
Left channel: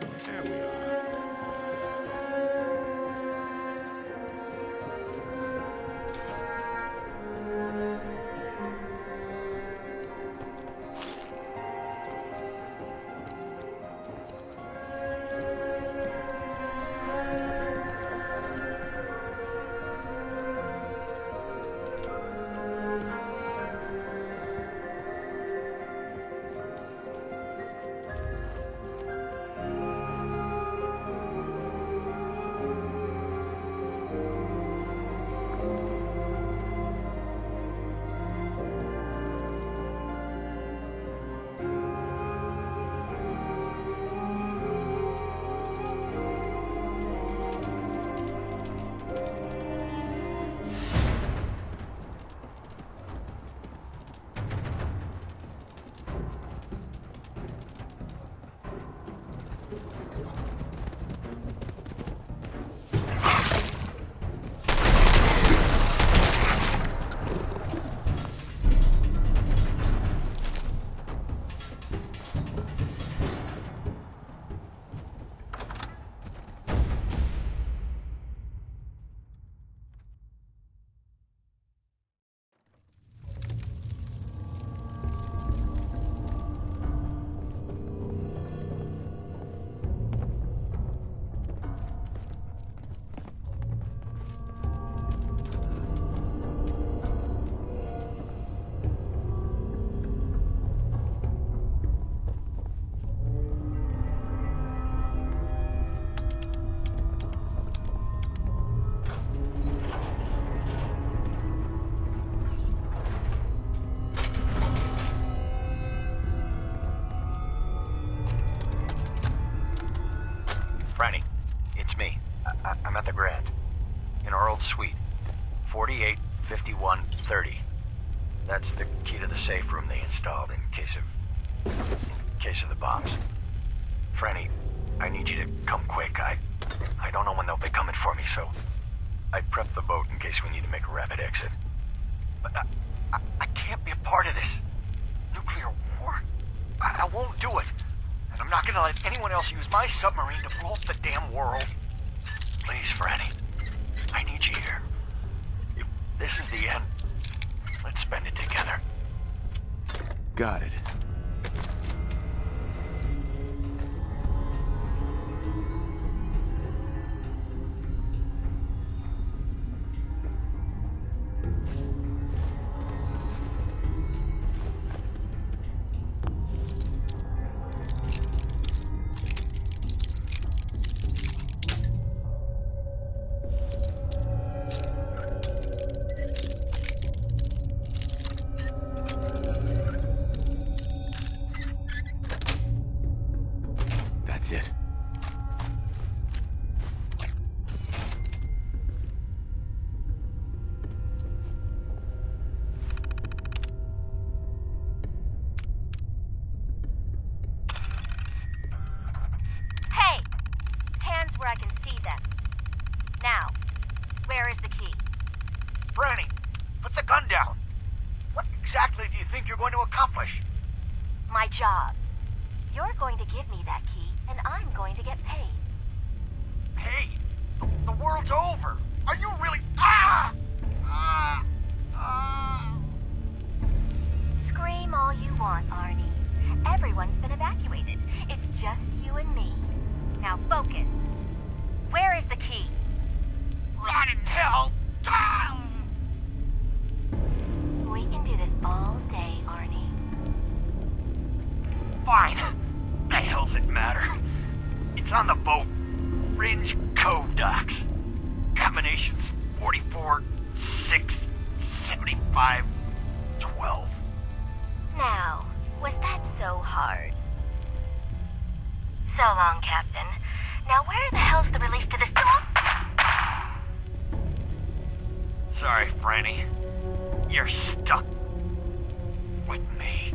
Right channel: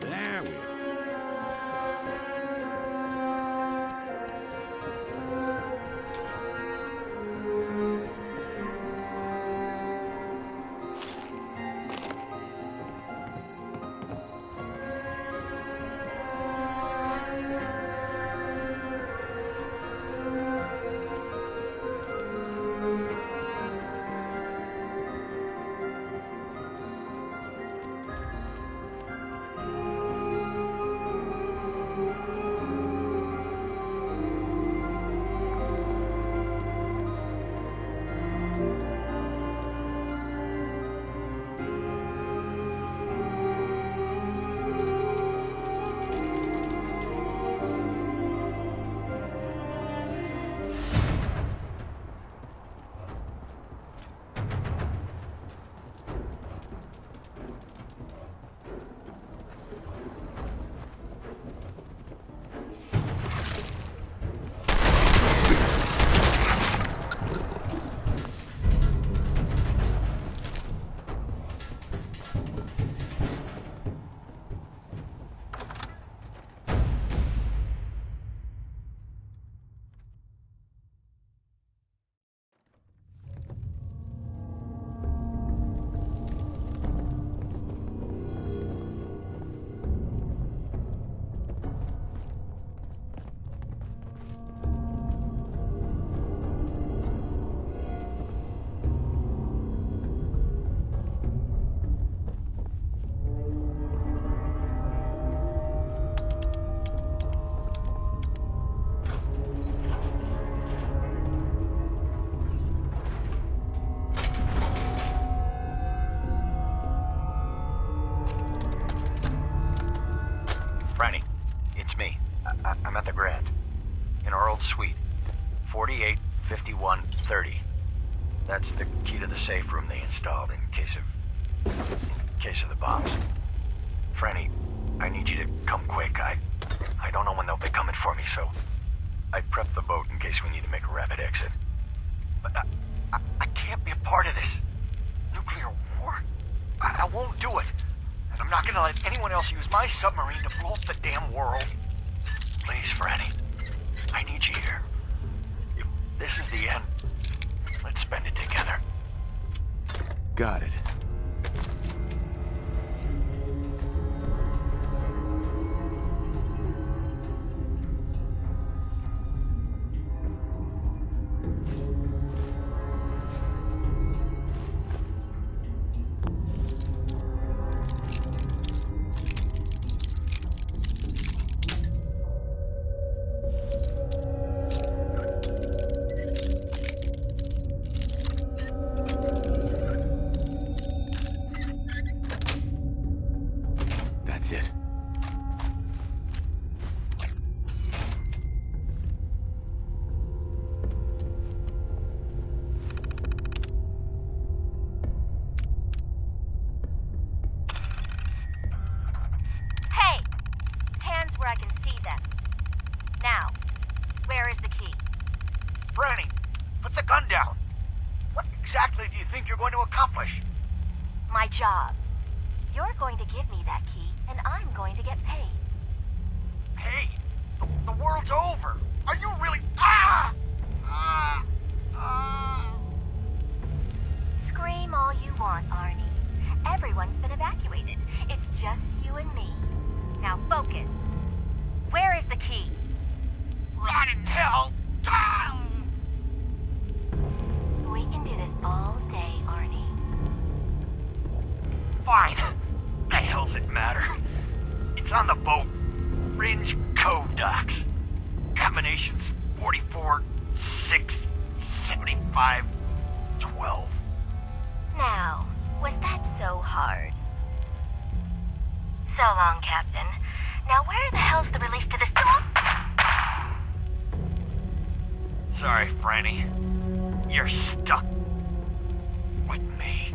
There we are. Franny, it's me. I'm at the Grand. In our old suite. 485130. That's the key to the safe room they installed in case of the bombs. Franny, I need you to come quick. I don't know when they'll be coming for me, so I prepped the boat in case we need to make a rapid exit. But I can't be a part of this. Nuclear war? I won't do it. And I'm not gonna let anyone else use my submarine to blow up the damn world. Please, Franny. I need you here. If this is the end, let's spend it together. Got it. That's it. Hey! Hands where I can see them. Now, where is the key? Franny, put the gun down. What exactly do you think you're going to accomplish? My job. You're going to give me that key, and I'm going to get paid. Hey, the world's over. Are you really... Scream all you want, Arnie. Everyone's been evacuated. It's just you and me. Now focus. Where is the key? Rot in hell! We can do this all day, Arnie. Fine. The hell's it matter? It's on the boat. Ringe Cove docks. Combinations 44, 6, 75, 12. Now, was that so hard? So long, Captain. Now where the hell's the release to this... Sorry, Franny. You're stuck with me.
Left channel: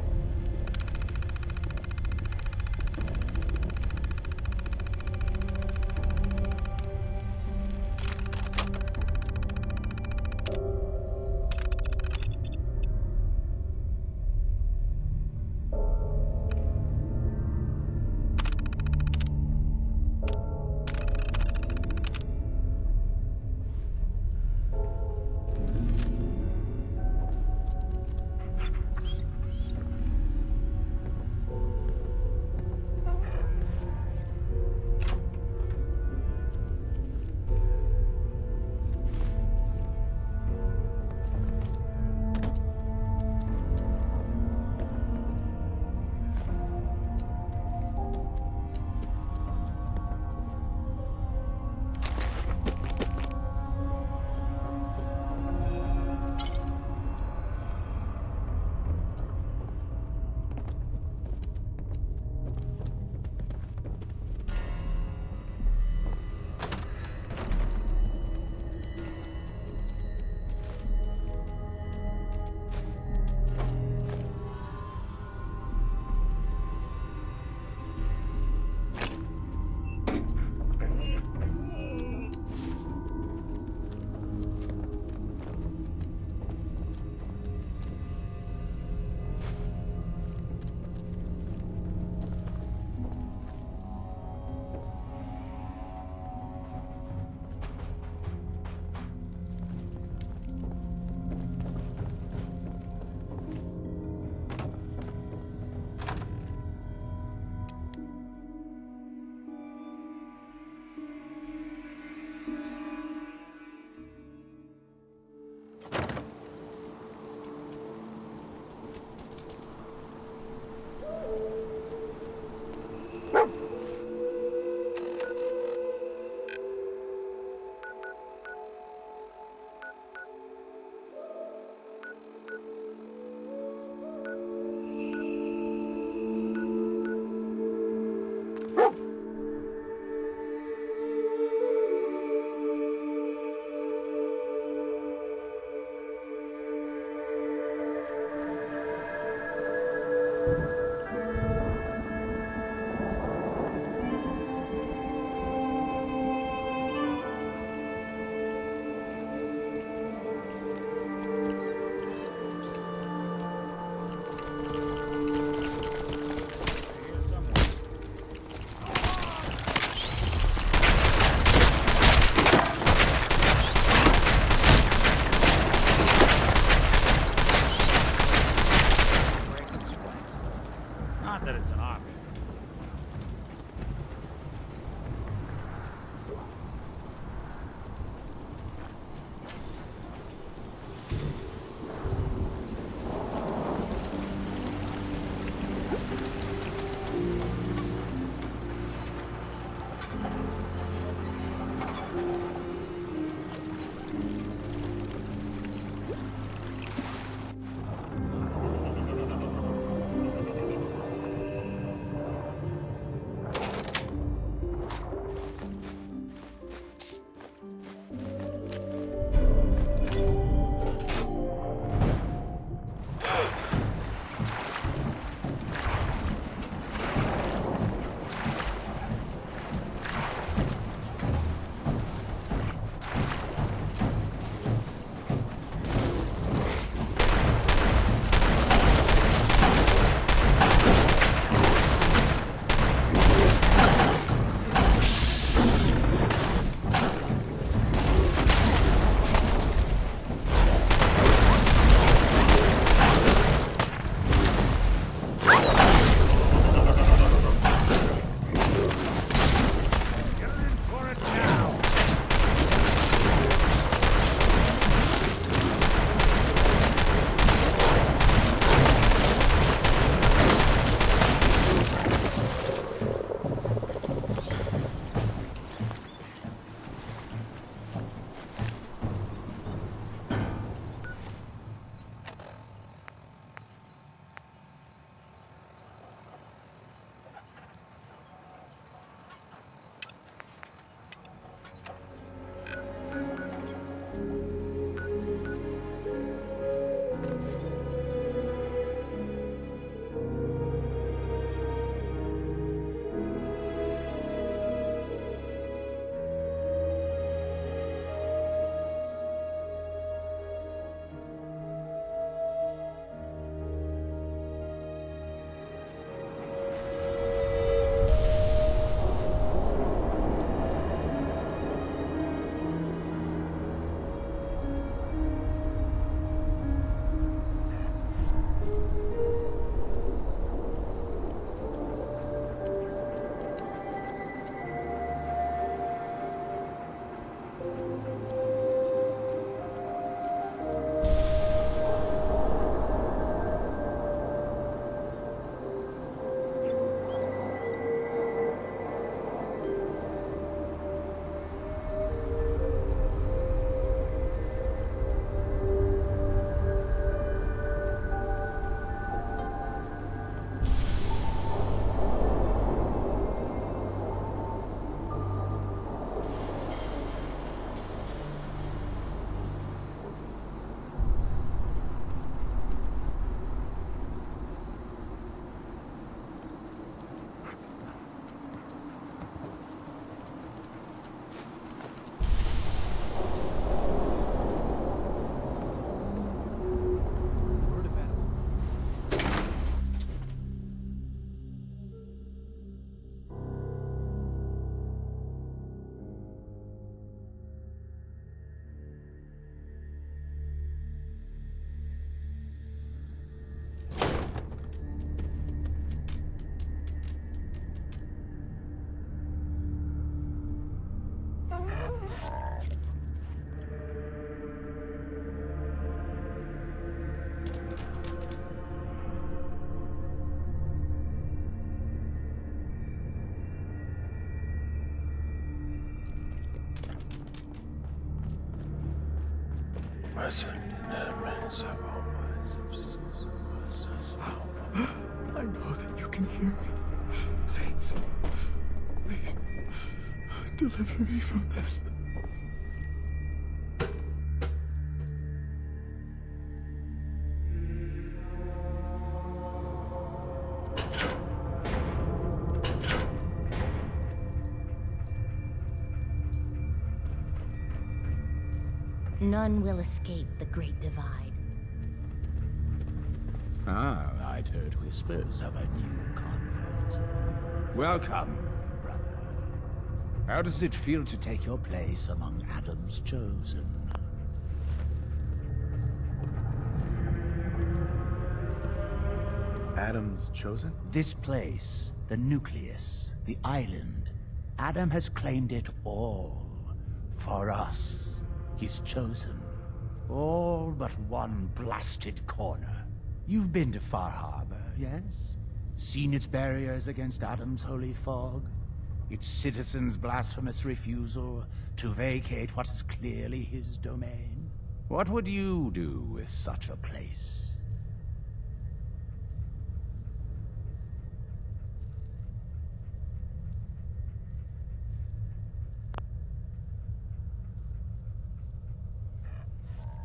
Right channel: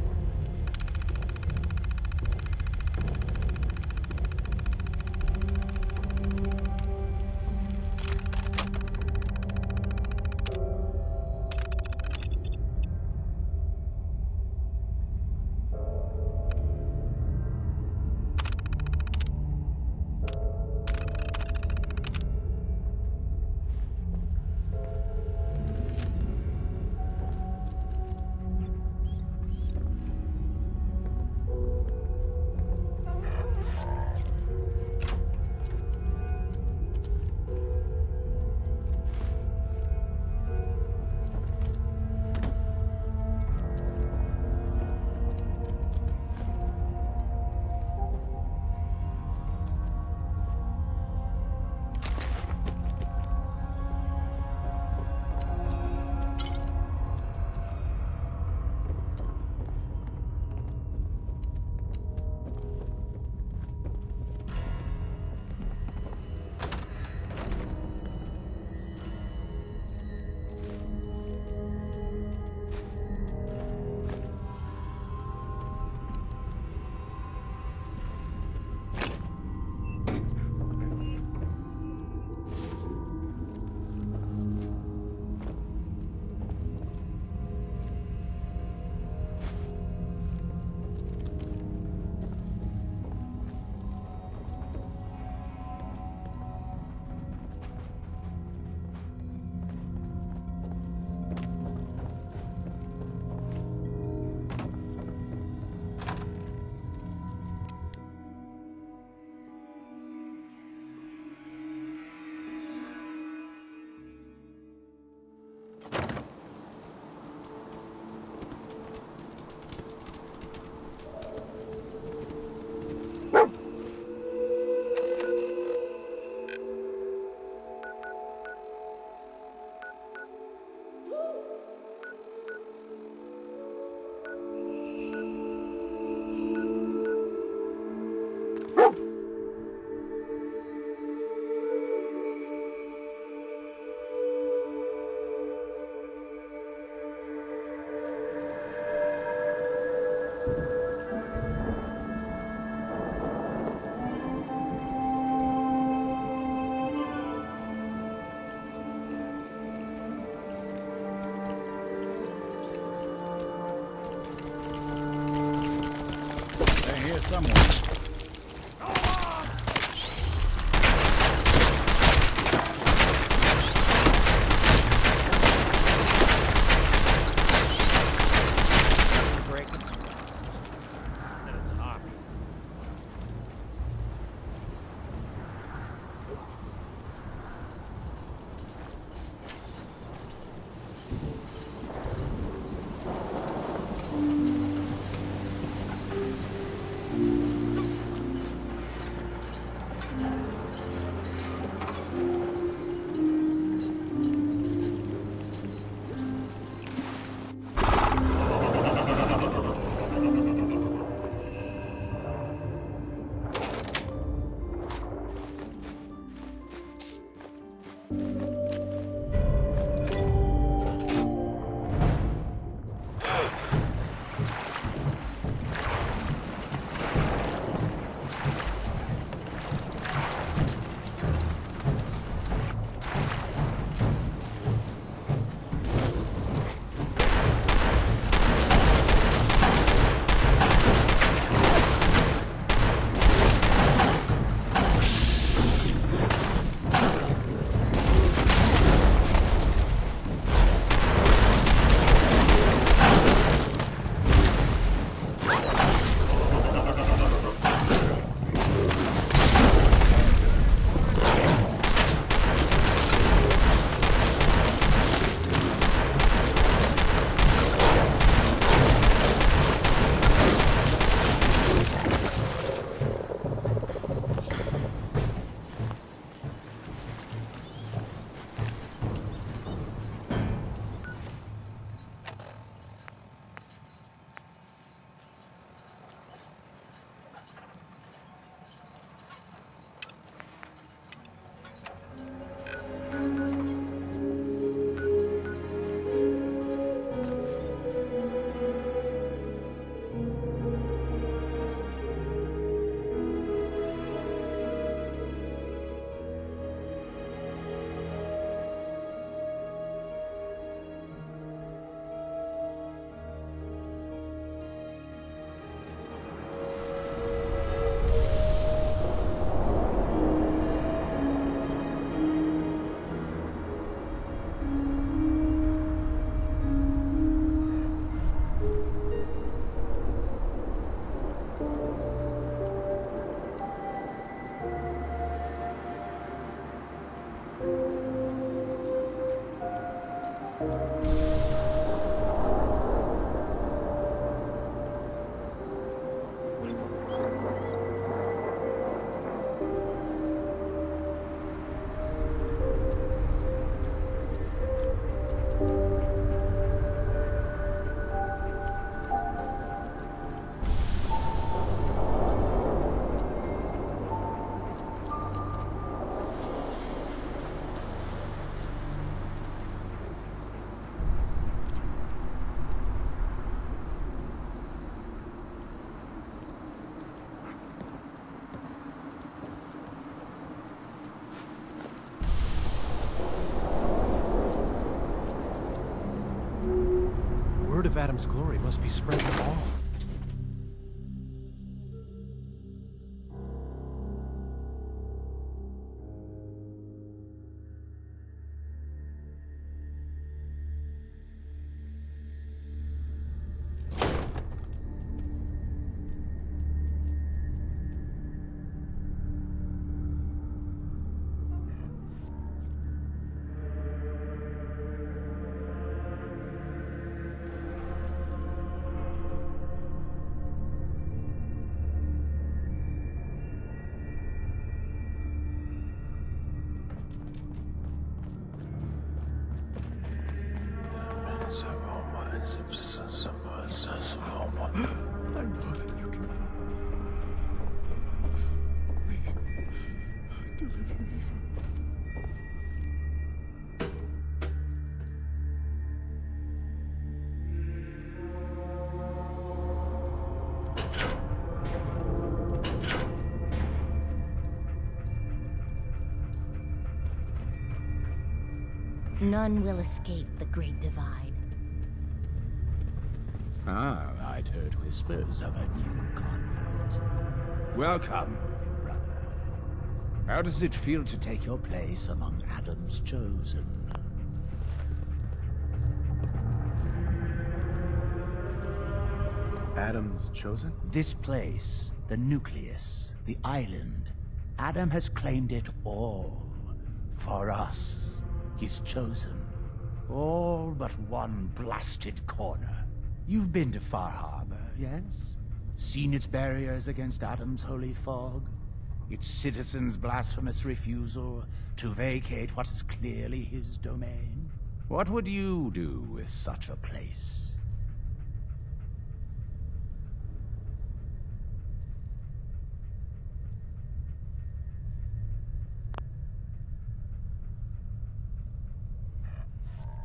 Adam's glory must be spreading all. I know that you can hear me. Please, please, deliver me from this. None will escape the Great Divide. Ah, I'd heard whispers of a new convert. Welcome, brother. How does it feel to take your place among Adam's chosen? Adam's chosen? This place, the nucleus, the island, Adam has claimed it all. For us, his chosen. All but one blasted corner. You've been to Far Harbor, yes? Seen its barriers against Adam's holy fog? Its citizens' blasphemous refusal to vacate what is clearly his domain? What would you do with such a place?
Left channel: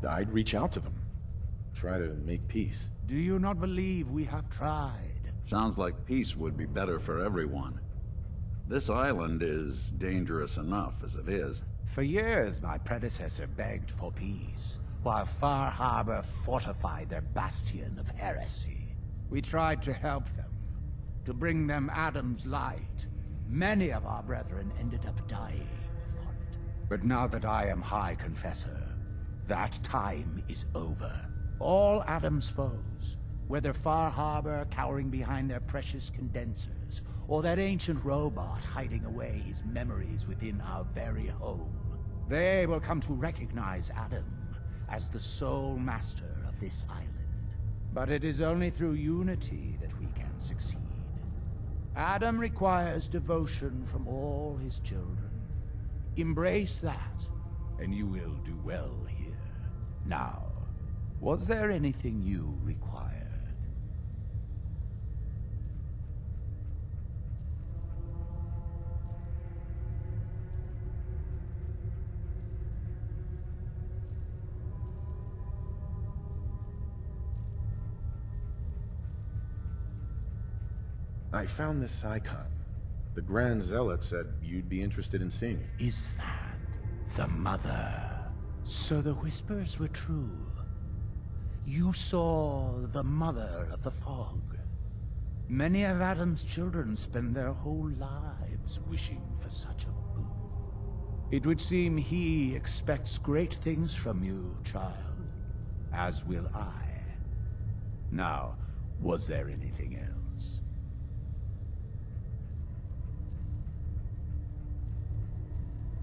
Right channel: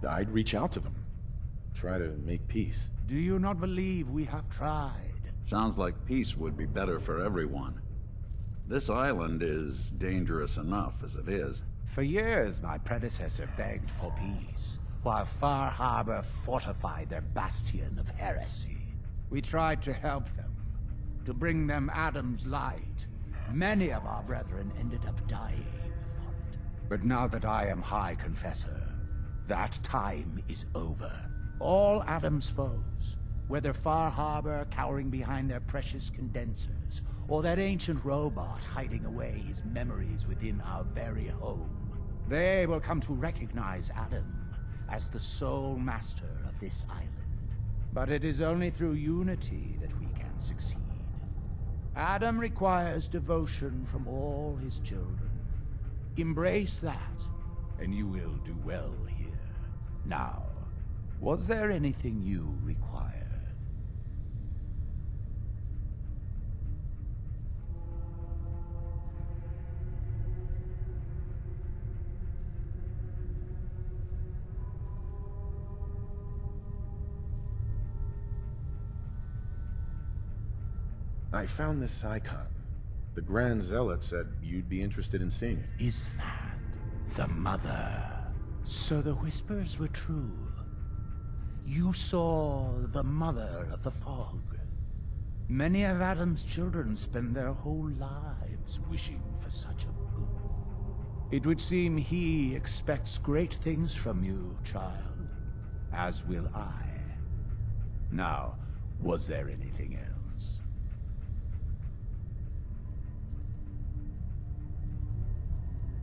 I'd reach out to them. Try to make peace. Do you not believe we have tried? Sounds like peace would be better for everyone. This island is dangerous enough as it is. For years, my predecessor begged for peace, while Far Harbor fortified their bastion of heresy. We tried to help them, to bring them Adam's light. Many of our brethren ended up dying for it. But now that I am High Confessor, that time is over. All Adam's foes, whether Far Harbor cowering behind their precious condensers, or that ancient robot hiding away his memories within our very home, they will come to recognize Adam as the sole master of this island. But it is only through unity that we can succeed. Adam requires devotion from all his children. Embrace that, and you will do well here. Now, was there anything you required? I found this icon. The Grand Zealot said you'd be interested in seeing it. Is that the Mother? So the whispers were true. You saw the Mother of the Fog. Many of Adam's children spend their whole lives wishing for such a boon. It would seem he expects great things from you, child. As will I. Now, was there anything else?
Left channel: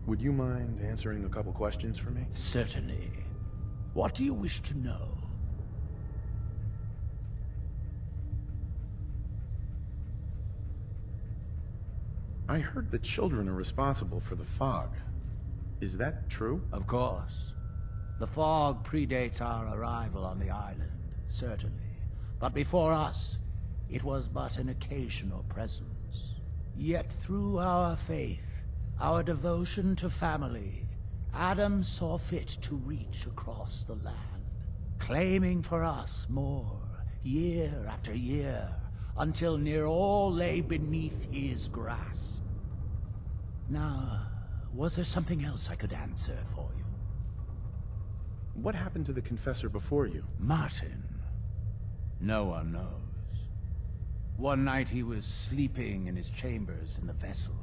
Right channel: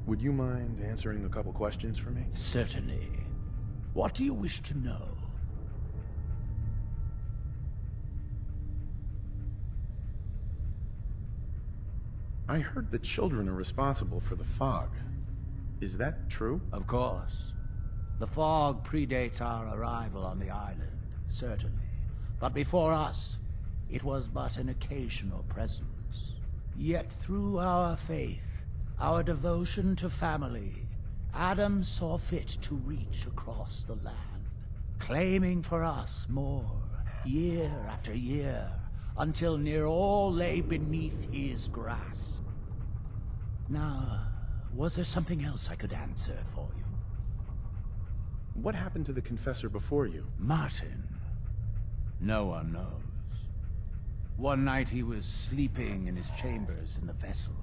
Would you mind answering a couple questions for me? Certainly. What do you wish to know? I heard the children are responsible for the fog. Is that true? Of course. The fog predates our arrival on the island, certainly. But before us, it was but an occasional presence. Yet through our faith, our devotion to family, Adam saw fit to reach across the land, claiming for us more, year after year, until near all lay beneath his grasp. Now, was there something else I could answer for you? What happened to the Confessor before you? Martin. No one knows. One night he was sleeping in his chambers in the vessel,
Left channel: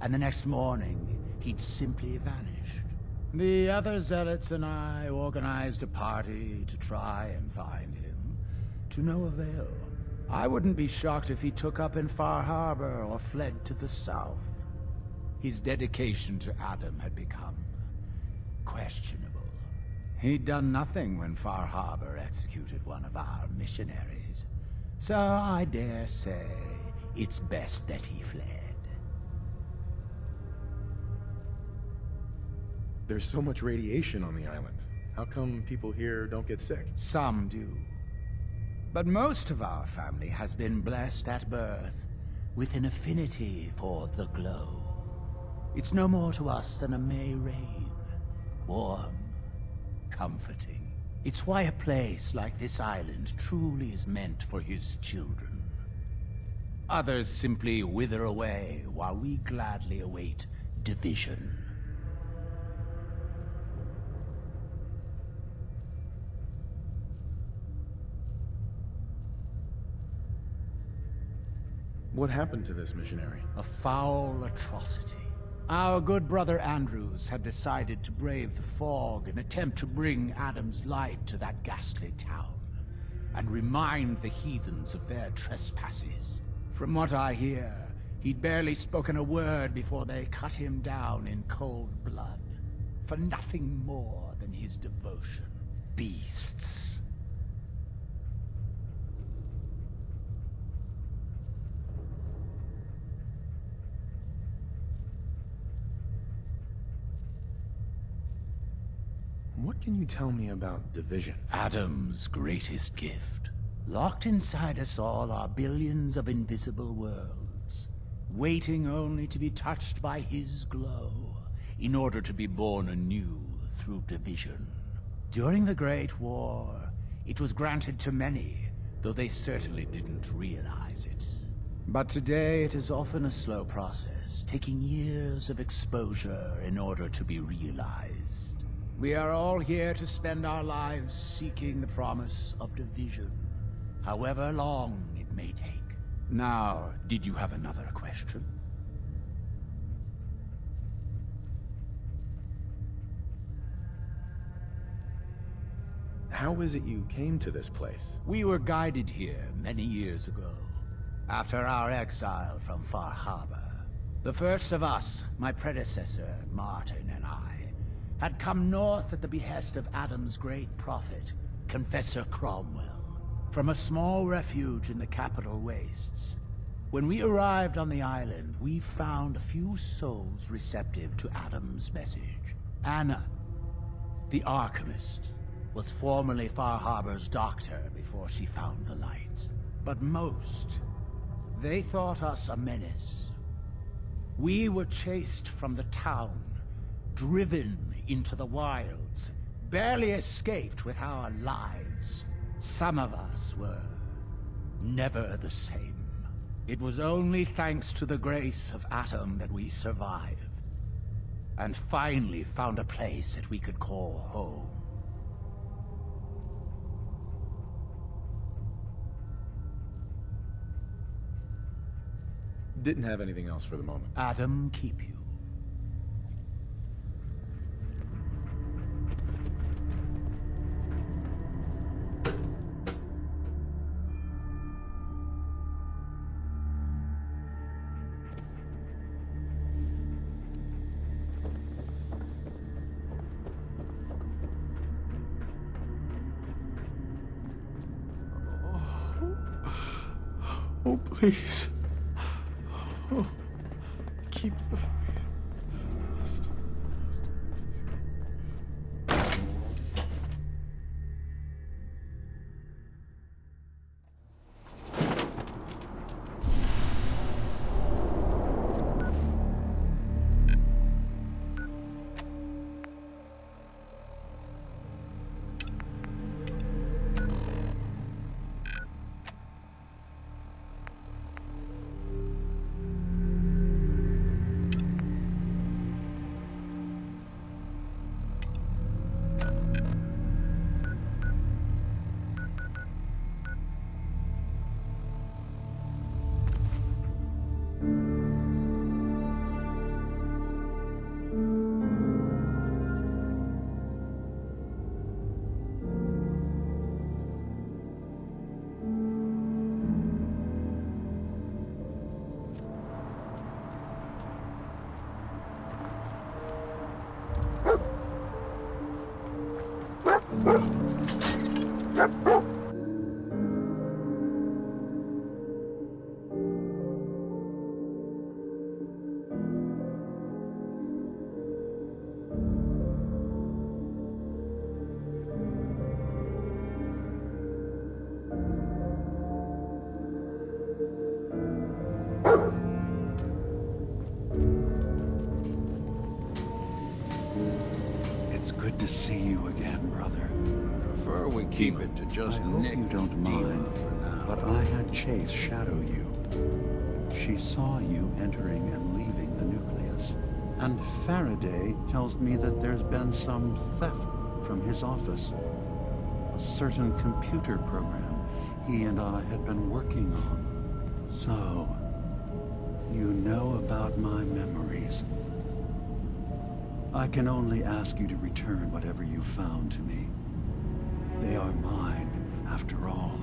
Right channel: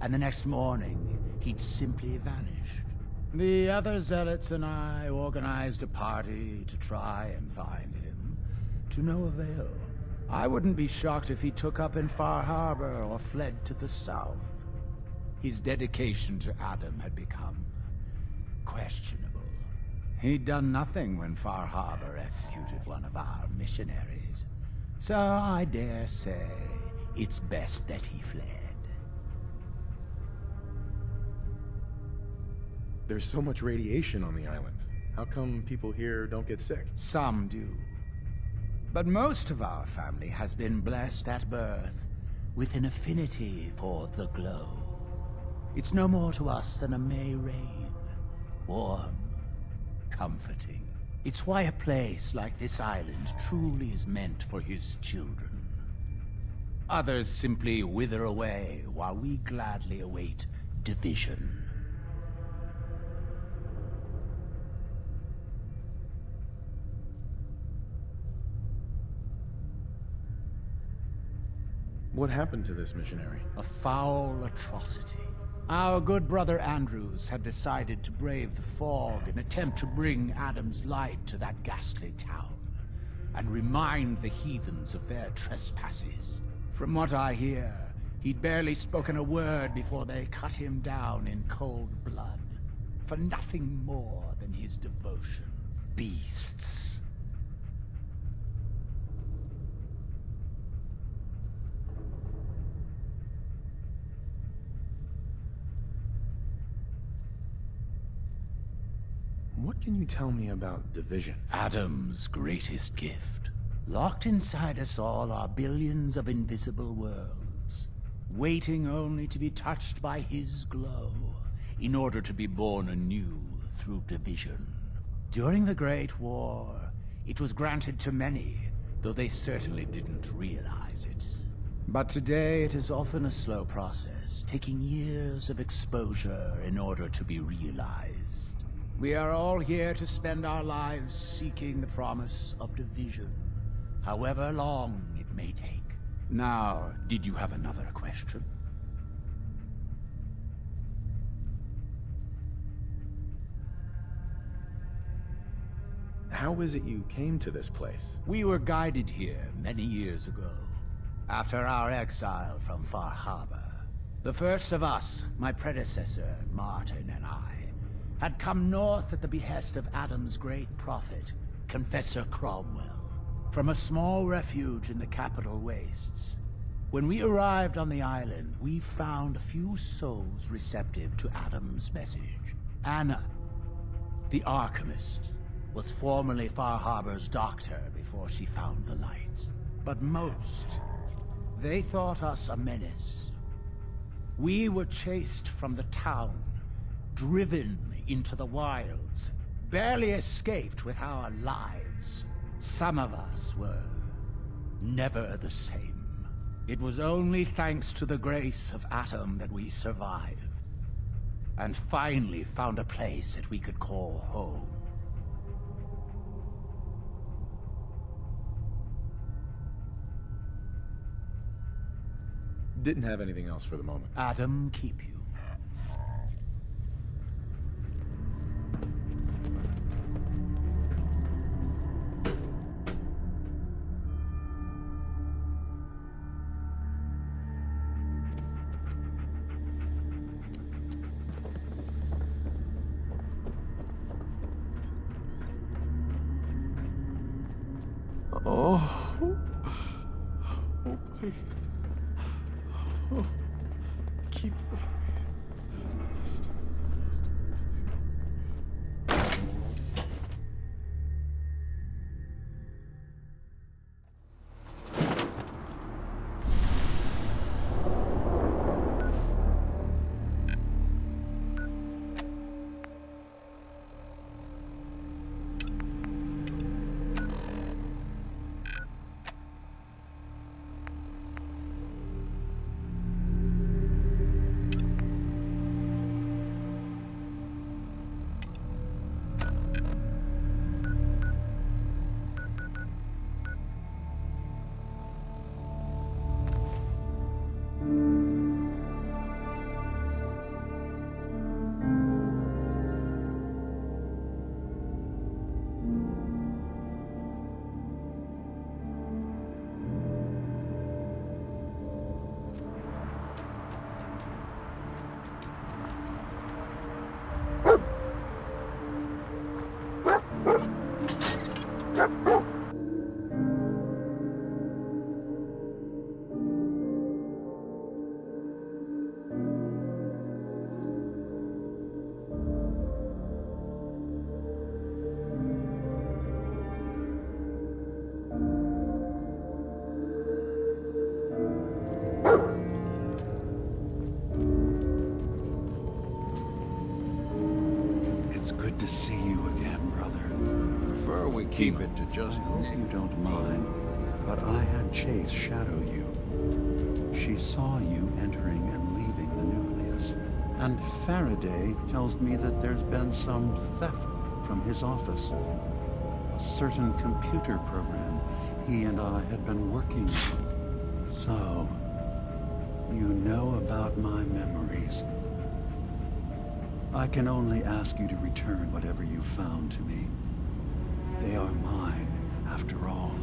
and the next morning he'd simply vanished. The other zealots and I organized a party to try and find him, to no avail. I wouldn't be shocked if he took up in Far Harbor or fled to the south. His dedication to Adam had become questionable. He'd done nothing when Far Harbor executed one of our missionaries, so I dare say it's best that he fled. There's so much radiation on the island. How come people here don't get sick? Some do. But most of our family has been blessed at birth with an affinity for the glow. It's no more to us than a May rain. Warm, comforting. It's why a place like this island truly is meant for his children. Others simply wither away while we gladly await division. What happened to this missionary? A foul atrocity. Our good brother Andrews had decided to brave the fog and attempt to bring Adam's light to that ghastly town, and remind the heathens of their trespasses. From what I hear, he'd barely spoken a word before they cut him down in cold blood, for nothing more than his devotion. Beasts. What can you tell me about division? Adam's greatest gift. Locked inside us all are billions of invisible worlds, waiting only to be touched by his glow, in order to be born anew through division. During the Great War, it was granted to many, though they certainly didn't realize it. But today it is often a slow process, taking years of exposure in order to be realized. We are all here to spend our lives seeking the promise of division, however long it may take. Now, did you have another question? How is it you came to this place? We were guided here many years ago, after our exile from Far Harbor. The first of us, my predecessor, Martin, and I, had come north at the behest of Adam's great prophet, Confessor Cromwell, from a small refuge in the capital wastes. When we arrived on the island, we found a few souls receptive to Adam's message. Anna, the Archimist, was formerly Far Harbor's doctor before she found the light. But most, they thought us a menace. We were chased from the town, driven into the wilds, barely escaped with our lives. Some of us were never the same. It was only thanks to the grace of Adam that we survived, and finally found a place that we could call home. Didn't have anything else for the moment. Adam keep you. Oh, please. Oh, keep the faith. Must. to see you again, brother. Prefer we keep it to just I hope Nick. you don't mind, but I had Chase shadow you. She saw you entering and leaving the nucleus. And Faraday tells me that there's been some theft from his office. A certain computer program he and I had been working on. So, you know about my memories. I can only ask you to return whatever you found to me. They are mine, after all.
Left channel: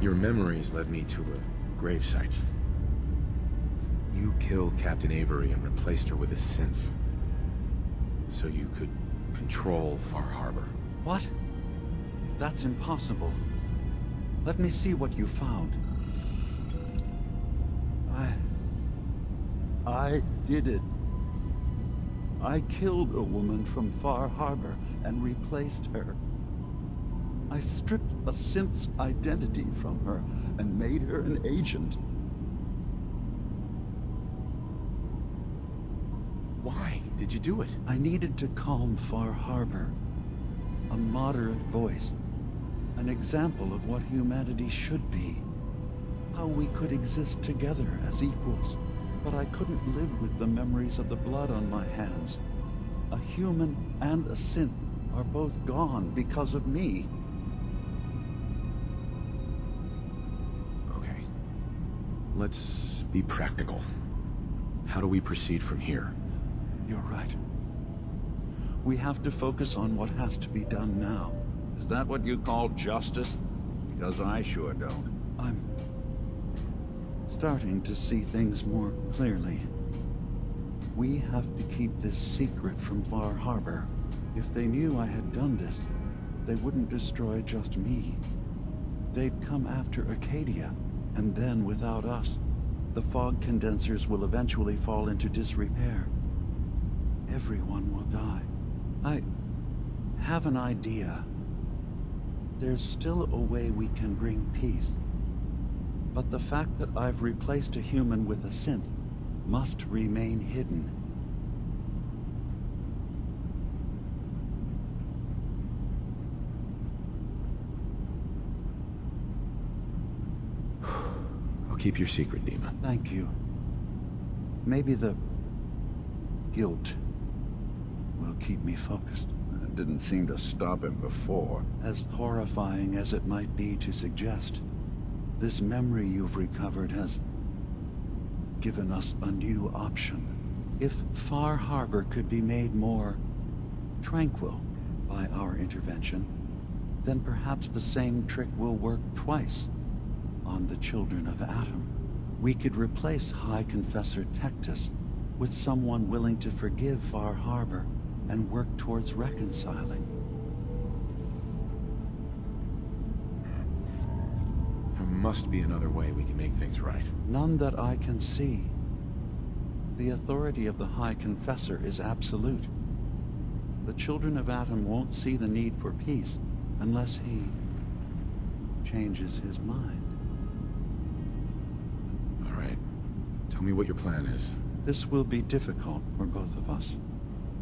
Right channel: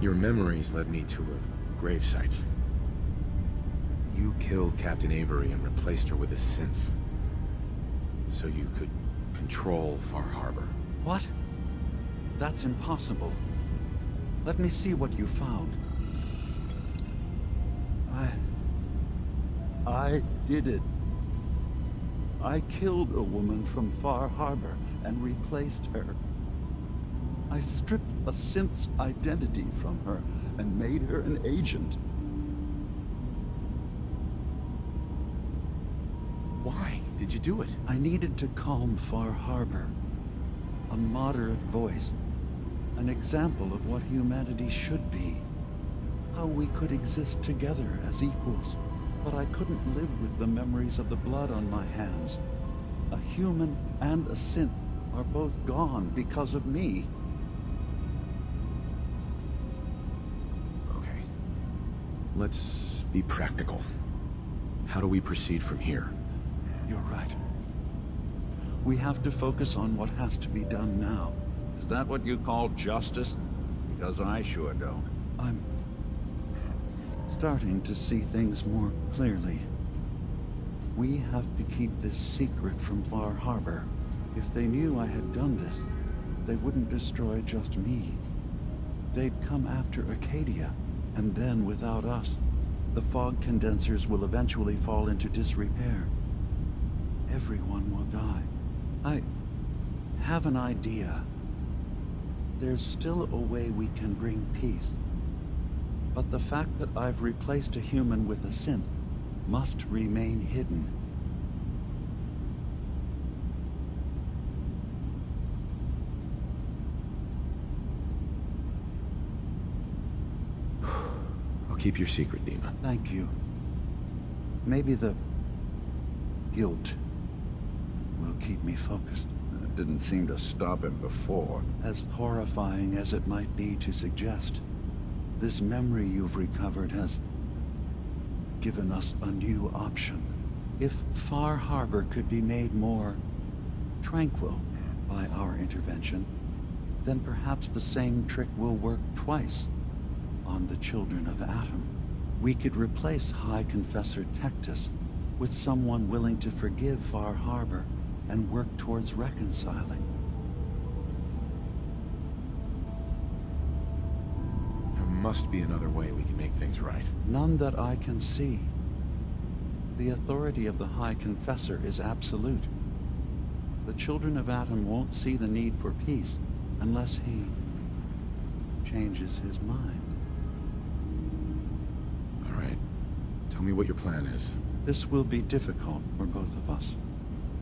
Your memories led me to a gravesite. You killed Captain Avery and replaced her with a synth, so you could control Far Harbor. What? That's impossible. Let me see what you found. I did it. I killed a woman from Far Harbor and replaced her. I stripped a synth's identity from her and made her an agent. Why did you do it? I needed to calm Far Harbor. A moderate voice. An example of what humanity should be. How we could exist together as equals. But I couldn't live with the memories of the blood on my hands. A human and a synth are both gone because of me. Okay. Let's be practical. How do we proceed from here? You're right. We have to focus on what has to be done now. Is that what you call justice? Because I sure don't. I'm starting to see things more clearly. We have to keep this secret from Far Harbor. If they knew I had done this, they wouldn't destroy just me. They'd come after Acadia, and then without us, the fog condensers will eventually fall into disrepair. Everyone will die. I have an idea. There's still a way we can bring peace. But the fact that I've replaced a human with a synth must remain hidden. I'll keep your secret, Dima. Thank you. Maybe the guilt will keep me focused. It didn't seem to stop him before. As horrifying as it might be to suggest, this memory you've recovered has given us a new option. If Far Harbor could be made more tranquil by our intervention, then perhaps the same trick will work twice on the children of Atom. We could replace High Confessor Tectus with someone willing to forgive Far Harbor and work towards reconciling. There must be another way we can make things right. None that I can see. The authority of the High Confessor is absolute. The children of Atom won't see the need for peace unless he changes his mind. All right. Tell me what your plan is. This will be difficult for both of us,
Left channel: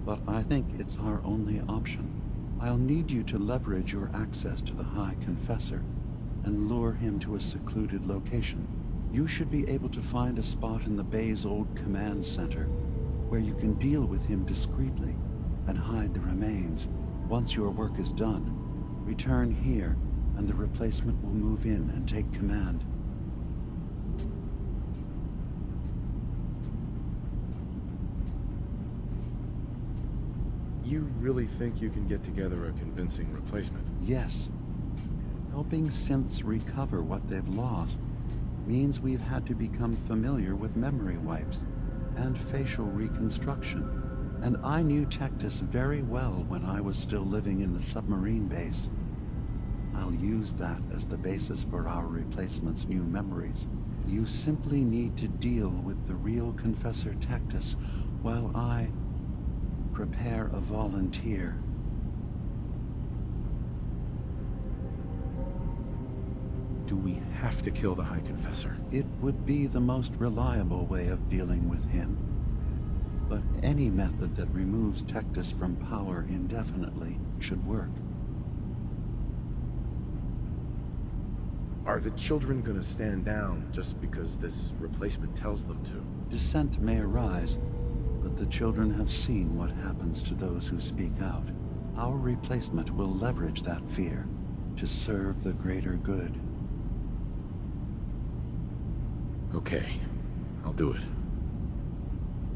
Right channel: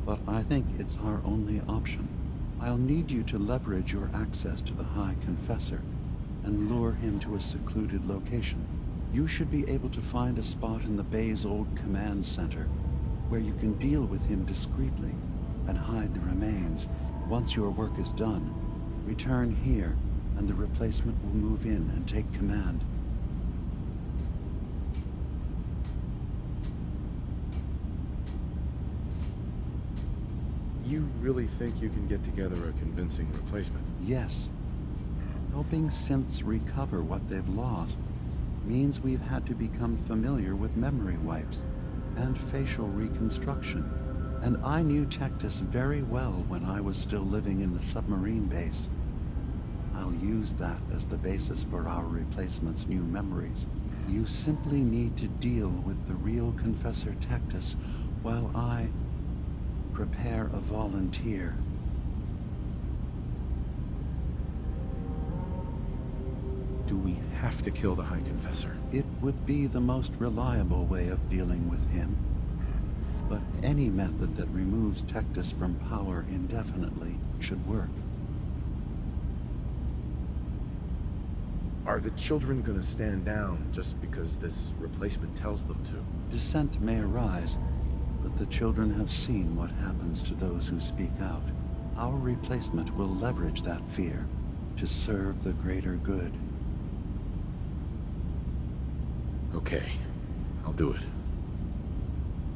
but I think it's our only option. I'll need you to leverage your access to the High Confessor and lure him to a secluded location. You should be able to find a spot in the Bay's old command center where you can deal with him discreetly and hide the remains. Once your work is done, return here and the replacement will move in and take command. You really think you can get together a convincing replacement? Yes. Helping synths recover what they've lost means we've had to become familiar with memory wipes and facial reconstruction. And I knew Tectus very well when I was still living in the submarine base. I'll use that as the basis for our replacement's new memories. You simply need to deal with the real Confessor Tectus while I prepare a volunteer. Do we have to kill the High Confessor? It would be the most reliable way of dealing with him. But any method that removes Tectus from power indefinitely should work. Are the children gonna stand down just because this replacement tells them to? Dissent may arise, but the children have seen what happens to those who speak out. Our replacement will leverage that fear to serve the greater good. Okay, I'll do it.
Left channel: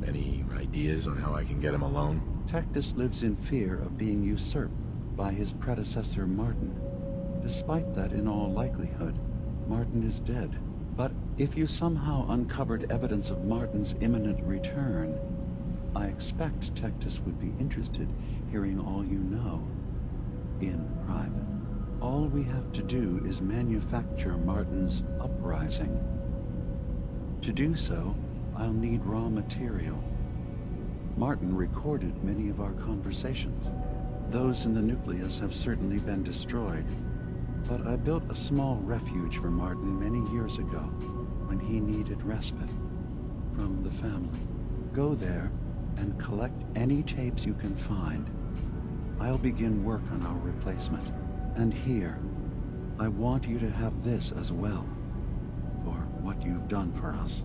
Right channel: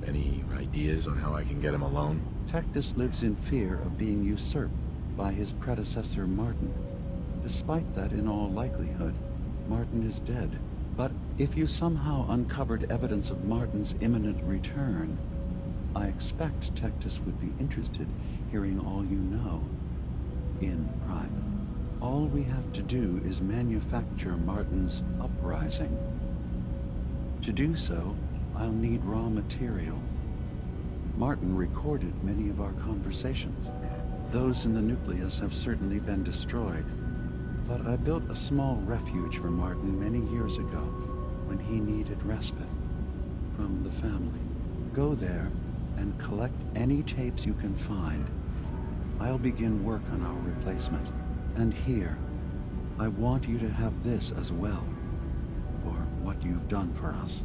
Any ideas on how I can get him alone? Tectus lives in fear of being usurped by his predecessor Martin. Despite that, in all likelihood, Martin is dead. But if you somehow uncovered evidence of Martin's imminent return, I expect Tectus would be interested hearing all you know, in private. All we have to do is manufacture Martin's uprising. To do so, I'll need raw material. Martin recorded many of our conversations. Those in the nucleus have certainly been destroyed. But I built a small refuge for Martin many years ago, when he needed respite from the family. Go there and collect any tapes you can find. I'll begin work on our replacement. And here, I want you to have this as well, for what you've done for us.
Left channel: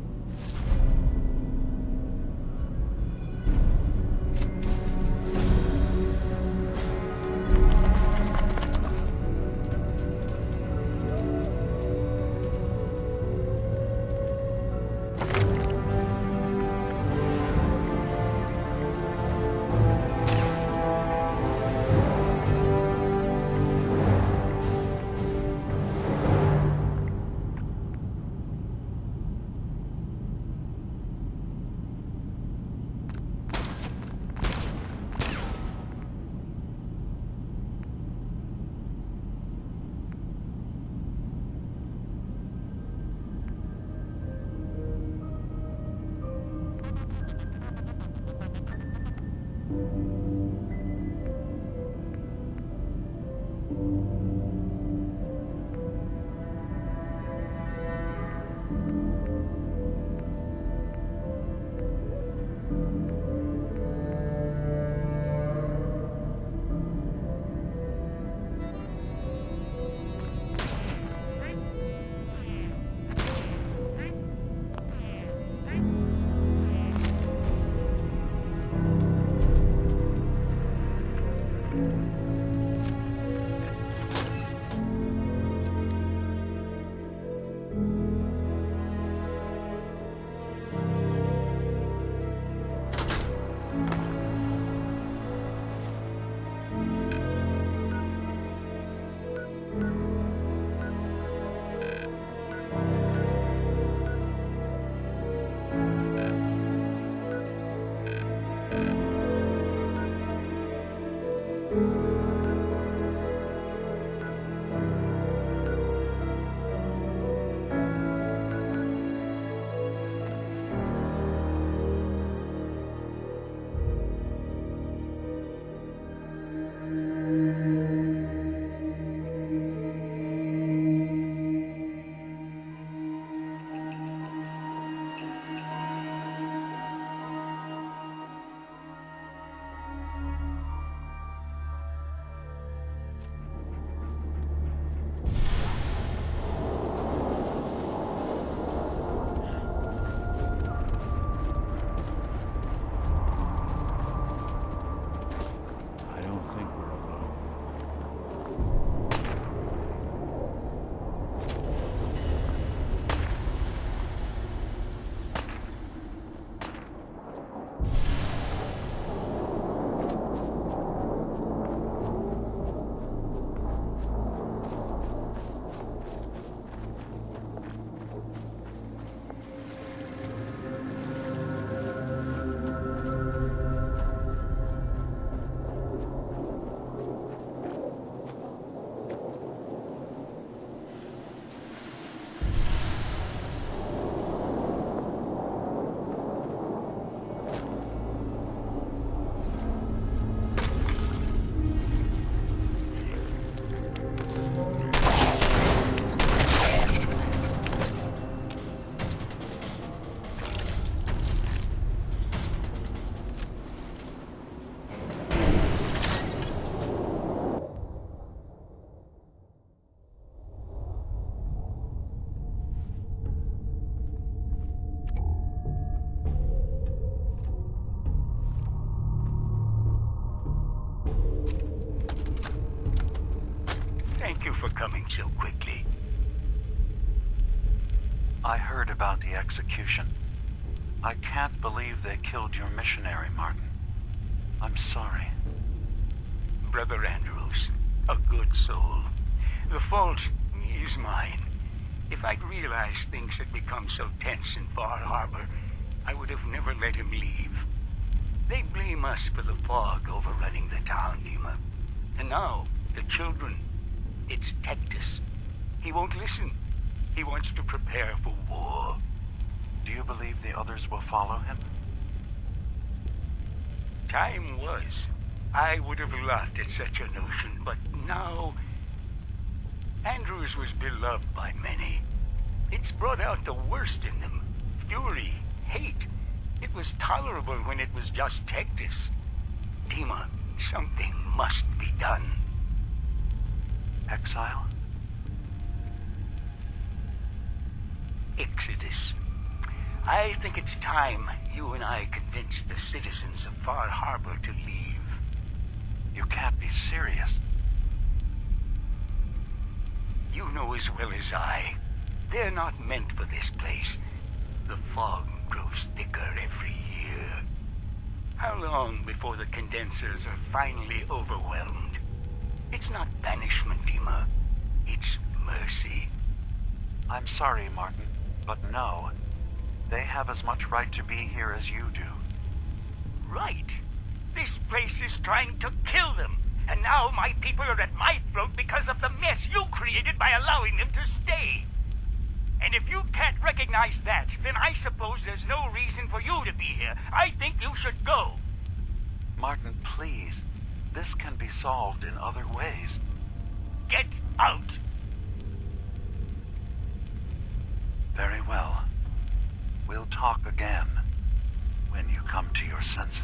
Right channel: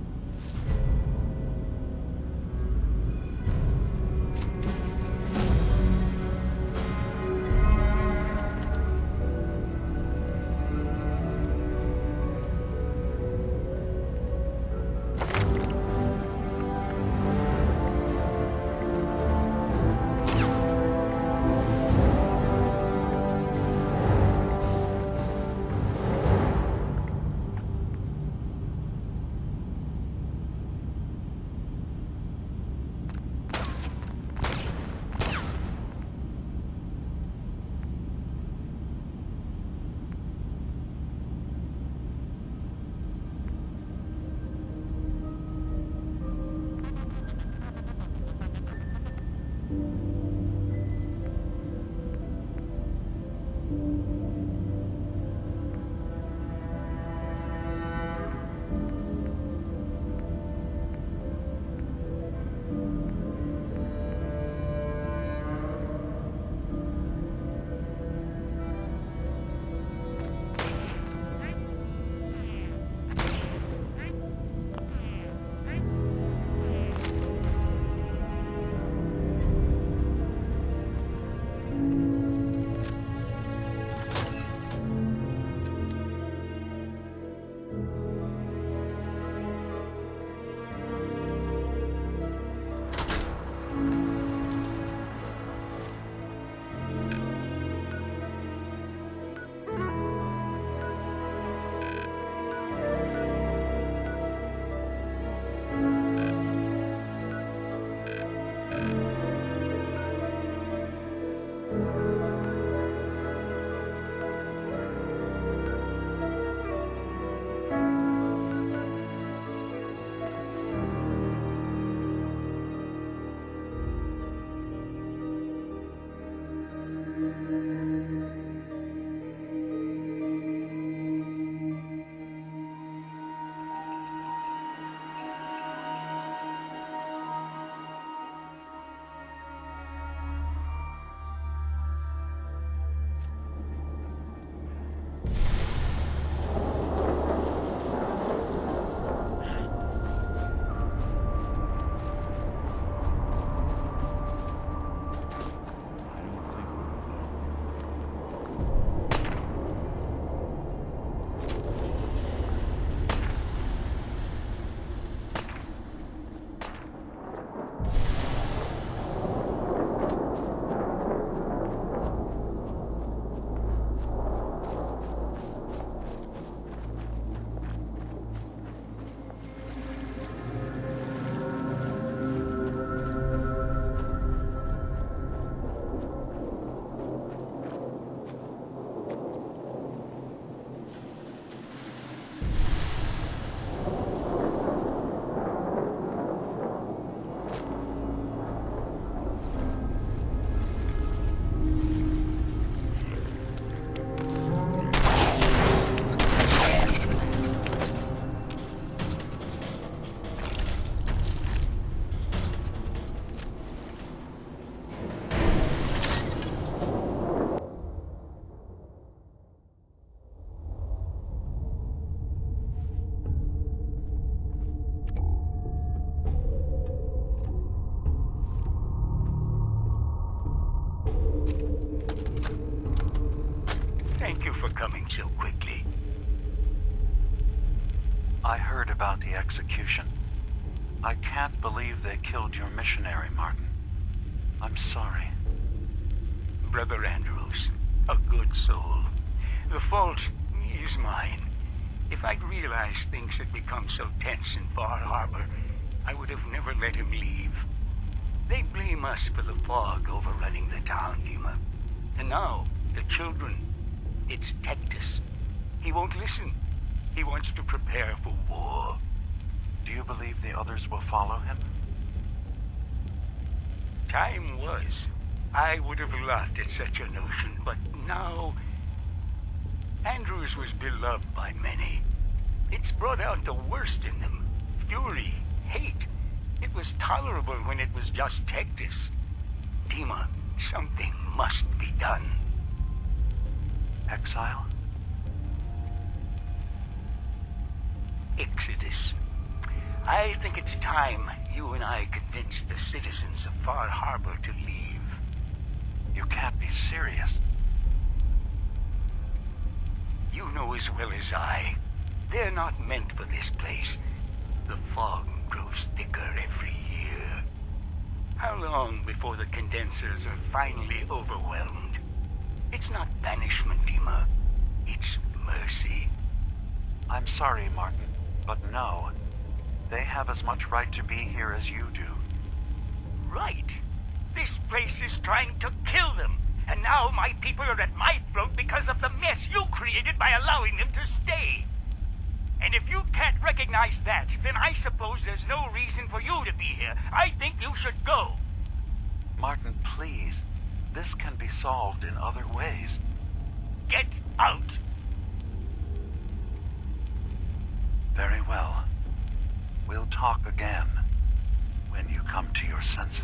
Thank you for coming so quickly. I heard about the execution. I can't believe they killed your missionary, Martin. I'm sorry. Brother Andrews, a good soul. The fault is mine. If I'd realized things had become so tense in Far Harbor, I would have never let him leave. They blame us for the fog overrunning the town, Dima. And now, the children. It's Tectus. He won't listen. He wants to prepare for war. Do you believe the others will follow him? Time was. I would have laughed at such a notion, but now... Andrews was beloved by many. It's brought out the worst in them. Fury, hate. It was tolerable when it was just Tectus. Dima, something must be done. Exile? Exodus. I think it's time you and I convinced the citizens of Far Harbor to leave. You can't be serious. You know as well as I. They're not meant for this place. The fog grows thicker every year. How long before the condensers are finally overwhelmed? It's not banishment, Dima. It's mercy. I'm sorry, Martin, but no. They have as much right to be here as you do. Right. This place is trying to kill them. And now my people are at my throat because of the mess you created by allowing them to stay. And if you can't recognize that, then I suppose there's no reason for you to be here. I think you should go. Martin, please. This can be solved in other ways. Get out! Very well. We'll talk again when you come to your senses.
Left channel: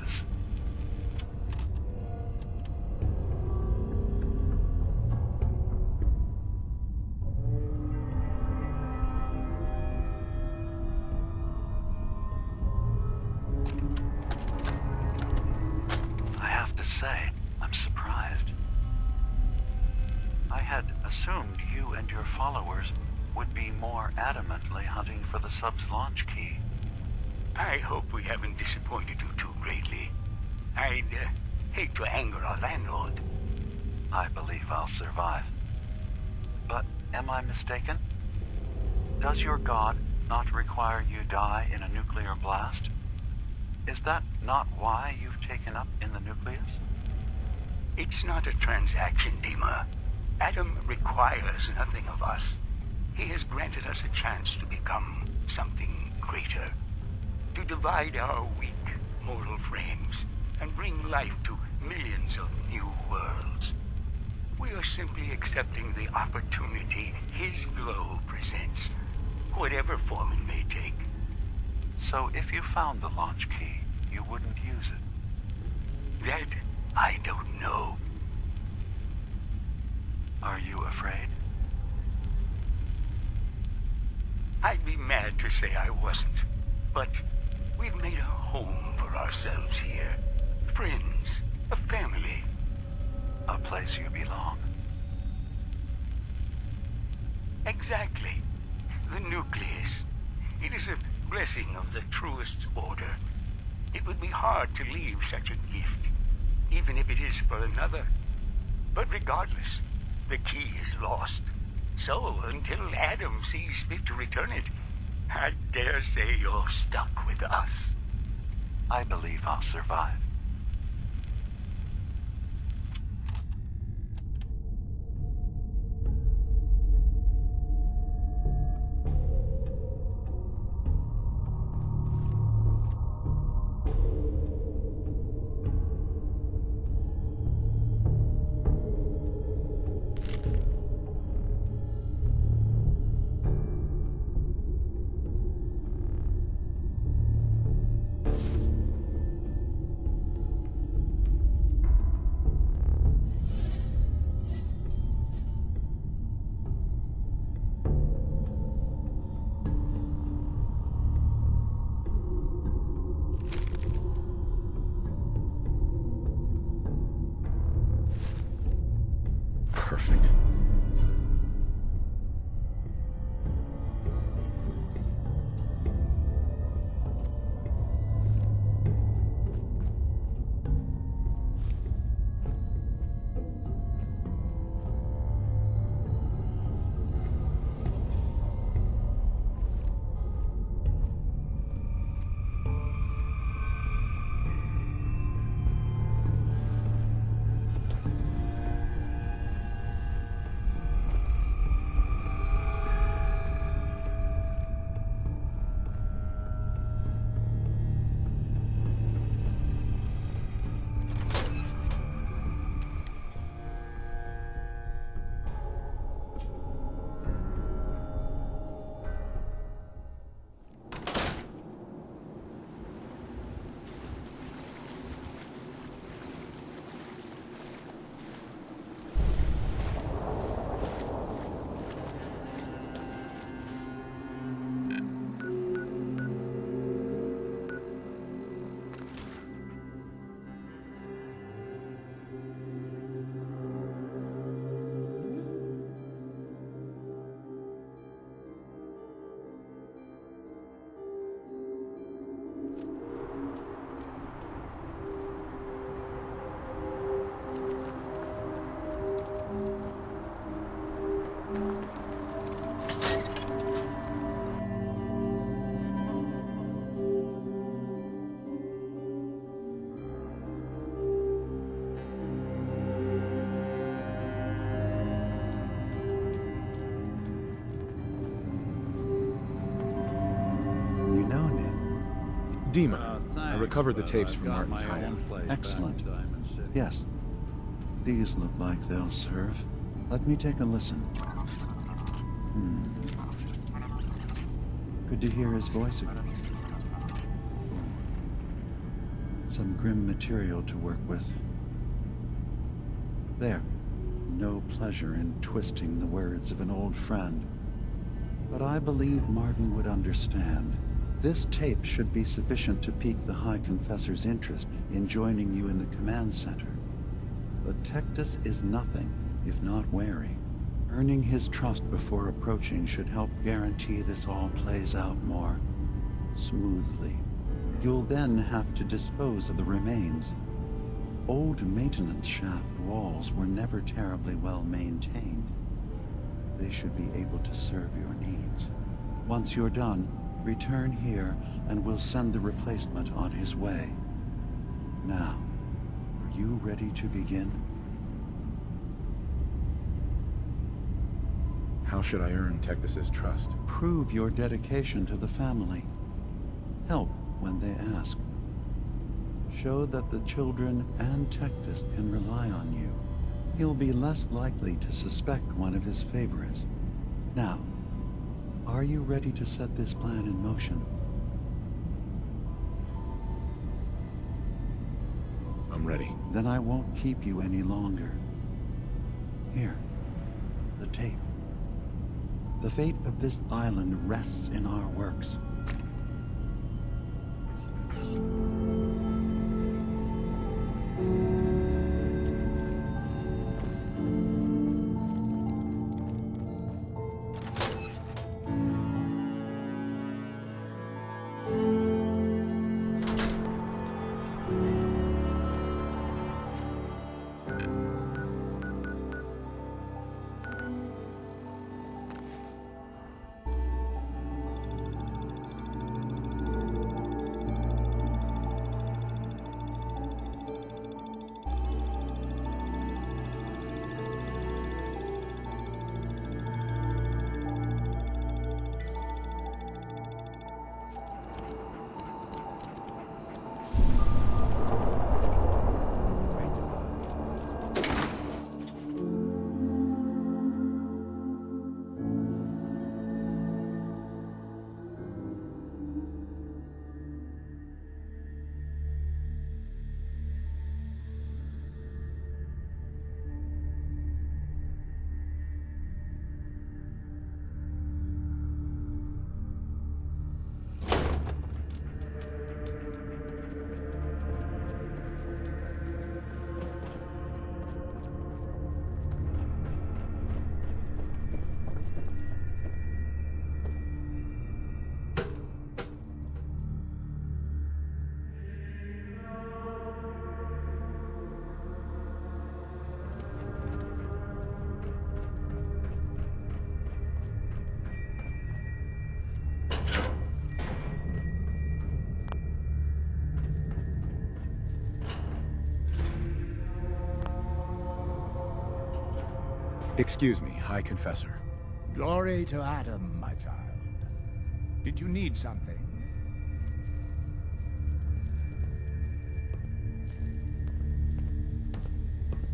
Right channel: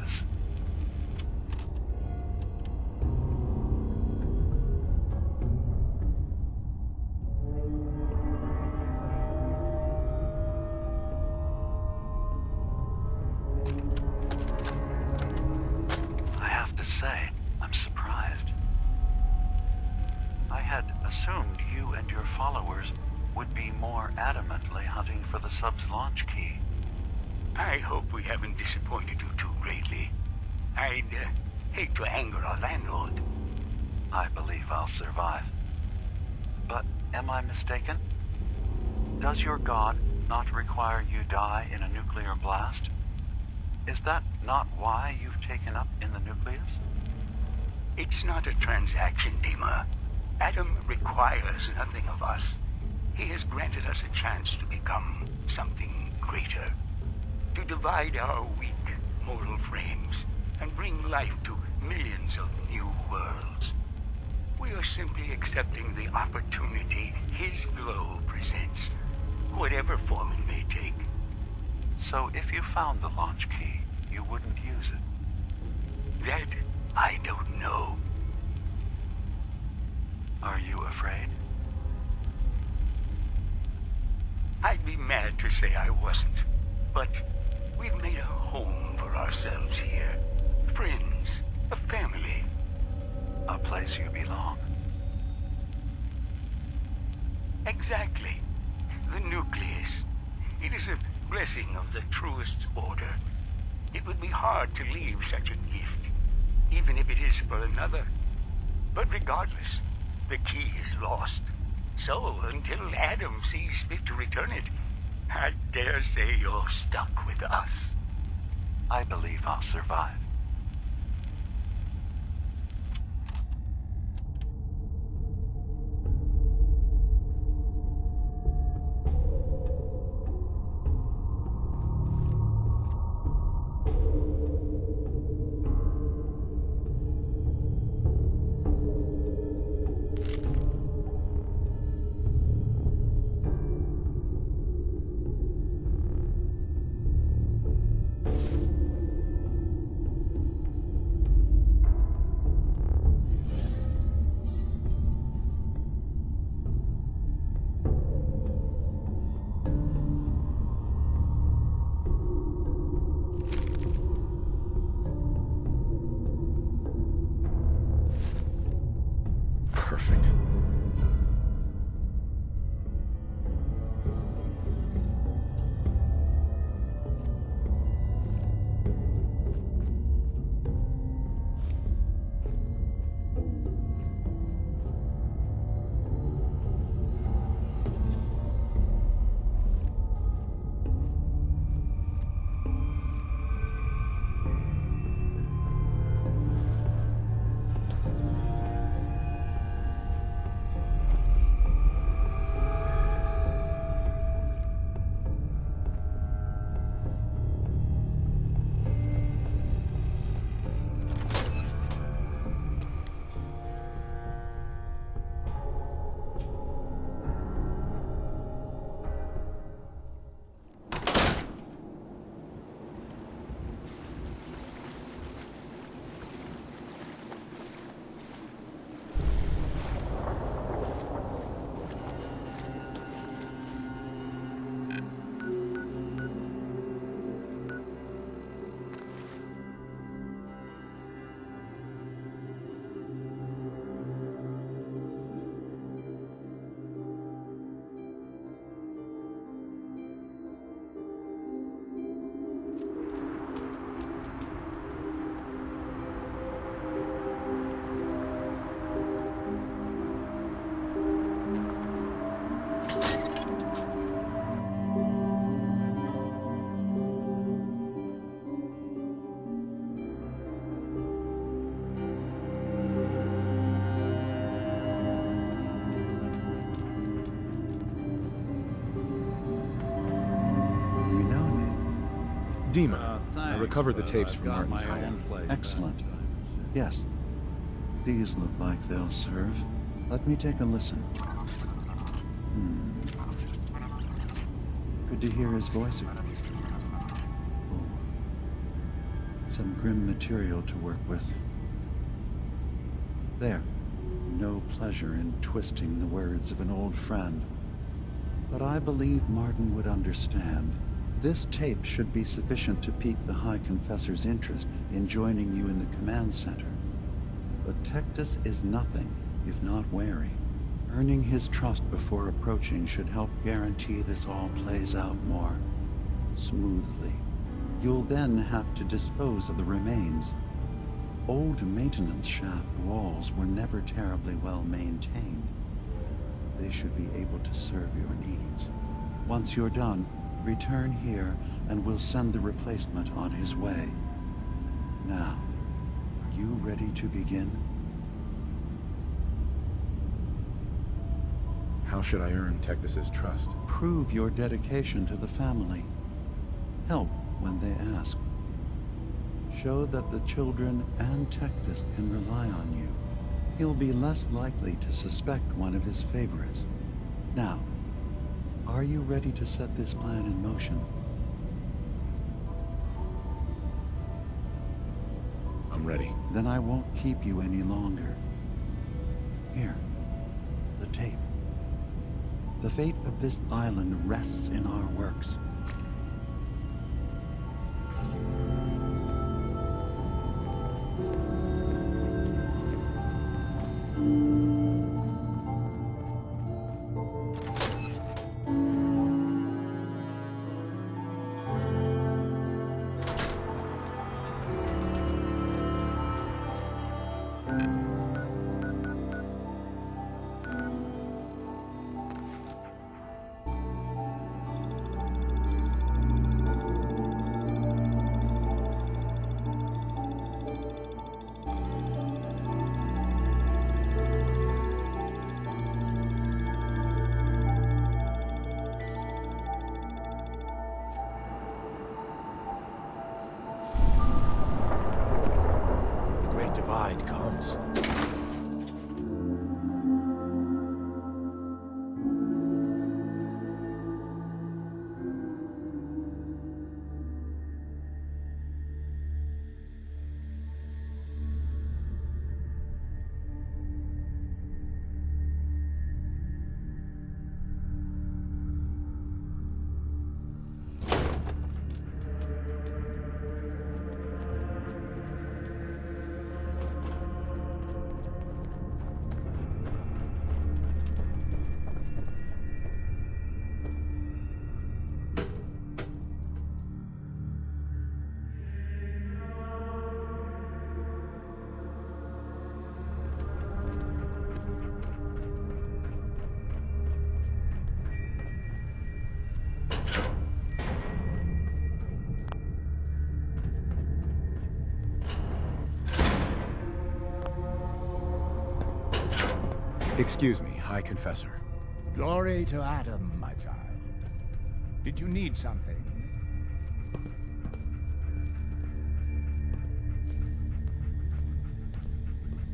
I have to say, I'm surprised. I had assumed you and your followers would be more adamantly hunting for the sub's launch key. I hope we haven't disappointed you too greatly. I'd hate to anger our landlord. I believe I'll survive. But am I mistaken? Does your god not require you die in a nuclear blast? Is that not why you've taken up in the nucleus? It's not a transaction, Dima. Adam requires nothing of us. He has granted us a chance to become something greater. To divide our weak mortal frames and bring life to millions of new worlds. We are simply accepting the opportunity his glow presents, whatever form it may take. So if you found the launch key, you wouldn't use it? That I don't know. Are you afraid? I'd be mad to say I wasn't, but we've made a home for ourselves here. Friends, a family. A place you belong. Exactly. The nucleus. It is a blessing of the truest order. It would be hard to leave such a gift, even if it is for another. But regardless, the key is lost. So, until Adam sees fit to return it, I dare say you're stuck with us. I believe I'll survive. Perfect. Dima, I thanks, recovered the but tapes I've from got Martin's my hideout. own place Excellent. back in Diamond City. Yes. These look like they'll serve. Let me take a listen. Good to hear his voice again. Oh. Some grim material to work with. There. No pleasure in twisting the words of an old friend. But I believe Martin would understand. This tape should be sufficient to pique the High Confessor's interest in joining you in the command center. But Tectus is nothing if not wary. Earning his trust before approaching should help guarantee this all plays out more smoothly. You'll then have to dispose of the remains. Old maintenance shaft walls were never terribly well maintained. They should be able to serve your needs. Once you're done, return here and we'll send the replacement on his way. Now, are you ready to begin? How should I earn Tectus's trust? Prove your dedication to the family. Help when they ask. Show that the children and Tectus can rely on you. He'll be less likely to suspect one of his favorites. Now, are you ready to set this plan in motion? I'm ready. Then I won't keep you any longer. Here, the tape. The fate of this island rests in our works. Excuse me, High Confessor. Glory to Adam, my child. Did you need something?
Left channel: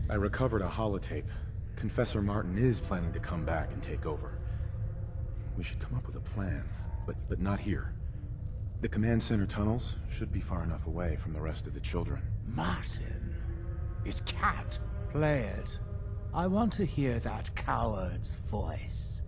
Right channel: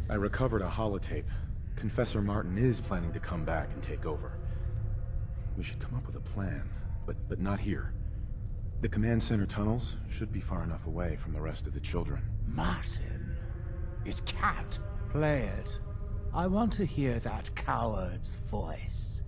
I recovered a holotape. Confessor Martin is planning to come back and take over. We should come up with a plan, but not here. The command center tunnels should be far enough away from the rest of the children. Martin, it can't. Play it. I want to hear that coward's voice.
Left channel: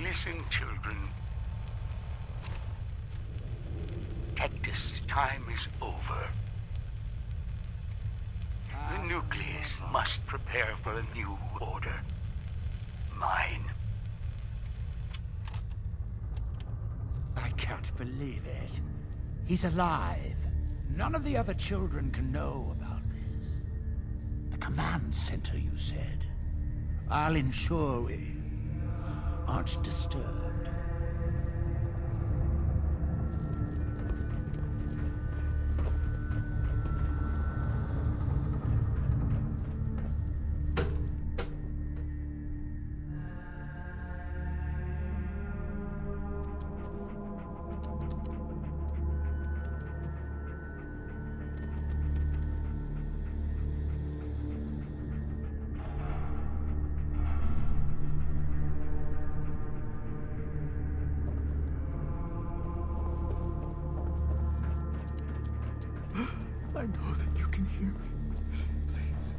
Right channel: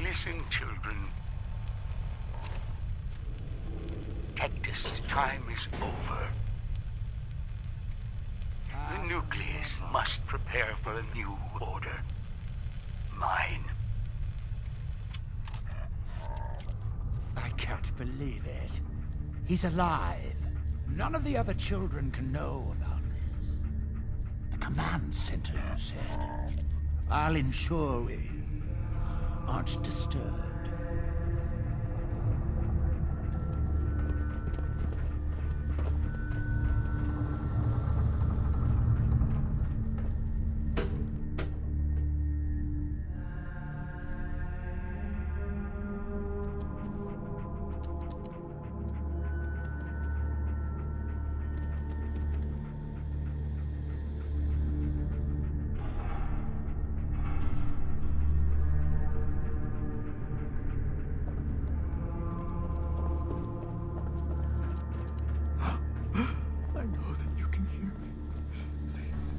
Listen, children. Tectus' time is over. The nucleus must prepare for a new order. Mine. I can't believe it. He's alive. None of the other children can know about this. The command center, you said. I'll ensure we aren't disturbed. I know that you can hear me. Please.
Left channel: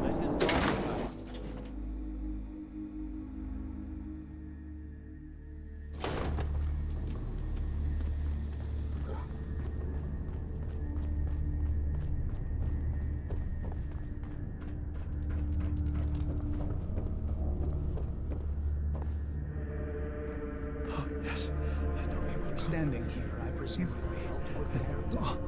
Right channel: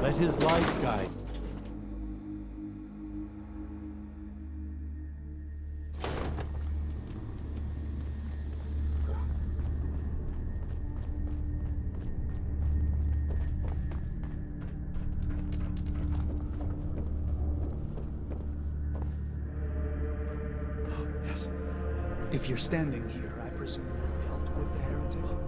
Let his light guide. Oh, yes. If you're standing here, I presume you dealt with the heritage.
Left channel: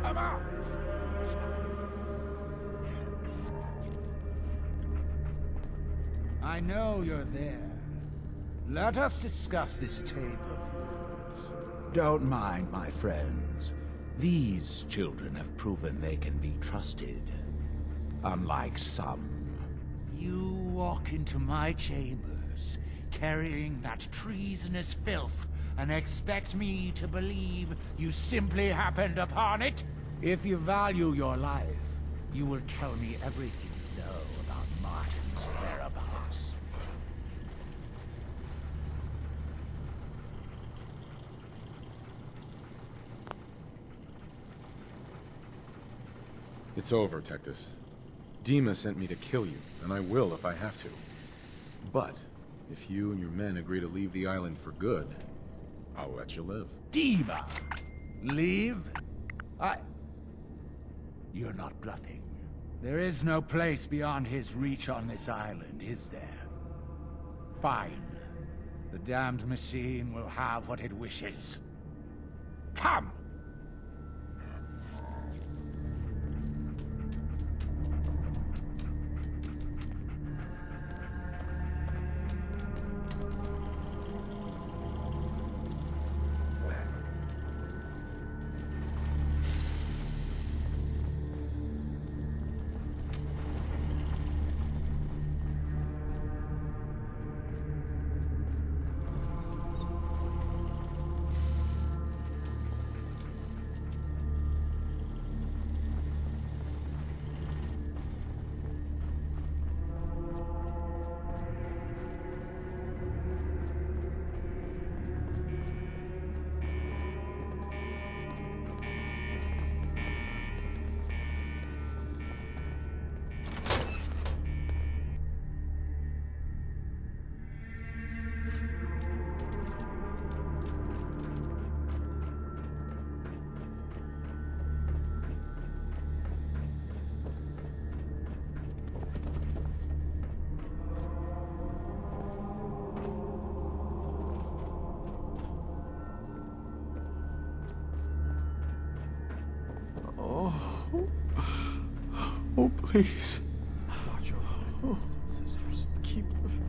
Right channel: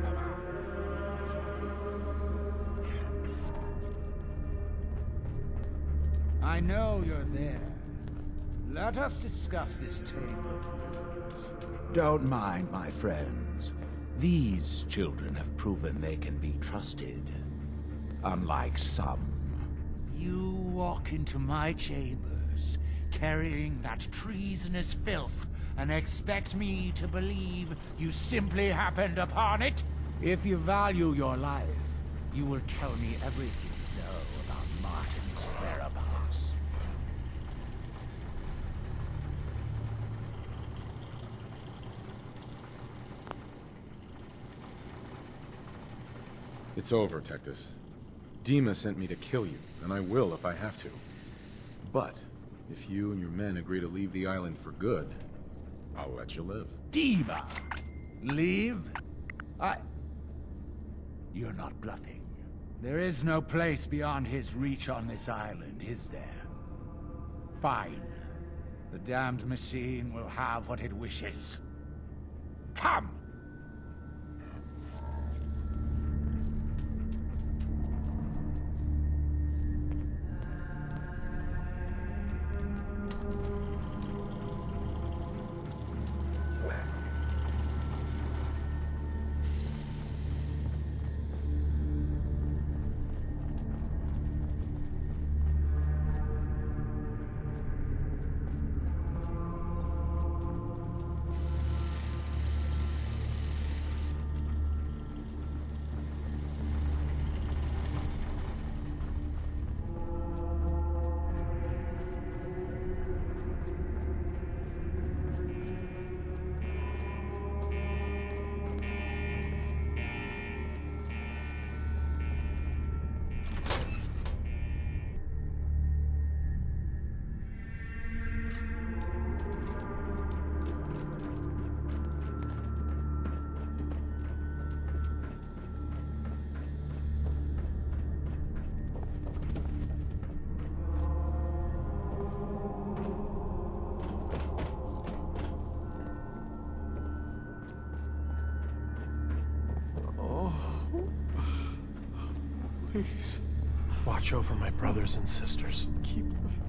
Come on. I know you're there. Let us discuss this tape of yours. Don't mind, my friends. These children have proven they can be trusted. Unlike some. You walk into my chambers, carrying that treasonous filth, and expect me to believe you simply happened upon it? If you value your life, you will tell me everything you know about Martin's whereabouts. It's over, Tectus. Dima sent me to kill you, and I will if I have to. But, if you and your men agree to leave the island for good, I'll let you live. Dima! Leave? You're not bluffing. There is no place beyond his reach on this island, is there? Fine. The damned machine will have what it wishes. Come! Oh, please. Watch over my brothers and sisters. Keep the faith.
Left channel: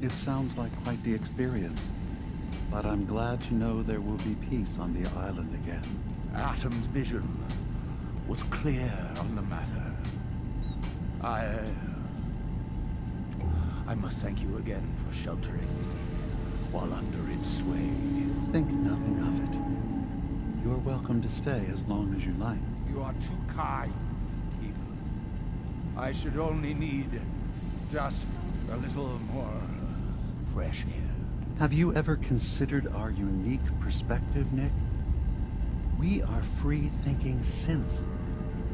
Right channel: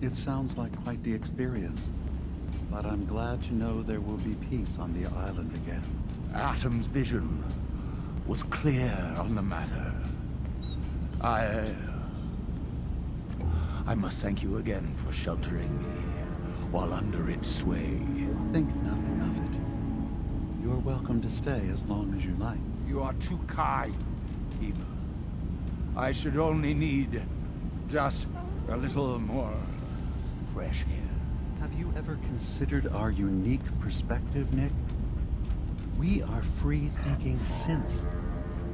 It sounds like quite the experience, but I'm glad to know there will be peace on the island again. Atom's vision was clear on the matter. I must thank you again for sheltering me while under its sway. Think nothing of it. You're welcome to stay as long as you like. You are too kind, Eva. I should only need just a little more fresh air. Have you ever considered our unique perspective, Nick? We are free-thinking synths,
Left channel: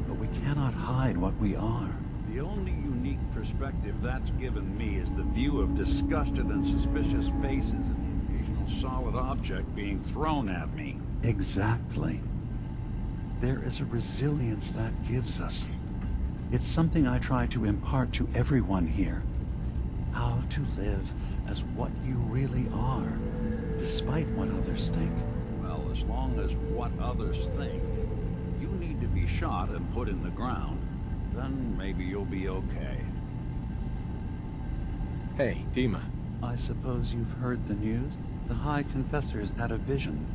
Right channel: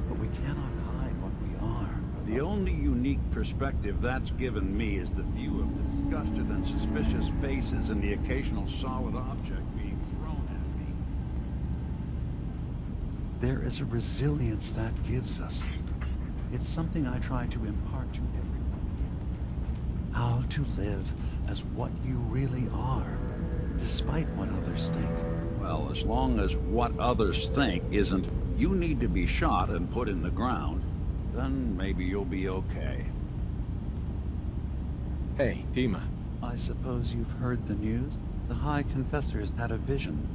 but we cannot hide what we are. The only unique perspective that's given me is the view of disgusted and suspicious faces and the occasional solid object being thrown at me. Exactly. There is a resilience that gives us. It's something I try to impart to everyone here. How to live as what you really are, despite what others think. Well, as long as what others think isn't You need to be shot and put in the ground. Then maybe you'll be okay. Hey, Dima. I suppose you've heard the news? The High Confessor's had a vision.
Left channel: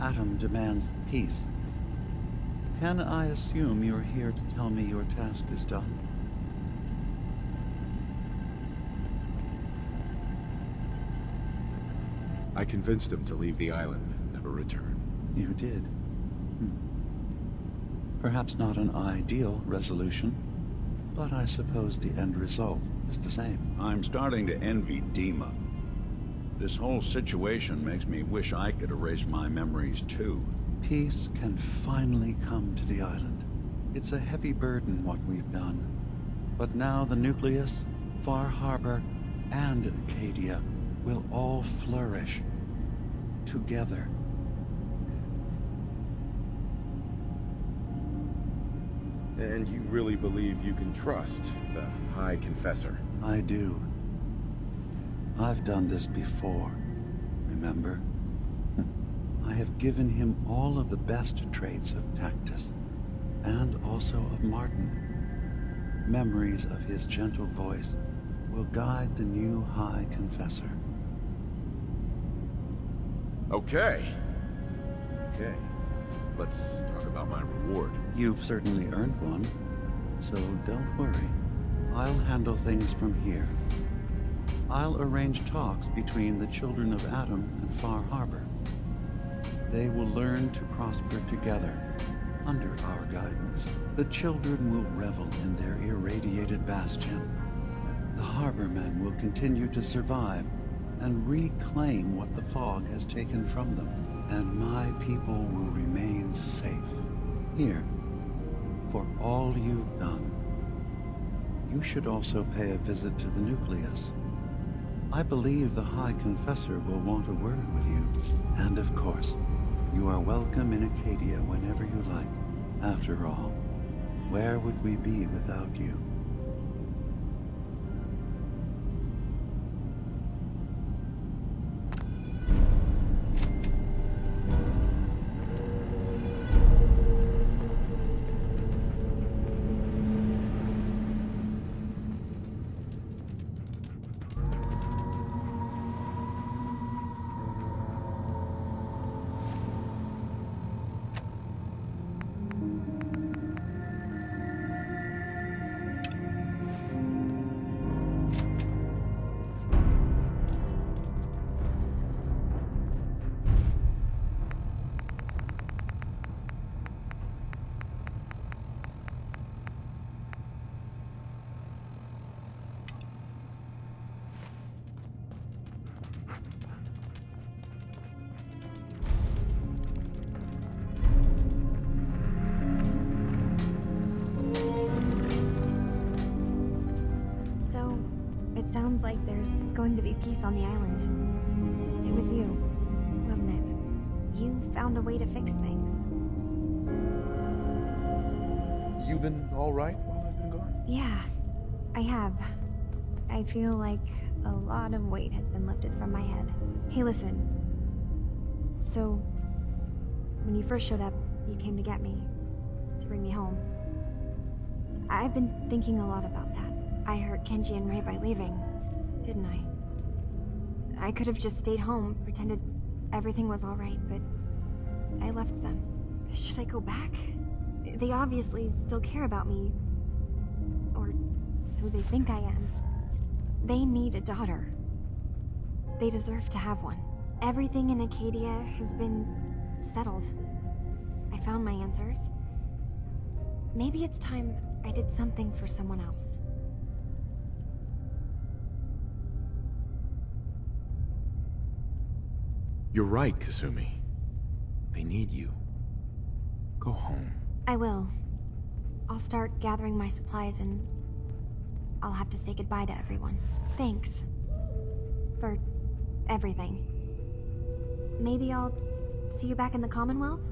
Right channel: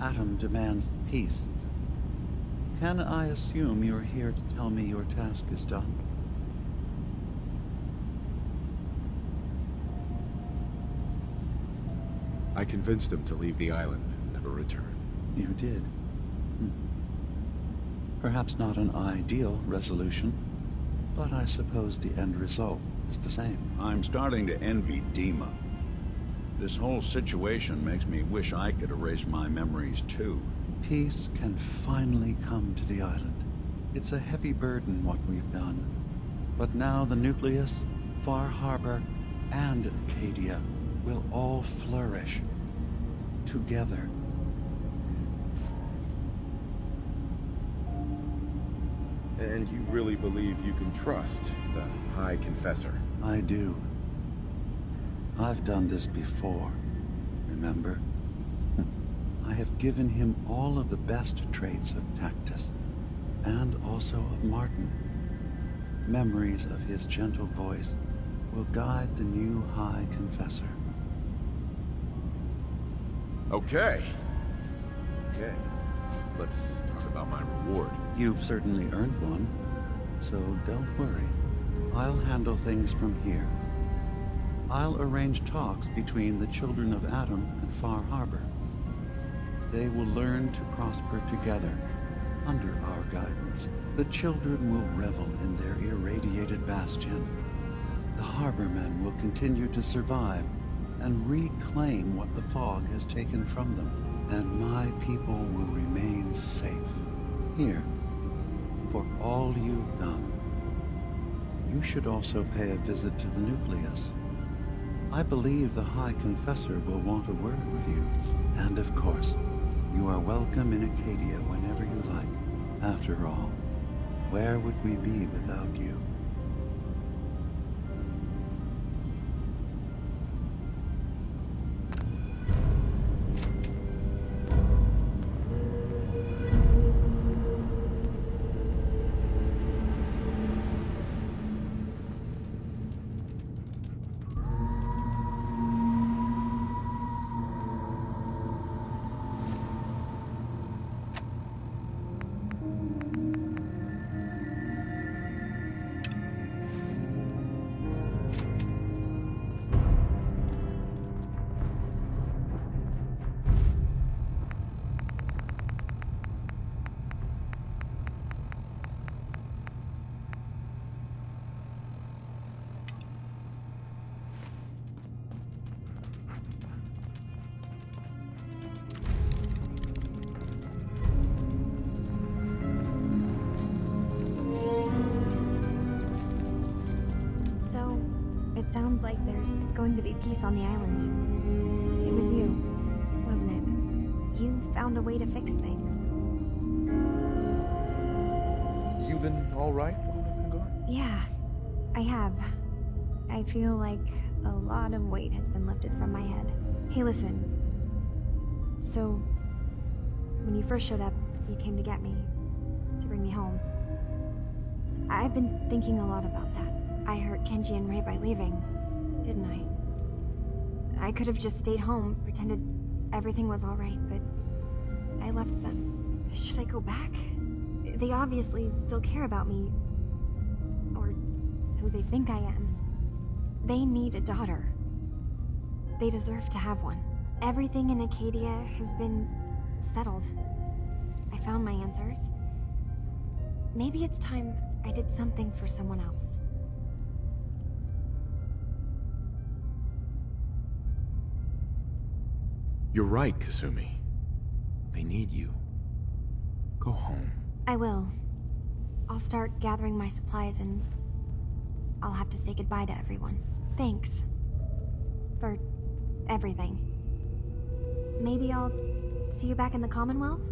Atom demands peace. Can I assume you're here to tell me your task is done? I convinced him to leave the island and never return. You did. Perhaps not an ideal resolution, but I suppose the end result is the same. I'm starting to envy Dima. This whole situation makes me wish I could erase my memories too. Peace can finally come to the island. It's a heavy burden what we've done. But now the Nucleus, Far Harbor, and Acadia will all flourish together. And you really believe you can trust the High Confessor? I do. I've done this before, remember? I have given him all of the best traits of Tactus, and also of Martin. Memories of his gentle voice will guide the new High Confessor. Okay. Let's talk about my reward. You've certainly earned one, so don't worry. I'll handle things from here. I'll arrange talks between the children of Atom and Far Harbor. They will learn to prosper together under our guidance. The children will revel in their irradiated bastion. The Harbormen will continue to survive and reclaim what the fog has taken from them. And my people will remain safe. Here, for all you've done. You should also pay a visit to the Nucleus. I believe the High Confessor will want a word with you. And of course, you are welcome in Acadia whenever you like. After all, where would we be without you? It sounds like there's going to be peace on the island. It was you, wasn't it? You found a way to fix things. You been all right while I've been gone? Yeah, I have. I feel like a lot of weight has been lifted from my head. Hey, listen. So, when you first showed up, you came to get me, to bring me home. I've been thinking a lot about that. I hurt Kenji and Ray by leaving, didn't I? I could have just stayed home, pretended everything was alright, but I left them. Should I go back? They obviously still care about me, or who they think I am. They need a daughter. They deserve to have one. Everything in Acadia has been settled. I found my answers. Maybe it's time I did something for someone else. You're right, Kasumi. They need you. Go home. I will. I'll start gathering my supplies and I'll have to say goodbye to everyone. Thanks. For everything. Maybe I'll see you back in the Commonwealth?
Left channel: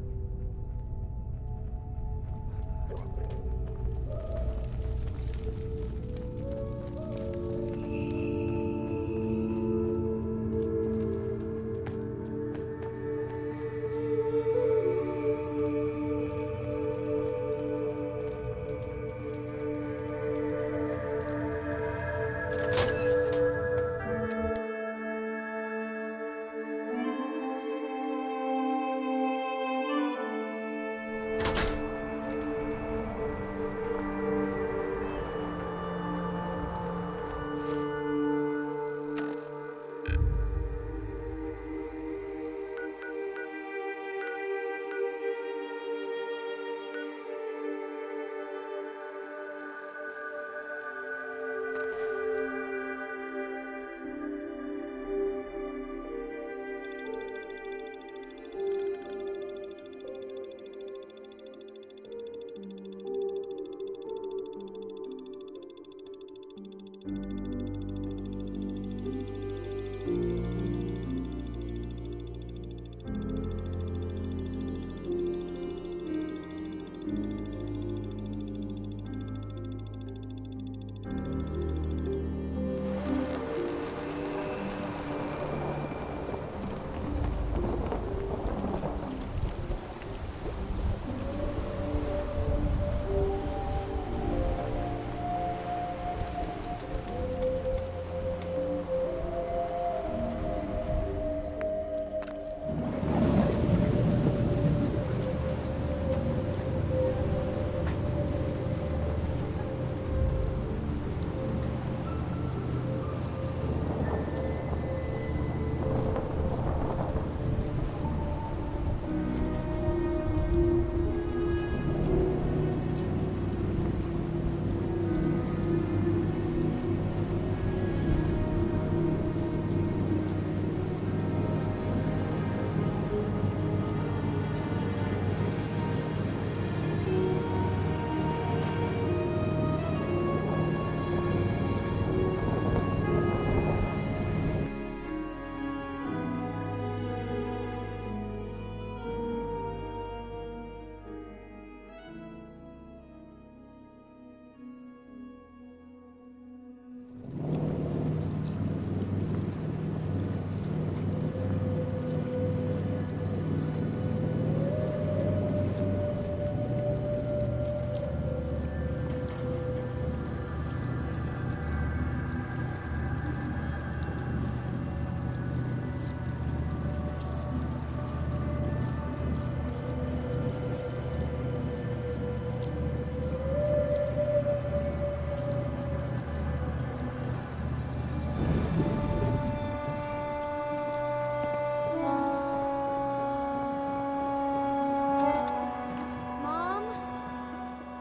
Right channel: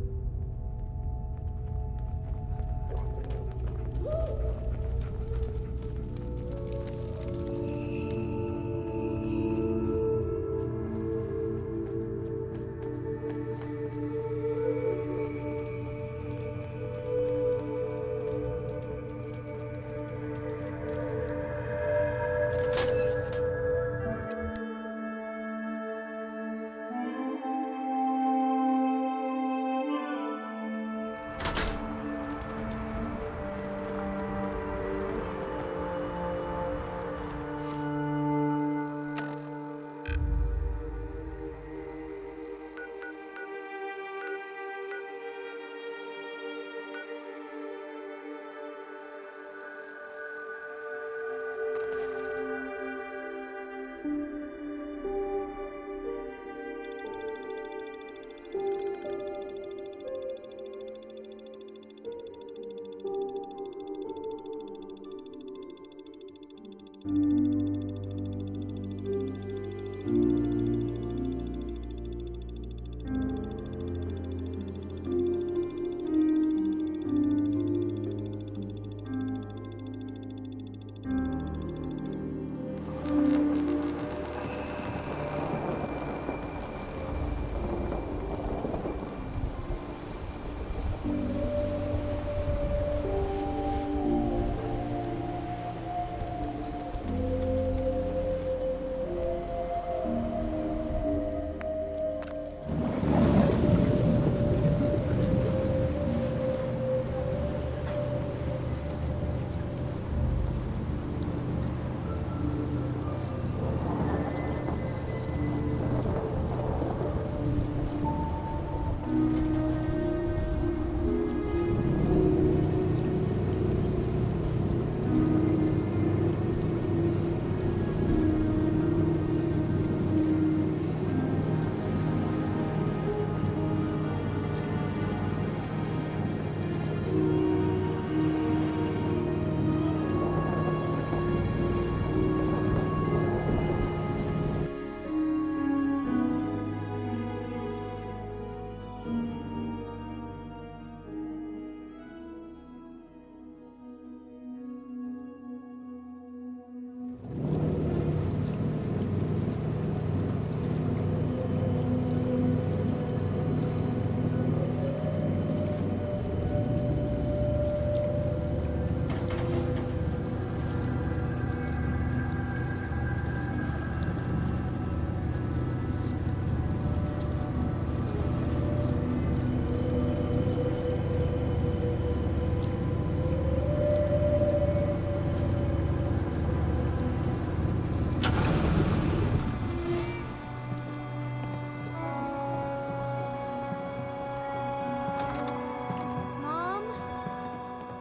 Mom?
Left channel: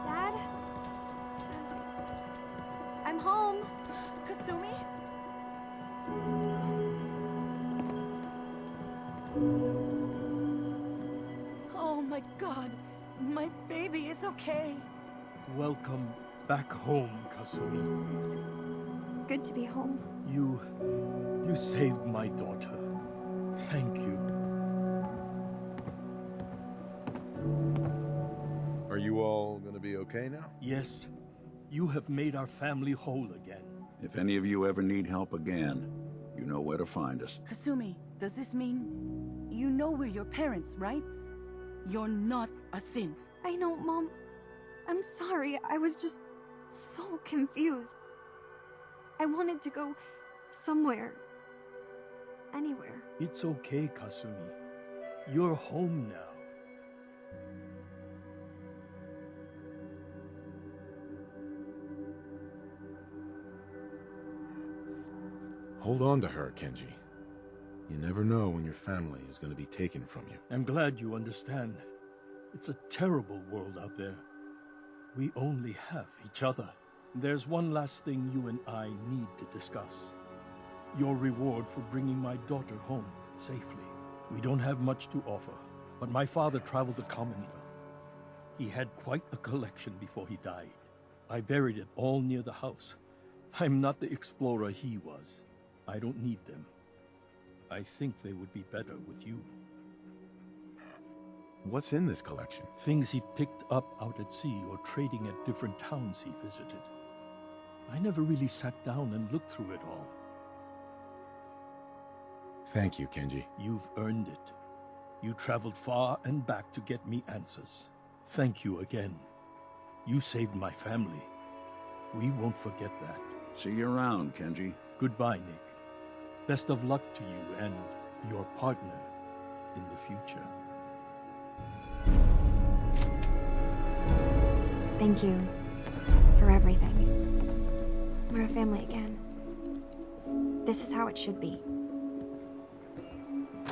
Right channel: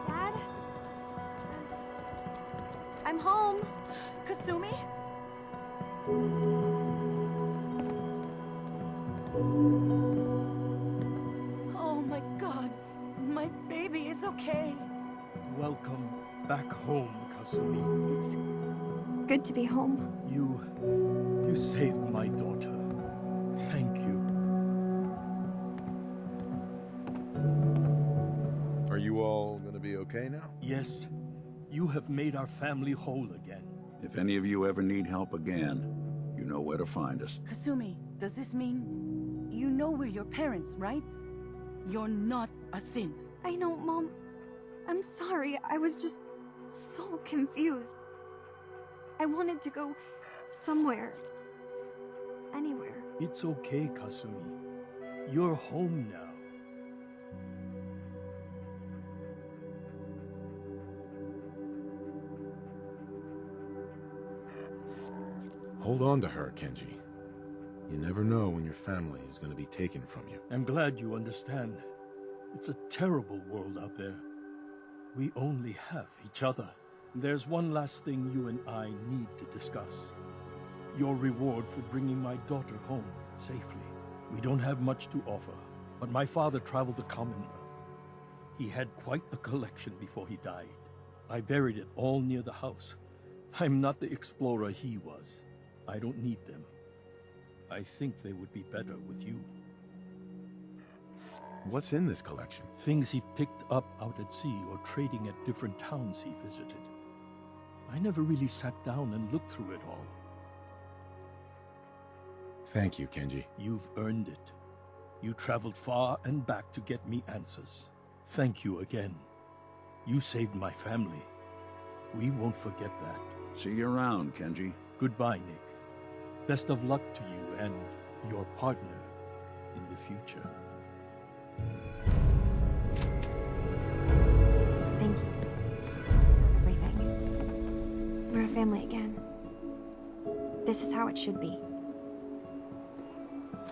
Dad? I'm home. Kasumi? Oh my god, my baby is okay. Welcome back home, Kasumi. It's good to be home. You saved my daughter. Thank you. Are you all gonna be okay now? Yes, you have made our family whole again. If any of you ever need help again, you know where to find us. Kasumi, does this mean you know we're your parents, right? You're not a synth. I know, Mom. I'm sorry. I was just so confused. I wanted to go somewhere. Anywhere. It's okay, Kasumi. You're home now. Hold on to her, Kenji. You never know when your family is going to be taken from you. I'm glad you understand. It's a terrible world out there. We only have each other. There's one last thing you and I need to discuss. Your reward for bringing my daughter home safely. We don't have much to offer, but my father traveled the Commonwealth. He had quite a collection before he died. I buried it all near the house. I'm not the explorer he was. I don't need them. I think they would be better with you. What's in this collection? Things he picked up out at sea or trading at different towns he visited. I never really sat down and looked through it all. Thank you, Kenji. You've earned it. You traveled far and back to get me answers. Thank you again. You saved my family. We won't forget that. See you around, Kenji. Goodbye, Nick. Best of luck to you and your partner in the future. Thank you for everything. We're a family again. This is how it should be.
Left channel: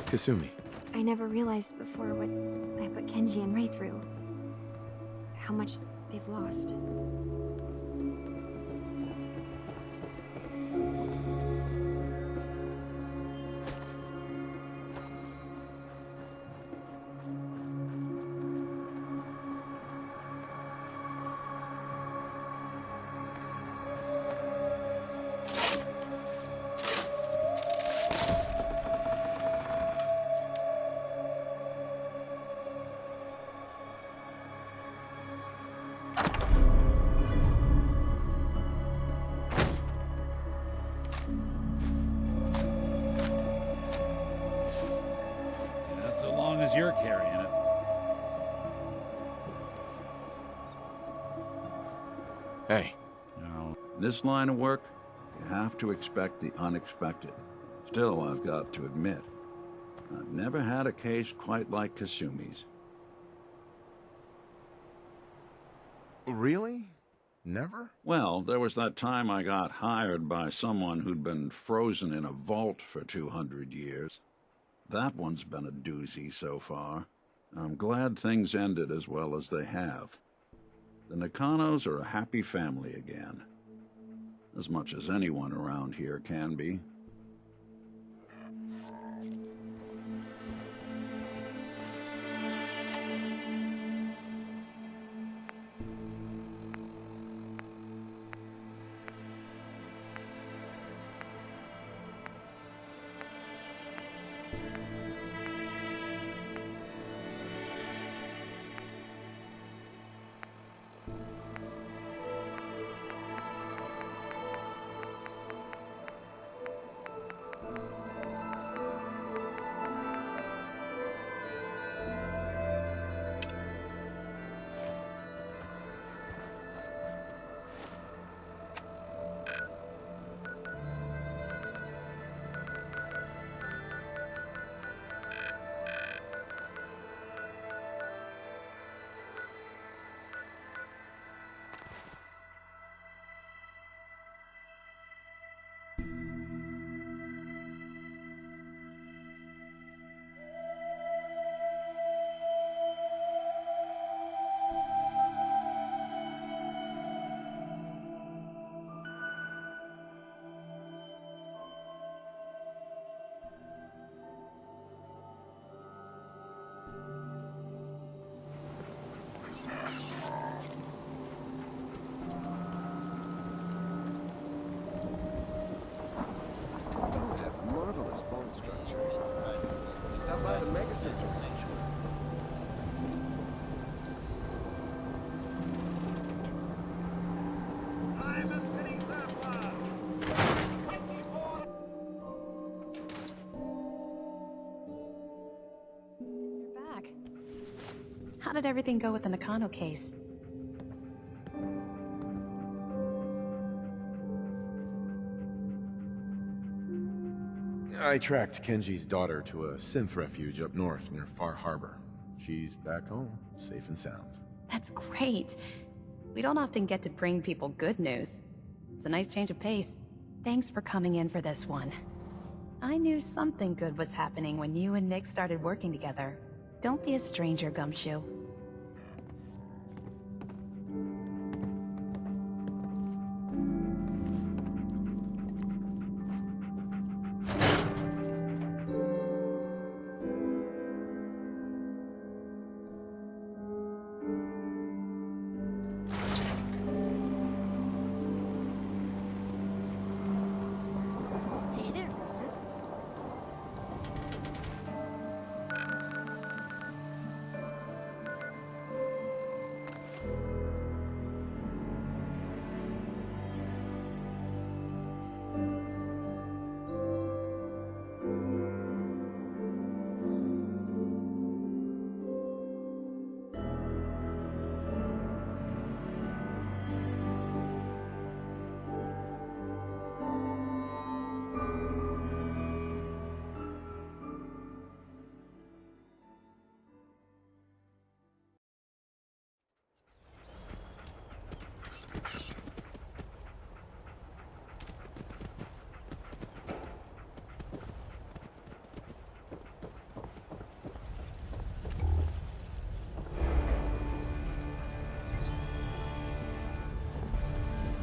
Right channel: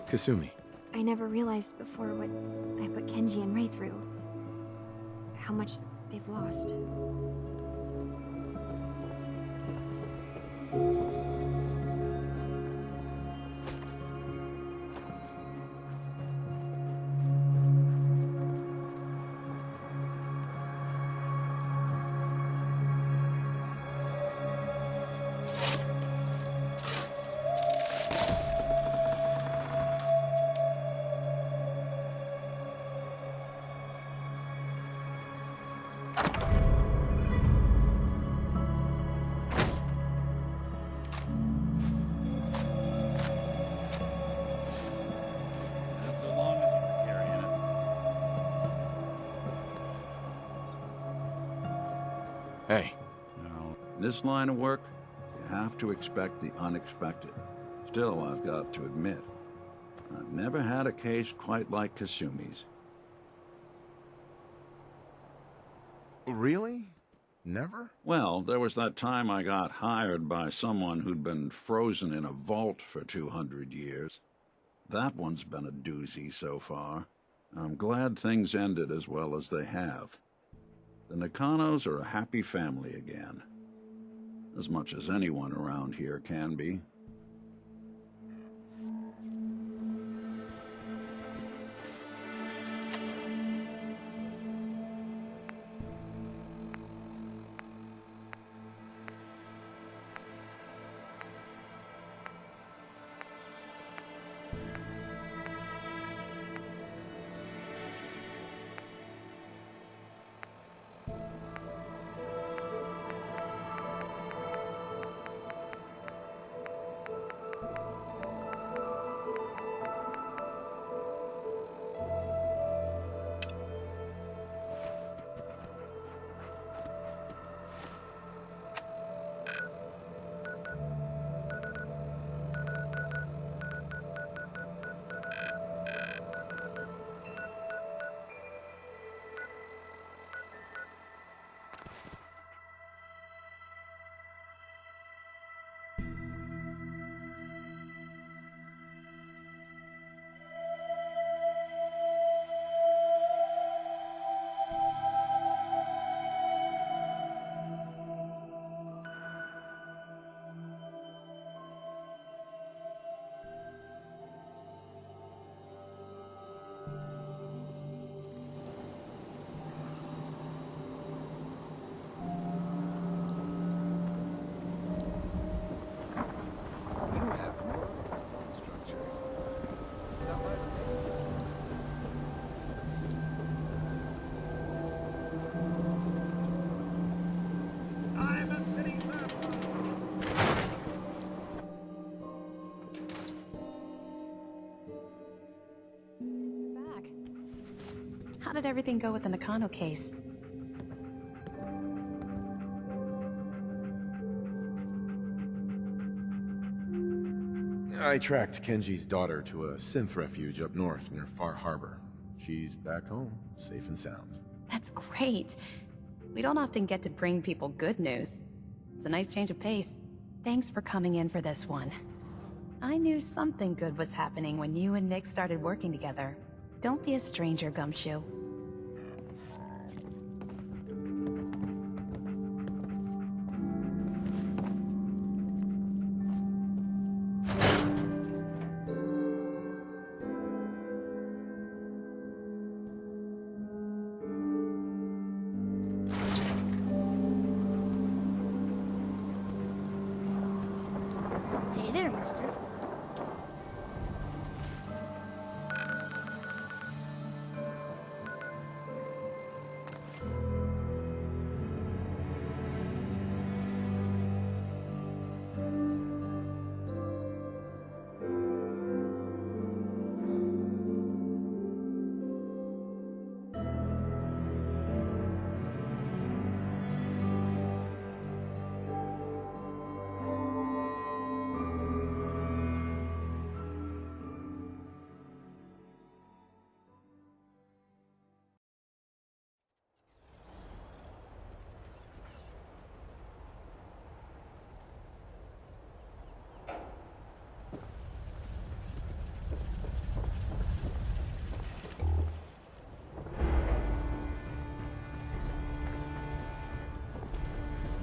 Kasumi. I never realized before what I put Kenji and Ray through. How much they've lost. Hey. Now, in this line of work, you have to expect the unexpected. Still, I've got to admit, I've never had a case quite like Kasumi's. Really? Never? Well, there was that time I got hired by someone who'd been frozen in a vault for 200 years. That one's been a doozy so far. I'm glad things ended as well as they have. The Nakanos are a happy family again. As much as anyone around here can be. You have marvelous bone structure. Stop by the Mega Center. You're back. How did everything go with the Nakano case? I tracked Kenji's daughter to a synth refuge up north near Far Harbor. She's back home, safe and sound. That's great. We don't often get to bring people good news. It's a nice change of pace. Thanks for coming in for this one. I knew something good was happening when you and Nick started working together. Don't be a stranger, Gumshoe. Hey there, mister.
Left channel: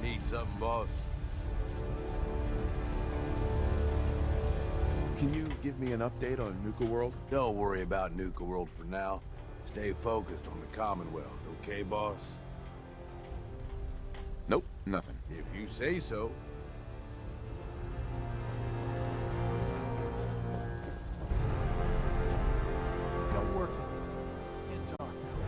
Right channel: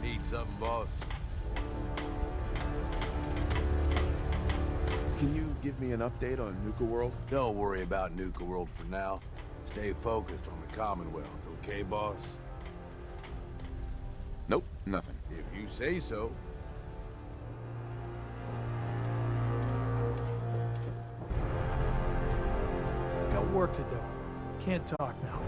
Need something, boss? Can you give me an update on Nuka World? Don't worry about Nuka World for now. Stay focused on the Commonwealth, okay, boss? Nope, nothing. If you say so. Got work to do. Can't talk now.